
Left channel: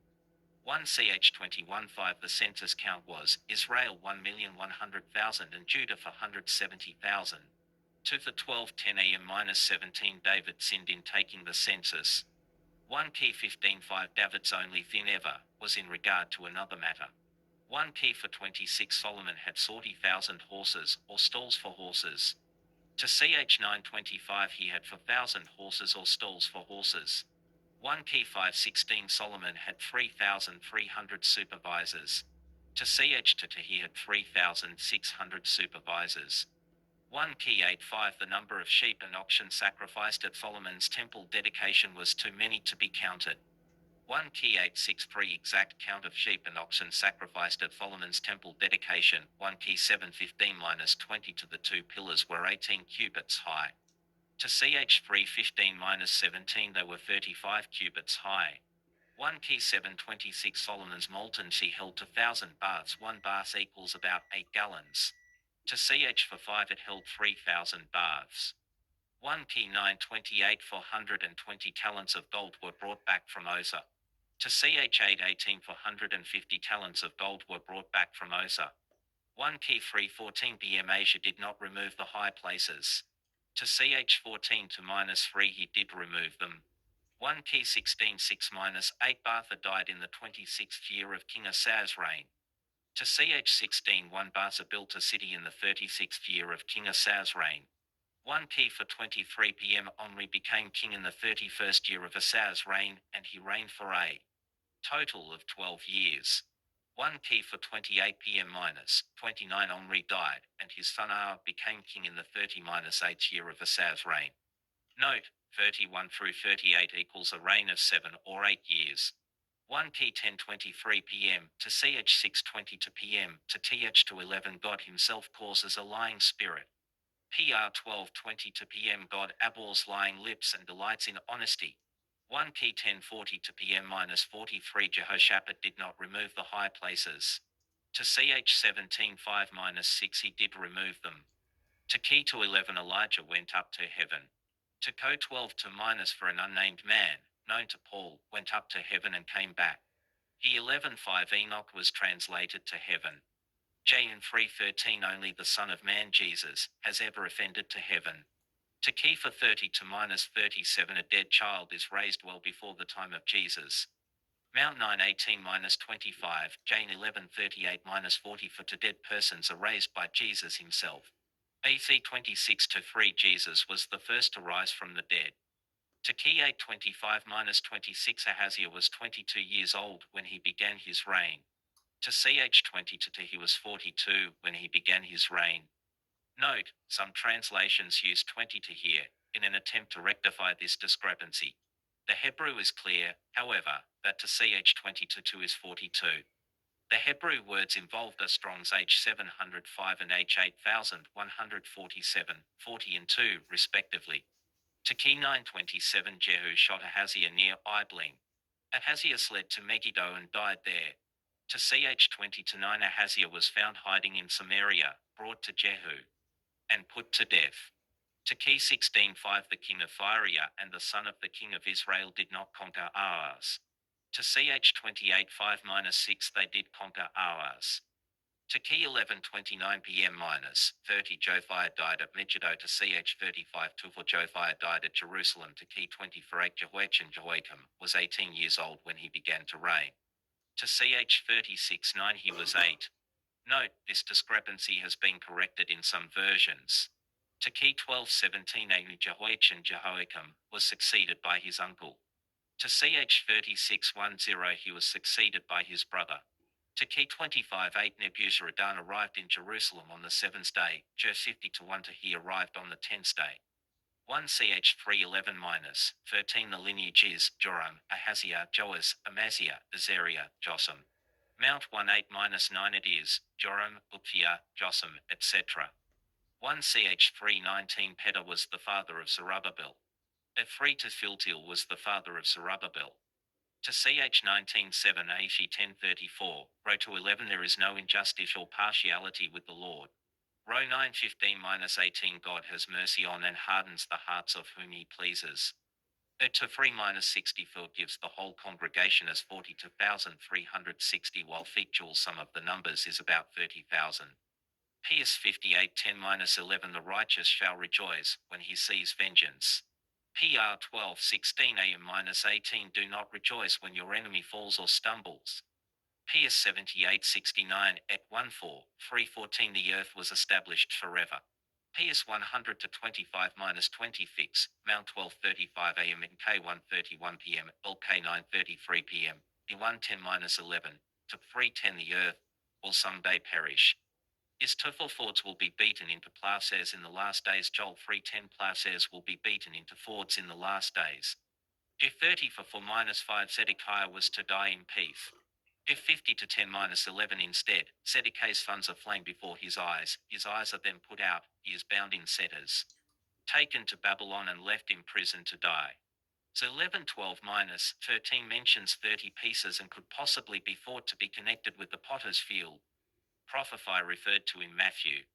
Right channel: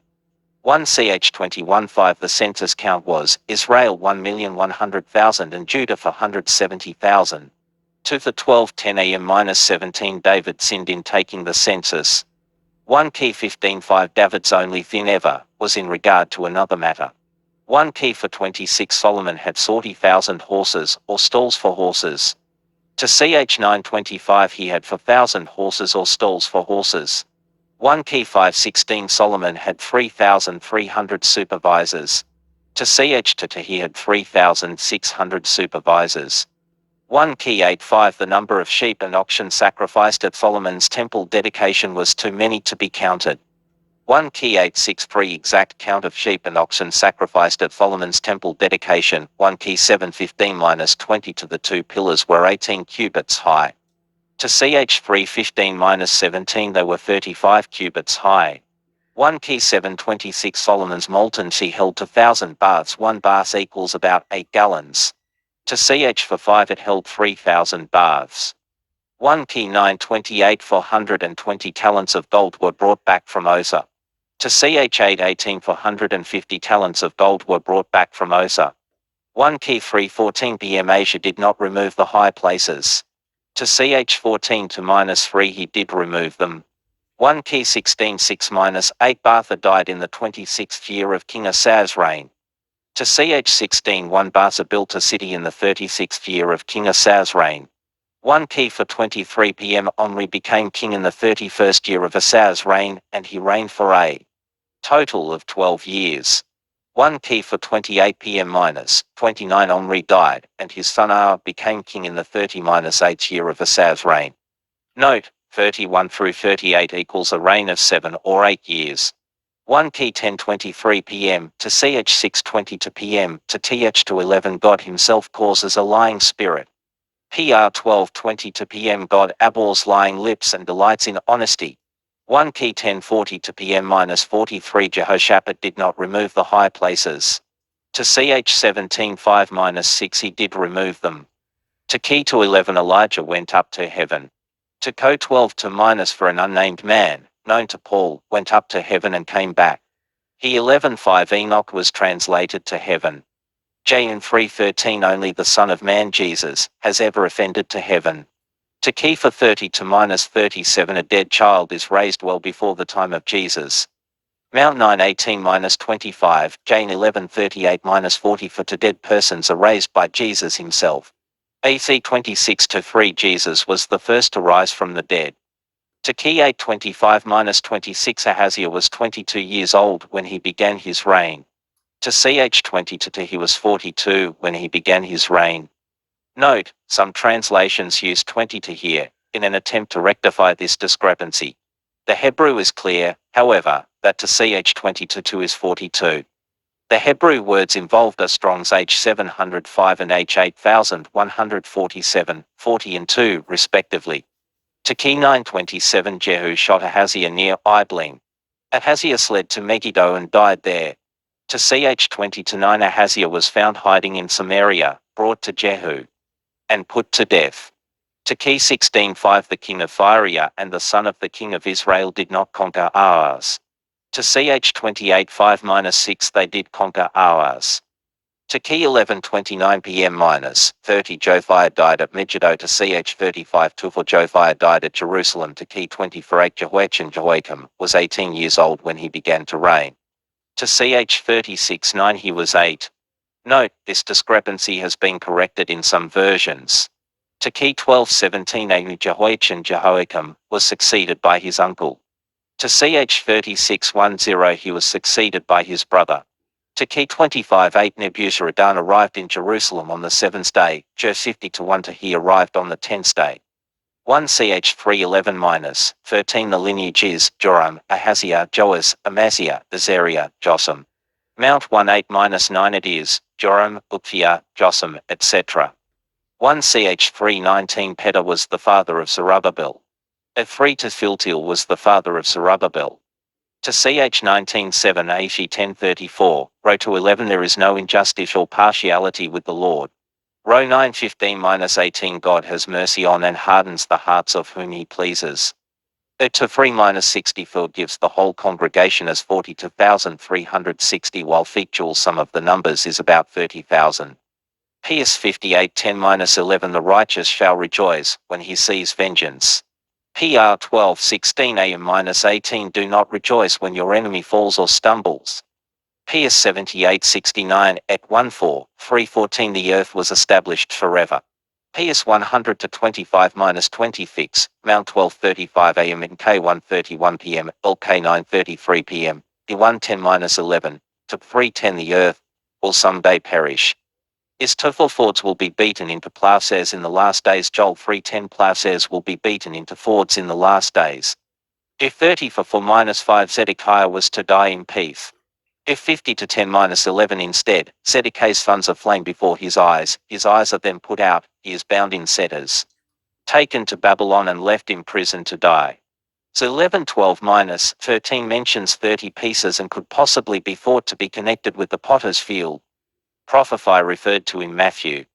1 ch 21:5 the census count was Israel 1,100,000 and Judah 470,000. 2 for 12:10 am-17 David sinned in taking the census. 1 key 15:5 David's only sin ever was in regard to another matter. 1 key for 26 Solomon had 40,000 horses or stalls for horses. To ch 9:25 he had 4,000 horses or stalls for horses. 1 key 5:16 Solomon had 3,300 supervisors. To ch 2 he had 3,600 supervisors. 1 key 8:5 The number of sheep and oxen sacrificed at Solomon's temple dedication was too many to be counted. 1 key 8:6 exact count of sheep and oxen sacrificed at Solomon's temple dedication. 1 key 7:15-20 To the 2 pillars were 18 cubits high. To ch 3:15-17 they were 35 cubits high. 1 key 7:26 Solomon's molten sea held 2,000 baths. 1 bath equals about 8 gallons. To ch for 5 it held 3,000 baths. 1 key 9:28 420 talents of gold were brought back from Osa. To ch 8:18 450 talents of gold were brought back from Osa. 1 key 3:14 p.m. Asia did not remove the high places. To ch 14-3 he did remove them. 1 key 16:6-8 Baasha died in the 26th year of King Asa's reign. To ch 16:1 Baasha built a city in the 36th year of King Asa's reign. 1 key for 23 p.m. Omri became king in the 31st year of Asa's reign, and he reigned for a total of 12 years. 1 key for 28 p.m-29 Omri died, and his son Ah became king in the 30-8th year of Asa's reign. Note, 31 through 38 equals a reign of 7 or 8 years. 1 key 10:23 p.m. to ch 6:22 p.m. to th to 11 God himself causes a lying spirit. PR 12:22 p.m. God abhors lying lips and delights in honesty. 1 key 10:42 p.m-43 Jehoshaphat did not remove the high places. To ch 17:5-6 he did remove them. To key to 11 Elijah went up to heaven. To co 12 for an unnamed man, known to Paul, went up to heaven and came back. He 11:5 Enoch was translated to heaven. J in 3:13 Only the Son of Man Jesus has ever ascended to heaven. To key for 30-37 A dead child is raised well before the time of Jesus. Mount 9:18-25 Jane 11:38-40 For to dead persons are raised by Jesus himself. AC 26-3 Jesus was the first to rise from the dead. To key 8:25-26 Ahaziah was 22 years old when he began his reign. To ch 22 he was 42 when he began his reign. Note, some translations use 20 to here, in an attempt to rectify this discrepancy. The Hebrew is clear, however, that to ch 22 is 42. The Hebrew words involved are Strong's H705 and H8147, 40 and 2, respectively. To key 9:27 Jehu shot Ahaziah near Iblim. Ahaziah fled to Megiddo and died there. To ch 20-9 Ahaziah was found hiding in Samaria, brought to Jehu, and put to death. To key 16:5 The king of Syria and the son of the king of Israel did not conquer Ahaz. To ch 28 5-6 they did conquer hours. To key 11:29 p.m. -30 Josiah died at Megiddo. To ch 35 24 Josiah died at Jerusalem. To key 24 Jehoiakim was 18 years old when he began to reign. To ch 36 9 he was 8. Note, this discrepancy has been corrected in some versions. To key 12:17 Jehoiakim was succeeded by his uncle. To ch 36:10 he was succeeded by his brother. To key 25:8 Nebuzaradan arrived in Jerusalem on the 7th day, Jer 50-1 to he arrived on the 10th day. 1 ch 3:11-13 The lineage is Joram, Ahaziah, Joas, Amaziah, Azariah, Jotham. Mount 1:8-9 it is Joram, Uphia, Jotham, etc. 1 ch 3:19 Pedar was the father of Zerubbabel. At 3 to Philtiel was the father of Zerubbabel. To ch 19:7 Ashi 10:34, row to 11 There is no injustice or partiality with the Lord. Row 9:15-18 God has mercy on and hardens the hearts of whom he pleases. To 3-64 gives the whole congregation as 42,360 while factual sum of the numbers is about 30,000. PS 58:10-11 The righteous shall rejoice when he sees vengeance. PR 12:16 AM-18 Do not rejoice when your enemy falls or stumbles. PS 78:69 at 1:4-3:14 The earth was established forever. PS 100-25-20 fix, Mount 12:35 AM in K 1:31 PM, LK 9:33 PM, D 1:10-11, to 3:10 The earth will someday perish. Is Fords will be beaten into plowshares in the last days. Joel 3:10 Plowshares will be beaten into fords in the last days. If 30 for 4-5 Zedekiah was to die in peace. If 50 to 10-11 instead, Zedekiah's funds are flame before his eyes are then put out, he is bound in fetters. Taken to Babylon and left in prison to die. So 11:12-13 mentions 30 pieces and could possibly be thought to be connected with the potter's field. Prophecy referred to in Matthew.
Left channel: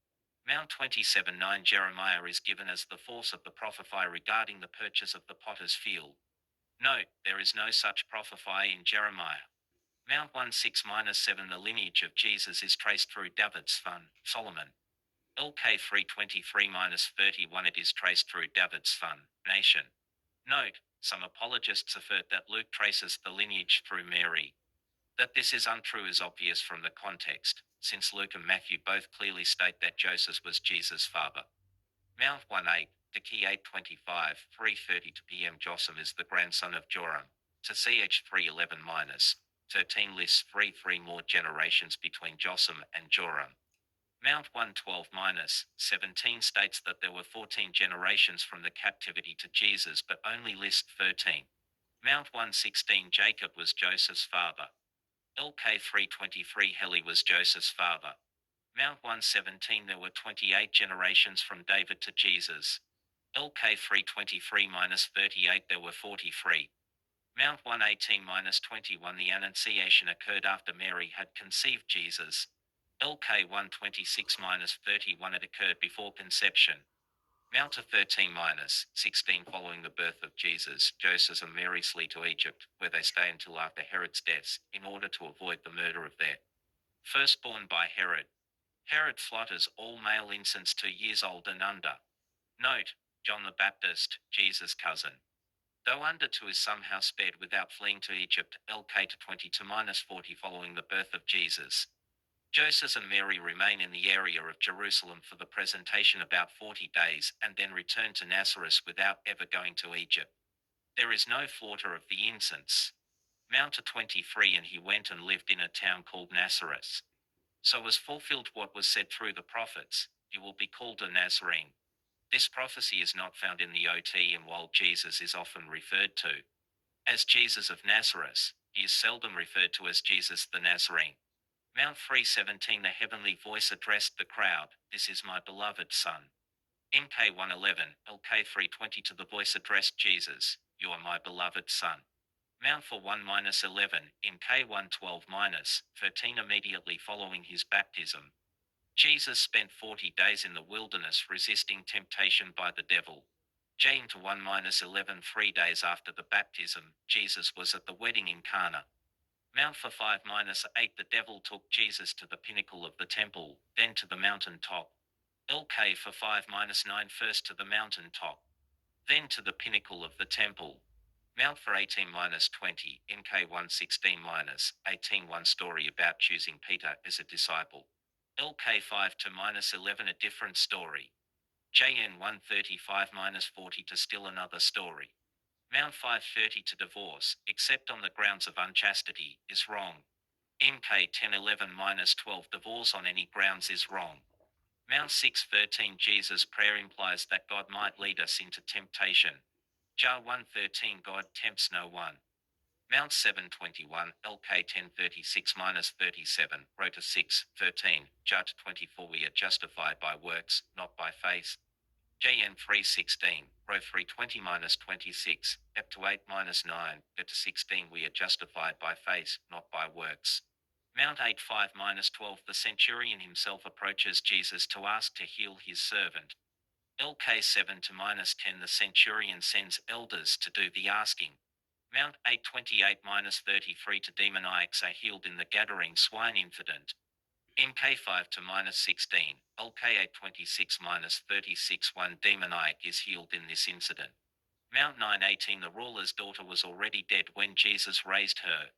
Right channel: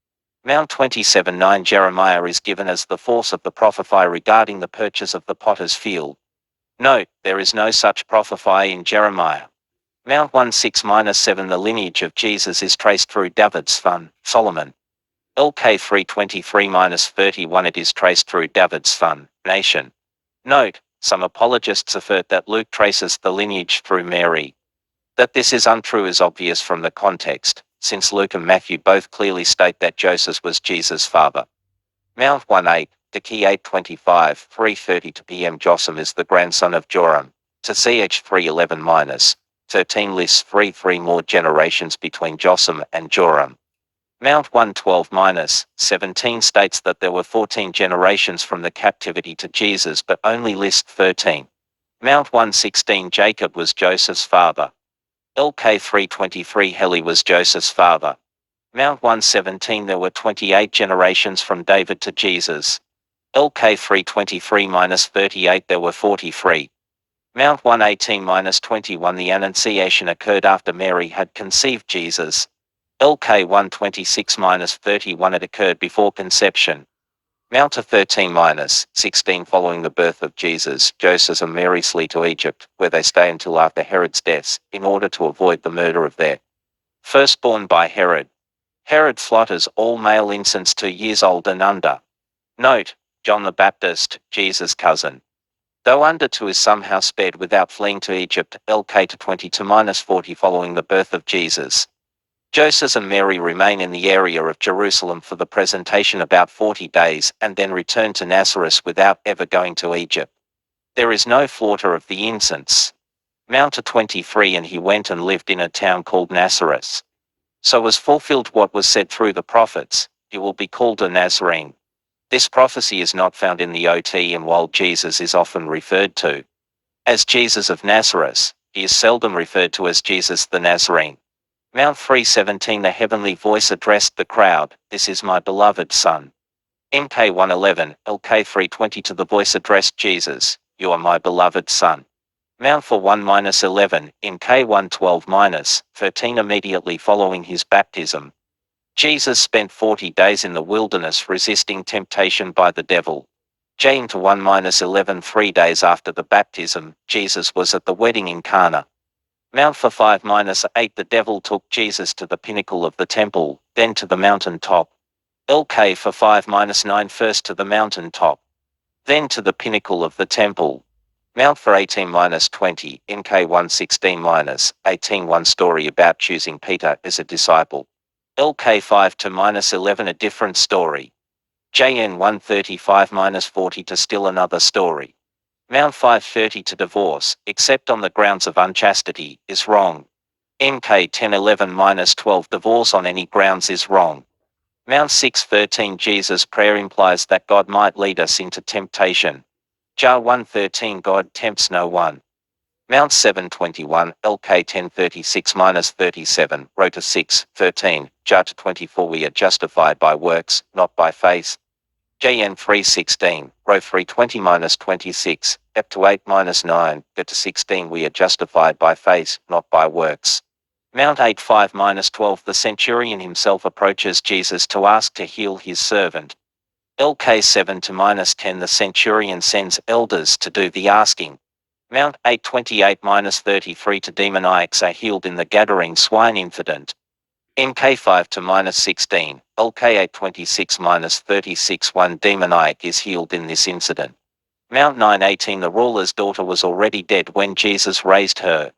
Mount 27:9 Jeremiah is given as the force of the prophecy regarding the purchase of the potter's field. Note, there is no such prophecy in Jeremiah. Mount 16-7 The lineage of Jesus is traced through David's son, Solomon. LK 3:23-31 It is traced through David's son, nation. Note, some apologists assert that Luke traces the lineage through Mary. That this is untrue is obvious from the context, since Luke and Matthew both clearly state that Joseph was Jesus' father. Mount 18, to key 8:25, 3:30 PM Jotham is the grandson of Joram. To ch 3:11-13 lists 3 more generations between Jotham and Joram. Mount 1:12-17 states that there were 14 generations from the captivity to Jesus but only lists 13. Mount 1:16 Jacob was Joseph's father. LK 3:23 Heli was Joseph's father. Mount 1:17 There were 28 generations from David to Jesus. LK 3:23-38 There were 43. Mount 1:18-21 The Annunciation occurred after Mary had conceived Jesus. LK 1:26-31 It occurred before conception. Mount 13-16 Following the birth of Jesus, Joseph and Mary flee to Egypt, where they stay until after Herod's death, in order to avoid the murder of their firstborn by Herod. Herod slaughters all male infants 2 years old and under. Note, John the Baptist, Jesus' cousin, though under 2 is somehow spared without fleeing to Egypt. LK to 20-40 Following the birth of Jesus, Joseph and Mary remain in the area of Jerusalem for the presentation about 40 days and then return to Nazareth without ever going to Egypt. There is no slaughter of the infants. Mount 23 And he went and lived in a town called Nazareth. So was fulfilled what was said through the prophets, he will be called a Nazarene. This prophecy is not found in the OT, and while Jesus is often referred to as Jesus of Nazareth, he is seldom referred to as Jesus the Nazarene. Mount 3:17 The heavenly voice addressed the crowd, This is my beloved Son. MK 1:11, LK 3:20 To the voice addressed Jesus, You are my beloved Son. Mount 4:1-11, in K 1:12-13 Immediately following his baptism, Jesus spent 40 days in the wilderness resisting temptation by the devil. J into 1-11 3 days after the baptism, Jesus was at the wedding in Cana. Mount for 5-8 the devil took Jesus to the pinnacle of the temple, then to the mountain top. LK for 5-9 first to the mountain top, then to the pinnacle of the temple. Mount for 18-20, MK 116-18 one story about choosing Peter as a disciple. LK 5 to -11 a different story. JN 135-40 to still another story. Mount 530 to divorce, except on the grounds of unchastity, is wrong. MK 1011-12 divorce on any grounds is wrong. Mount 613 Jesus' prayer implies that God might lead us into temptation. Jar 113 God tempts no one. Mount 721 LK 1036-37 Rota 6:13 Jar 24 we are justified by works, not by faith. JN 316 Row 320-26 Ep to 8-9 Get to 16 we are justified by faith, not by works. Mount 85-12 the centurion himself approaches Jesus to ask to heal his servant. LK 7 to -10 the centurion sends elders to do the asking. Mount 828-33 to demoniacs are healed in the Gadarene swine incident. MK 5 to -16, LK 826-36 one demoniac is healed in this incident. Mount 918 the ruler's daughter was already dead when Jesus raised her.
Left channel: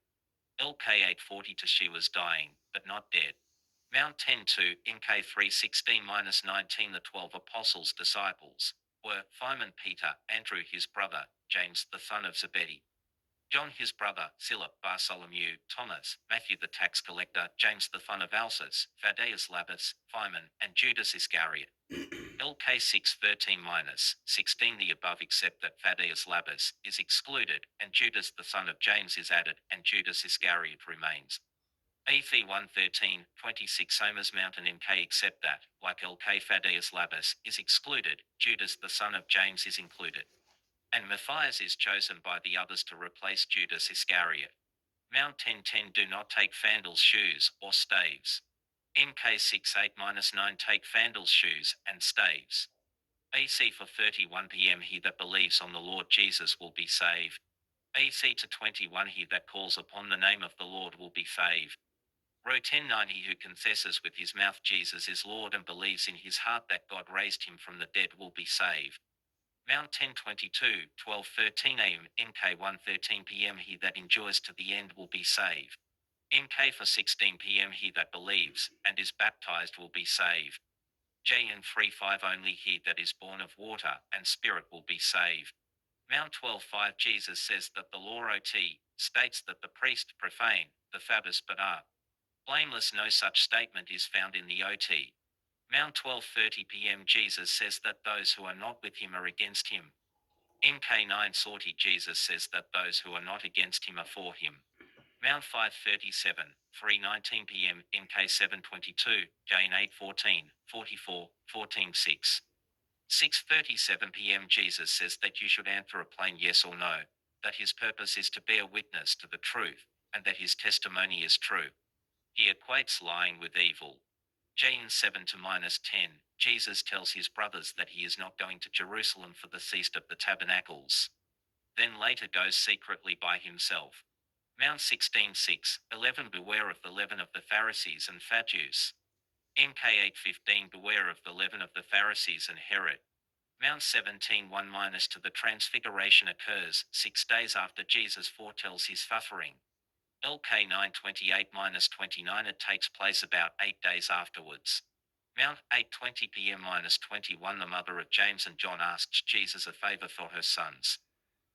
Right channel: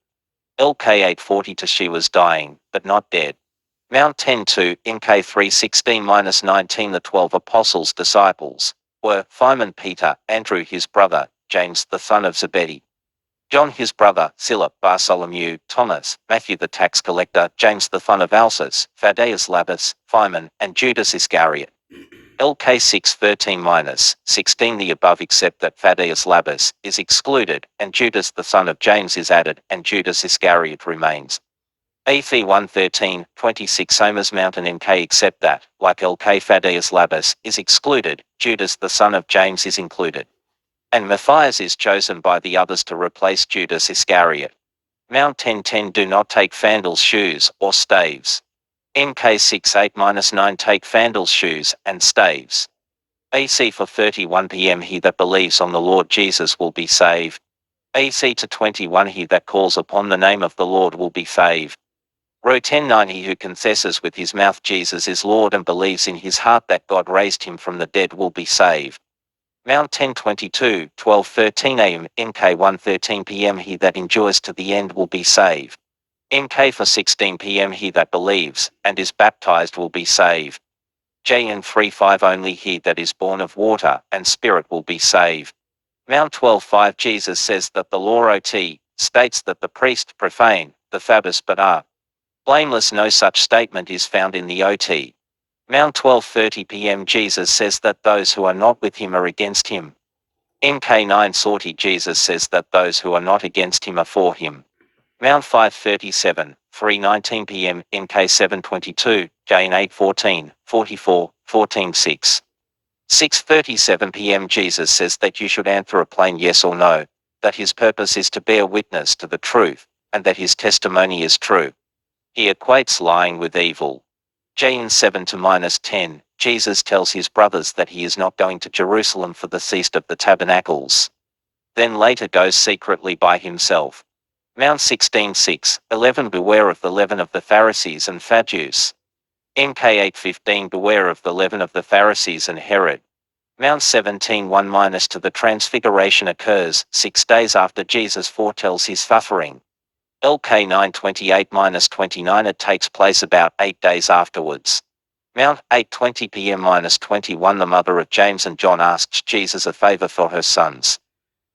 LK 840 to she was dying, but not dead. Mount 10-2, MK 316-19 the 12 apostles' disciples were Simon Peter, Andrew his brother, James the son of Zebedee, John his brother, Philip, Bartholomew, Thomas, Matthew the tax collector, James the son of Alphaeus, Thaddeus Labus, Phimon, and Judas Iscariot. LK 613-16 the above except that Thaddeus Labus is excluded, and Judas the son of James is added, and Judas Iscariot remains. AF 113-26 Somers Mountain MK except that, like LK Thaddeus Labus is excluded, Judas the son of James is included. And Matthias is chosen by the others to replace Judas Iscariot. Mount 1010 do not take Fandal's shoes or staves. MK 68-9 take Fandal's shoes and staves. AC for 31 p.m. He that believes on the Lord Jesus will be saved. AC to 21 He that calls upon the name of the Lord will be saved. Row 10-9 He who confesses with his mouth Jesus is Lord and believes in his heart that God raised him from the dead will be saved. Mount 1022, 12:13 am, MK 1:13 p.m. He that endures to the end will be saved. MK for 16 p.m. He that believes and is baptized will be saved. JN 3:5 Only he that is born of water and spirit will be saved. Mount 12:5 Jesus says that the law OT states that the priest profane the Sabbath but are blameless. No such statement is found in the OT. Mount 12:30 p.m. Jesus says that those who are not with him are against him. MK 9:40 Jesus says that those who are not against him are for him. Mount 537, 3:19 p.m. MK 7:22, Jane 8:14, 44, 14:6. 6:37 p.m. Jesus says that you should answer a plain yes or no, that his purpose is to bear witness to the truth, and that his testimony is true. He equates lying with evil. Jane 7 to -10, Jesus tells his brothers that he is not going to Jerusalem for the Feast of the Tabernacles. Then later goes secretly by himself. Mount 16:6, 11 Beware of the leaven of the Pharisees and Sadducees. MK 8:15 Beware of the leaven of the Pharisees and Herod. Mount 17:1 to the Transfiguration occurs 6 days after Jesus foretells his suffering. LK 9:28-29 It takes place about 8 days afterwards. Mount 8:20 p.m.-21 The mother of James and John asks Jesus a favor for her sons.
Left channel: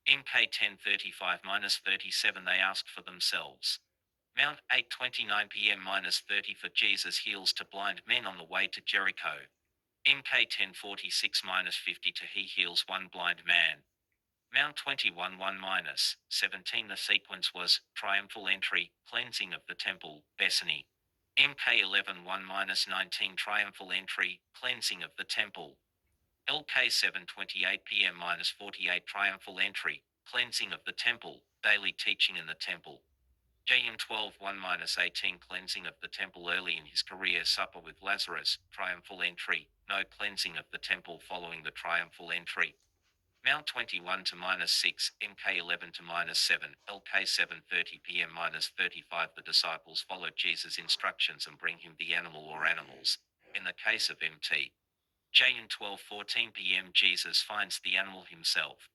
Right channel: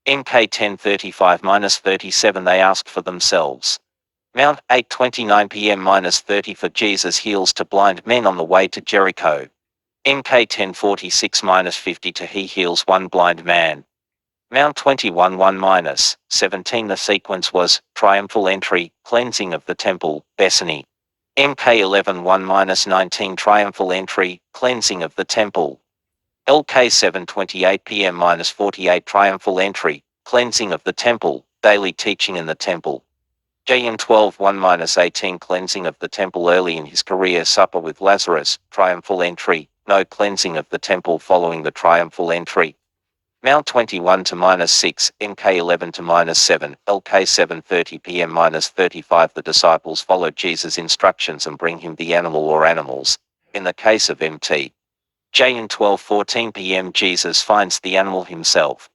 MK 10:35-37 They ask for themselves. Mount 8:29 p.m.-30 for Jesus heals two blind men on the way to Jericho. MK 10:46-50 to he heals one blind man. Mount 21:1-17 The sequence was triumphal entry, cleansing of the temple, Bethany. MK 11:1-19 Triumphal entry, cleansing of the temple. LK 7:28 p.m.-48 Triumphal entry, cleansing of the temple, daily teaching in the temple. JN 12:1-18 Cleansing of the temple early in his career supper with Lazarus, triumphal entry, no cleansing of the temple following the triumphal entry. Mount 21 to -6, MK 11 to -7, LK 7:30 p.m. -35. The disciples followed Jesus' instructions and bring him the animal or animals. In the case of MT. J in 12:14 p.m. Jesus finds the animal himself.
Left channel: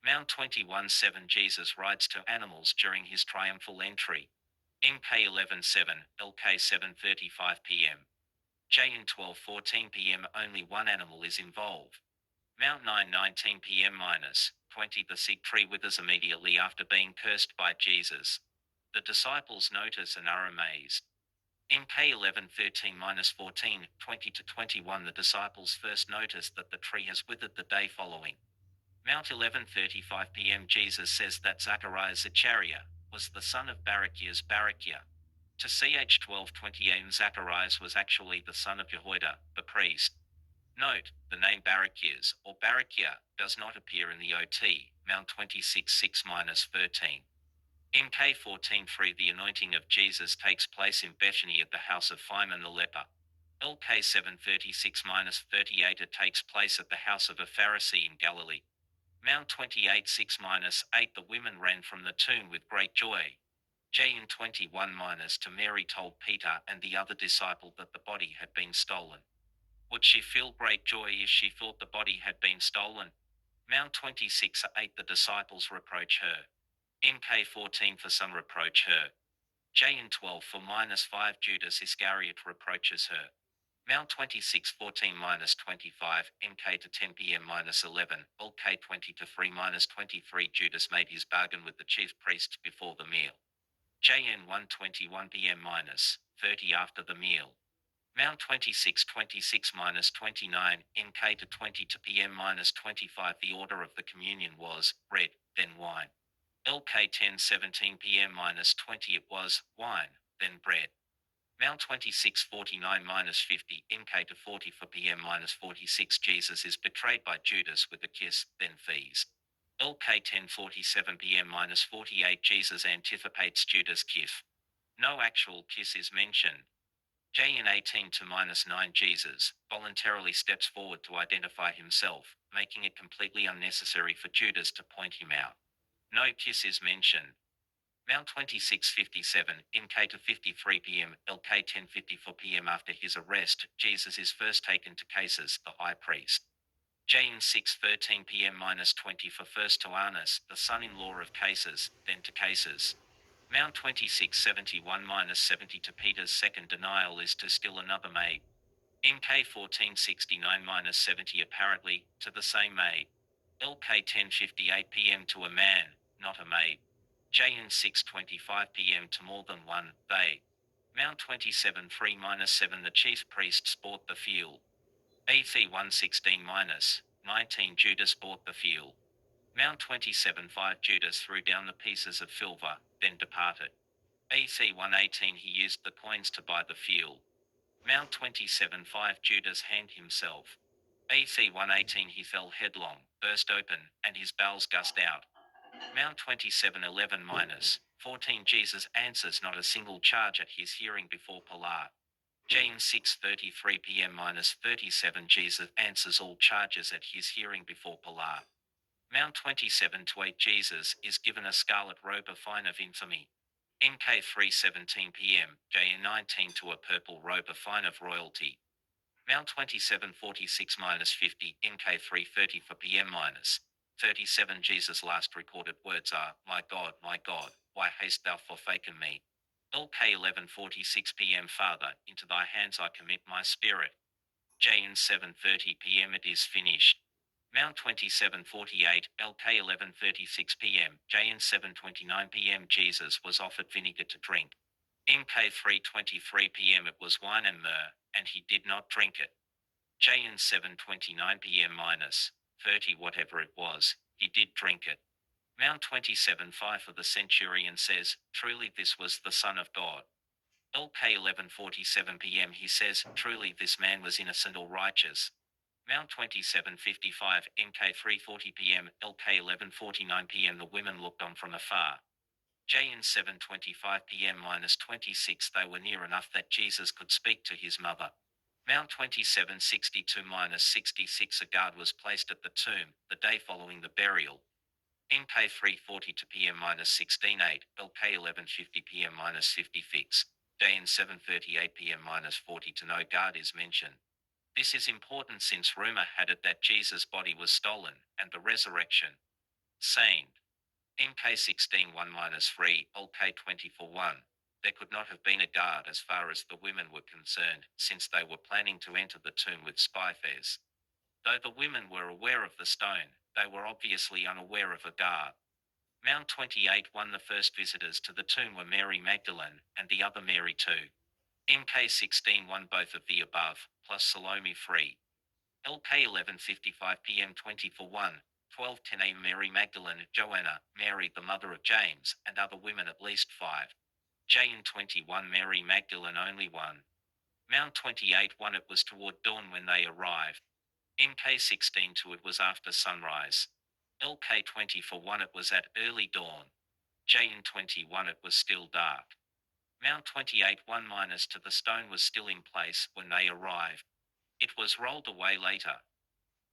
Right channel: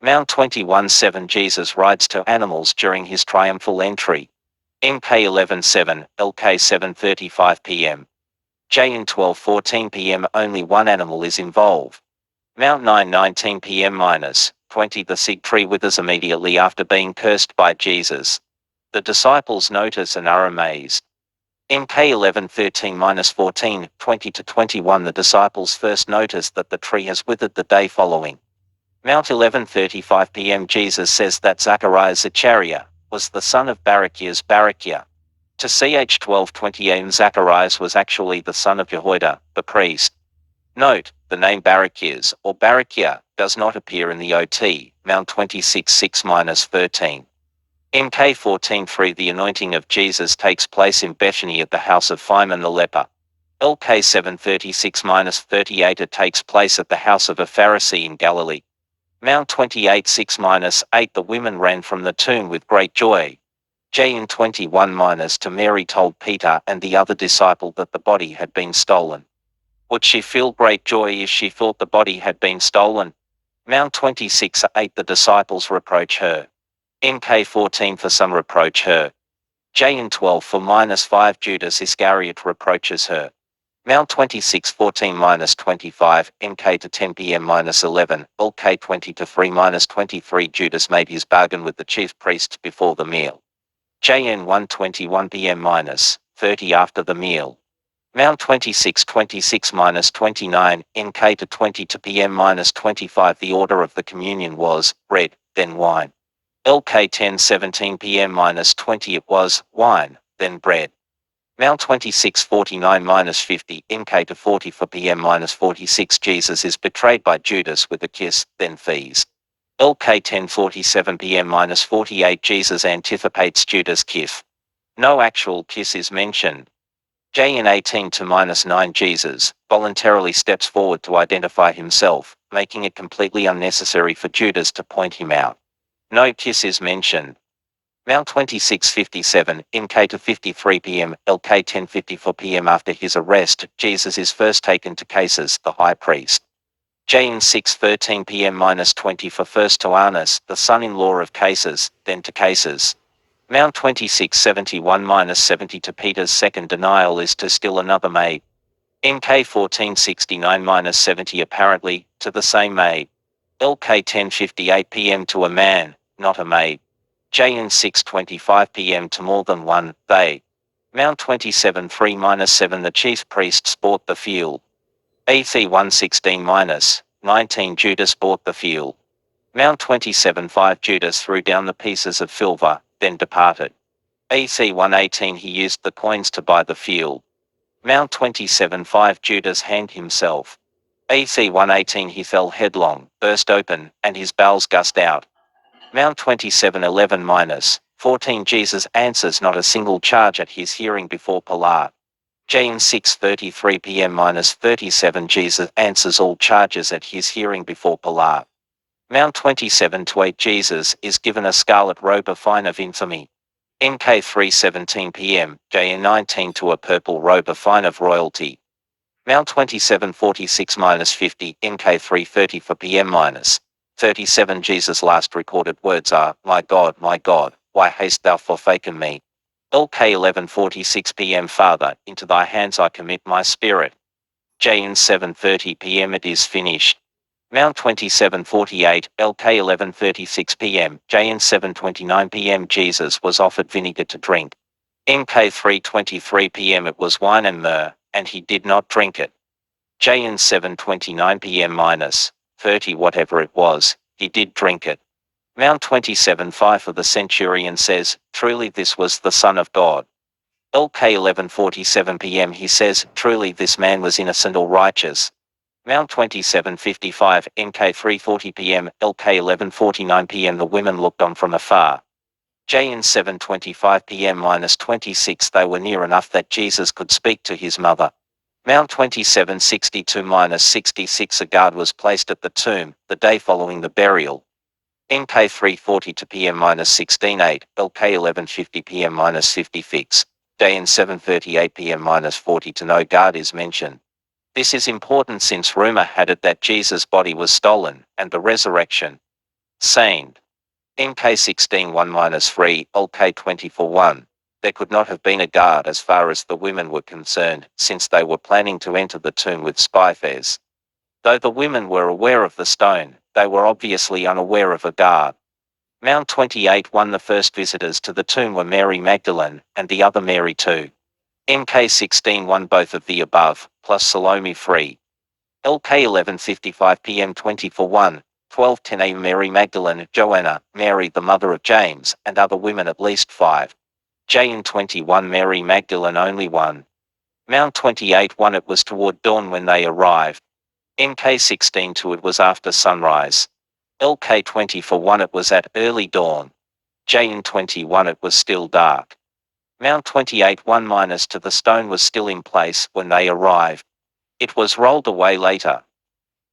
Mount 21:7 Jesus rides two animals during his triumphal entry. MK 11:7, LK 7:35 p.m. J in 12:14 p.m. only one animal is involved. Mount 9:19 p.m. -20 The fig tree withers immediately after being cursed by Jesus. The disciples notice and are amazed. MK 11:13 -14, 20 to 21 The disciples first notice that the tree has withered the day following. Mount 11:35 p.m. Jesus says that Zacharias Zachariah was the son of Barachiah. To ch 12:20 am Zacharias was actually the son of Jehoiada, the priest. Note, the name Barachias or Barachiah does not appear in the OT, Mount 26:6 -13. MK 14:3 The anointing of Jesus takes place in Bethany at the house of Simon the leper. LK 7:36 -38 It takes place at the house of a Pharisee in Galilee. Mount 28:6 -8 The women ran from the tomb with great joy. J in 21 to Mary told Peter and the other disciple that the body had been stolen. Would she feel great joy if she thought the body had been stolen? Mount 26:8 The disciples reproach her. MK 14 For some reproach her. J in 12 for -5 Judas Iscariot reproaches her. Mount 26:14 -25 MK to 10 p.m. -11 LK 20 to 3 -23 Judas made his bargain with the chief priests before the meal. JN 1:21 p.m. -30 after the meal. Mount 26:26 -29 MK to 22 p.m. -25 The order of the communion was bread, then wine. LK 10:17 p.m. -20 It was wine, then bread. Mount 26:49 -50 MK to 44 p.m. -46 Jesus is betrayed by Judas with a kiss, then fees. LK 10:47 p.m. -48 Jesus anticipates Judas' kiss. No actual kiss is mentioned. J in 18 to -9 Jesus voluntarily steps forward to identify himself, making it completely unnecessary for Judas to point him out. No kiss is mentioned. Mount 26:57 MK to 53 p.m. LK 10:54 p.m. After his arrest, Jesus is first taken to Caesar, the high priest. J in 6:13 p.m. -20 for first to Annas, the son-in-law of Caesar, then to Caesar. Mount 26:71 -70 to Peter's second denial is to still another maid. MK 14:69 -70 apparently, to the same maid. LK 10:58 p.m. to a man, not a maid. J in 6:25 p.m. to more than one, they. Mount 27:3 -7 The chief priests bought the field. AC 1:16 -19 Judas bought the field. Mount 27:5 Judas threw down the pieces of silver, then departed. AC 1:18 He used the coins to buy the field. Mount 27:5 Judas hanged himself. AC 1:18 He fell headlong, burst open, and his bowels gushed out. Mount 27:11 -14 Jesus answers not a single charge at his hearing before Pilate. J in 6:33 p.m. -37 Jesus answers all charges at his hearing before Pilate. Mount 27:8 Jesus is given a scarlet robe of fine of infamy. MK 3:17 p.m. J in 19 to a purple robe of fine of royalty. Mount 27:46 -50 MK 3:34 p.m. -37 Jesus' last recorded words are, my God, why hast thou forsaken me? LK 11:46 p.m. Father, into thy hands I commit my spirit. J in 7:30 p.m. It is finished. Mount 27:48 LK 11:36 p.m. J in 7:29 p.m. Jesus was offered vinegar to drink. MK 3:23 p.m. It was wine and myrrh, and he did not drink it. J in 7:29 p.m. -30 whatever it was, he did drink it. Mount 27:5 for the centurion says, truly this was the Son of God. LK 11:47 p.m. He says, truly this man was innocent or righteous. Mount 27:55 MK 3:40 p.m. LK 11:49 p.m. The women looked on from afar. J in 7:25 p.m. -26 They were near enough that Jesus could speak to his mother. Mount 2762-66 A guard was placed at the tomb, the day following the burial. MK 3:42 p.m-16:8, LK 11:50 p.m-50 fix. Day in 7:38 p.m-40 to no guard is mentioned. This is important since rumor had it that Jesus' body was stolen, and the resurrection. Sane. MK 16:1-3, LK 24:1. There could not have been a guard as far as the women were concerned, since they were planning to enter the tomb with spy fares. Though the women were aware of the stone, they were obviously unaware of a guard. Mount 28:1 The first visitors to the tomb were Mary Magdalene, and the other Mary too. MK 16:1 Both of the above, plus Salome 3. LK 11:55 p.m. 24:1, 12:10 a.m. Mary Magdalene, Joanna, Mary the mother of James, and other women at least 5. JN 21 Mary Magdalene only 1. Mount 28:1 It was toward dawn when they arrived. MK 16:2 It was after sunrise. LK 24:1 It was at early dawn. JN 21 It was still dark. Mount 28:1 to the stone was still in place when they arrived. It was rolled away later.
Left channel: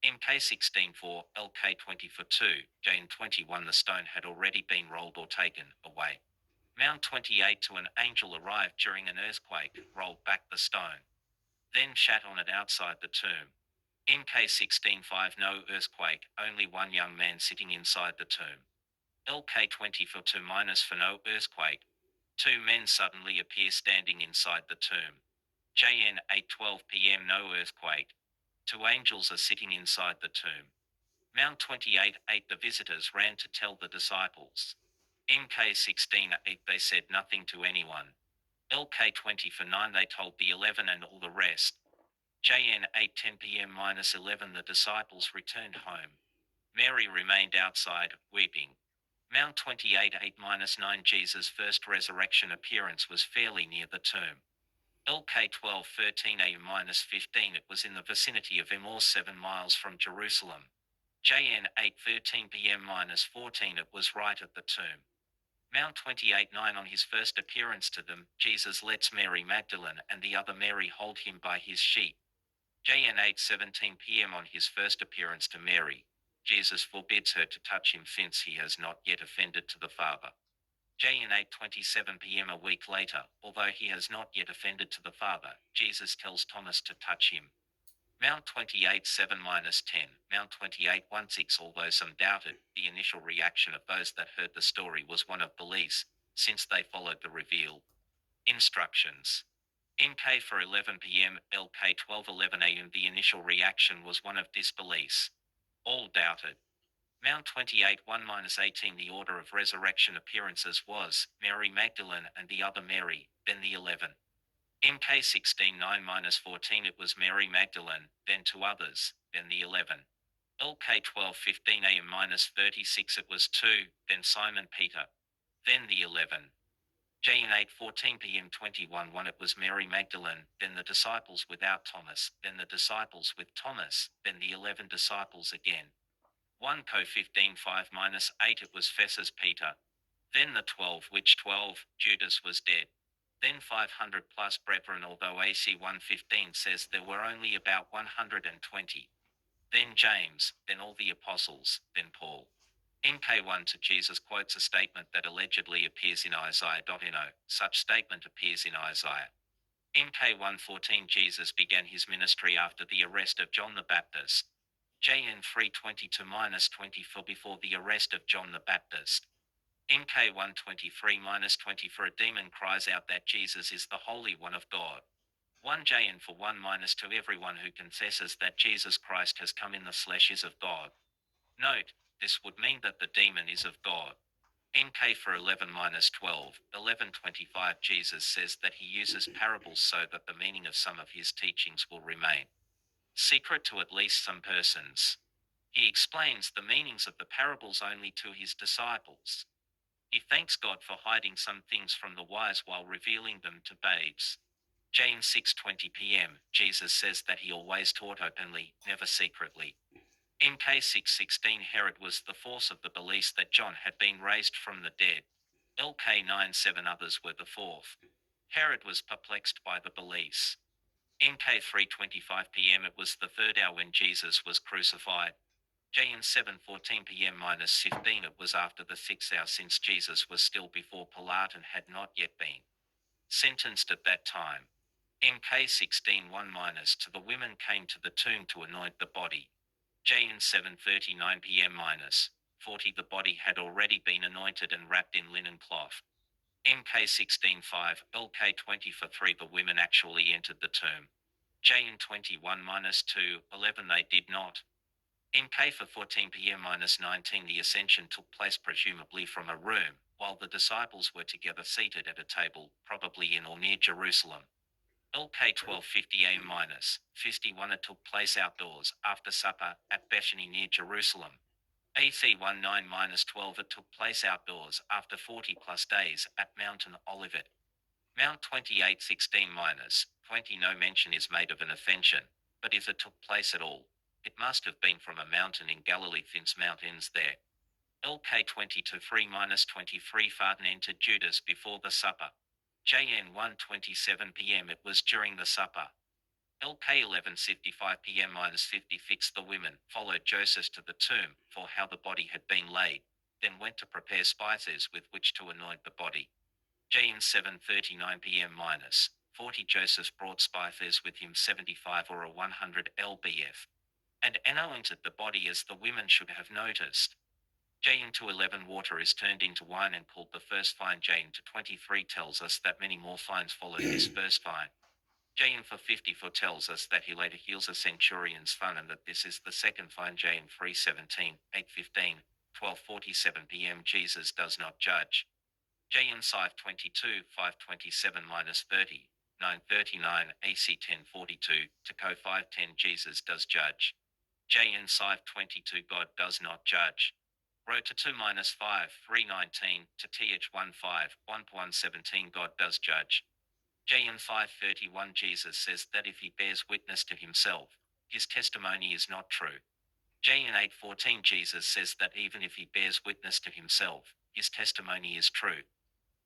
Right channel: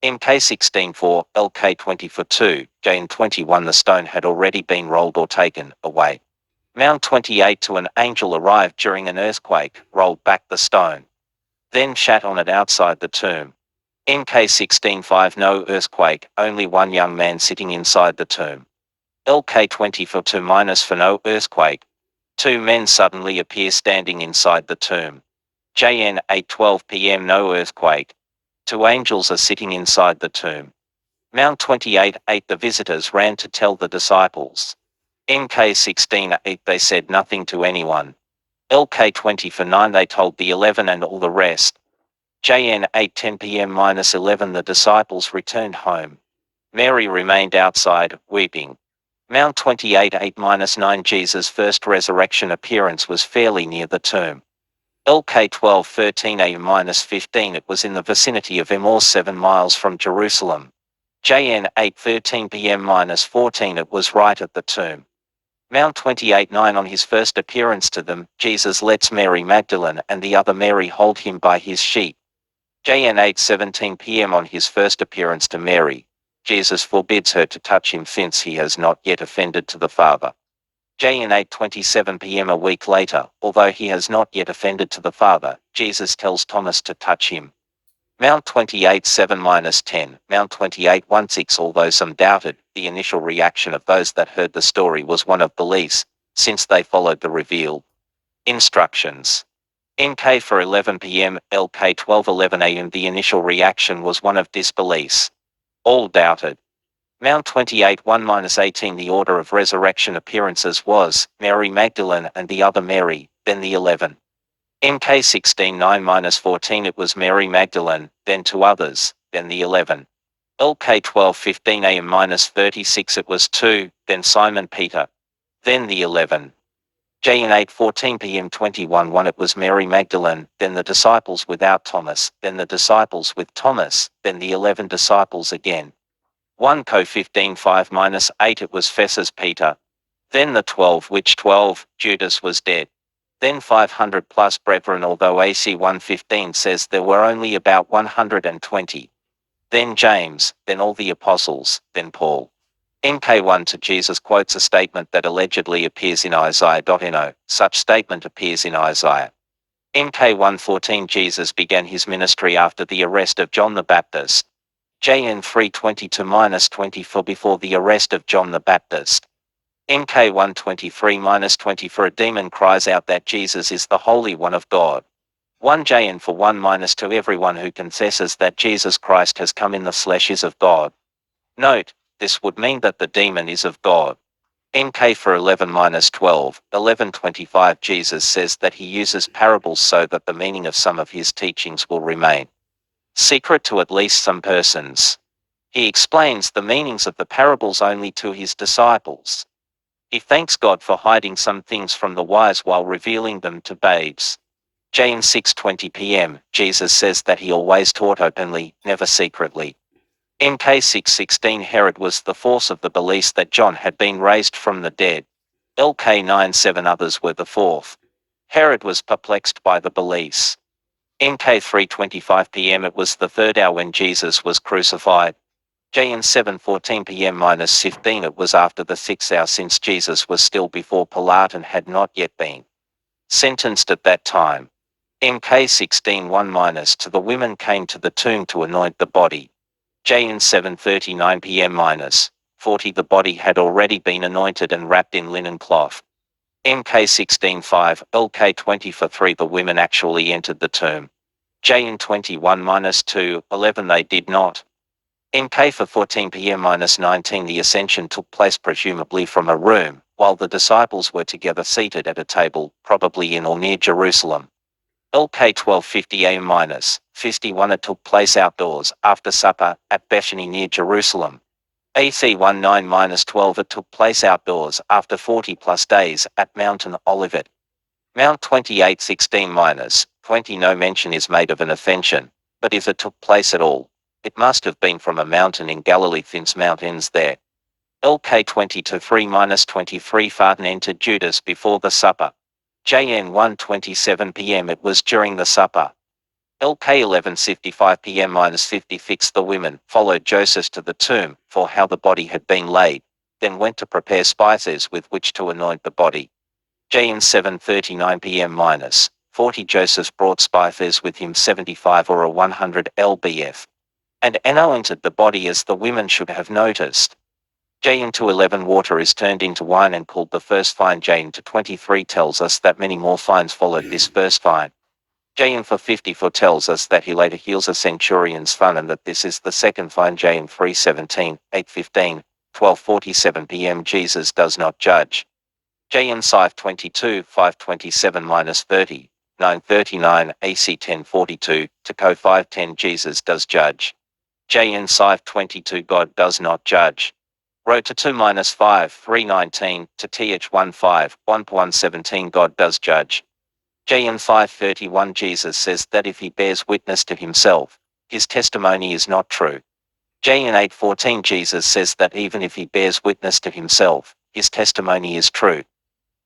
MK 16:4, LK 24:2, JN 21 The stone had already been rolled or taken away. Mount 28 To an angel arrived during an earthquake, rolled back the stone. Then shat on it outside the tomb. MK 16:5 No earthquake, only one young man sitting inside the tomb. LK 24:2 For no earthquake. 2 men suddenly appear standing inside the tomb. JN 8:12 p.m. No earthquake. 2 angels are sitting inside the tomb. Mount 28:8 The visitors ran to tell the disciples. MK 16:8 They said nothing to anyone. LK 20:9 They told the 11 and all the rest. JN 8:10 p.m-11 The disciples returned home. Mary remained outside, weeping. Mount 28:8-9 Jesus' first resurrection appearance was fairly near the tomb. LK 12:13 a.m-15 It was in the vicinity of Emmaus 7 miles from Jerusalem. JN 8:13 p.m-14 It was right at the tomb. Mount 28:9 On his first appearance to them, Jesus lets Mary Magdalene and the other Mary hold him by his sheep. JN 8:17 p.m. On his first appearance to Mary, Jesus forbids her to touch him since he has not yet offended to the Father. JN 8:27 p.m. A week later, although he has not yet offended to the Father, Jesus tells Thomas to touch him. Mount 28:7-10, Mount 28:16 Although some doubted, the initial reaction of those that heard the story was one of belief, since they followed the revealed instructions. MK for 11 p.m, LK 12:11 a.m. The initial reaction was one of disbelief. All doubted. Mount 28:1-18 The order of resurrection appearances was Mary Magdalene and the other Mary, then the 11. MK 16:9-14 It was Mary Magdalene, then 2 others, then the 11. LK 12:15 a.m-36 It was 2, then Simon Peter, then the 11. JN 8:14 p.m 21:1 It was Mary Magdalene, then the disciples without Thomas, then the disciples with Thomas, then the 11 disciples again. 1 Co 15:5-8 It was Fessus Peter, then the 12 which 12, Judas was dead. Then 500 plus brethren although AC 1:15 says there were only about 120. Then James, then all the apostles, then Paul. MK1 to Jesus quotes a statement that allegedly appears in Isaiah.no, such statement appears in Isaiah. MK1:14 Jesus began his ministry after the arrest of John the Baptist. JN 3:20-20 Before the arrest of John the Baptist. MK 1:23-20 For a demon cries out that Jesus is the Holy One of God. 1 JN for 1-2 Everyone who confesses that Jesus Christ has come in the flesh is of God. Note, this would mean that the demon is of God. MK for 11-12, 11:25 Jesus says that he uses parables so that the meaning of some of his teachings will remain secret to at least some persons. He explains the meanings of the parables only to his disciples. He thanks God for hiding some things from the wise while revealing them to babes. James 6:20 p.m. Jesus says that he always taught openly, never secretly. MK 6:16 Herod was the force of the belief that John had been raised from the dead. LK 9:7 Others were the fourth. Herod was perplexed by the beliefs. MK 3:25 p.m. It was the third hour when Jesus was crucified. JN 7:14 p.m. minus 15 it was after the 6th hour since Jesus was still before Pilate and had not yet been sentenced at that time. MK 16:1 minus to the women came to the tomb to anoint the body. JN 7:39 p.m. minus 40 the body had already been anointed and wrapped in linen cloth. MK 16:5 LK 20 for 3 the women actually entered the tomb. JN 21 minus 2 11 they did not. MK for 14 p.m. minus 19 the ascension took place presumably from a room, while the disciples were together seated at a table, probably in or near Jerusalem. LK 12:50 am minus 51 it took place outdoors, after supper, at Bethany near Jerusalem. AC 19 minus 12 it took place outdoors, after 40 plus days, at Mountain Olivet. Mount 28:16 minus 20 no mention is made of an ascension, but if it took place at all, it must have been from a mountain in Galilee since Mount ends there. LK 20:3 minus 23 Farton entered Judas before the supper. JN 1:27 p.m. it was during the supper. LK 11:55 p.m. minus 50 fixed the women, followed Joseph to the tomb, for how the body had been laid, then went to prepare spices with which to anoint the body. JN 7:39 p.m. minus 40 Joseph brought spices with him 75 or a 100 lbf. And anointed the body as the women should have noticed. JN to 11 water is turned into wine and called the first fine. JN to 23 tells us that many more fines followed this first fine. JN for 54 tells us that he later heals a centurion's son and that this is the second fine. JN 3:17, 8:15, 12:47 p.m. Jesus does not judge. JN 5:22, 5:27 minus 30, 9:39, AC 10:42, to Co 5:10 Jesus does judge. JN 5:22 God does not judge. Row to 2 minus 5, 3:19, to TH 15, 1:17 God does judge. JN 5:31 Jesus says that if he bears witness to himself, his testimony is not true. JN 8:14 Jesus says that even if he bears witness to himself, his testimony is true.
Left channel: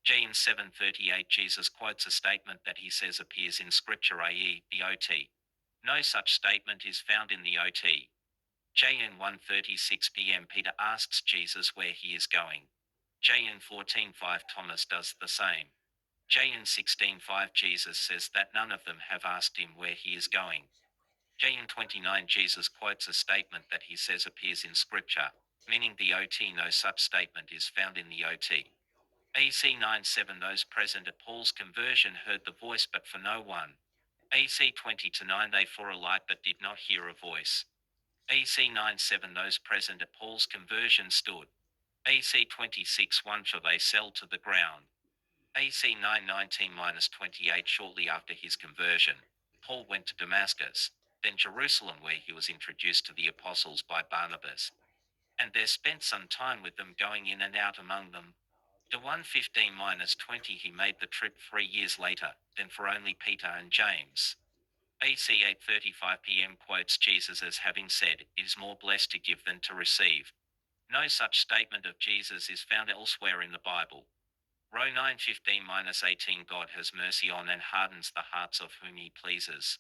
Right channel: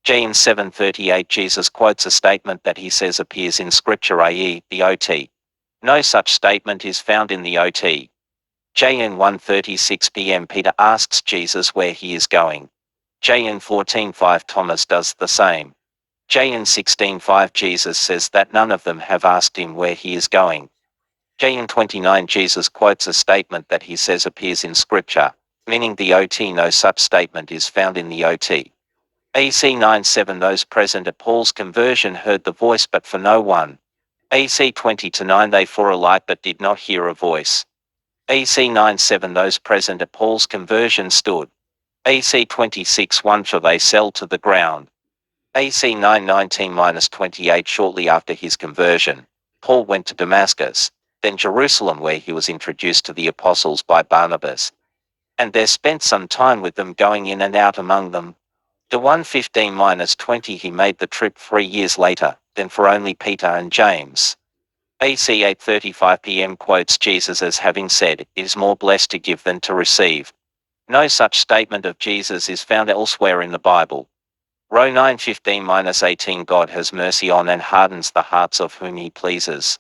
JN 7:38 Jesus quotes a statement that he says appears in Scripture, i.e., the OT. No such statement is found in the OT. JN 1:36 p.m. Peter asks Jesus where he is going. JN 14:5 Thomas does the same. JN 16:5 Jesus says that none of them have asked him where he is going. JN 29 Jesus quotes a statement that he says appears in Scripture, meaning the OT. No such statement is found in the OT. AC 9:7 Those present at Paul's conversion heard the voice but for no one. AC 20:9 They saw a light but did not hear a voice. AC 9:7 Those present at Paul's conversion stood. AC 26:1 For they fell to the ground. AC 9:19-28 Shortly after his conversion, Paul went to Damascus, then Jerusalem where he was introduced to the apostles by Barnabas, and there spent some time with them going in and out among them. To 1:15-20 he made the trip 3 years later, then for only Peter and James. AC 8:35 p.m. quotes Jesus as having said, "It is more blessed to give than to receive." No such statement of Jesus is found elsewhere in the Bible. Row 9:15-18 God has mercy on and hardens the hearts of whom he pleases.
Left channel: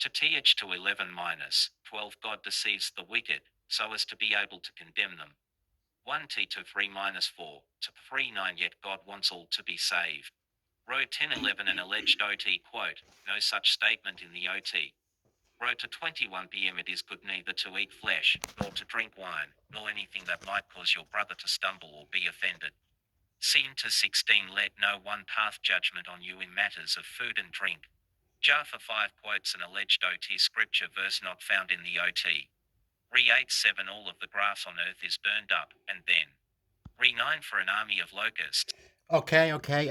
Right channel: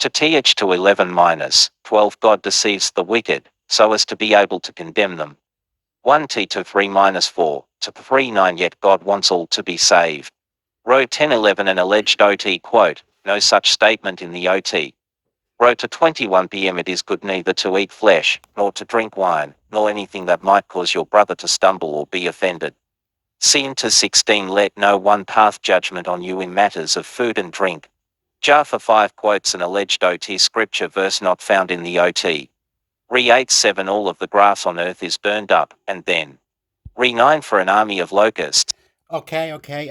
To TH to 11-12 God deceives the wicked, so as to be able to condemn them. 1T to 3-4, to 3:9 Yet God wants all to be saved. Row 10:11 An alleged OT quote, no such statement in the OT. Row to 21 p.m. It is good neither to eat flesh, nor to drink wine, nor anything that might cause your brother to stumble or be offended. C into 16 Let no one pass judgment on you in matters of food and drink. Jaffa 5 quotes an alleged OT scripture verse not found in the OT. Re 8:7 All of the grass on earth is burned up, and then. Re 9 For an army of locusts. Okay, okay.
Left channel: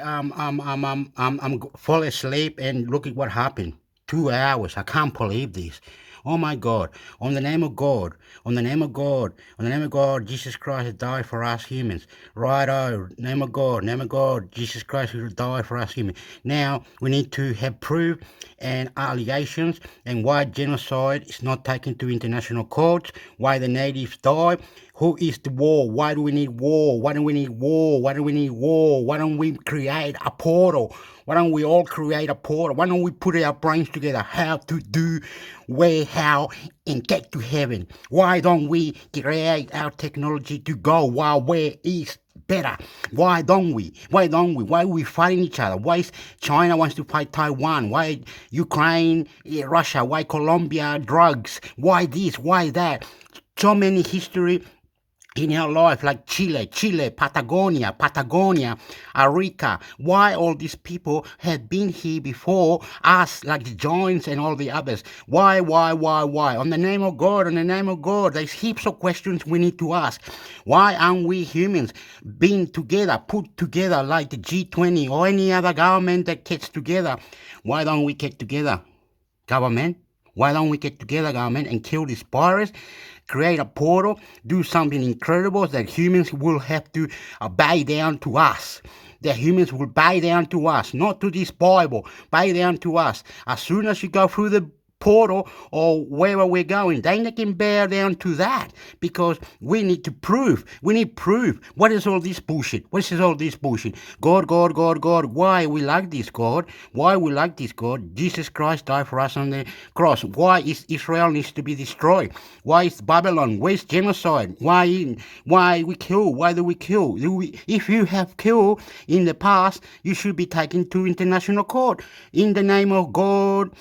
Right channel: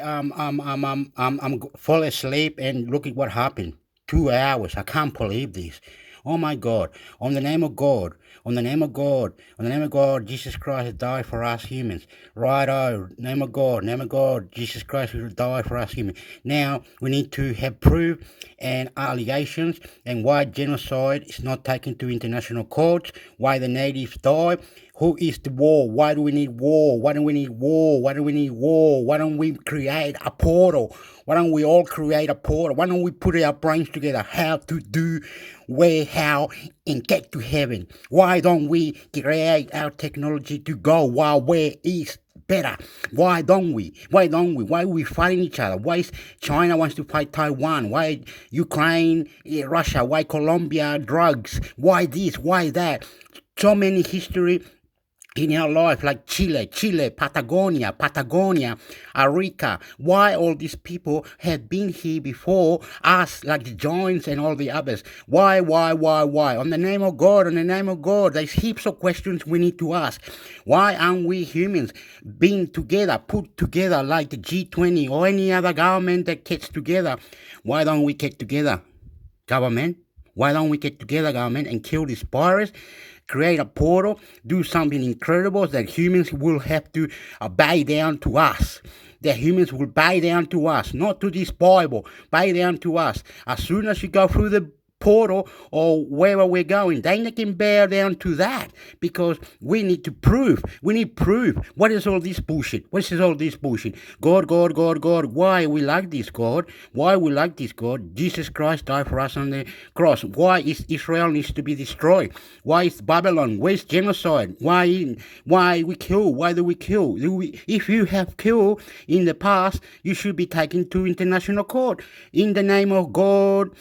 Fall asleep and look at what happened. 2 hours. I can't believe this. Oh my God. On the name of God. On the name of God. On the name of God, Jesus Christ has died for us humans. Righto. Name of God. Name of God. Jesus Christ will die for us humans. Now we need to have proof and allegations and why genocide is not taken to international courts, why the natives died, Who is the war? Why do we need war? Why do we need war? Why do we need war? Why don't we create a portal? Why don't we all create a portal? Why don't we put our brains together? How to do, where, how, and get to heaven? Why don't we create our technology to go while where is better? Why don't we? Why don't we? Why are we fighting each other? Why is China wants to fight Taiwan? Why Ukraine, Russia? Why Colombia, drugs? Why this? Why that? So many history in our life, like Chile, Patagonia, Arica. Why all these people have been here before us, like the Giants and all the others? Why? On the name of God, there's heaps of questions we need to ask. Why aren't we humans being together, put together like the G20 or any other government that gets together? Why don't we get together, government? Why don't we get together, government, and kill this virus, create a portal, do something incredible that humans will have to bow down to us? That humans will bow down to us, not to this Bible, bow down to us. As soon as you go through the portal or wherever we're going, they can bow down to that, because we need to prove. We need proof. What is all this bullshit? What is all this bullshit? God. Why we like this, God? Why we like this, God? Jesus Christ died for us on the cross. Why is Israel needs to be destroyed? Why is Babylon? Where's genocide? Why we kill? Why do we kill? If you have killed in the past, you should be taken to international court. In the name of God,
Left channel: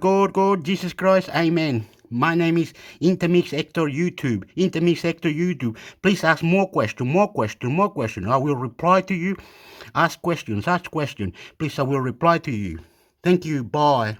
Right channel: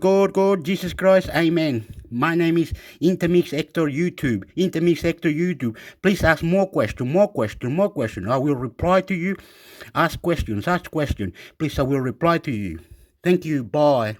God, Jesus Christ, amen. My name is Intermix Hector YouTube. Please ask more questions. I will reply to you. Ask questions. Please, I will reply to you. Thank you. Bye.